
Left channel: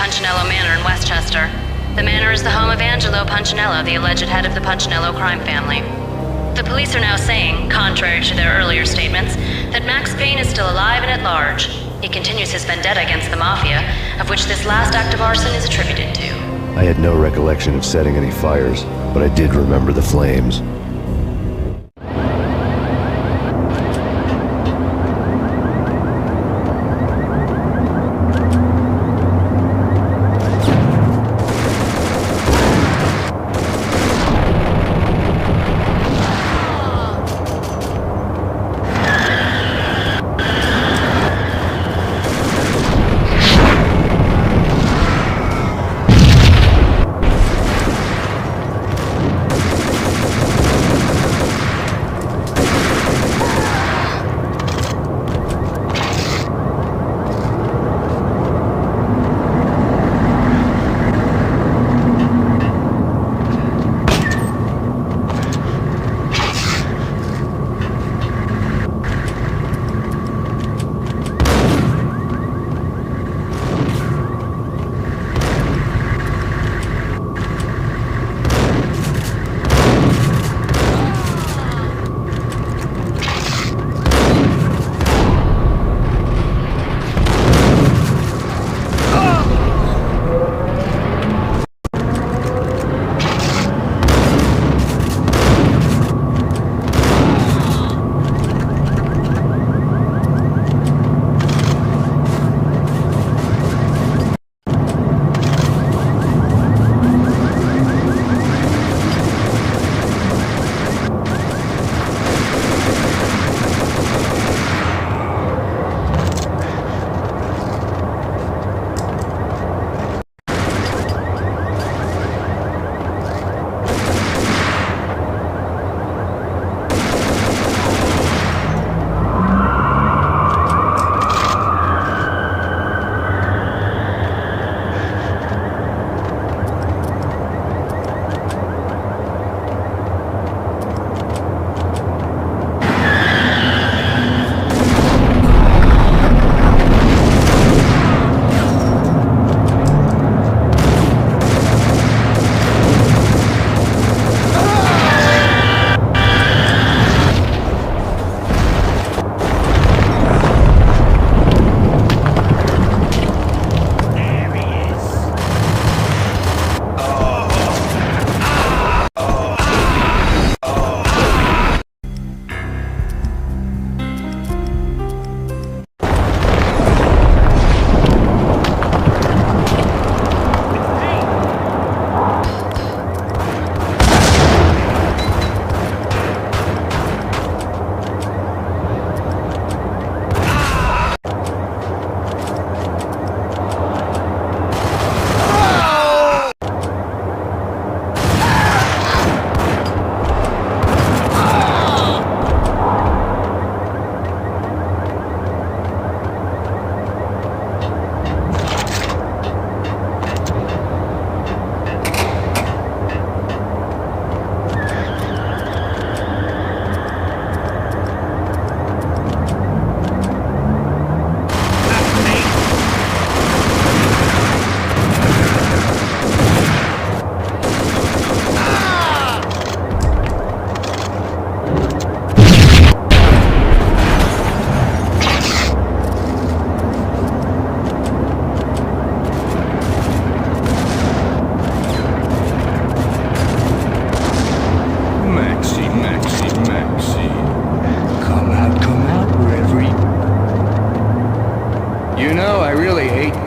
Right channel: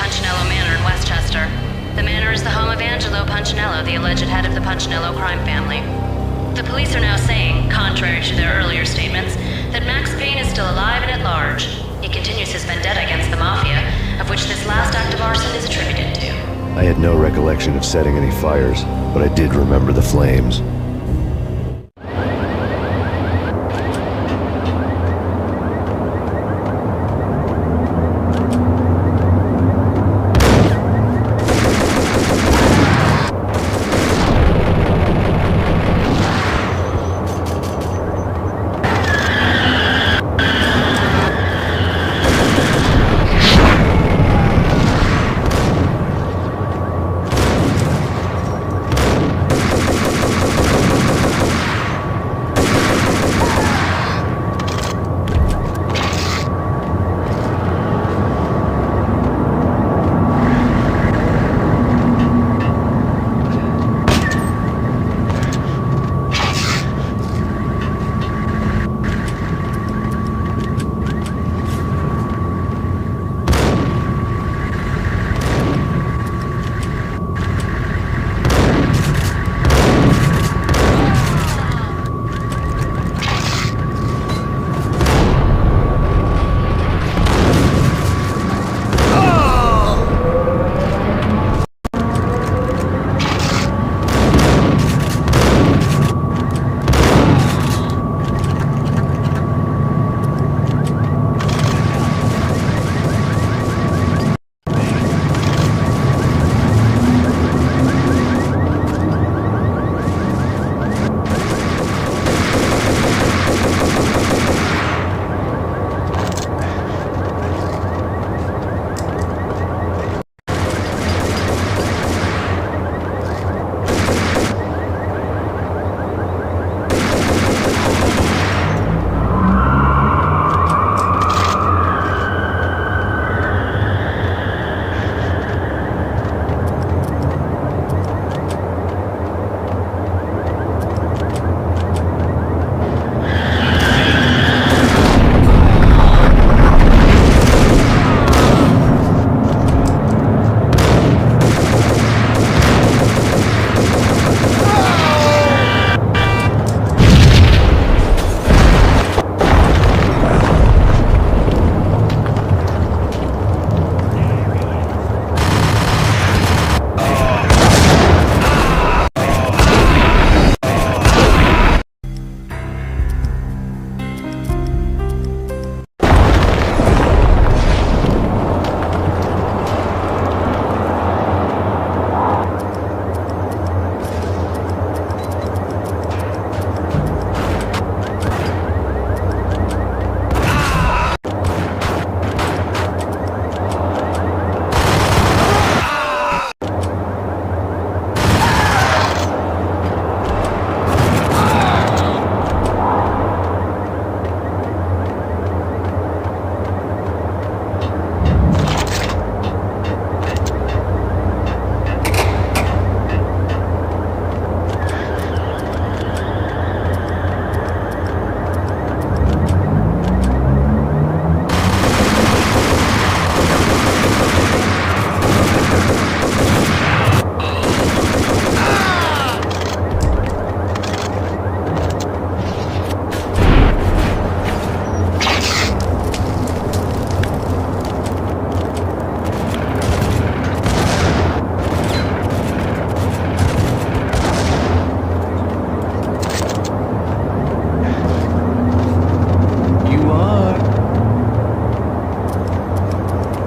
Punchinello Manor in Westchester. The manor is the home of Angelo Punchinello, the alleged head of the Punchinello crime family. The police are now saying, contrary to their earlier statements, that Max Payne is still alive and at large. He continues his vendetta against the Mafia, of which this last act of arson is attributed to. I had no recollection of setting any fires, but I did remember the flames.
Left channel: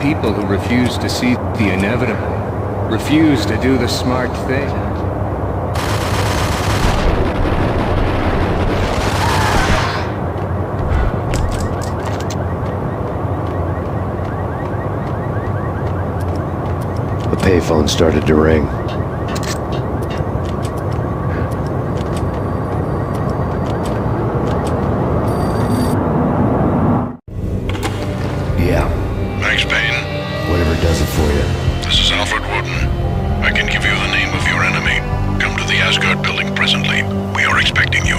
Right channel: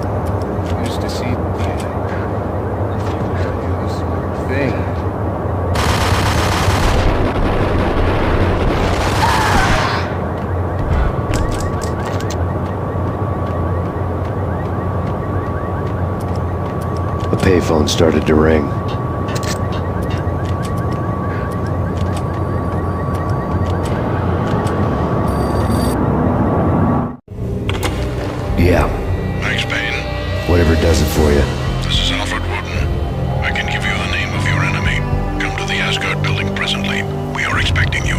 people who refuse to see the inevitable, refuse to do the smart thing. The payphone started to ring. Yeah. Thanks, Payne. Whatever does it for you. This is Alfred Wooden. I can give you the name of your enemy. Come to the Asgard building presently. We are expecting you.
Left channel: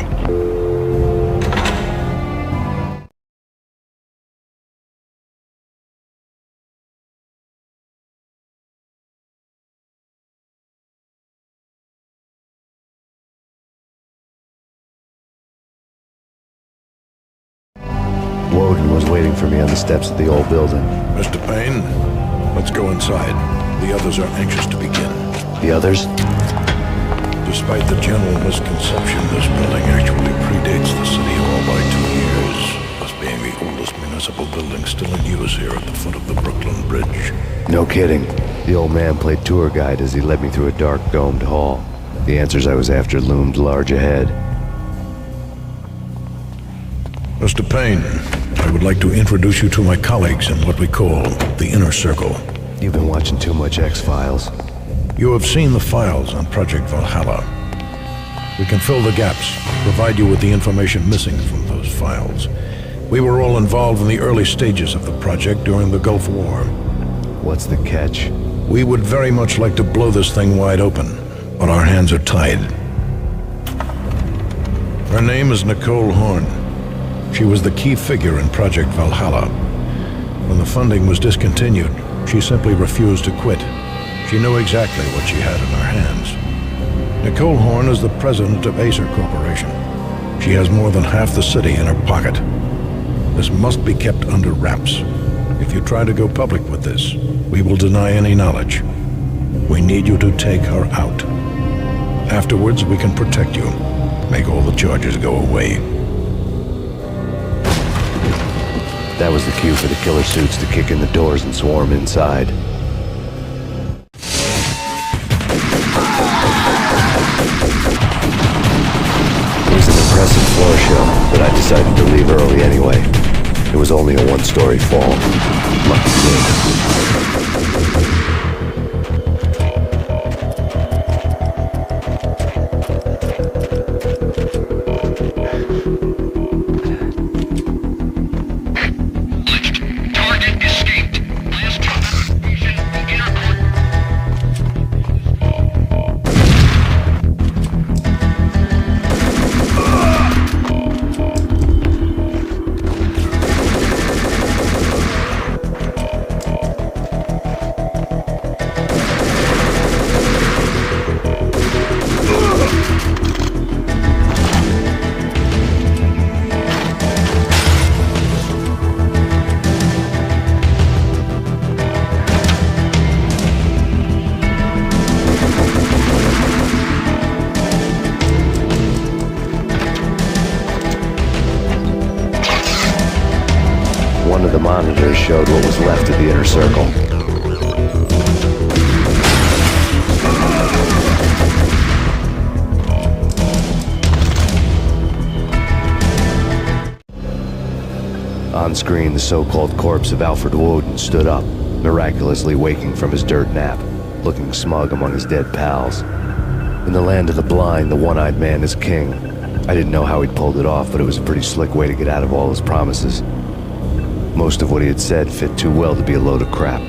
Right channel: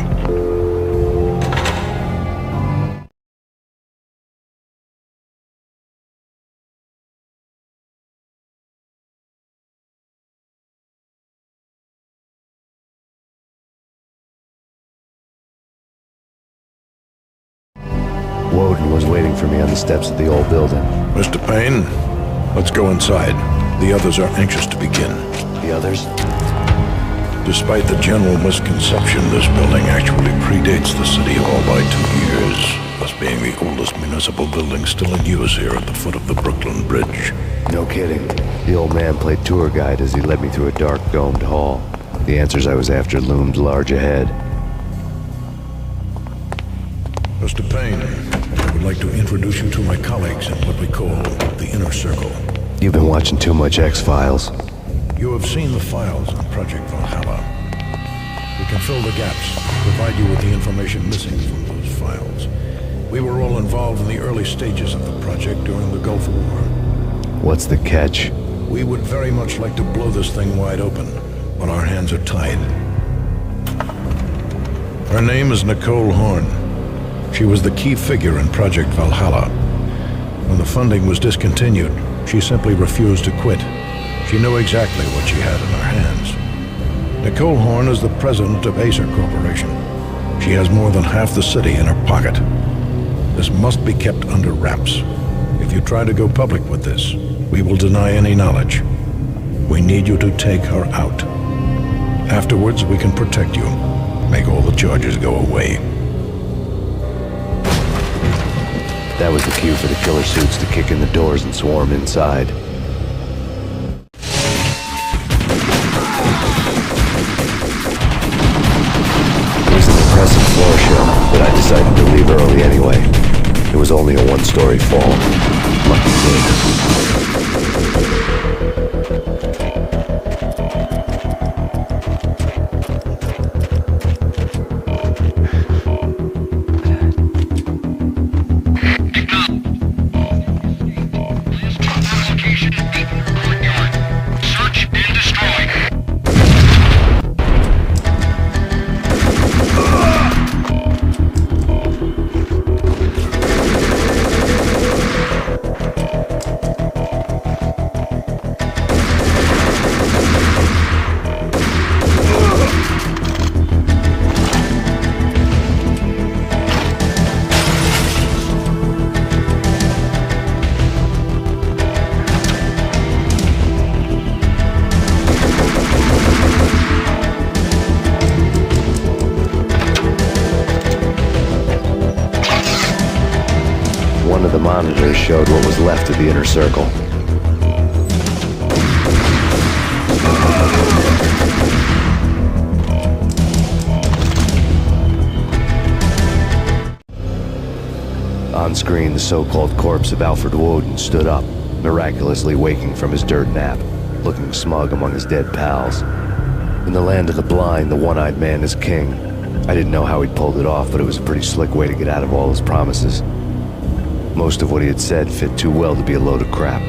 Woden was waiting for me on the steps of the old building. Mr. Payne, let's go inside. The others are anxious to begin. The others? Despite the general misconception, this building actually predates the City Hall by 2 years, thus being the oldest municipal building still in use here at the foot of the Brooklyn Bridge. No kidding. The old man played tour guide as he led me through a dark, domed hall. The answers I was after loomed large ahead. Mr. Payne, I would like to introduce you to my colleagues in what we call the Inner Circle. You've been watching too much X-Files. You have seen the files on Project Valhalla. We can fill the gaps, provide you with the information missing from those files. We were all involved in the early stages of the project during the Gulf War. What's the catch? We would very much like to blow this thing wide open, but our hands are tied. Her name is Nicole Horn. She was the key figure in Project Valhalla. When the funding was discontinued, she simply refused to quit. She knew exactly what she had in her hands. Nicole Horn is the president of Acer Corporation. She has more than half the city in her pocket. This must be kept under wraps. If you try to go public with this, we will deny any knowledge. We need you to take her out. Afterwards, we can protect you. Make all the charges go away. That was the cue for the killer suits to kick in the doors and swarm inside. It was an impressive floor show, but I decided to leave early anyway. It was only a one-story fall. Lucky me. One of the monitors showed what was left of the Inner Circle. On screen, the so-called corpse of Alfred Woden stood up, miraculously waking from his dirt nap, looking smug among his dead pals. In the land of the blind, the one-eyed man is king. I didn't know how he'd pulled it off, but it was a pretty slick way to get out of all his promises. Most of what he had said fit too well to be a load of crap.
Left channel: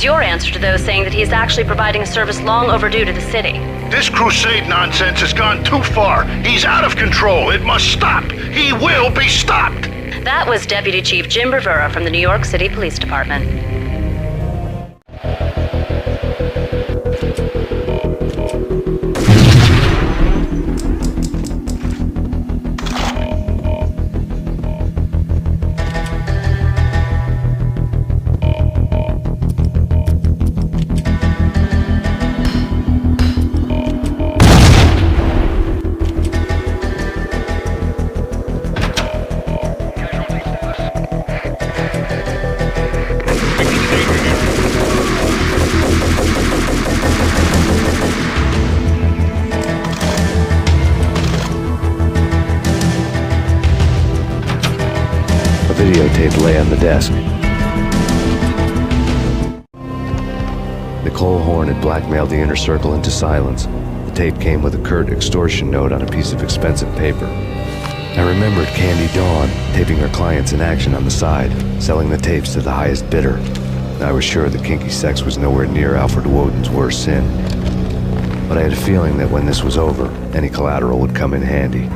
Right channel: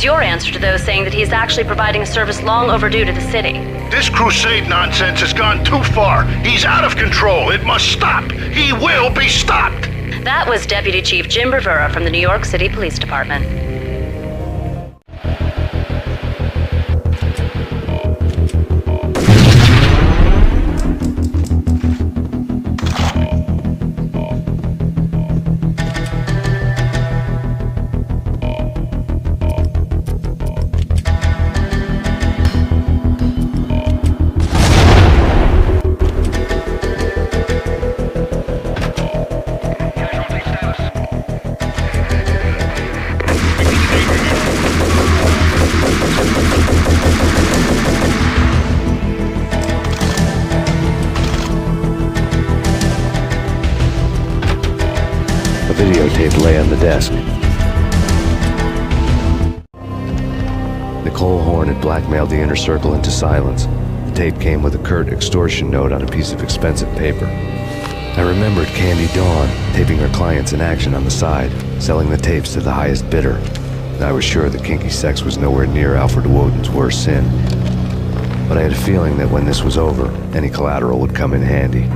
is your answer to those saying that he is actually providing a service long overdue to the city? This crusade nonsense has gone too far. He's out of control. It must stop. He will be stopped. That was Deputy Chief Jim Bravura from the New York City Police Department. A videotape lay on the desk. Nicole Horn had blackmailed the inner circle into silence. The tape came with a curt extortion note on a piece of expensive paper. I remembered Candy Dawn taping her clients in action on the side, selling the tapes to the highest bidder. I was sure that kinky sex was nowhere near Alfred Woden's worst sin. But I had a feeling that when this was over, any collateral would come in handy.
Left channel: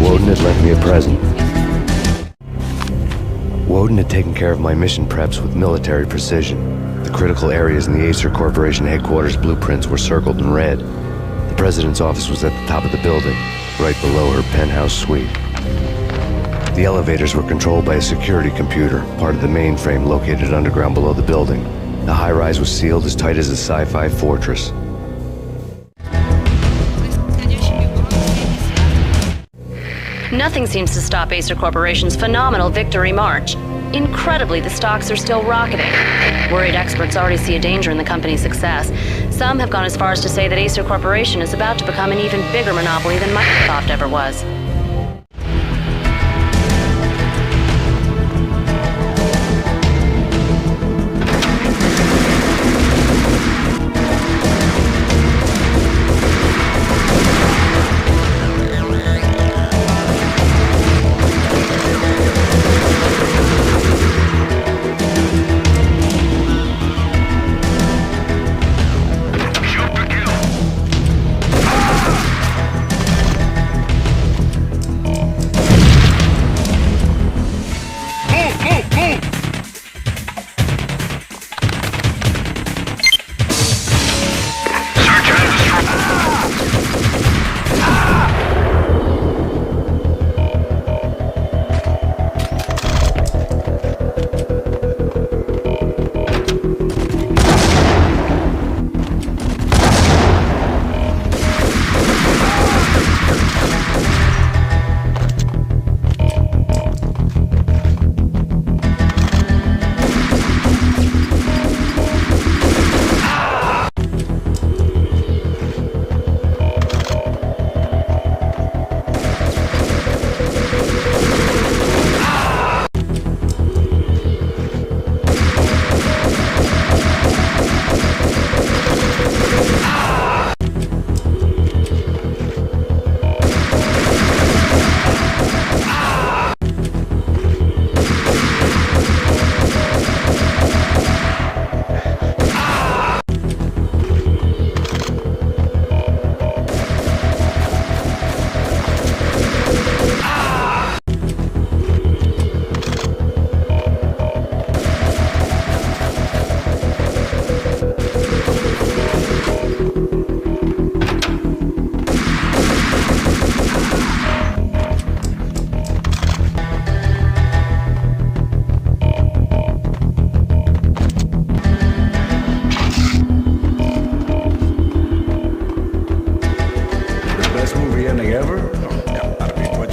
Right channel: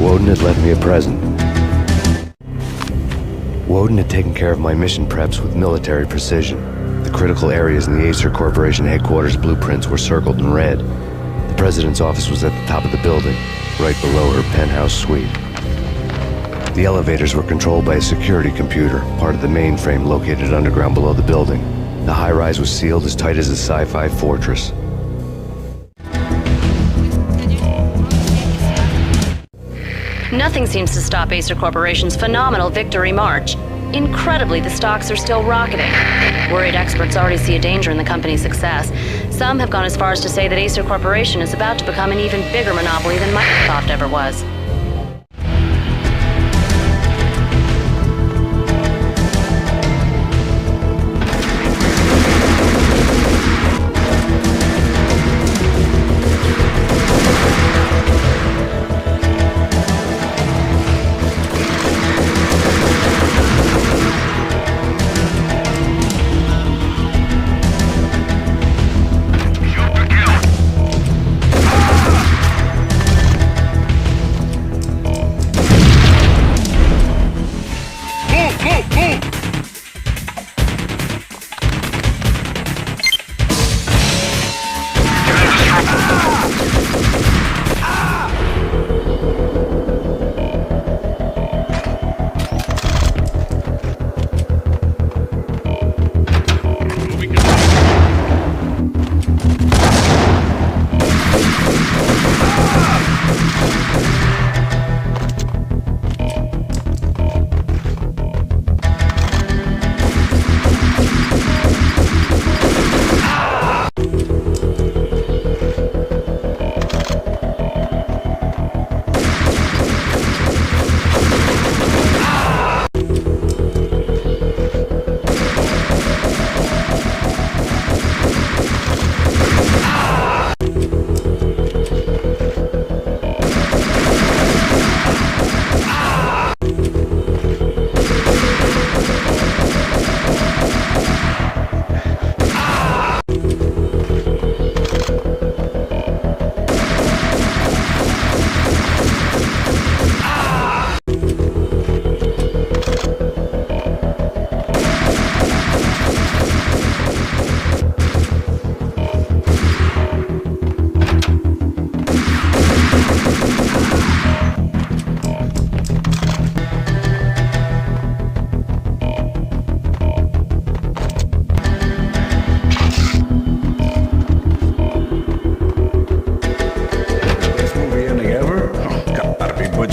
Woden had left me a present. Woden had taken care of my mission preps with military precision. The critical areas in the Acer Corporation headquarters blueprints were circled in red. The president's office was at the top of the building, right below her penthouse suite. The elevators were controlled by a security computer, part of the mainframe located underground below the building. The high-rise was sealed as tight as a sci-fi fortress. Nothing seems to stop Acer Corporation's phenomenal victory march. Incredibly, the stocks are still rocketing. Worried experts already see a danger in the company's success. Some have gone as far as to say that Acer Corporation is about to become an even bigger monopoly than Microsoft ever was.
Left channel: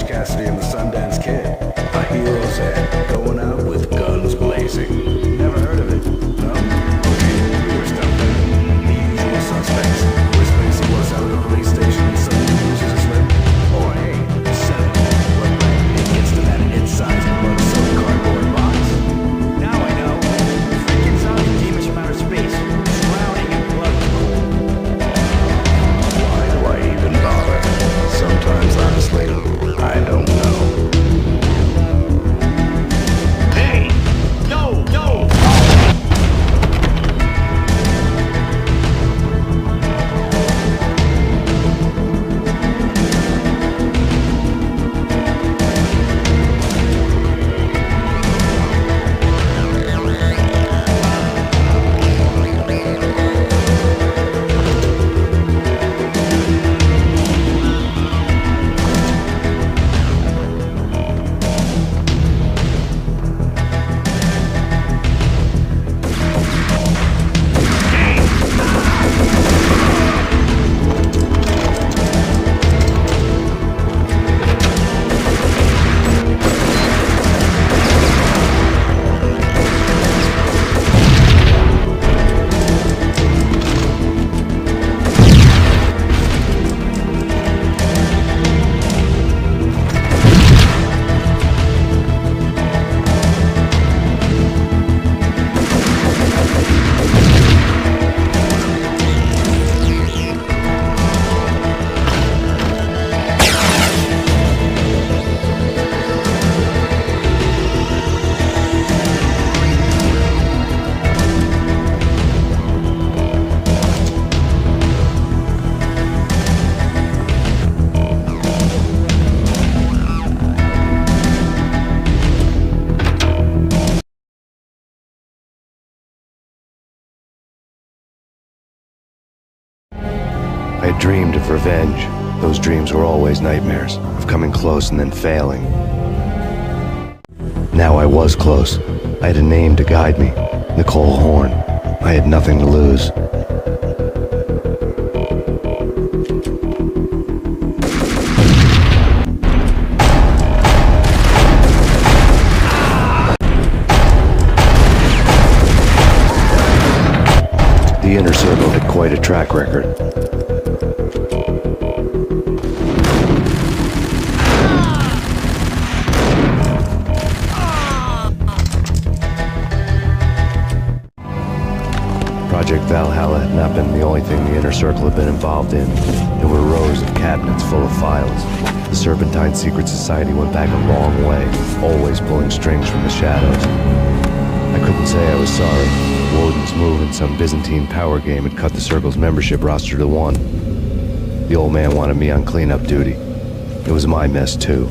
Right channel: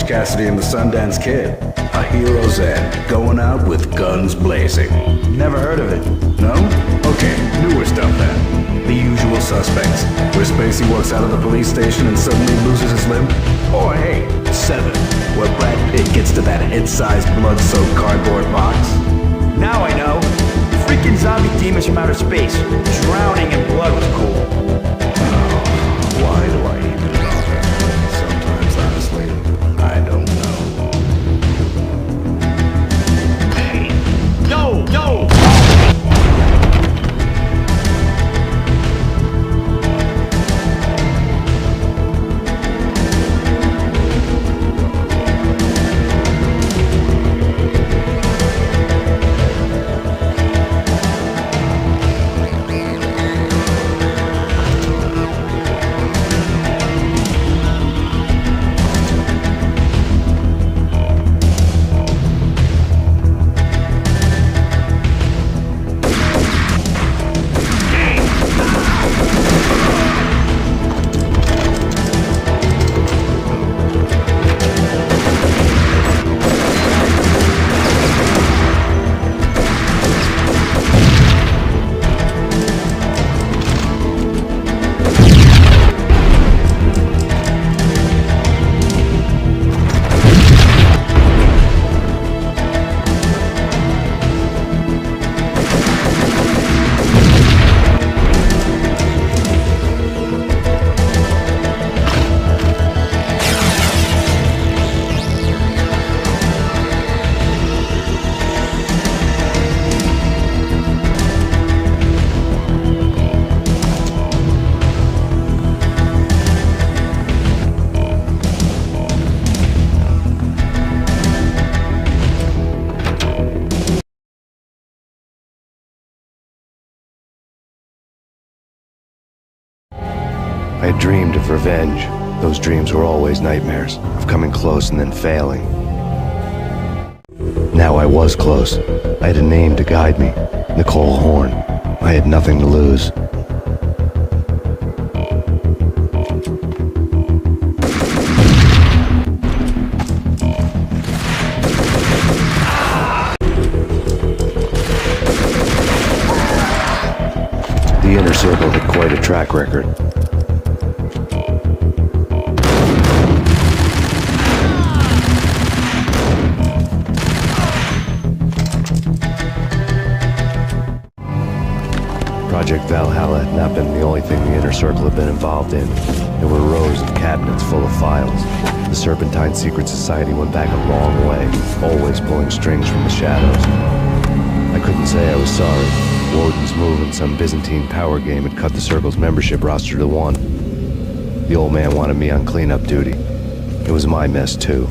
Cassidy and the Sundance Kid. A hero's end, going out with guns blazing. Never heard of it? No? Okay, newer stuff then. The Usual Suspects, where Spacey walks out of the police station and suddenly loses his limb. Or hey, 7, where Brad Pitt gets to that head-sized blood-soaked cardboard box. Now I know. Freaking zombie demons from outer space. Drowning in blood was cool. dreamed of revenge. Those dreams were always nightmares, of coming close and then failing. Now I was close. I had a name to guide me, Nicole Horn. I had nothing to lose. The Inner Circle had quite a track record. Project Valhalla had not been the only thing the Inner Circle had been involved in. There were rows of cabinets full of files. The Serpentine Secret Society went back a long way, always pulling strings from the shadows. I couldn't say I was sorry. Woden's move in some Byzantine power game had cut the Circle's membership roster to 1. The old man wanted me on cleanup duty. It was my mess, too.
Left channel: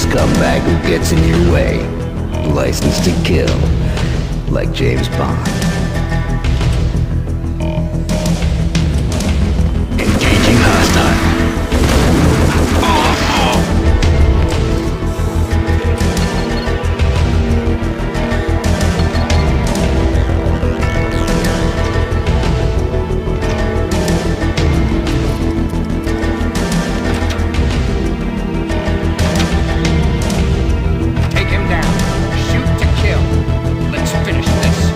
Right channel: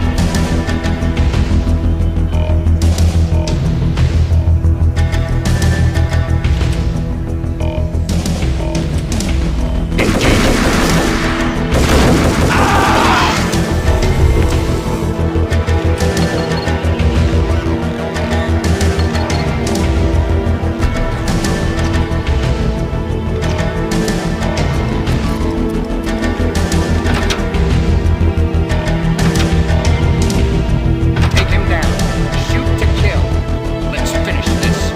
scumbag who gets in your way. License to kill. Like James Bond. Engaging hostile. Take him down. Shoot to kill. Let's finish this.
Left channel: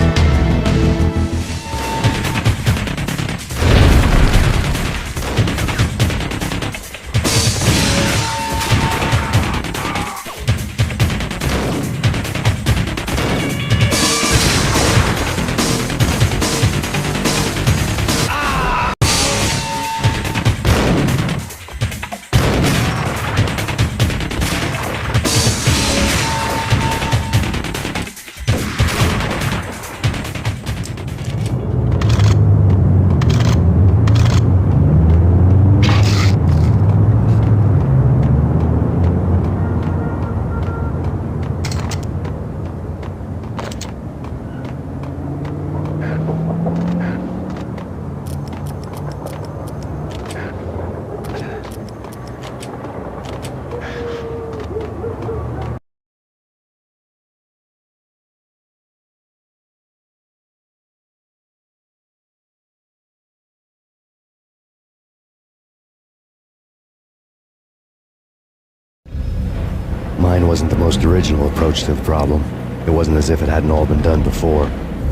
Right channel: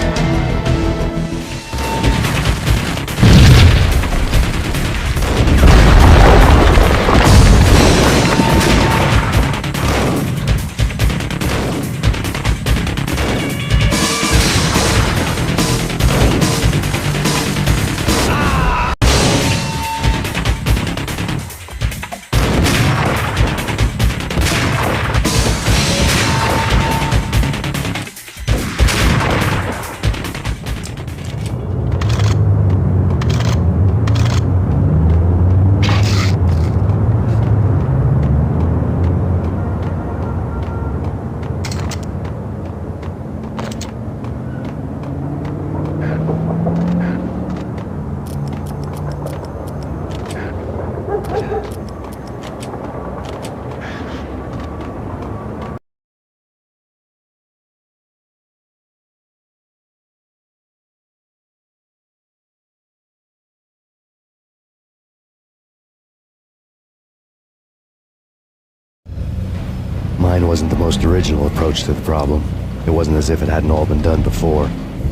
Mine wasn't the most original approach to the problem. It wasn't as if it hadn't all been done before.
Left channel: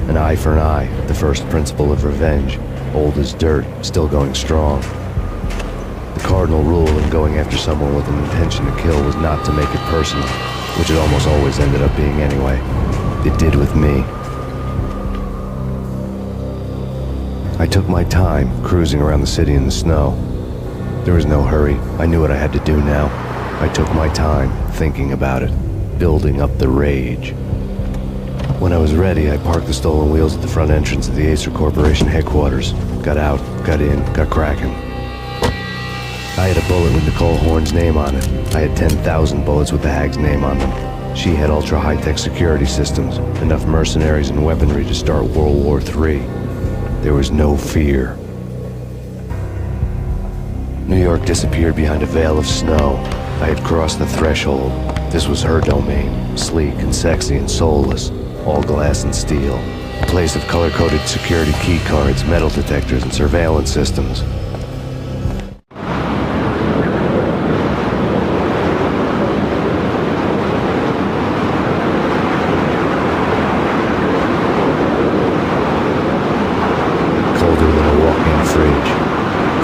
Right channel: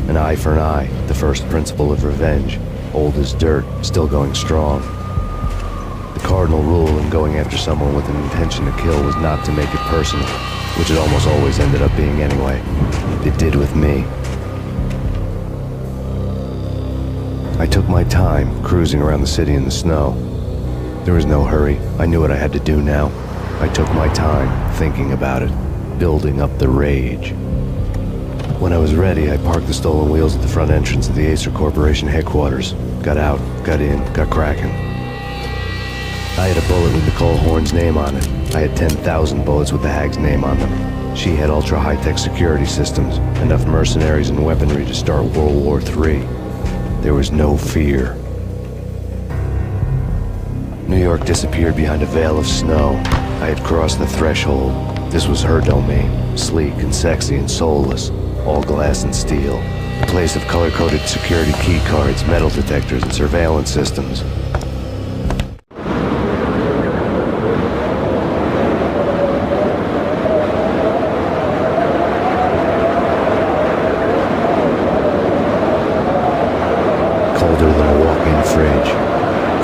An eye for an eye, the first principle of revenge. Old as dirt, still going strong. The cardinal rule in going after someone with an intention to kill was not to make it personal, which it almost always ended up being anyway. It did with me. I took my time, cruising around the city in the snow. There was no hurry. I knew what I had to do now. I took my time, thinking about it, building up the rage. When I was ready, I parked the stolen wheels at the front entrance of the Acer Corporation headquarters. Got out, got in, got cracking. I had a bullet with Nicole Horn's name on it. I had 10,000 bullets with the Hag's name on them. She had ultra-high-tech security systems, enough mercenaries and weaponry to start World War III. There was no fear. New York disappeared behind a veil of snow. I had crossed the threshold. This was her domain, sleek and sexy and soulless, all glass and steel. A place of color-coded security key cards, metal detectors, and surveillance systems. Colder than a walk-in fridge.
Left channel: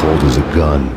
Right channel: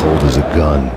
Cold as a gun.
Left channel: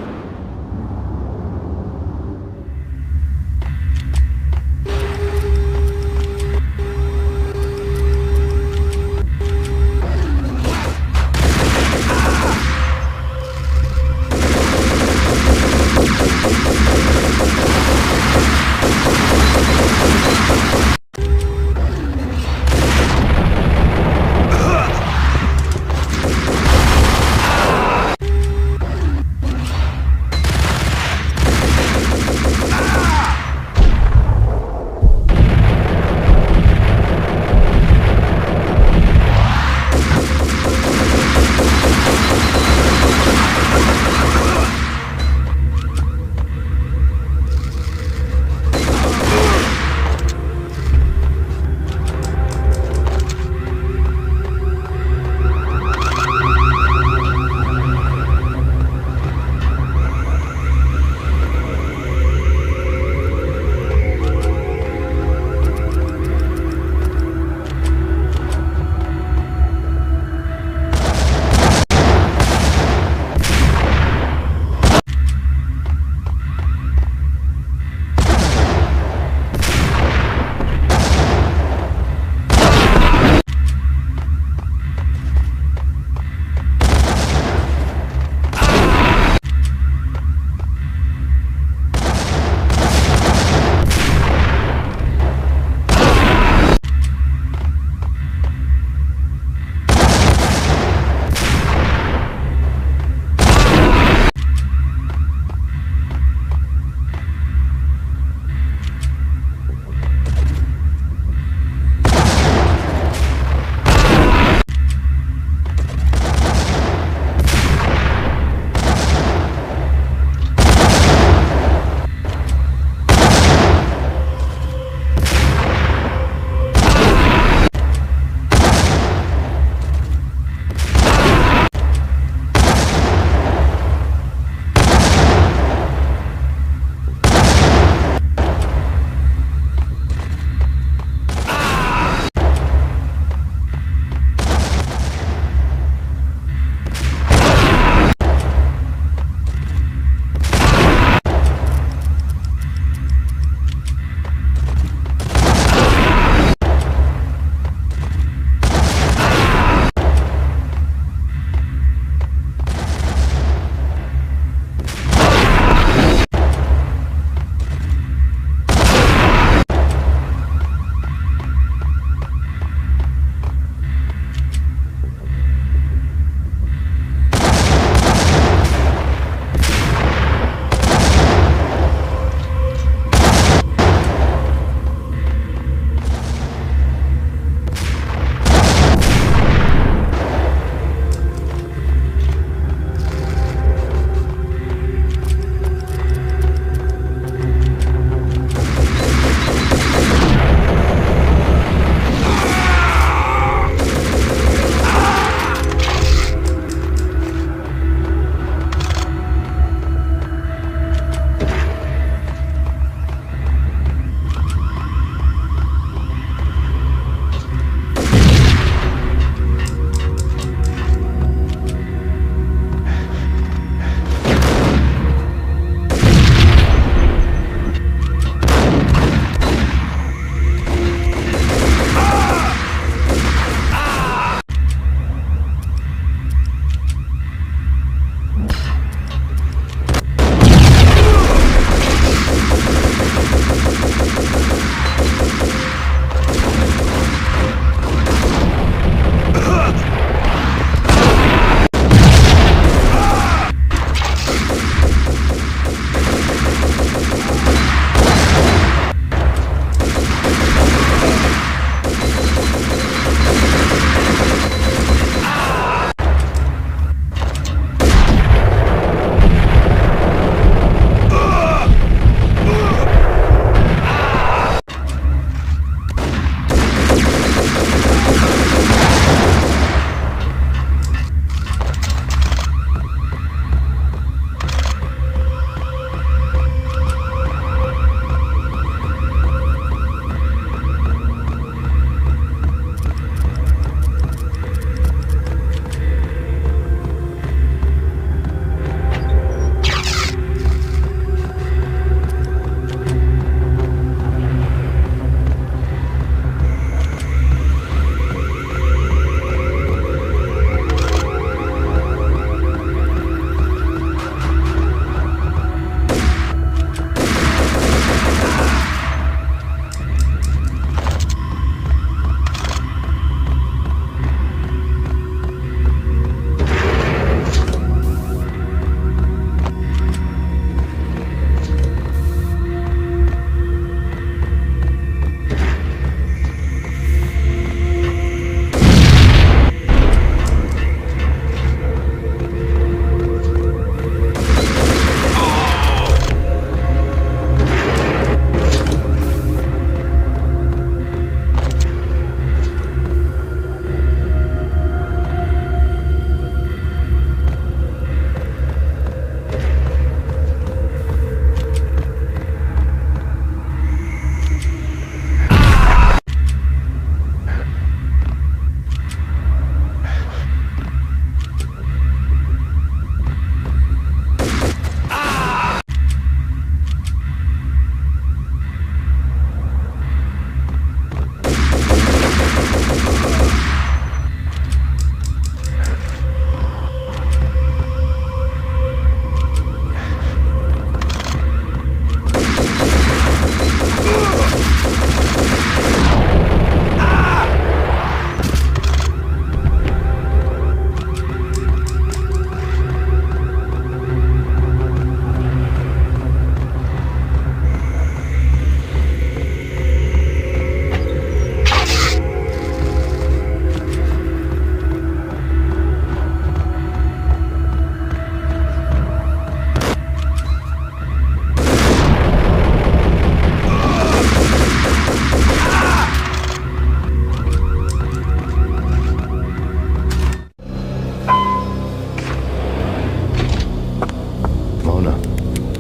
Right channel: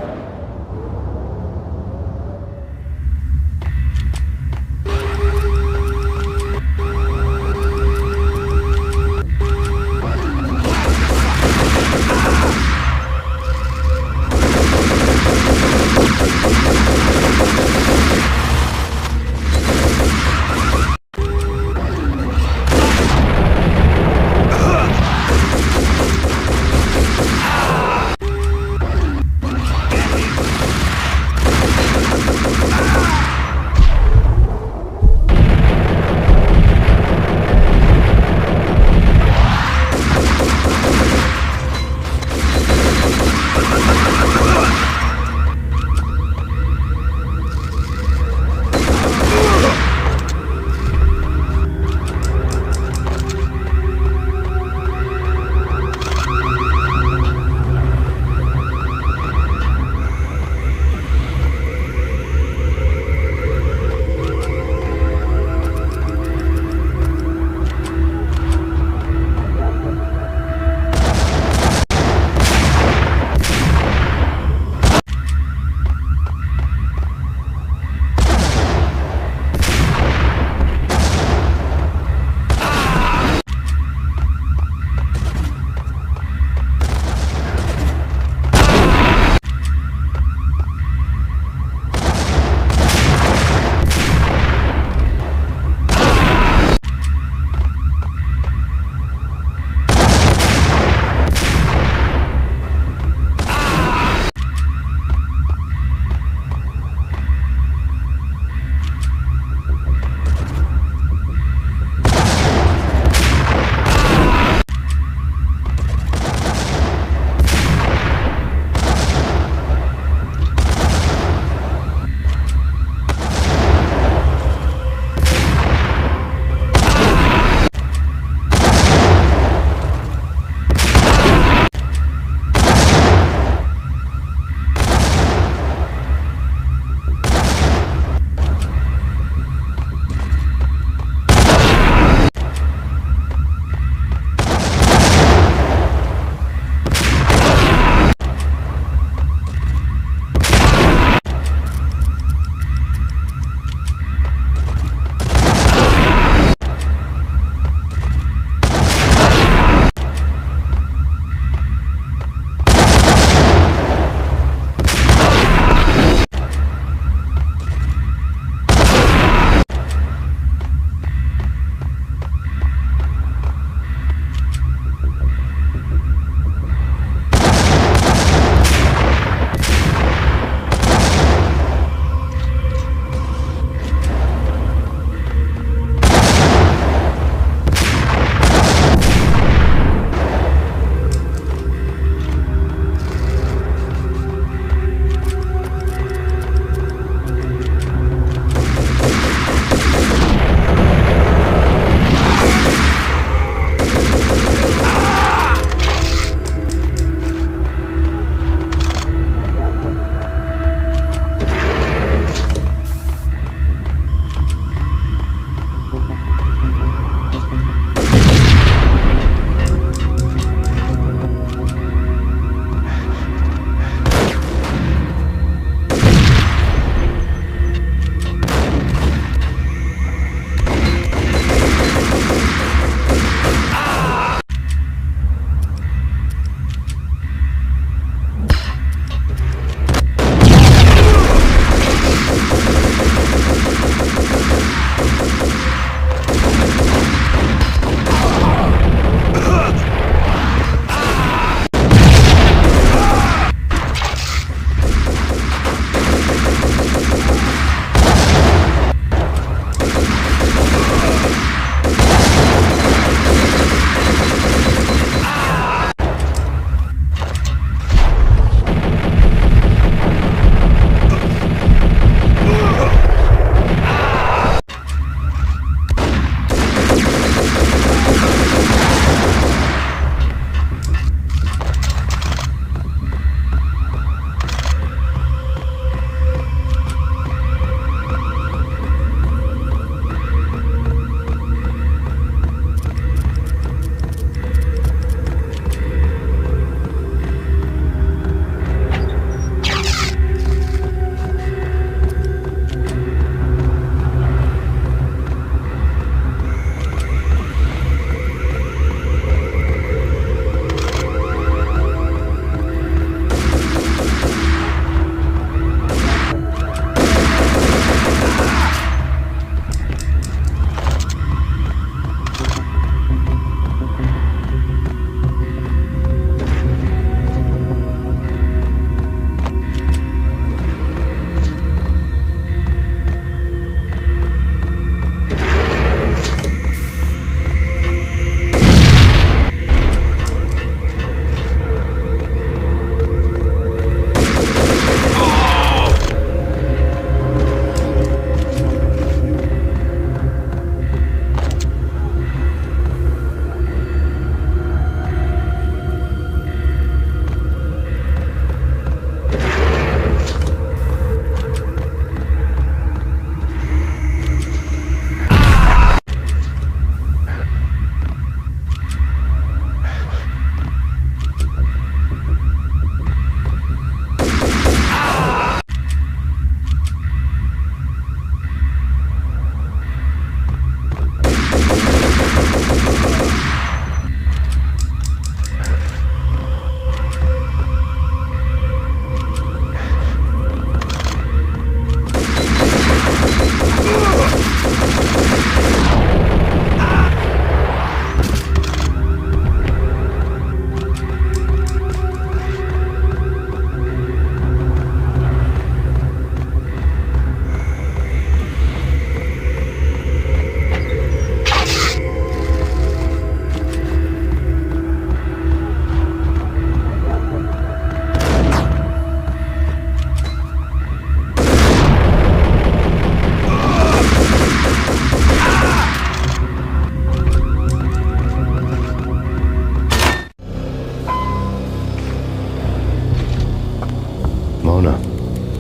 Mona.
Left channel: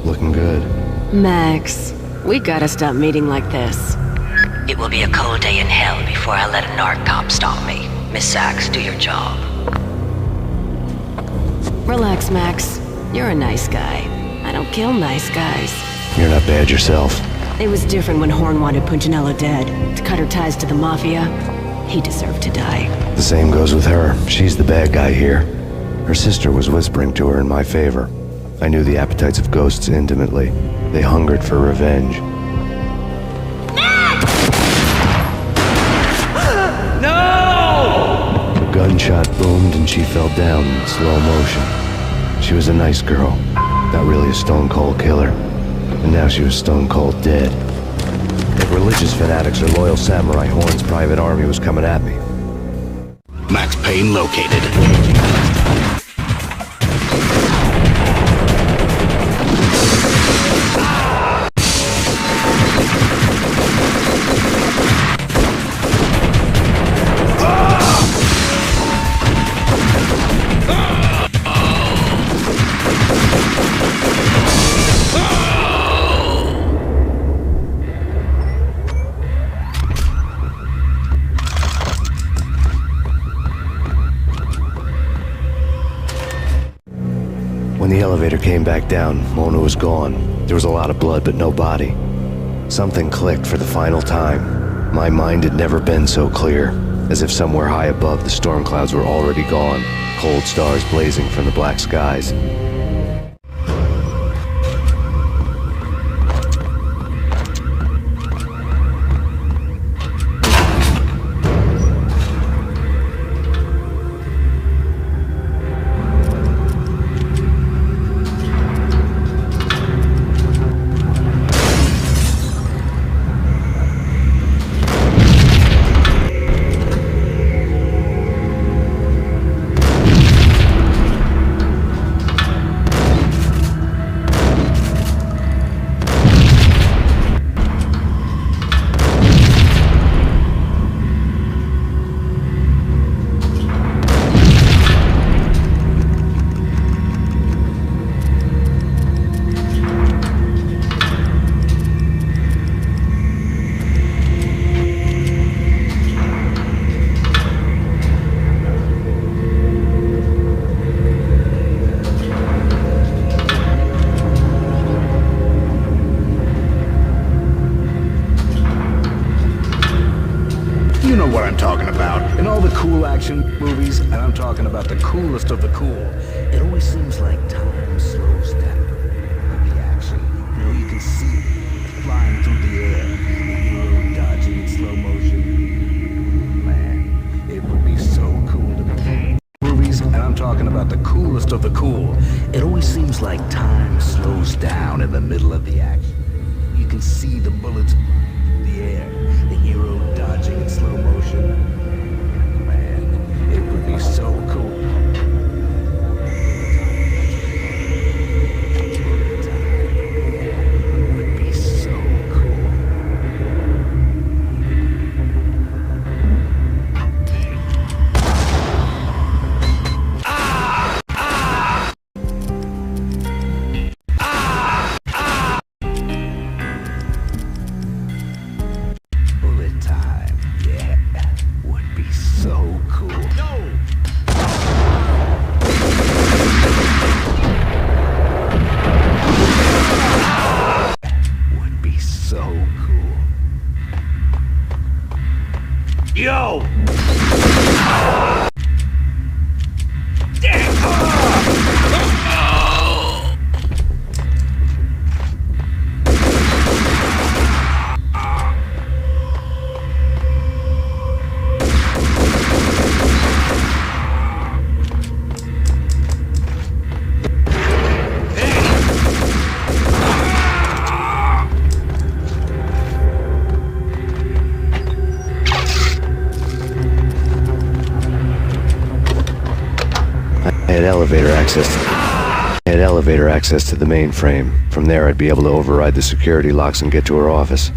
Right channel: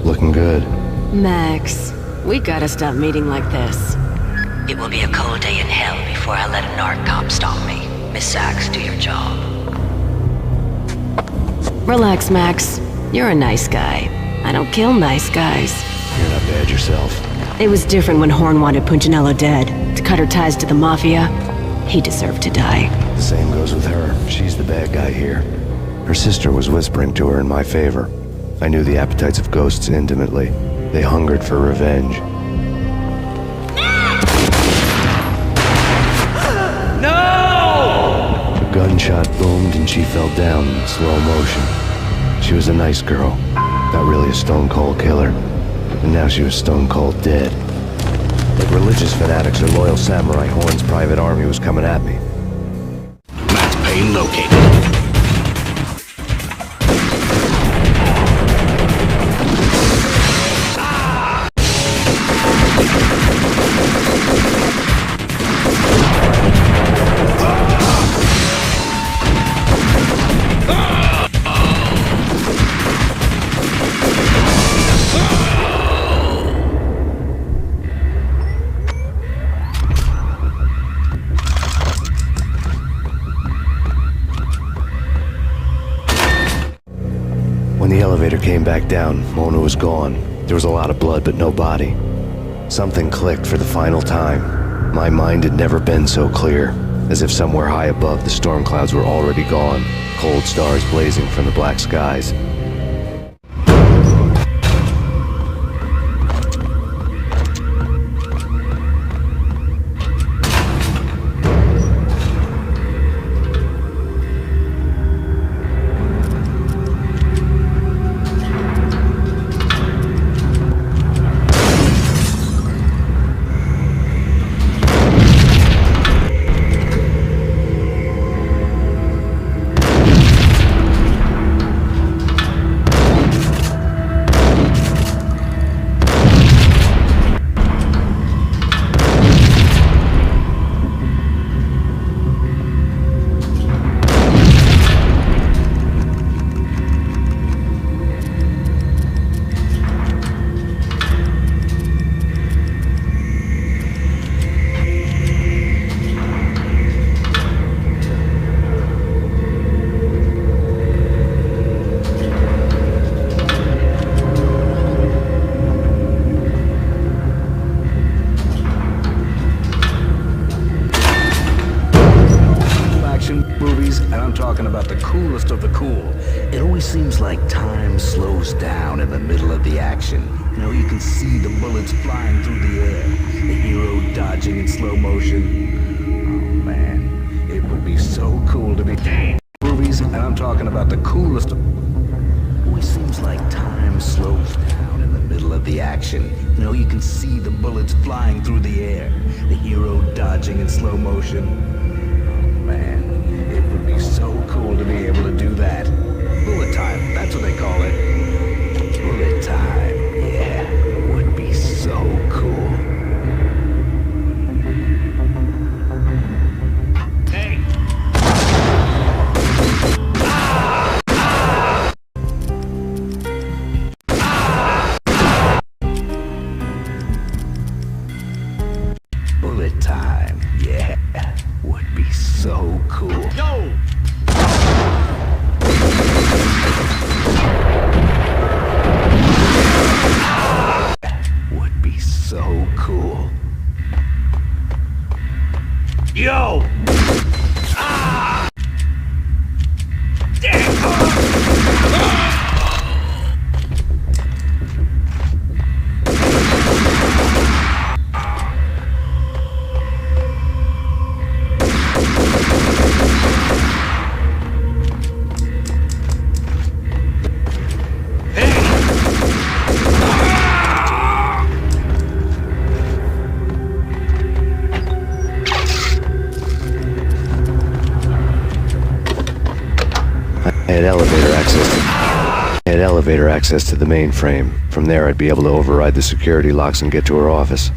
Looking good. Max, we gotta stop meeting like this. It will be a cold day in hell before I let a narc cop stop me. Miss Sachs, do your job. Relax, Max. You're a nice guy. I don't kill nice guys. You're not bad yourself. It was different when Horn wanted Punchinello dead. To cut her ties to the Mafia, he deserved to die. The same goes with her. She's the bad guy here. Her sister was whispering to her in my favor. I knew the appetites of ghosts intimately. They hungered for revenge. No! A gunshot boomed and she fell down in slow motion. She was a nice girl, not really a stone-cold killer. And now she was stone-cold dead. Like religious fanatics or loyal samurai, Horn's private army was coming at me. Max Payne located. When the elevator came back down, Mona was gone. There was a lot of blood, but no body. Something clicked for the final time. My mind had never been so clear, as if somewhere high above the storm clouds were already gone, cold stars blazing from the black skies. Movies, and I'm talking about the coolest of the cool. It always seems like time slows down in the middle of the action. You know, you can see the bullets flying through the air, the hero dodging in slow motion. Oh man, it would be so cool to be movies, and I'm talking about the coolest of the cool. It always seems like time slows down in the middle of the action. You know, you can see the bullets flying through the air, the hero dodging in slow motion. It would be so cool to be able to do that. Bullet time, that's what they call it. Bullet time, yeah, would be so cool. Hey! Ah! Ah! Ah! Ah! Bullet time, yeah, would be so cool. Yo! Would be so cool. Yo! Ah! Damn! I had elevator access to the mainframe. From there, I'd be able to override the security locks and get to her office.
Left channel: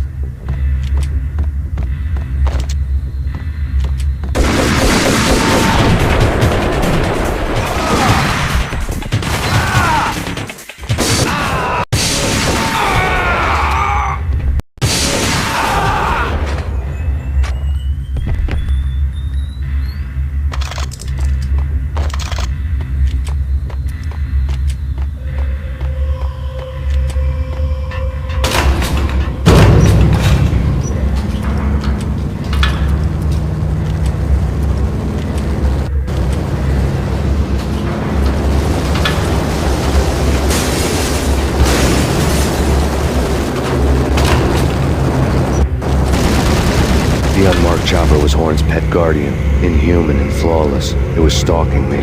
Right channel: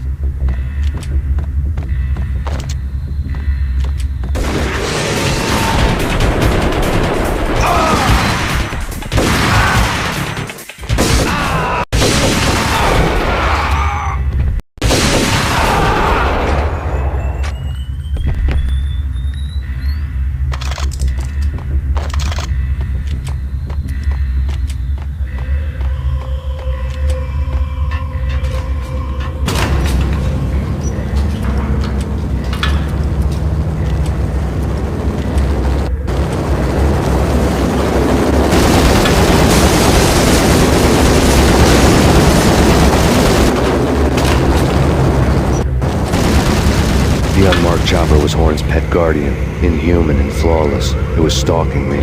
Chopper was Horn's pet guardian, inhuman and flawless. It was stalking me.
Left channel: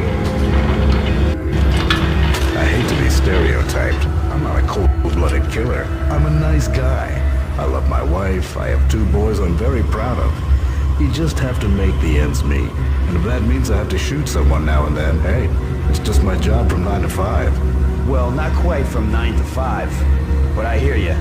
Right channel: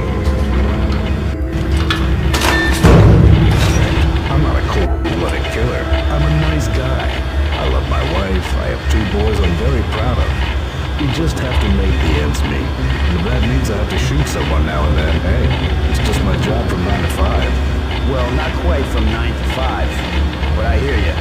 Stereotyped. I'm not a cold-blooded killer. I'm a nice guy. I love my wife. I have 2 boys I'm very proud of. You just have to make the ends meet. And if that means I have to shoot someone now and then, hey, it's just my job from 9 to 5. Well, not quite from 9 to 5, but I hear you.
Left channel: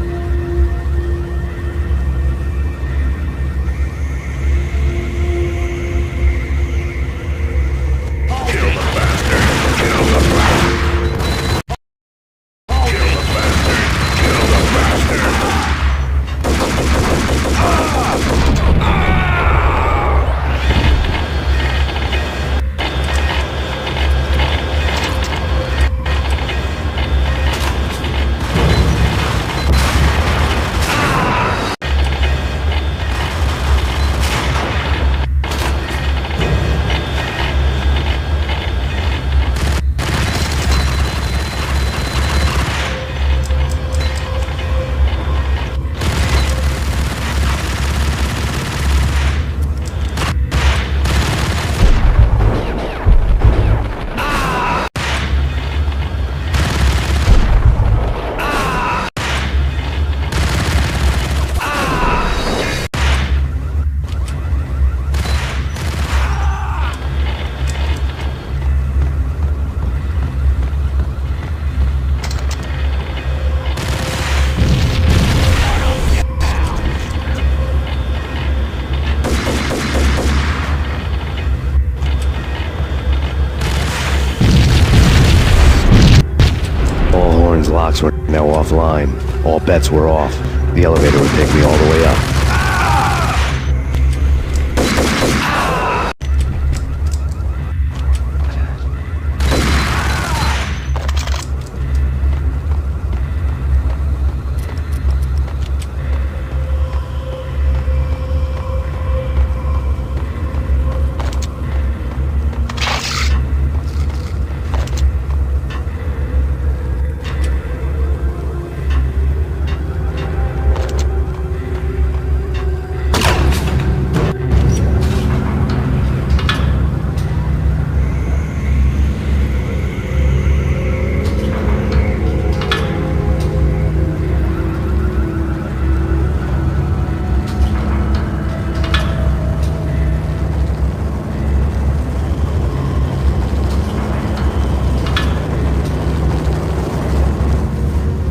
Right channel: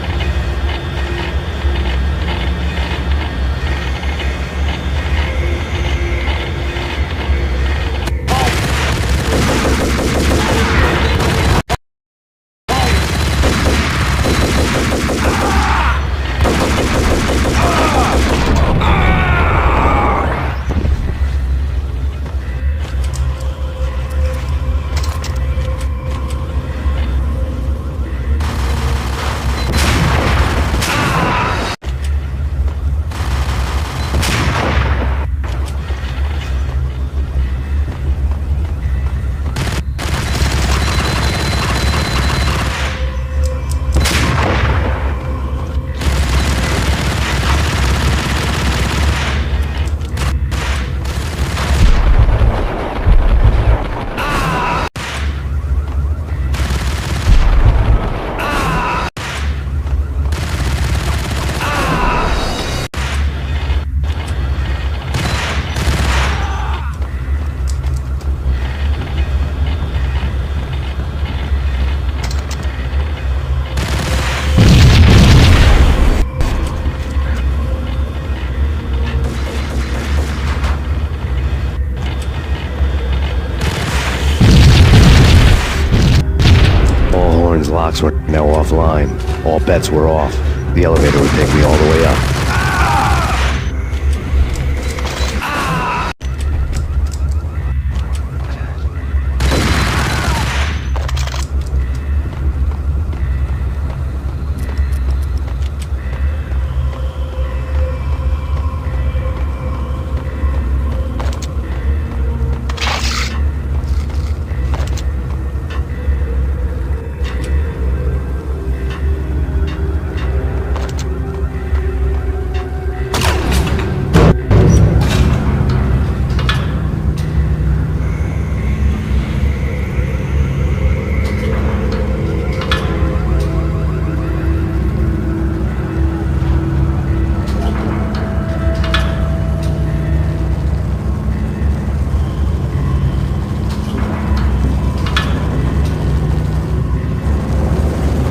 Locks were now offline. All bets were off. The elevator would take me all the way up.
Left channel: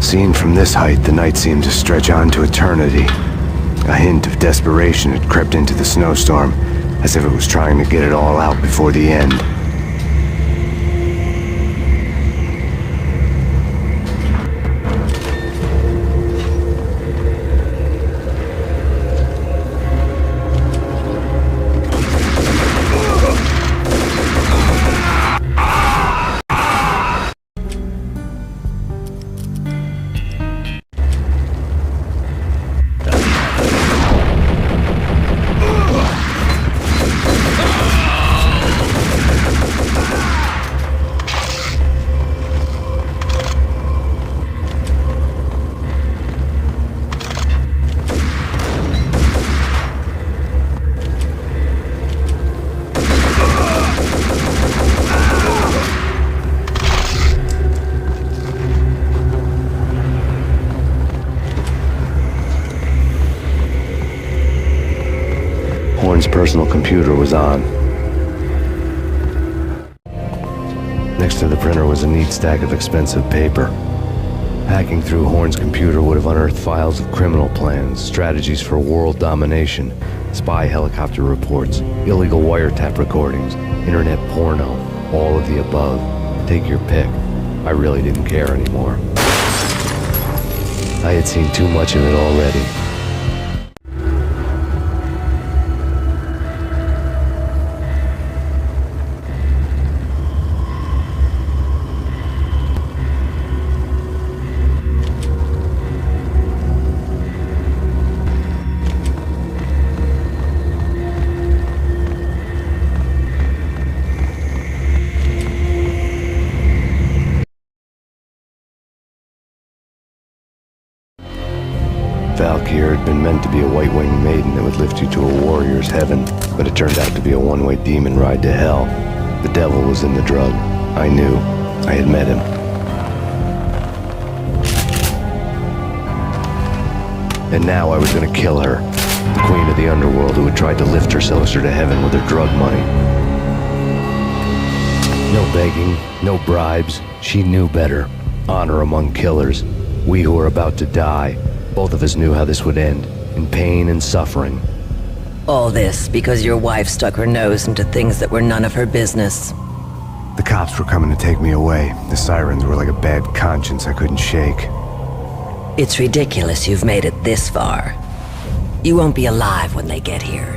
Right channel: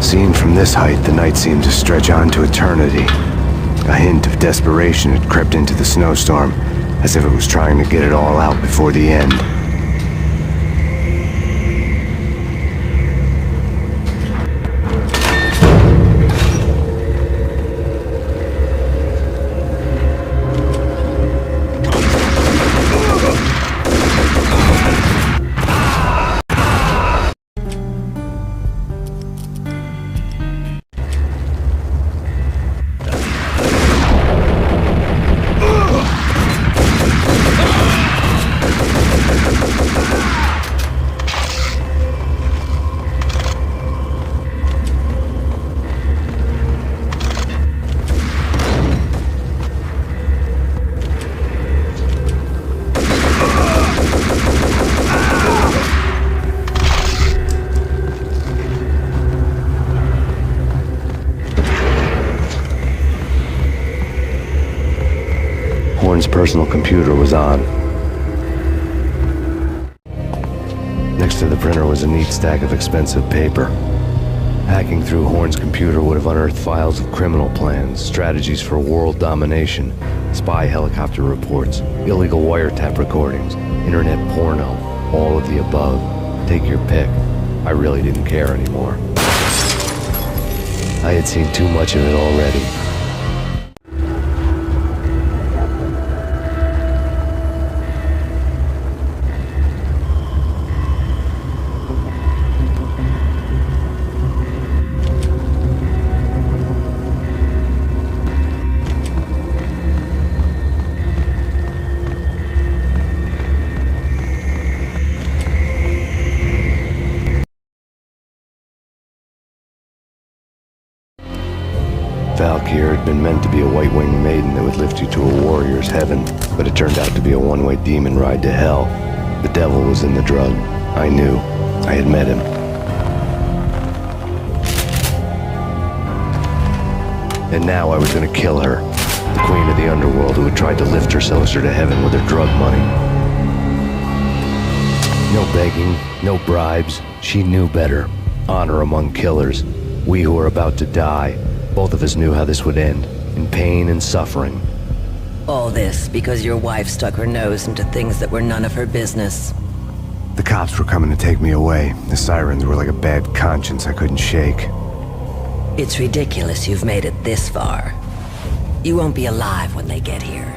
Seen from this height, the night seemed to stretch on to eternity. A hint of desperation had crept into the snowstorm, as if it was trying to get it all out before the end. Horn's personal computer was on. Next to the printer was a neat stack of expensive paper. Hacking through Horn's computer would have unearthed files of criminal plans, strategies for world domination, spy helicopter reports, illegal wiretap recordings, internet porno, all of the above. Take your pick. I really didn't care anymore. I had seen too much of it already. Valkyr had been meant to be a white-winged maiden that would lift you to a warrior's heaven, but it turned out to be a one-way demon ride to hell. The devil was in the drug. I knew. I had met him. And now I was gonna kill her. The queen of the underworld who had tried to lift herself closer to heaven with her drug money. No begging, no bribes. She knew better. Honor among killers. We who were about to die. Both of us knew how this would end. In pain and suffering. All this because your wife stuck her nose into things that were none of her business. The cops were coming to take me away. The sirens were like a bad conscience I couldn't shake. It's ridiculous you've made it this far. You won't be alive when they get here.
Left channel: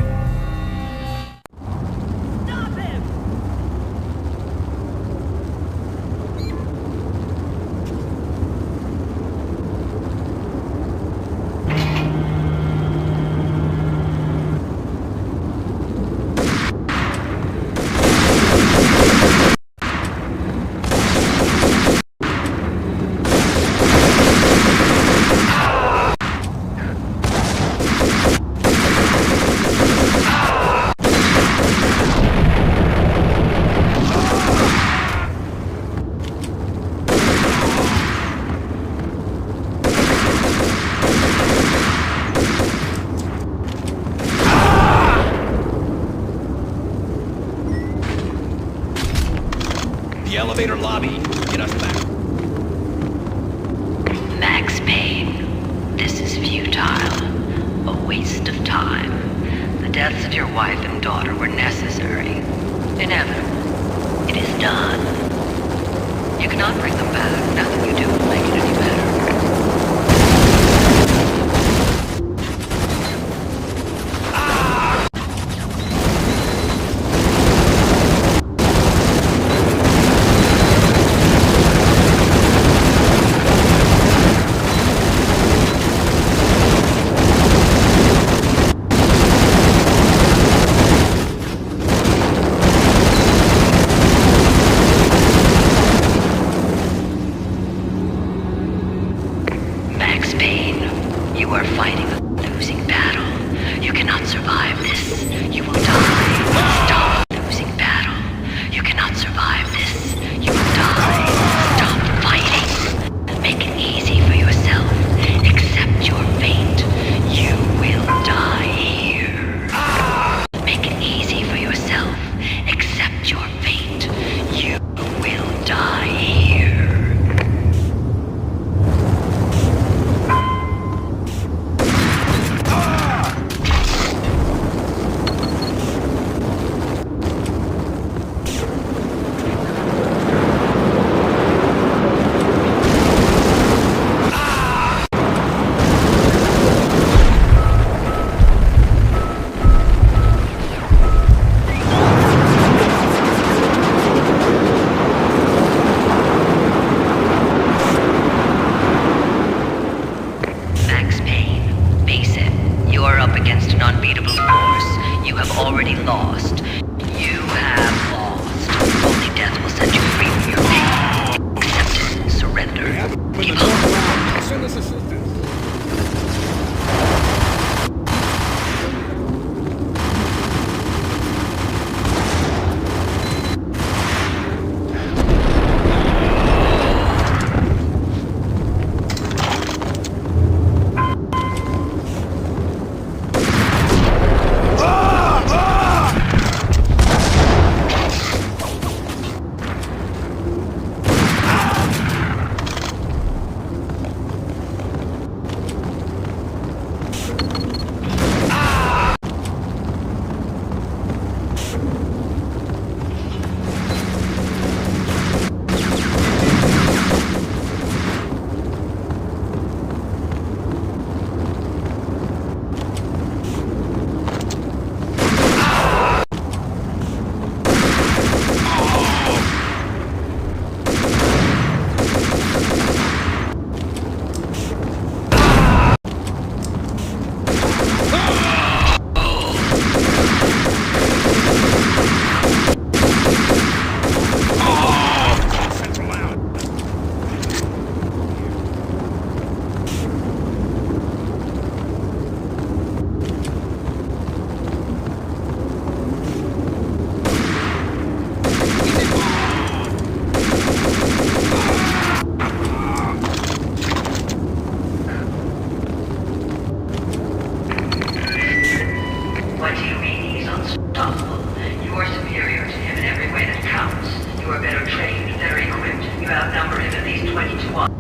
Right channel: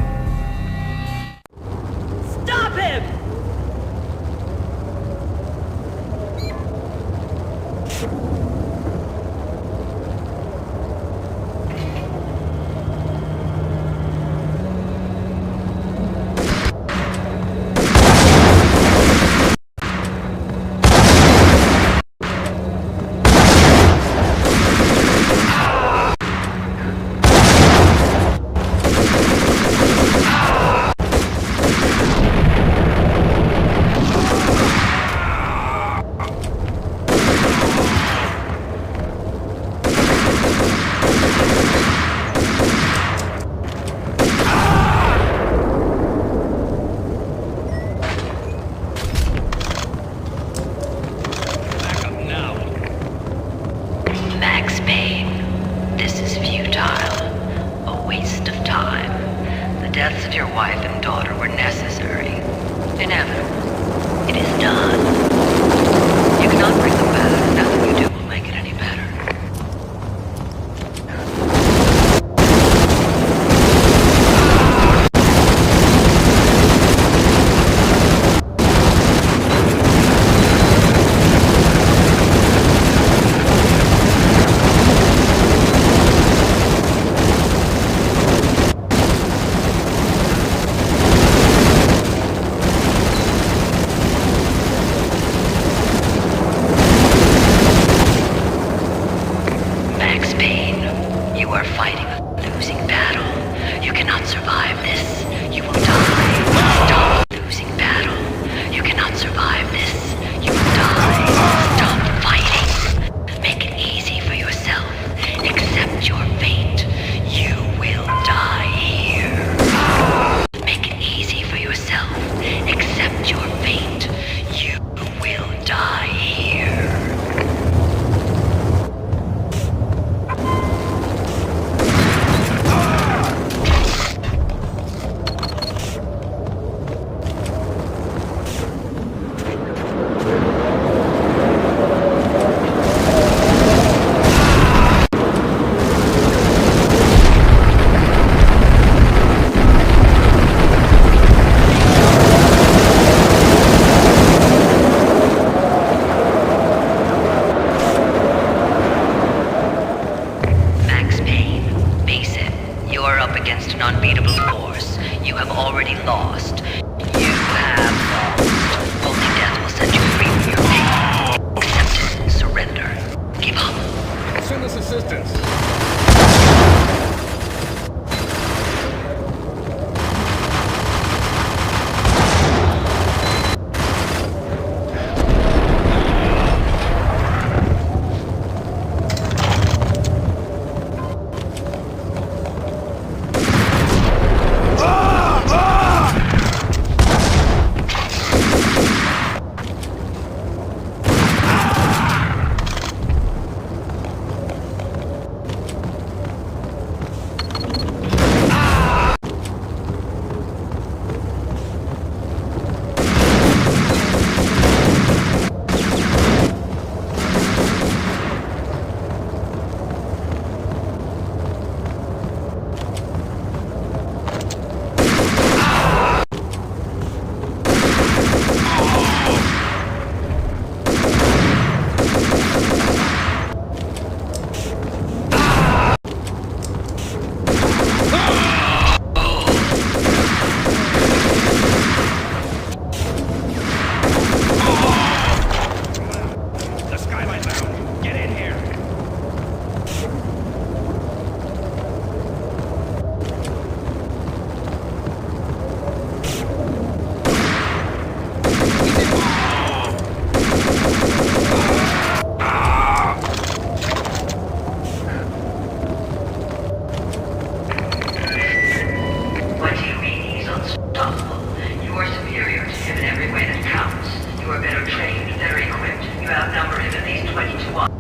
Stop him! Max Payne, this is futile. A waste of time. The deaths of your wife and daughter were necessary. Inevitable. It is done. You cannot bring them back. Nothing you do will make it any better.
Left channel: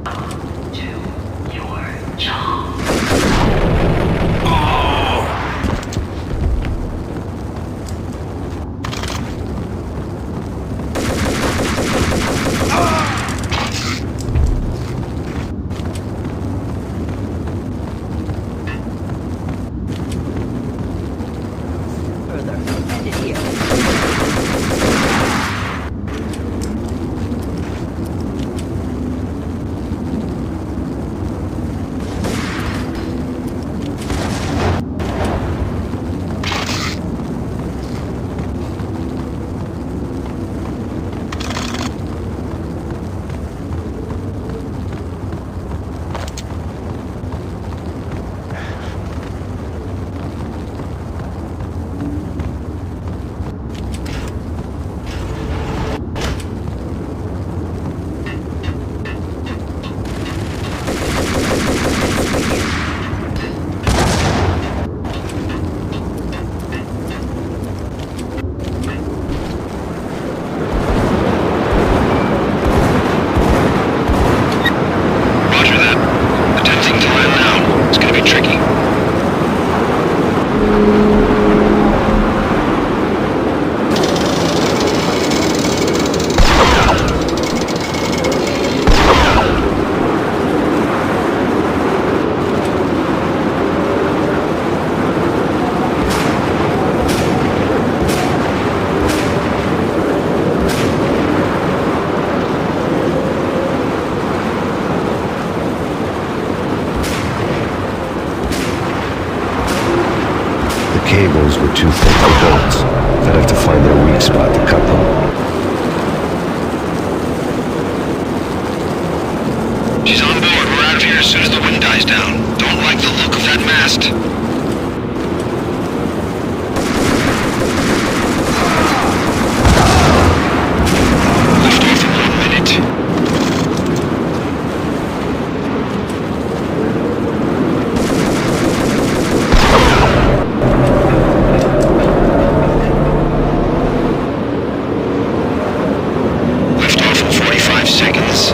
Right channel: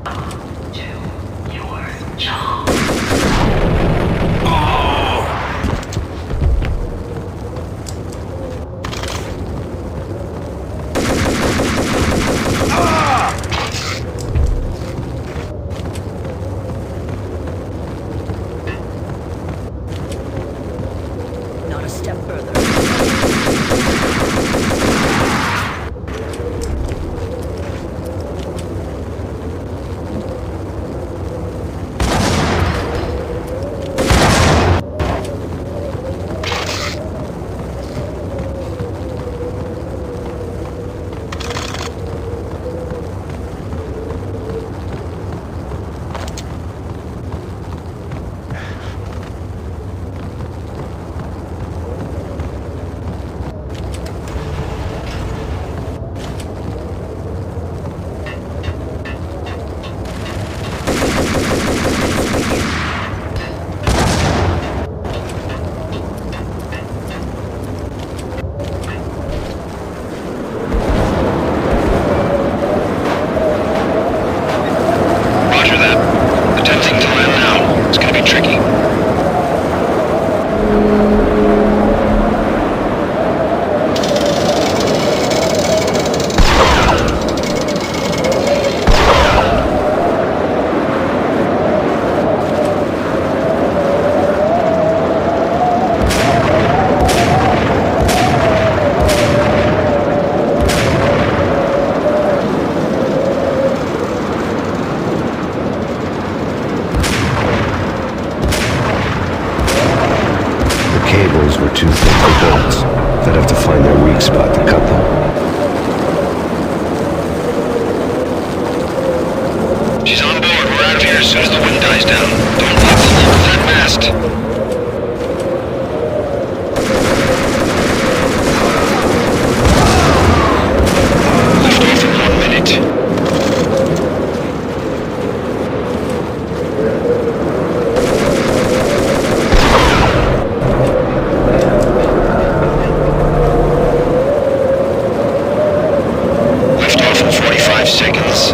Not a step further. Roger that. Attempting to land now. It's gonna be tricky. The cables were too thick for bolts. I'd have to find their weak spot to cut them. She's on board. We're out of here as soon as the wind dies down. Don't like the look of that mast. Lift off in 1 minute. Lift off in 45 seconds.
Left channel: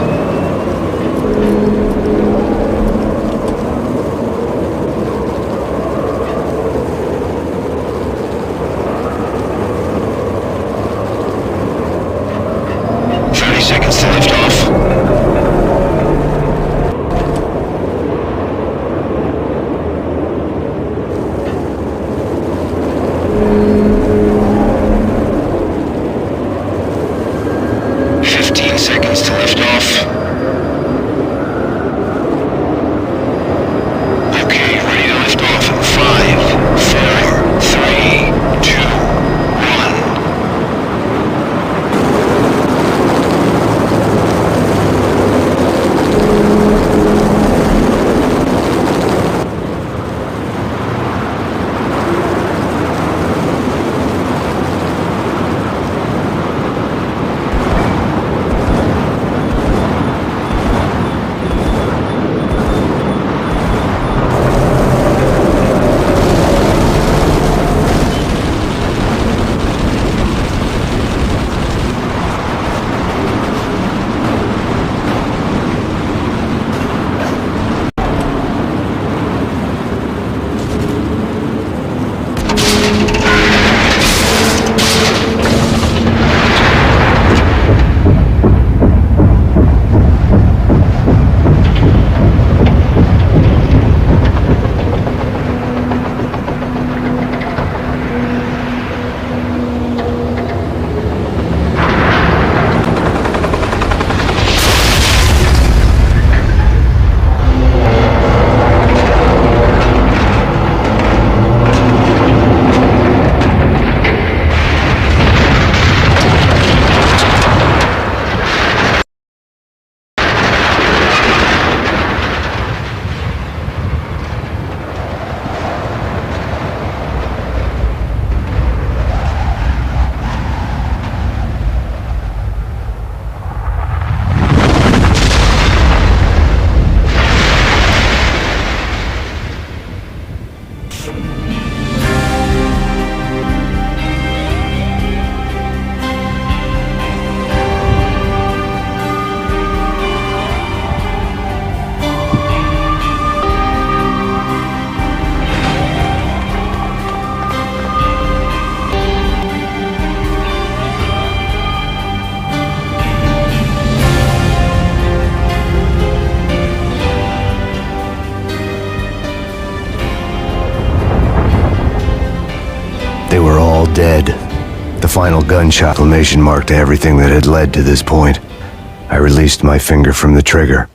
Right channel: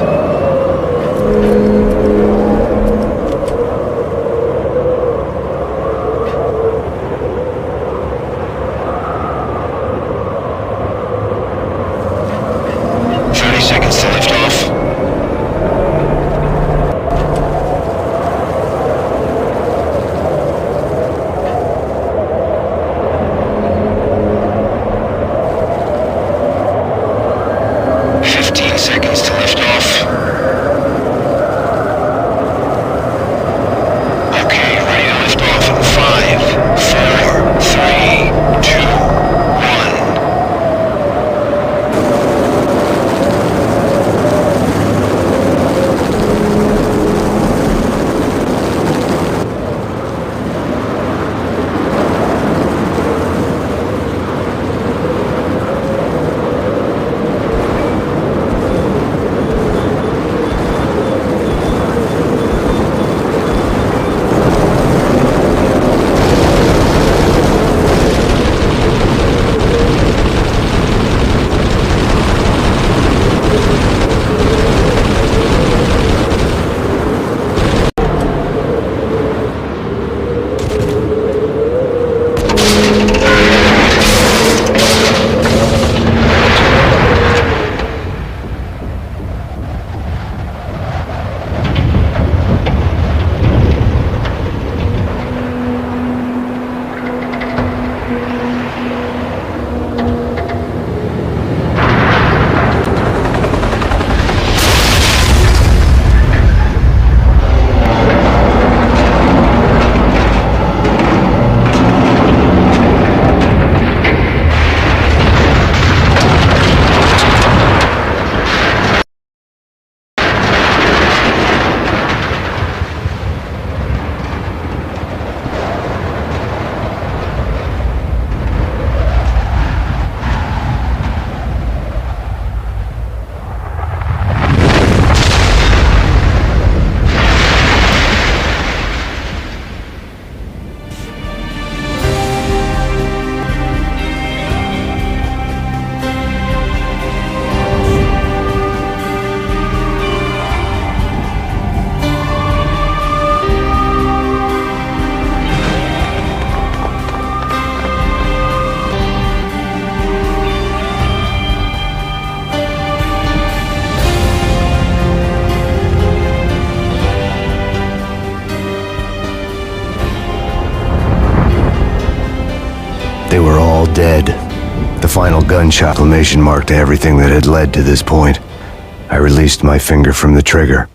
dead. The final gunshot exclamation mark to everything that had led to this point. I released my finger from the trigger.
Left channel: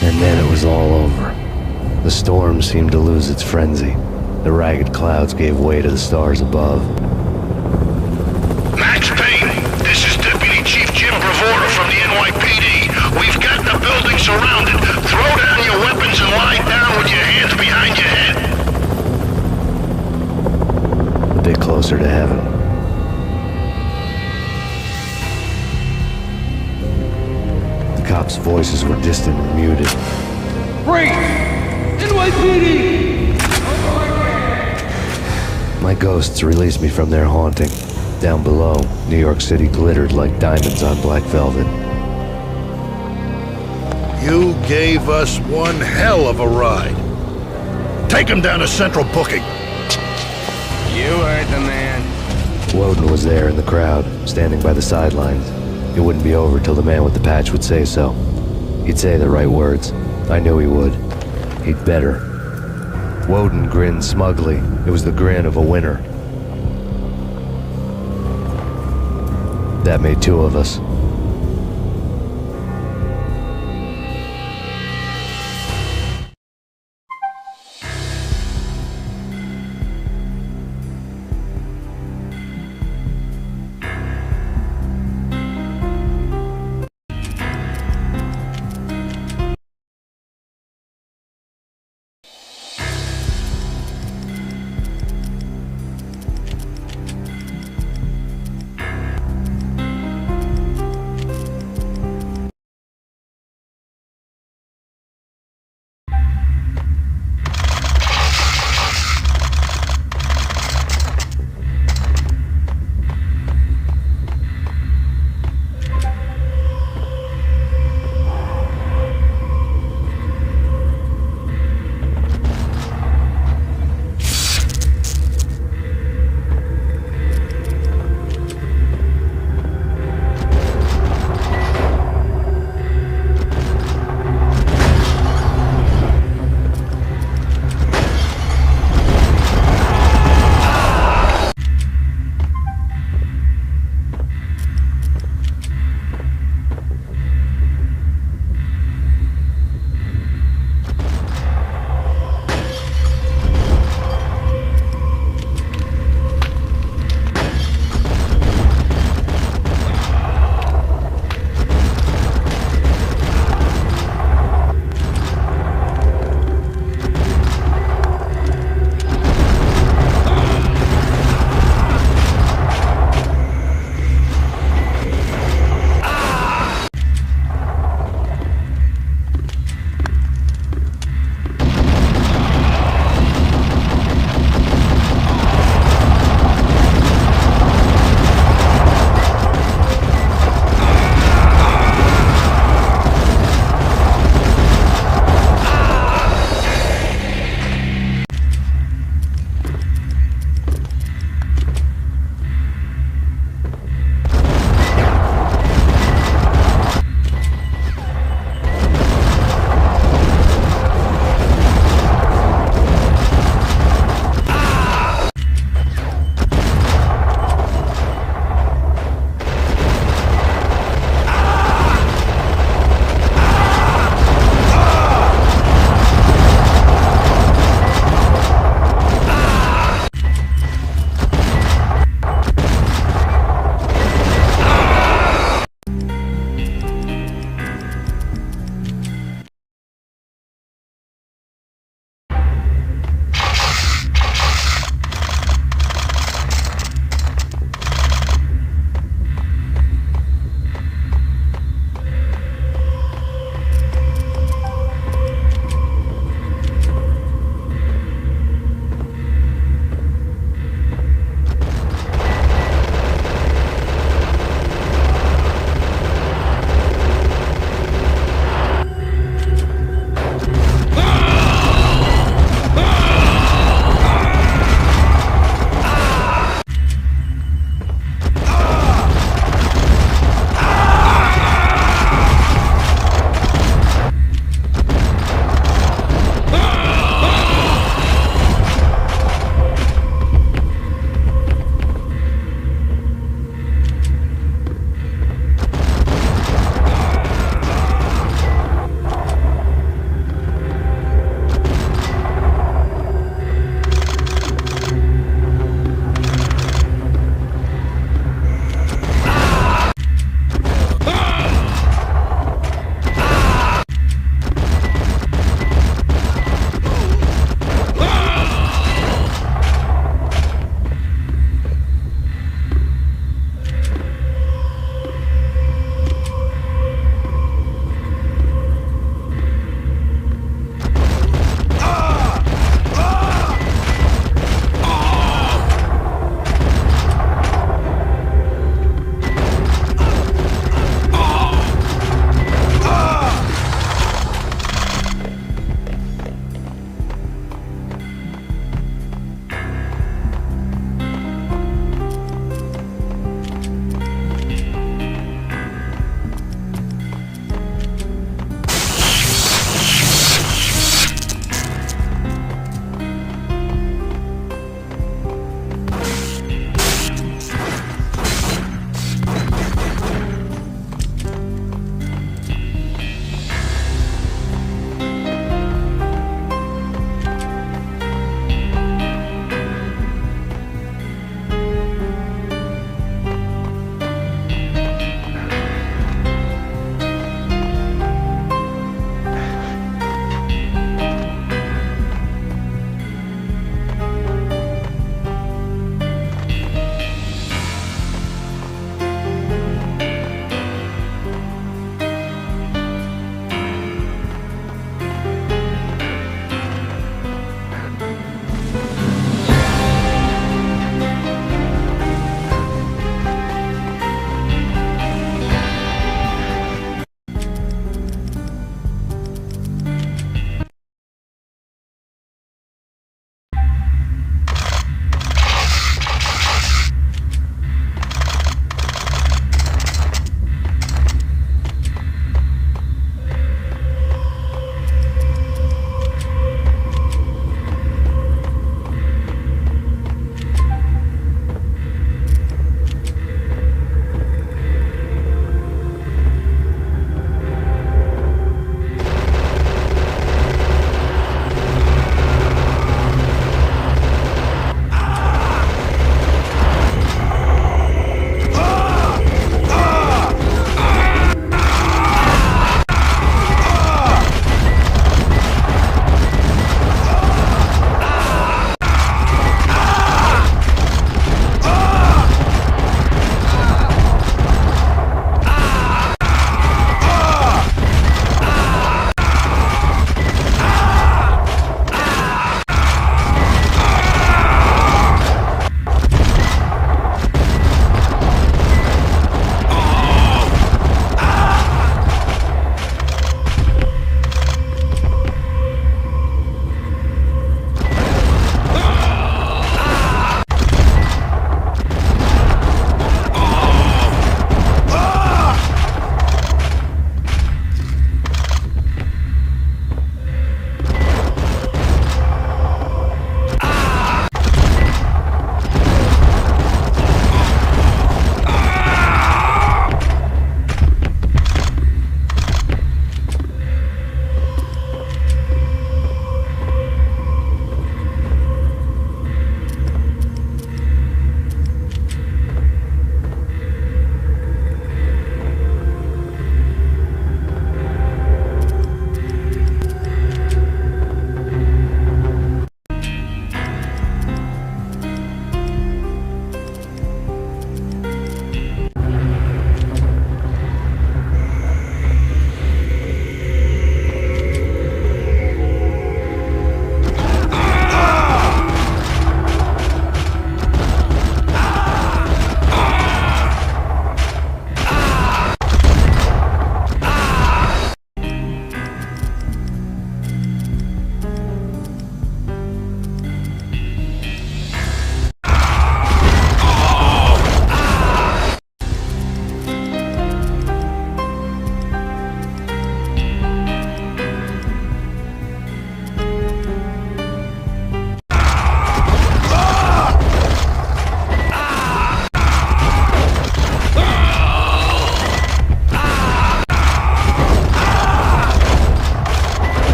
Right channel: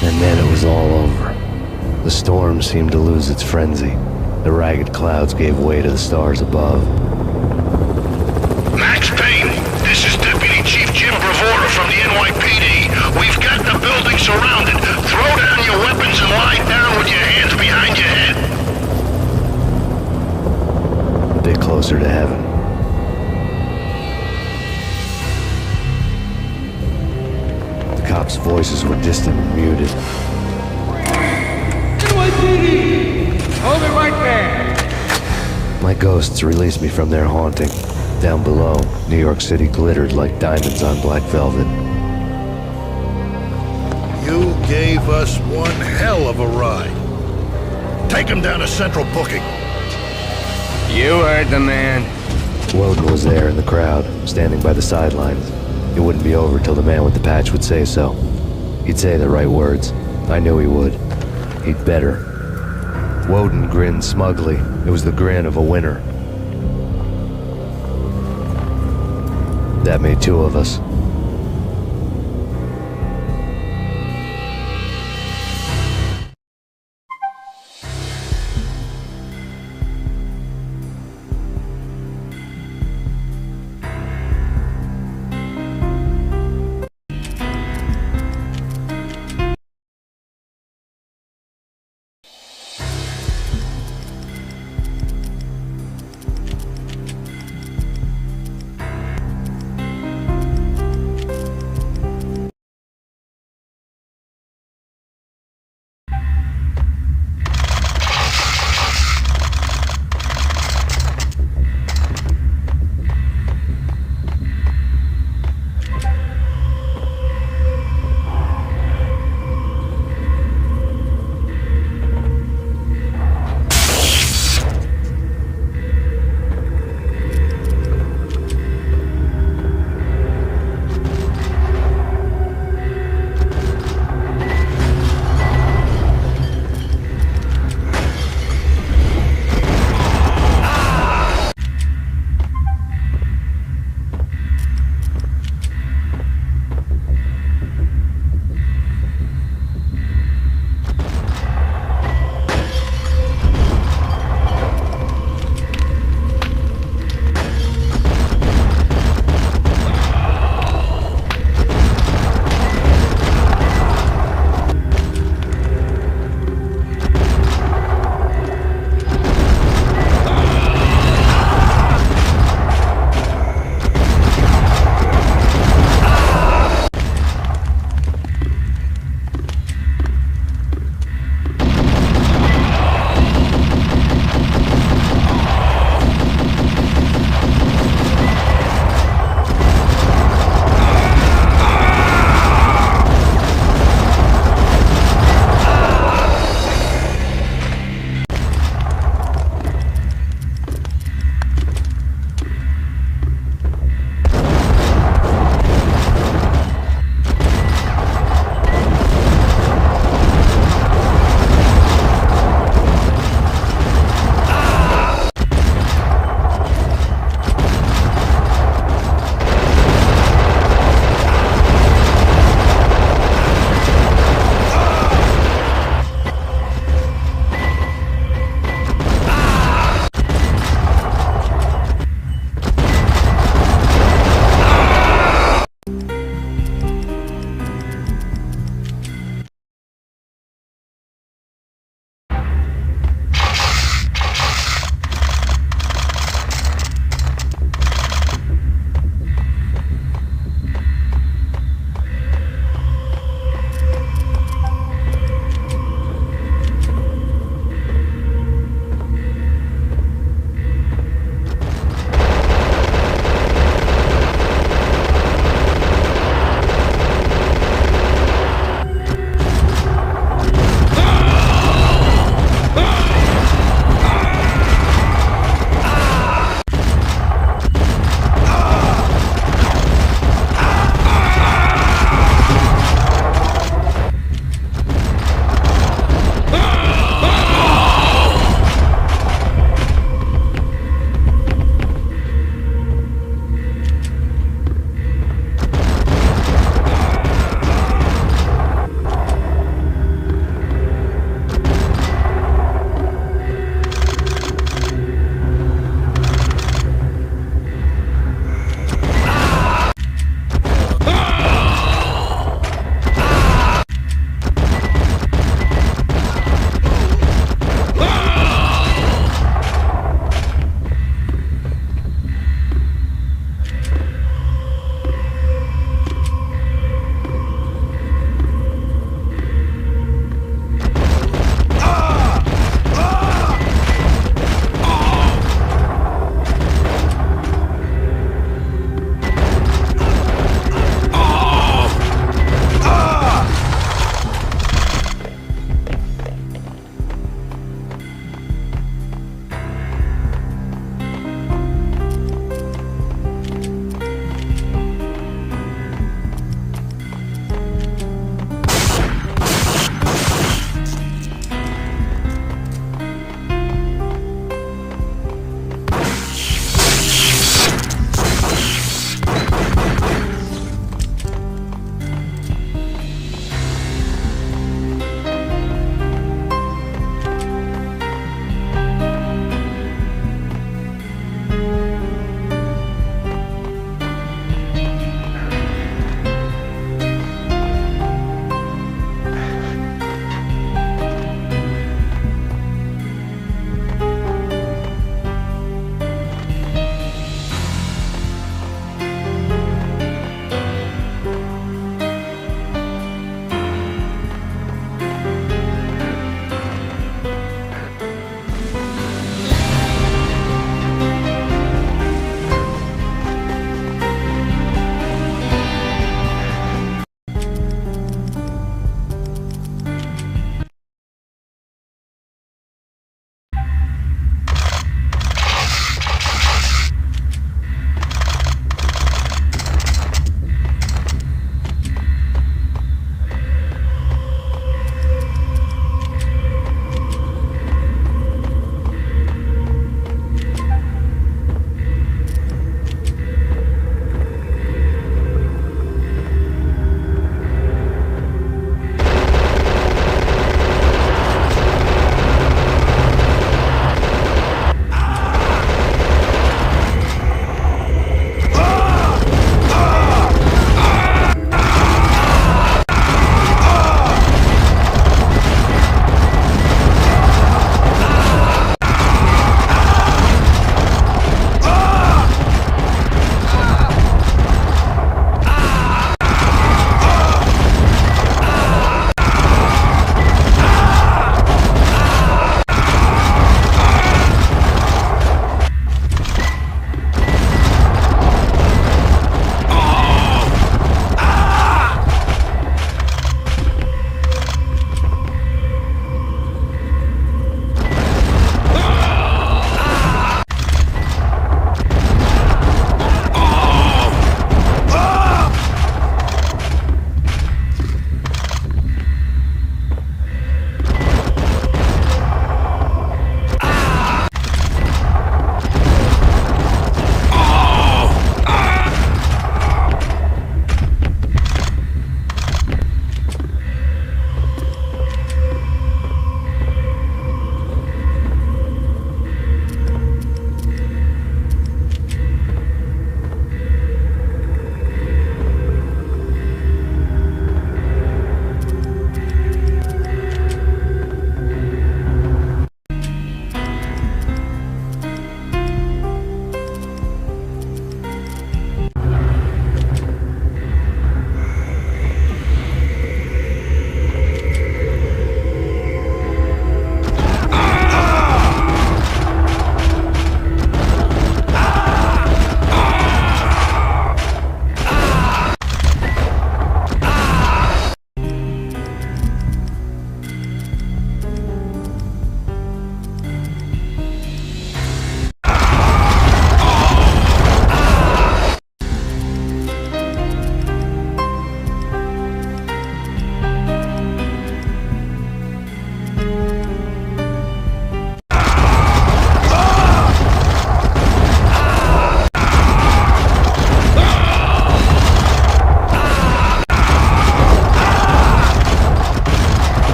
And then it was all over. The storm seemed to lose its frenzy. The ragged clouds gave way to the stars above. Max Payne, this is Deputy Chief Jim Bravura from the NYPD. We've got the building surrounded. Throw down your weapons and lie down with your hands behind your head. A bit closer to heaven. The cops' voices were distant and muted. Freeze! NYPD! Hold it right there! My ghosts released me from their haunting. Down below, New York City glittered like diamonds on black velvet. You gave us one hell of a ride. Take him down to Central Booking. You heard the man. Woden was there in the crowd, standing by the sidelines. It wouldn't be over till the man with the patch would say so. He'd say the right words. I knew he would. He'd better. Woden grinned smugly. It was the grin of a winner. That made two of us.